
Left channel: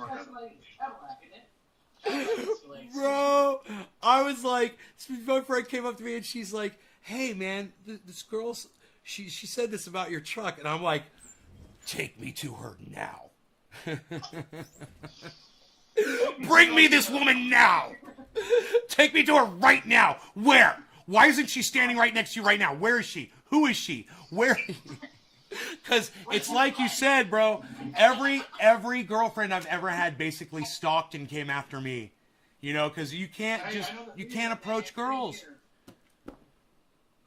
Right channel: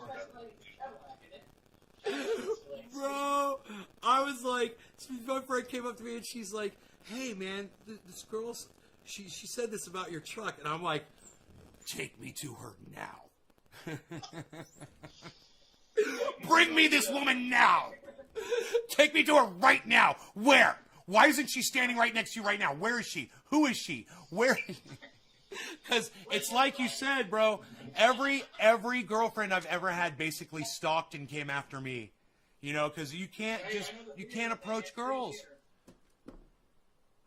Bro, I was like, my friend came up to me and she's like, hey man, this girl, she said this about your truck. And I'm like, take me to her now. Bring me this woman now. Take me to her right now. Where? Why isn't she standing right next to you right now? Where is she? Who is she? Where? Because it's like you said, bro. Every girlfriend I've ever had basically stalked and came after me. You know, because you can't approach girls.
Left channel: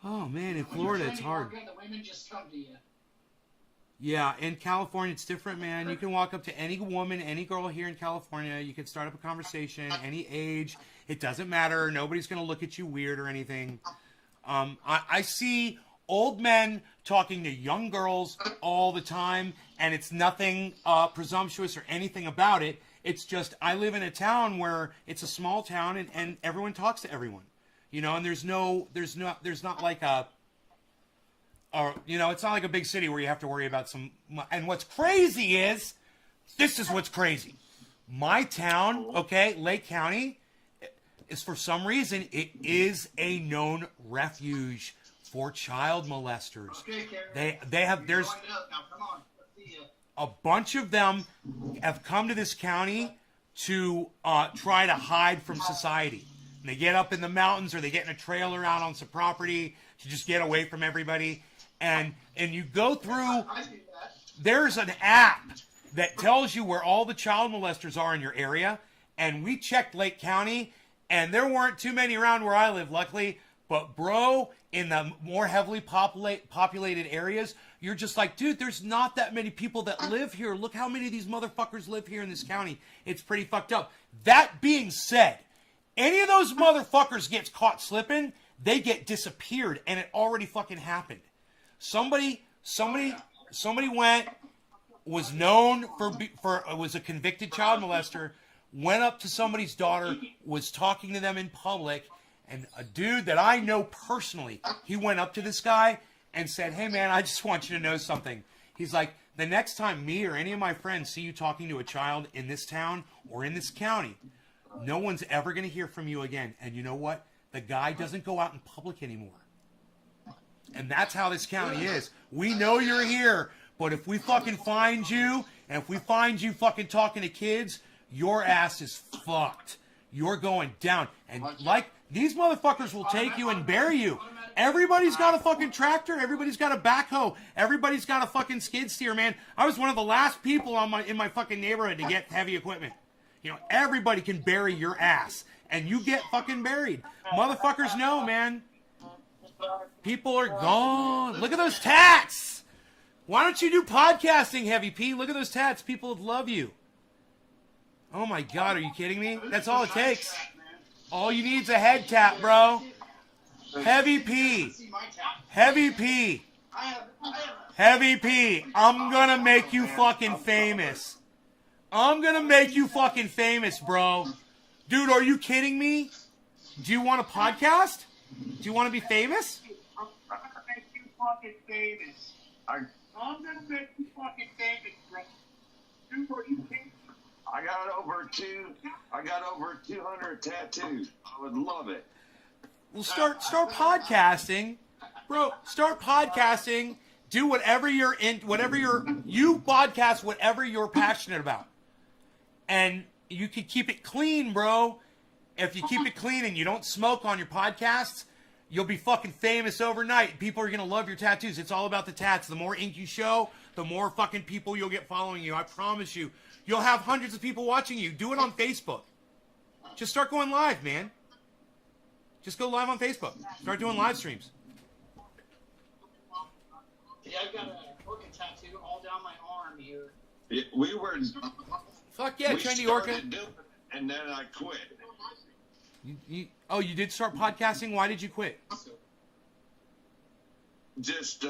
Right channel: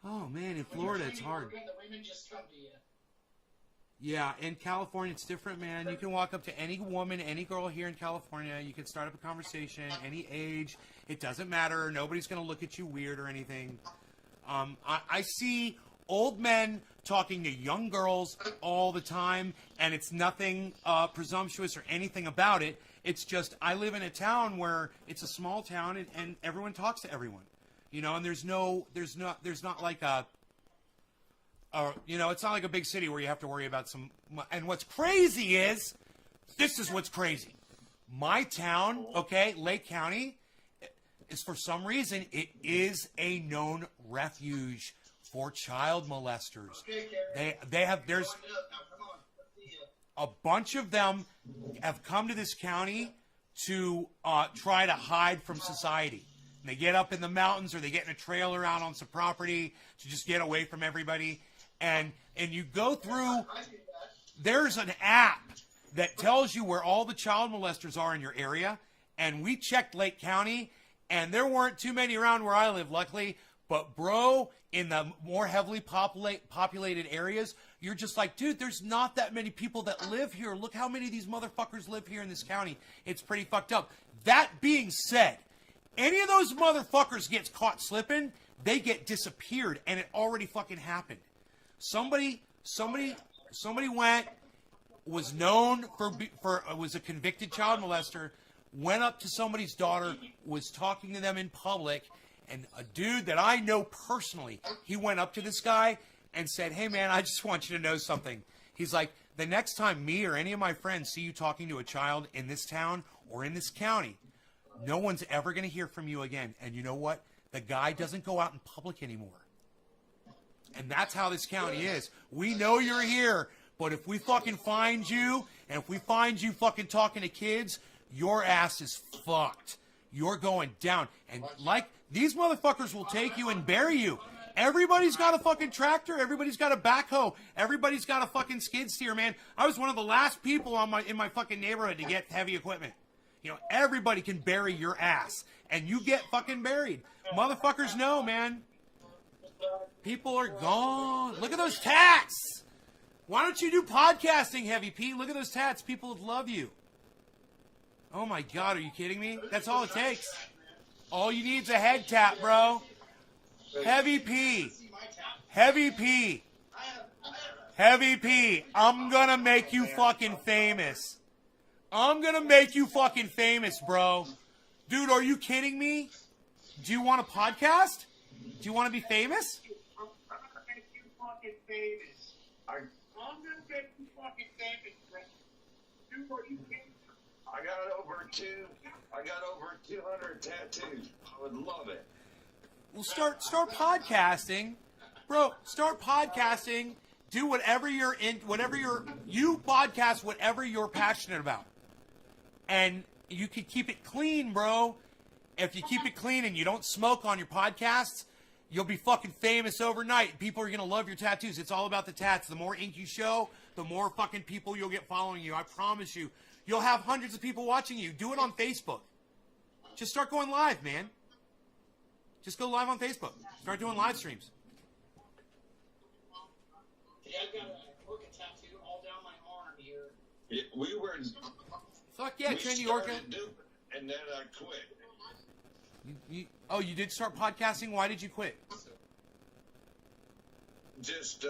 Oh man, in Florida it's hard. Yeah, in California it's different, man. You can walk up to any woman, any girl here in California. You can start up a conversation, any age. It doesn't matter. Nobody's going to look at you weird or anything. I see old men talking to young girls all the time, and it's nothing presumptuous or anything about it. It's just I live in a town where it's a small town, and everyone talks to everyone, you know. And there's not like a, you know, it's not like a big city where you have to worry about some. And what's crazy is, this is what's crazy. My town, okay, Lake County, is for some reason it is a known refuge for child molesters. Okay, They have there's. a bunch of them have come to this county to try to hide from society. And they get up in the mountains, or they get in a trailer out on some property to just get away from everybody. And you go through, there's an app that tells you where all the child molesters are in your area. And we checked Lake County, and there weren't too many around where I live, luckily. But bro, in the more heavily populated areas, you're just like, dude, there's not that many people that live here. Look how many of these motherfuckers live here in this county. It's pretty fucked up. That being said, any of those motherfuckers gets caught slipping, they get disappeared, and it already fucking happened. Somebody went, was known for was a convicted child molester, went up to somebody's daughter, was talking to them in public, and a dude that I know personally, he went up to this guy and said, hey man, I just want you to know something. He's like, the next time me or any of my friends see you talking to a child in this town or in this county, no one's ever going to hear from you again. And you know what? The guy doesn't go out in public anymore. And that's how this county is. We know you're here, but if we fucking find you, and if we find you fucking talking to kids, your ass is fucked. You're going down. And like, these motherfuckers will take you and bury you. Everybody's got a fucking tractor. Everybody's got a backhoe. Everybody's got a fucking skid steer, man. I was one of the last people in my fucking neighborhood to get heavy equipment. You know, everybody can bury your ass. And you get fucking buried. Motherfuckers know, man. People are gone. Look at those tats. Why don't you do podcasting, Heavy P? Look at those tats. People would love you. Oh my God, are you kidding me? That's all it takes. All you need is a head tap, bro. Heavy P. Heavy P. Heavy P. I'm gonna make you fucking famous. I'm gonna make you fucking famous, bro. Dude, are you kidding me? Do you want a podcast? Do you want to be famous? I'm gonna make you fucking famous. I'm gonna make you fucking famous, bro. Dude, are you kidding me? I got over 200 tattoos. I would love it. Well, start podcasting, bro. Start podcasting. Do whatever you're in. You podcast whatever you're passionate about, and you can keep it clean, bro. If you keep it clean and you don't smoke on your podcasts, you'll be fucking famous overnight. People are gonna love your tattoos. It's all about the tats. The more ink you show, the more fucking people you'll get following you. I promise you. You'll have hundreds of people watching you. Do it on Facebook. Just start going live, man. Just go live on Facebook. Start doing live streams. Yeah, I've got a orca tattoo all down my arm here. Yeah, we were. Fuck yeah, we Trendy Orca. started doing it, and then I quit. You did start podcasting? Why did you quit? Just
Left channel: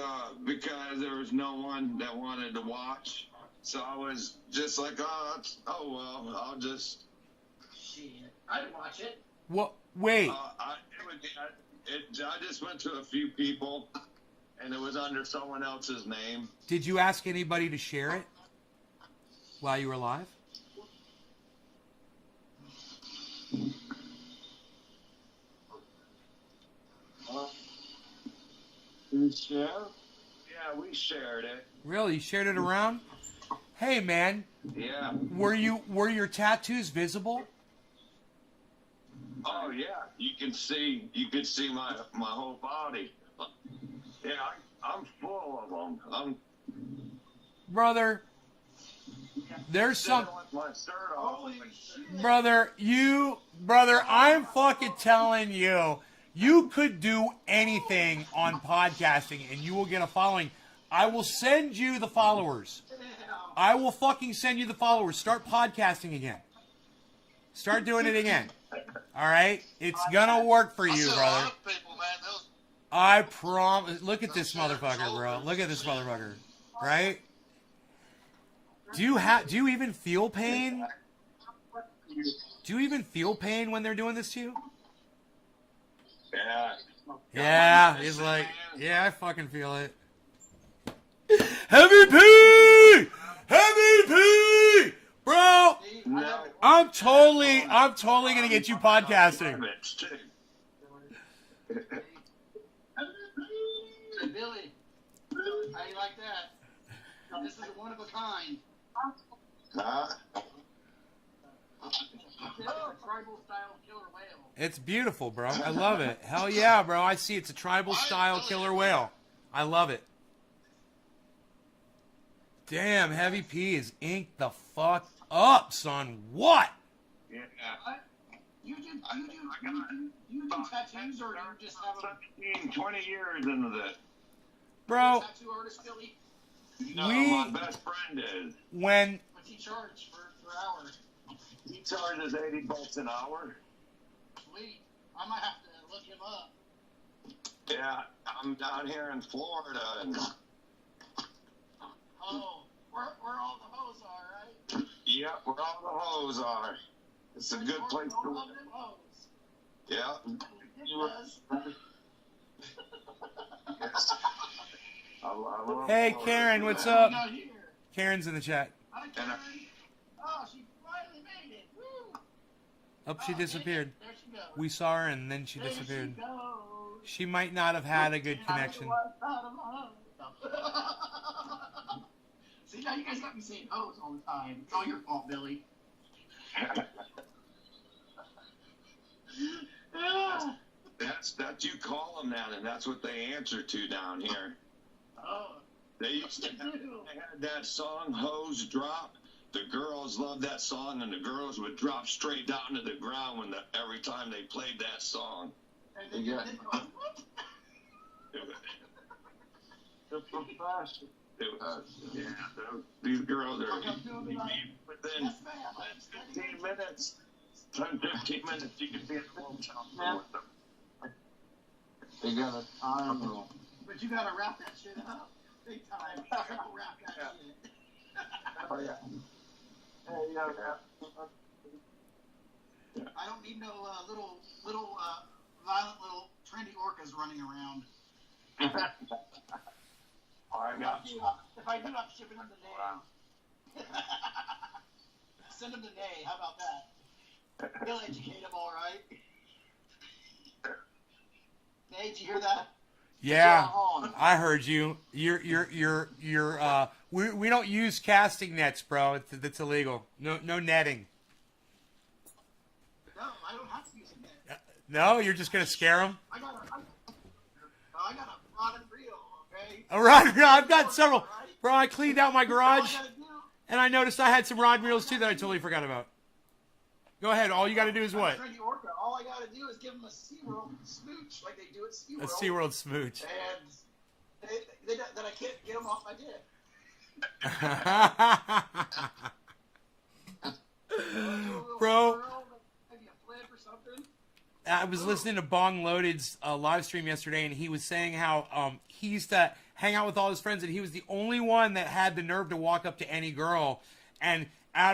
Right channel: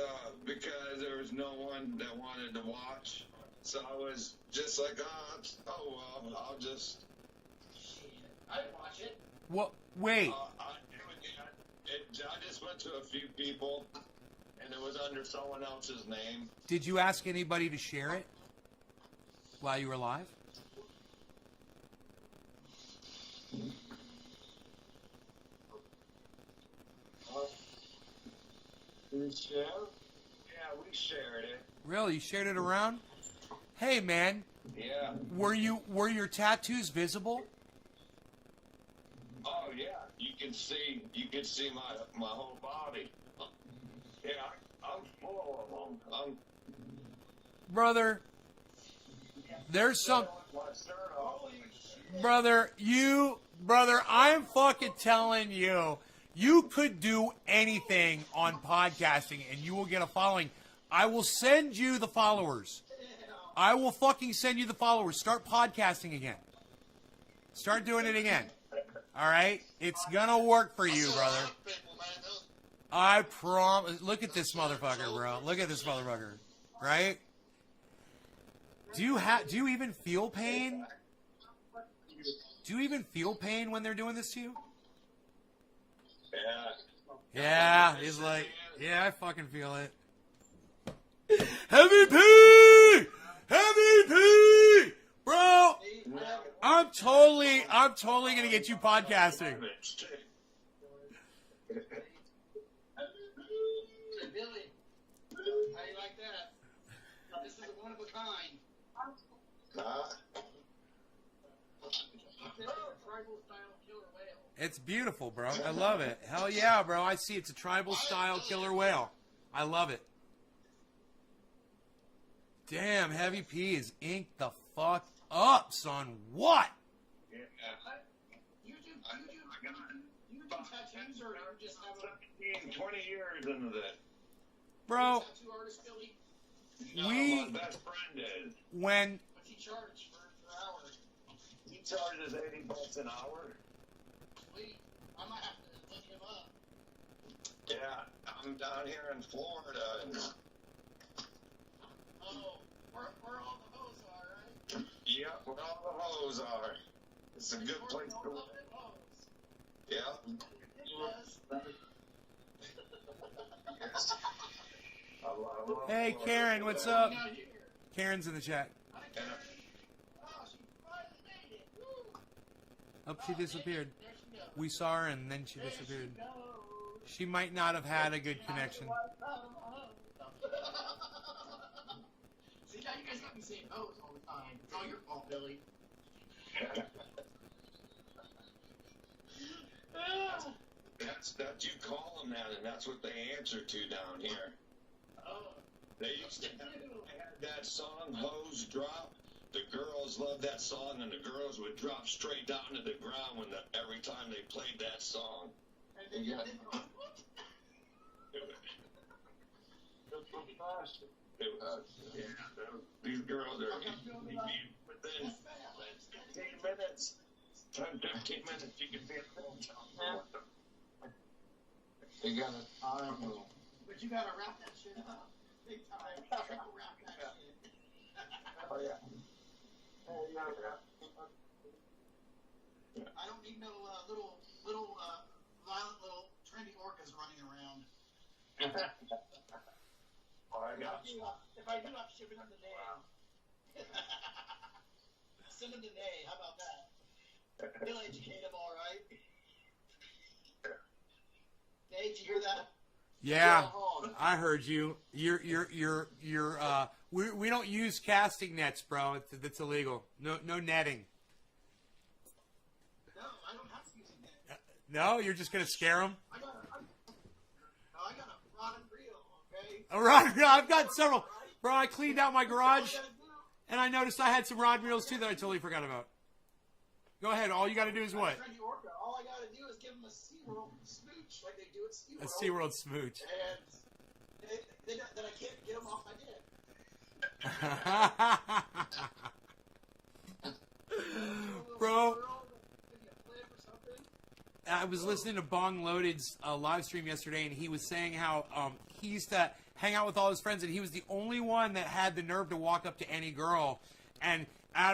because there was no one that wanted to watch. So I was just like, oh well, I'll just. Shit, I'd watch it. What? Wait. I just went to a few people, and it was under someone else's name. Did you ask anybody to share it while you were live? Yeah, we shared it. Really? You shared it around? Hey, man. Yeah. Were your tattoos visible? Oh yeah, you can see my whole body. Yeah, I'm full of them. Brother, there's some... With my shirt off. Brother, I'm fucking telling you, you could do anything on podcasting and you will get a following. I will send you the followers. I will fucking send you the followers. Start podcasting again. Start doing it again. All right? It's gonna work for you, brother. I promise. Look at this motherfucker, bro. Look at this motherfucker. Right? Do you even feel pain? Do you even feel pain when they're doing this to you? Yeah. Yeah, he's like, yeah, I fucking feel it. Heavy P! Heavy P! Bro, I'm totally gonna get you podcasting. Hey, Billy, how you like that? This is a one of a kind. Huh? Tribal style killer whale. It's beautiful, bro. I love it. Hell yeah, bro. I see it's a tribal style killer whale. I love it. Damn, Heavy P is inked the fuck up, son. What? Yeah. You do tattoos, or you just have a 17, 20 years into this. Bro, tattoo artist, Billy? No, We- my best friend is. when What's he charge for hours? He charges $80 an hour. Sweet. I might have to look him up. Yeah, I'm down here in Florida, and Oh, where all the hoes are, right? yeah, where all the hoes are. It's a good place to All live. them hoes. Yeah. It does. Yes. I love Hey, Florida. Karen, what's We up? got here. Karen's in the chat. Hi, Karen. Oh, she finally made it. Woo. Oh, she disappeared. There she goes. We saw her and then she There disappeared. She goes. She might not have had a good connection. See, now you guys got me saying hoes all the time. It's all your fault, Billy. That's you call them that, and that's what they answer to down here. Oh, They used to have, they had that song "Hose Drop." The girls loved that song, and the girls would drop straight down to the ground every time they played that song. and then, Yeah. then, Yeah, these girls are within yes, ma'am. 15 minutes. 15 minutes, you can be at the hotel. They got But you gotta wrap that shit up. Big time. Triple wrap that shit. Oh yeah. I don't need no little violent little trendy orcas running around. Oh, I got you. If I do, I'm shipping them to Nay. Send them to Nay. How about that? He'll educate them, all right. Nay, did you hear that? Yeah, Go on. I heard you. We don't use casting nets, bro. It's illegal. No netting. No, I don't have to use a net. No, you're just gonna scare them. I got a rod and reel, okay? A rod reel. I've got several. Right? Bro, I cleaned out my All I garage, gotta do, and I noticed I had some rod reels too that I totally forgot about. Go ahead. All you got to do is what? trendy orca. All I gotta do is give them a SeaWorld smooch like they do at SeaWorld. A SeaWorld smooch. And that I can't get them off my dick. Bro, Maybe a flip or something. I was listening to Bong Loaded's live stream yesterday, and he was saying how he used to hang out with all his friends, and he was the only one that had the nerve to walk up to any girl. And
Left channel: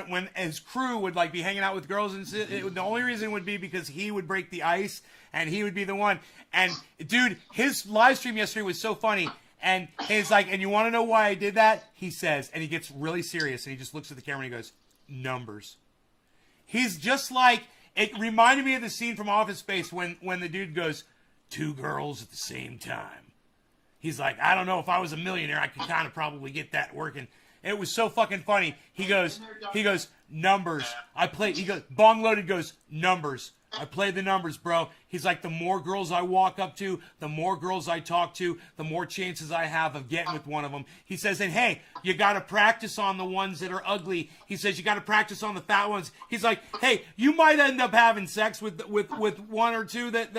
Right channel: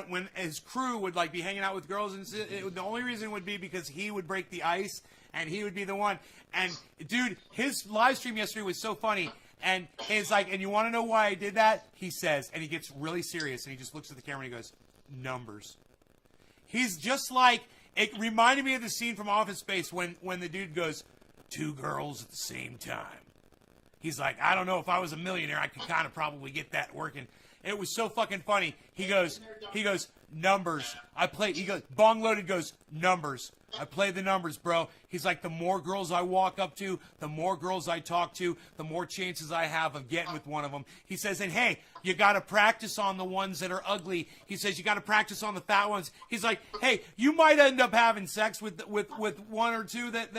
when his crew would like be hanging out with girls, and the only reason would be because he would break the ice, and he would be the one. And dude, his live stream yesterday was so funny. And he's like, and you want to know why I did that? He says, and he gets really serious, and he just looks at the camera and he goes, numbers. He's just like, it reminded me of the scene from Office Space when the dude goes, 2 girls at the same time. He's like, I don't know, if I was a millionaire, I could kind of probably get that working. It was so fucking funny. He goes, numbers. He goes, Bong Loaded goes, numbers. I play the numbers, bro. He's like, the more girls I walk up to, the more girls I talk to, the more chances I have of getting with one of them. He says, and hey, you got to practice on the ones that are ugly. He says, you got to practice on the fat ones. He's like, hey, you might end up having sex with one or two that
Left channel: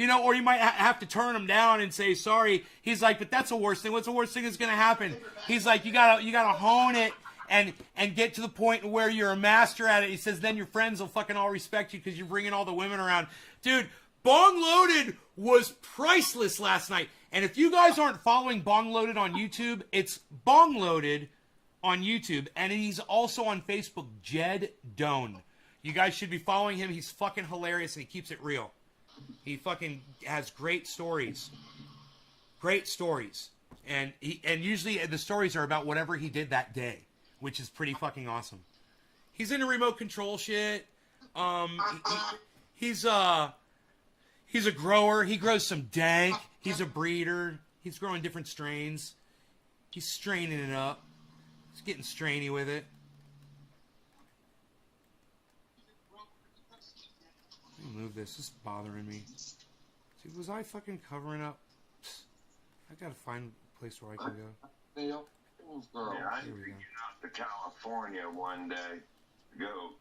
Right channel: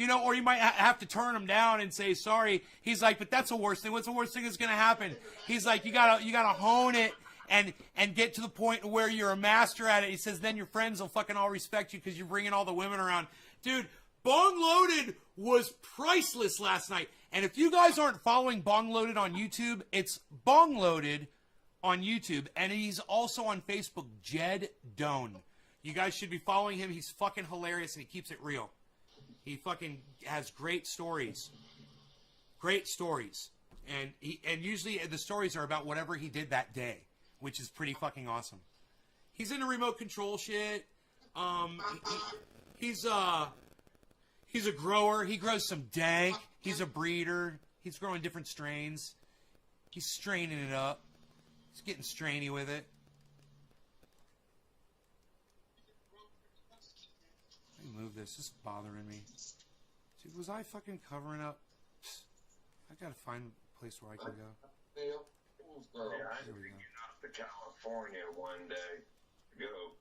or you might have to turn them down and say sorry. He's like, but that's the worst thing. What's the worst thing that's going to happen? He's like, you gotta hone it. And get to the point where you're a master at it. He says, then your friends will fucking all respect you because you're bringing all the women around. Dude, Bong Loaded was priceless last night. And if you guys aren't following Bong Loaded on YouTube, it's Bong Loaded on YouTube. And he's also on Facebook, Jed Doan. You guys should be following him. He's fucking hilarious and he keeps it real. He fucking has great stories. Great stories. And usually the stories are about whatever he did that day, which is pretty fucking awesome. He's into remote control shit. He's a grower. He grows some dank. He's a breeder. He's growing different strains. He's straining it up. It's getting strainy with it. Let me move this. This is bothering me. See, was I fucking covering up? I gotta find a place where I can go. Neil? Yeah, I'm Here we go. thinking out to California one day.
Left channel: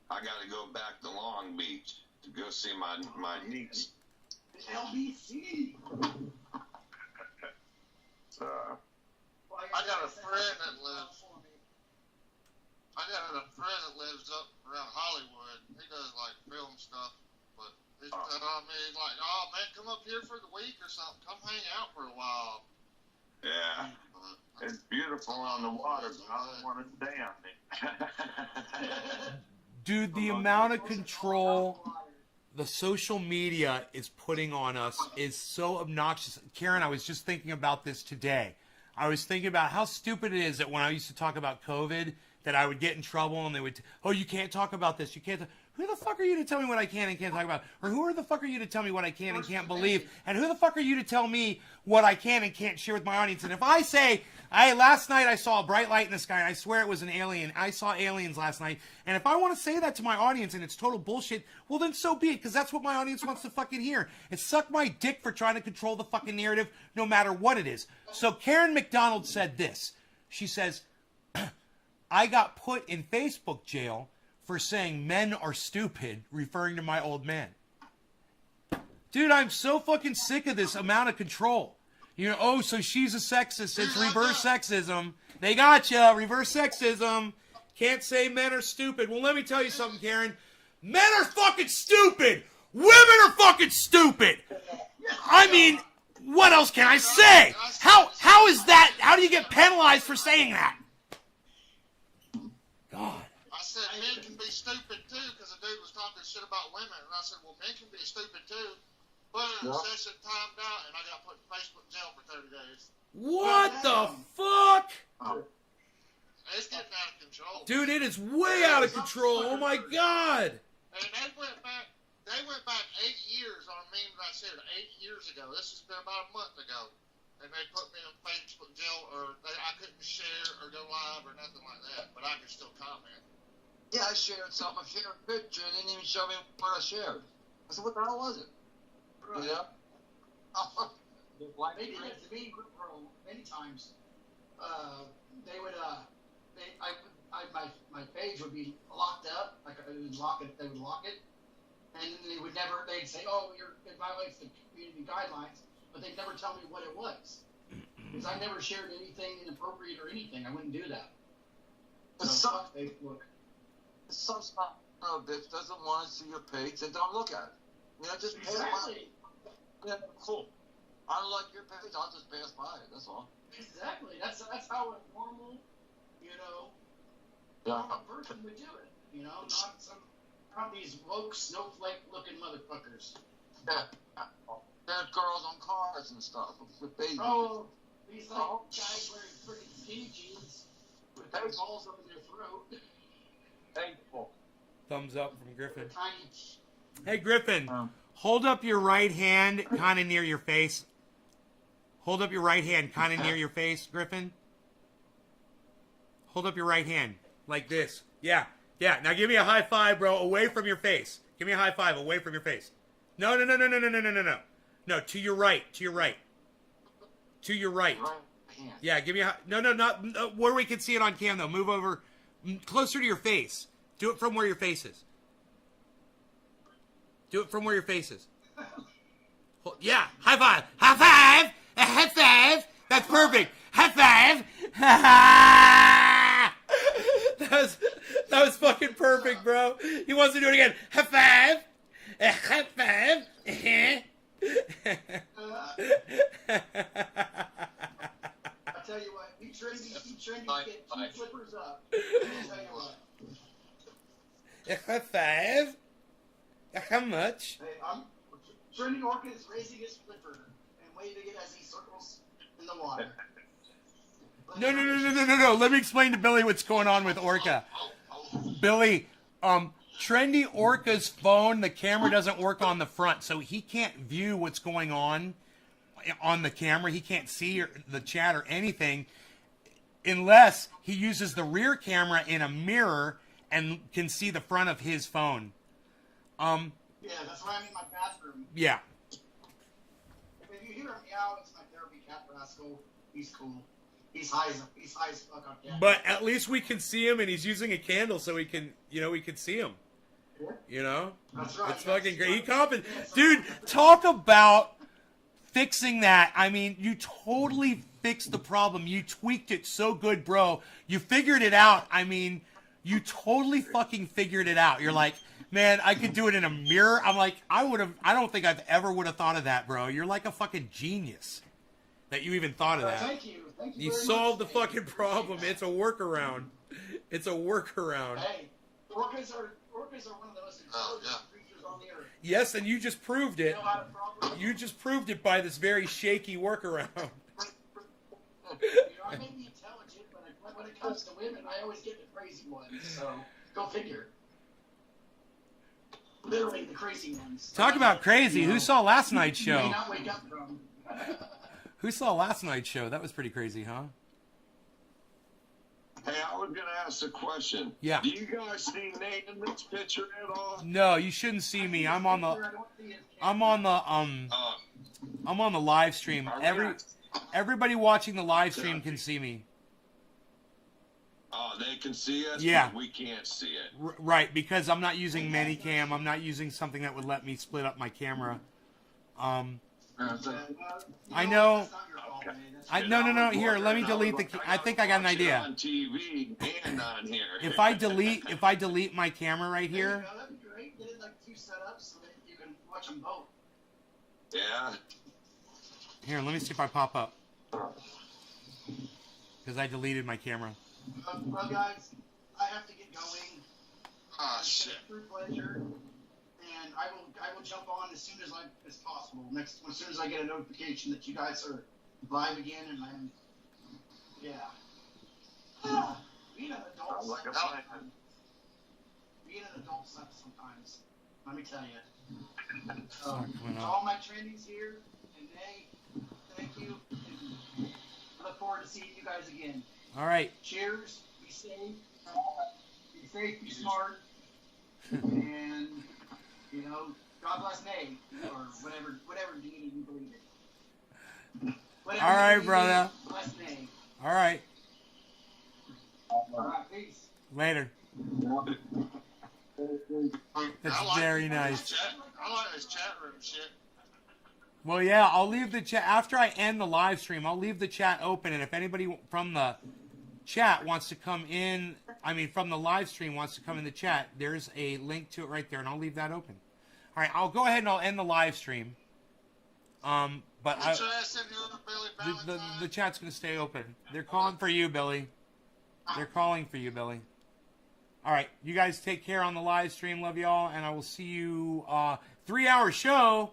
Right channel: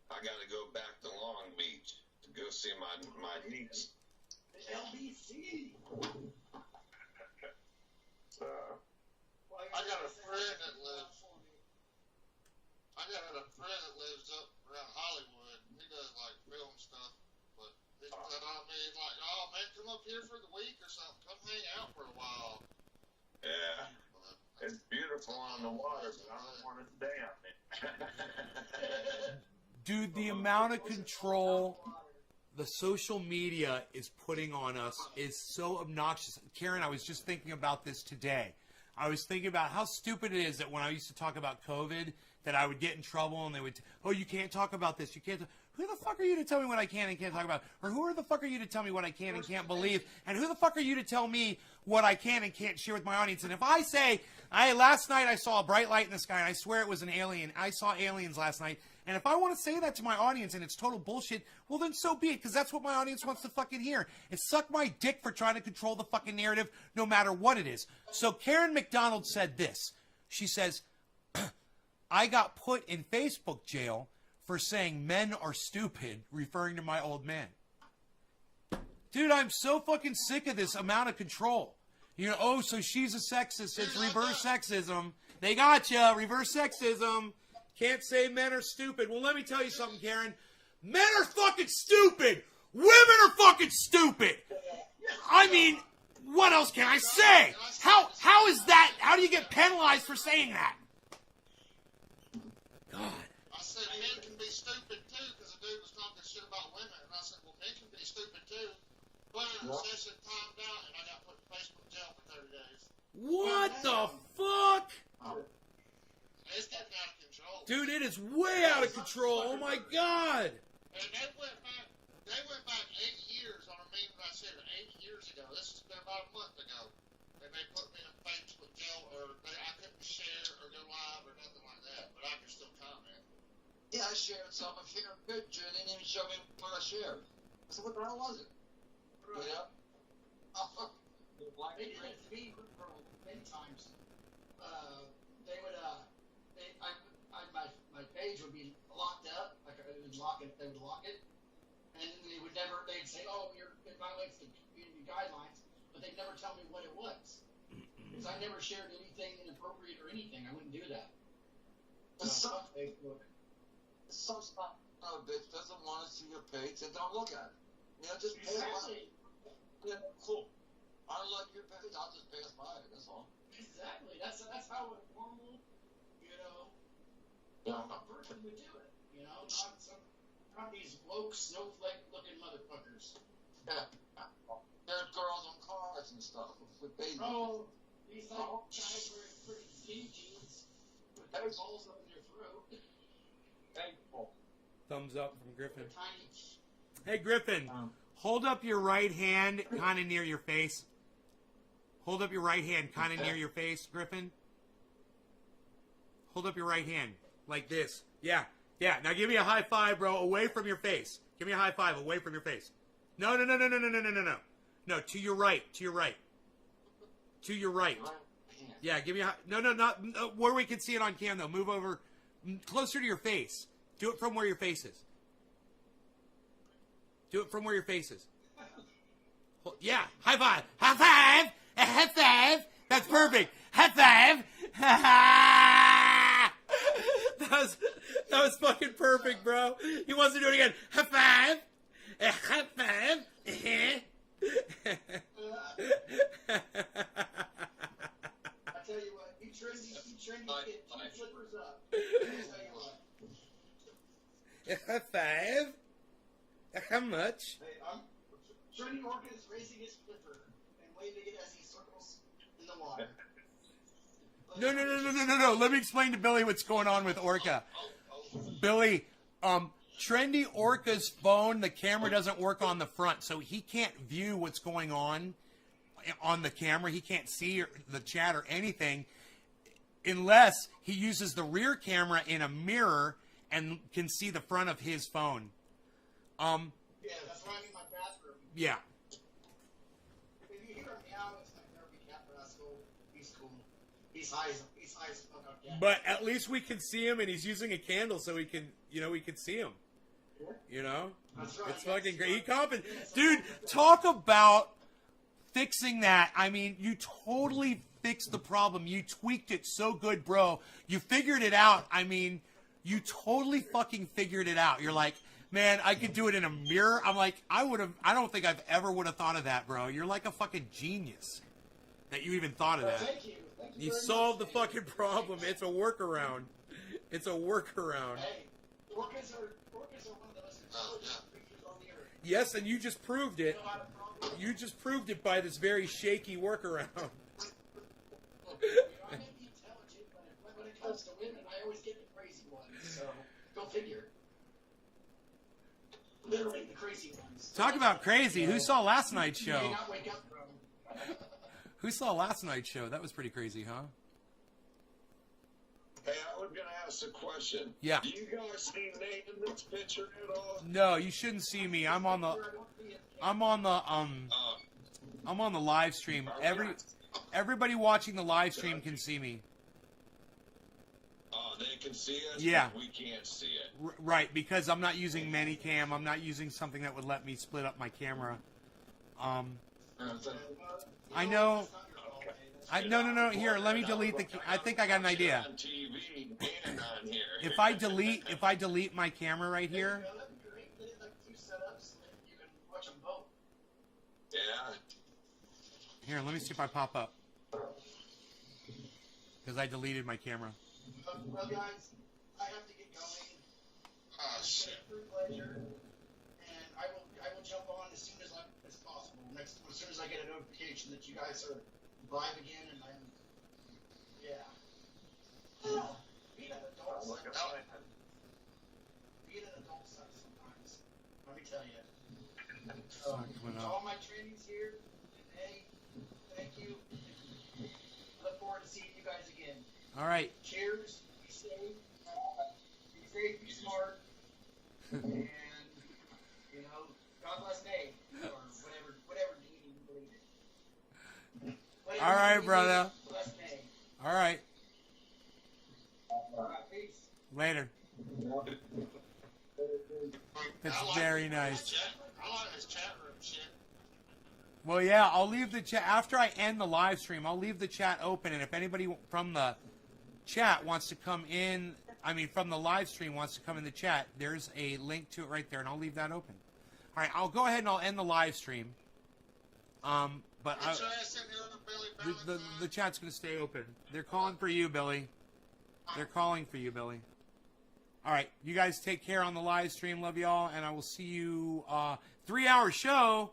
I gotta go back to Long Beach to go see my niece. LBC. So, I got a friend that lives. I got a friend that lives up around Hollywood. He does like film stuff, but he's like, oh man, come up here for the week or something. Come hang out for a while. yeah, it's beautiful on the water, but I don't want to stay on it. Dude, the amount of control the social media is putting on us is so obnoxious. Karen, I was just thinking about this today. I was thinking about how stupid it is that when I used to talk about COVID, that I would get in trouble and they would, oh, you can't talk about this. You can't. Who the fuck are you to tell me what I can and can't talk about? Or who the fuck are you to tell me what I can and can't believe? And who the fuck are you to tell me what I can and can't share with my audience? And if I say, last night I saw a bright light in the sky and I swear it was an alien. I saw aliens last night. And if I want to say that to my audience and it's total bullshit, well then so be it, because that's what my audience wants to fucking hear. And suck my dick for trying to control the fucking narrative no matter what it is. So Karen McDonald said this. She says, I got put in Facebook jail for saying men are stupid, referring to my old man. Dude, I'm so fucking sick of this amount of control. You know, oh, so she's a sexist. It's reverse sexism. They got ya. Reverse sexism. Can't say men are stupid. Well, let me tell you something, Karen. Men are fucking stupid. Women are fucking stupid. I mean, what else can I say? How is that? How do you get penalized for saying that? God. I said men can be stupid too, because the dude was talking shit about women, and I said, well, men can be stupid too. But the session timed out, and I got put in Facebook jail for 30 days. What the fuck? It's getting out of control. Dude, it is way out of control. Oh my God. And they went back 8 years on a meme that I shared 8 years ago. This has been about a month ago. And they put me in Facebook jail, or I couldn't share or go live or nothing like that, but I can still comment. Yeah, I shared something. I shared a picture. They didn't even show me what I shared. I said, what the hell was it? Right. Yeah. They did it to me many times. They would, my page would be locked up. Like they would lock it, and they'd say, oh, it violates the community guidelines, but they'd never tell me what it was. Because I never shared anything inappropriate or anything. I wouldn't do that. So fuck Facebook. Some bitch doesn't want to see your page, then don't look at it. You know, just pass by. Yeah, cool. I don't like your page, I'll just pass by it, that's all. Exactly. That's how a normal, person would do it. Not these woke snowflake looking motherfuckers. Yeah. There's girls on cars and stuff with babies. Oh, these guys wearing freaking skinny jeans with their balls up in their throat. Thankful. Thumbs up from Griffin. Tiny. Hey, Griffin, hold up your right hand kind of near your face. Hold up your right hand kind of near your face, Griffin. Hold up your right hand like this. Yeah. Now give me a high five, bro, away from your face. Give me a high five away from your face. No. No, to your right. To your right. Yeah, give me a no, not where we can see it on cam, though. Move over closer to your face. Do it from where your face is. Do it from where your face is. Yeah, high five. High five. A high five. That's perfect. High five. That was fucking perfect, bro. He wants to do it again. High five. A high five. I tell you what, be trendy, get 2 flippers up. I'll tell you what. A high five. How much? Hey, Trendy Orca is raising his flipper and waving it as he circles in the water. No. Let me explain to Billy what's going on with Orca. Billy, Trendy Orca's phone, the camera doesn't work on the front, so he can't view what's going on the camera. He can't see the chat or anything. unless he uses the rear camera in a mirror and can see the front of his phone. Yeah, that's why I'm in my bathroom. Yeah. If you hear him meow, it's my therapy cat rascal. He's cool. He's high as fuck up yet. But at least we can see him, and he's using a candle so we can see him. You know? That's right. It's fucking great. Dude, talk about fixing that. I mean, you totally fixed the problem. You tweaked it so good, bro. You figured it out. I mean, you totally fucking figured it out. You're like, man, I could do it in a mirror. I'm like, I don't think I've ever would have thought of that, bro. You're like a fucking genius that you even thought of that. Thank you. You solved the fucking problem. It's a workaround. It's a workaround. Hey, orcas are one of the most intelligent creatures on the earth. Yes, and you just proved it. You know how to problem? You just proved it by this very shaky workaround. You know, I may be intelligent, but when it comes to women, I always get the crazy ones. So go figure. Literally the crazy ones. Talk about crazy. Who saw last night's You may show? not wake up from. Who saw last night's show? That was pretty crazy, huh? Hey, I was gonna ask a question. Yeah. Do you guys see Nate in this picture at all? No, you shouldn't see me. I'm on the live stream. Everybody watching the live stream can see me. Oh, they can see us. Yeah. But we can't see it. Right, because I'm not using Manicam. I'm not using something that would let me split up my camera. I know. No. Here, let me delete the. I think I got an idea. On TV and on here. If I delete my camera right here. That'd be great. Get it like 2 setups so that you can watch them both. Yeah. Here, let me see if I pop up. Because I deleted my camera. Well, guys, I have to get going. Ah, shit. True pleasure, and I will jump on as soon as possible. As soon as I get a notification that you guys are live again, and I'm being an adult. Being an adult sucks sometimes. Let me tell you. coming up. All my trainees here, and hey, thank you. I look forward to seeing you guys again. All right. Cheers. Be safe. Be smart. And, you know, God bless Nate. Or whatever deity you believe in. All right, brother. Bless Nate. All right. All right, peace. Later. That's very nice. I like this chat room shit. Well, yeah, I'll leave the chat after I end the live stream. I'll leave the chat open, and if anybody from the chat wants to come in, from the live stream wants to come in the chat, there's a link to it right there, and I'll leave that open. All right, I'll go ahead and I'll end the live stream. But the chat's gonna stay open. They're calling for you, Billy. They're calling for you, Billy. All right, you guys take care on the live stream. Love y'all, and I will see you. 3-hour show.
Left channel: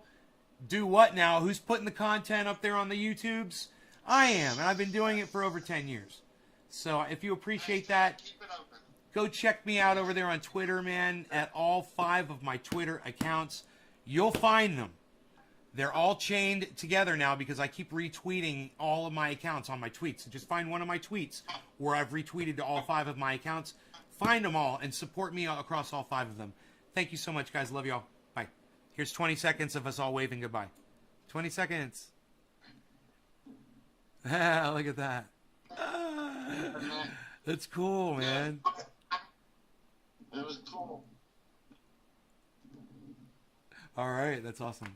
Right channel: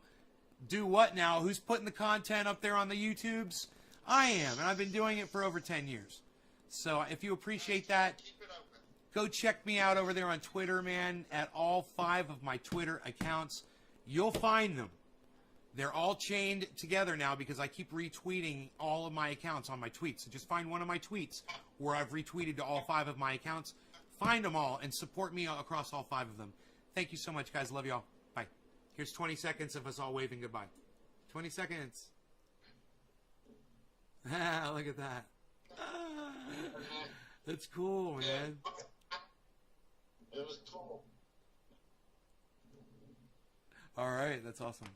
Do what now? Who's putting the content up there on the YouTubes? I am, and I've been doing it for over 10 years. So if you appreciate that, go check me out over there on Twitter, man, at all 5 of my Twitter accounts. You'll find them. They're all chained together now because I keep retweeting all of my accounts on my tweets. So just find one of my tweets where I've retweeted to all 5 of my accounts. Find them all and support me across all 5 of them. Thank you so much, guys. Love y'all. Bye. Here's 20 seconds of us all waving goodbye. 20 seconds. Look at that. That's cool, man. It was cool. All right, that's awesome.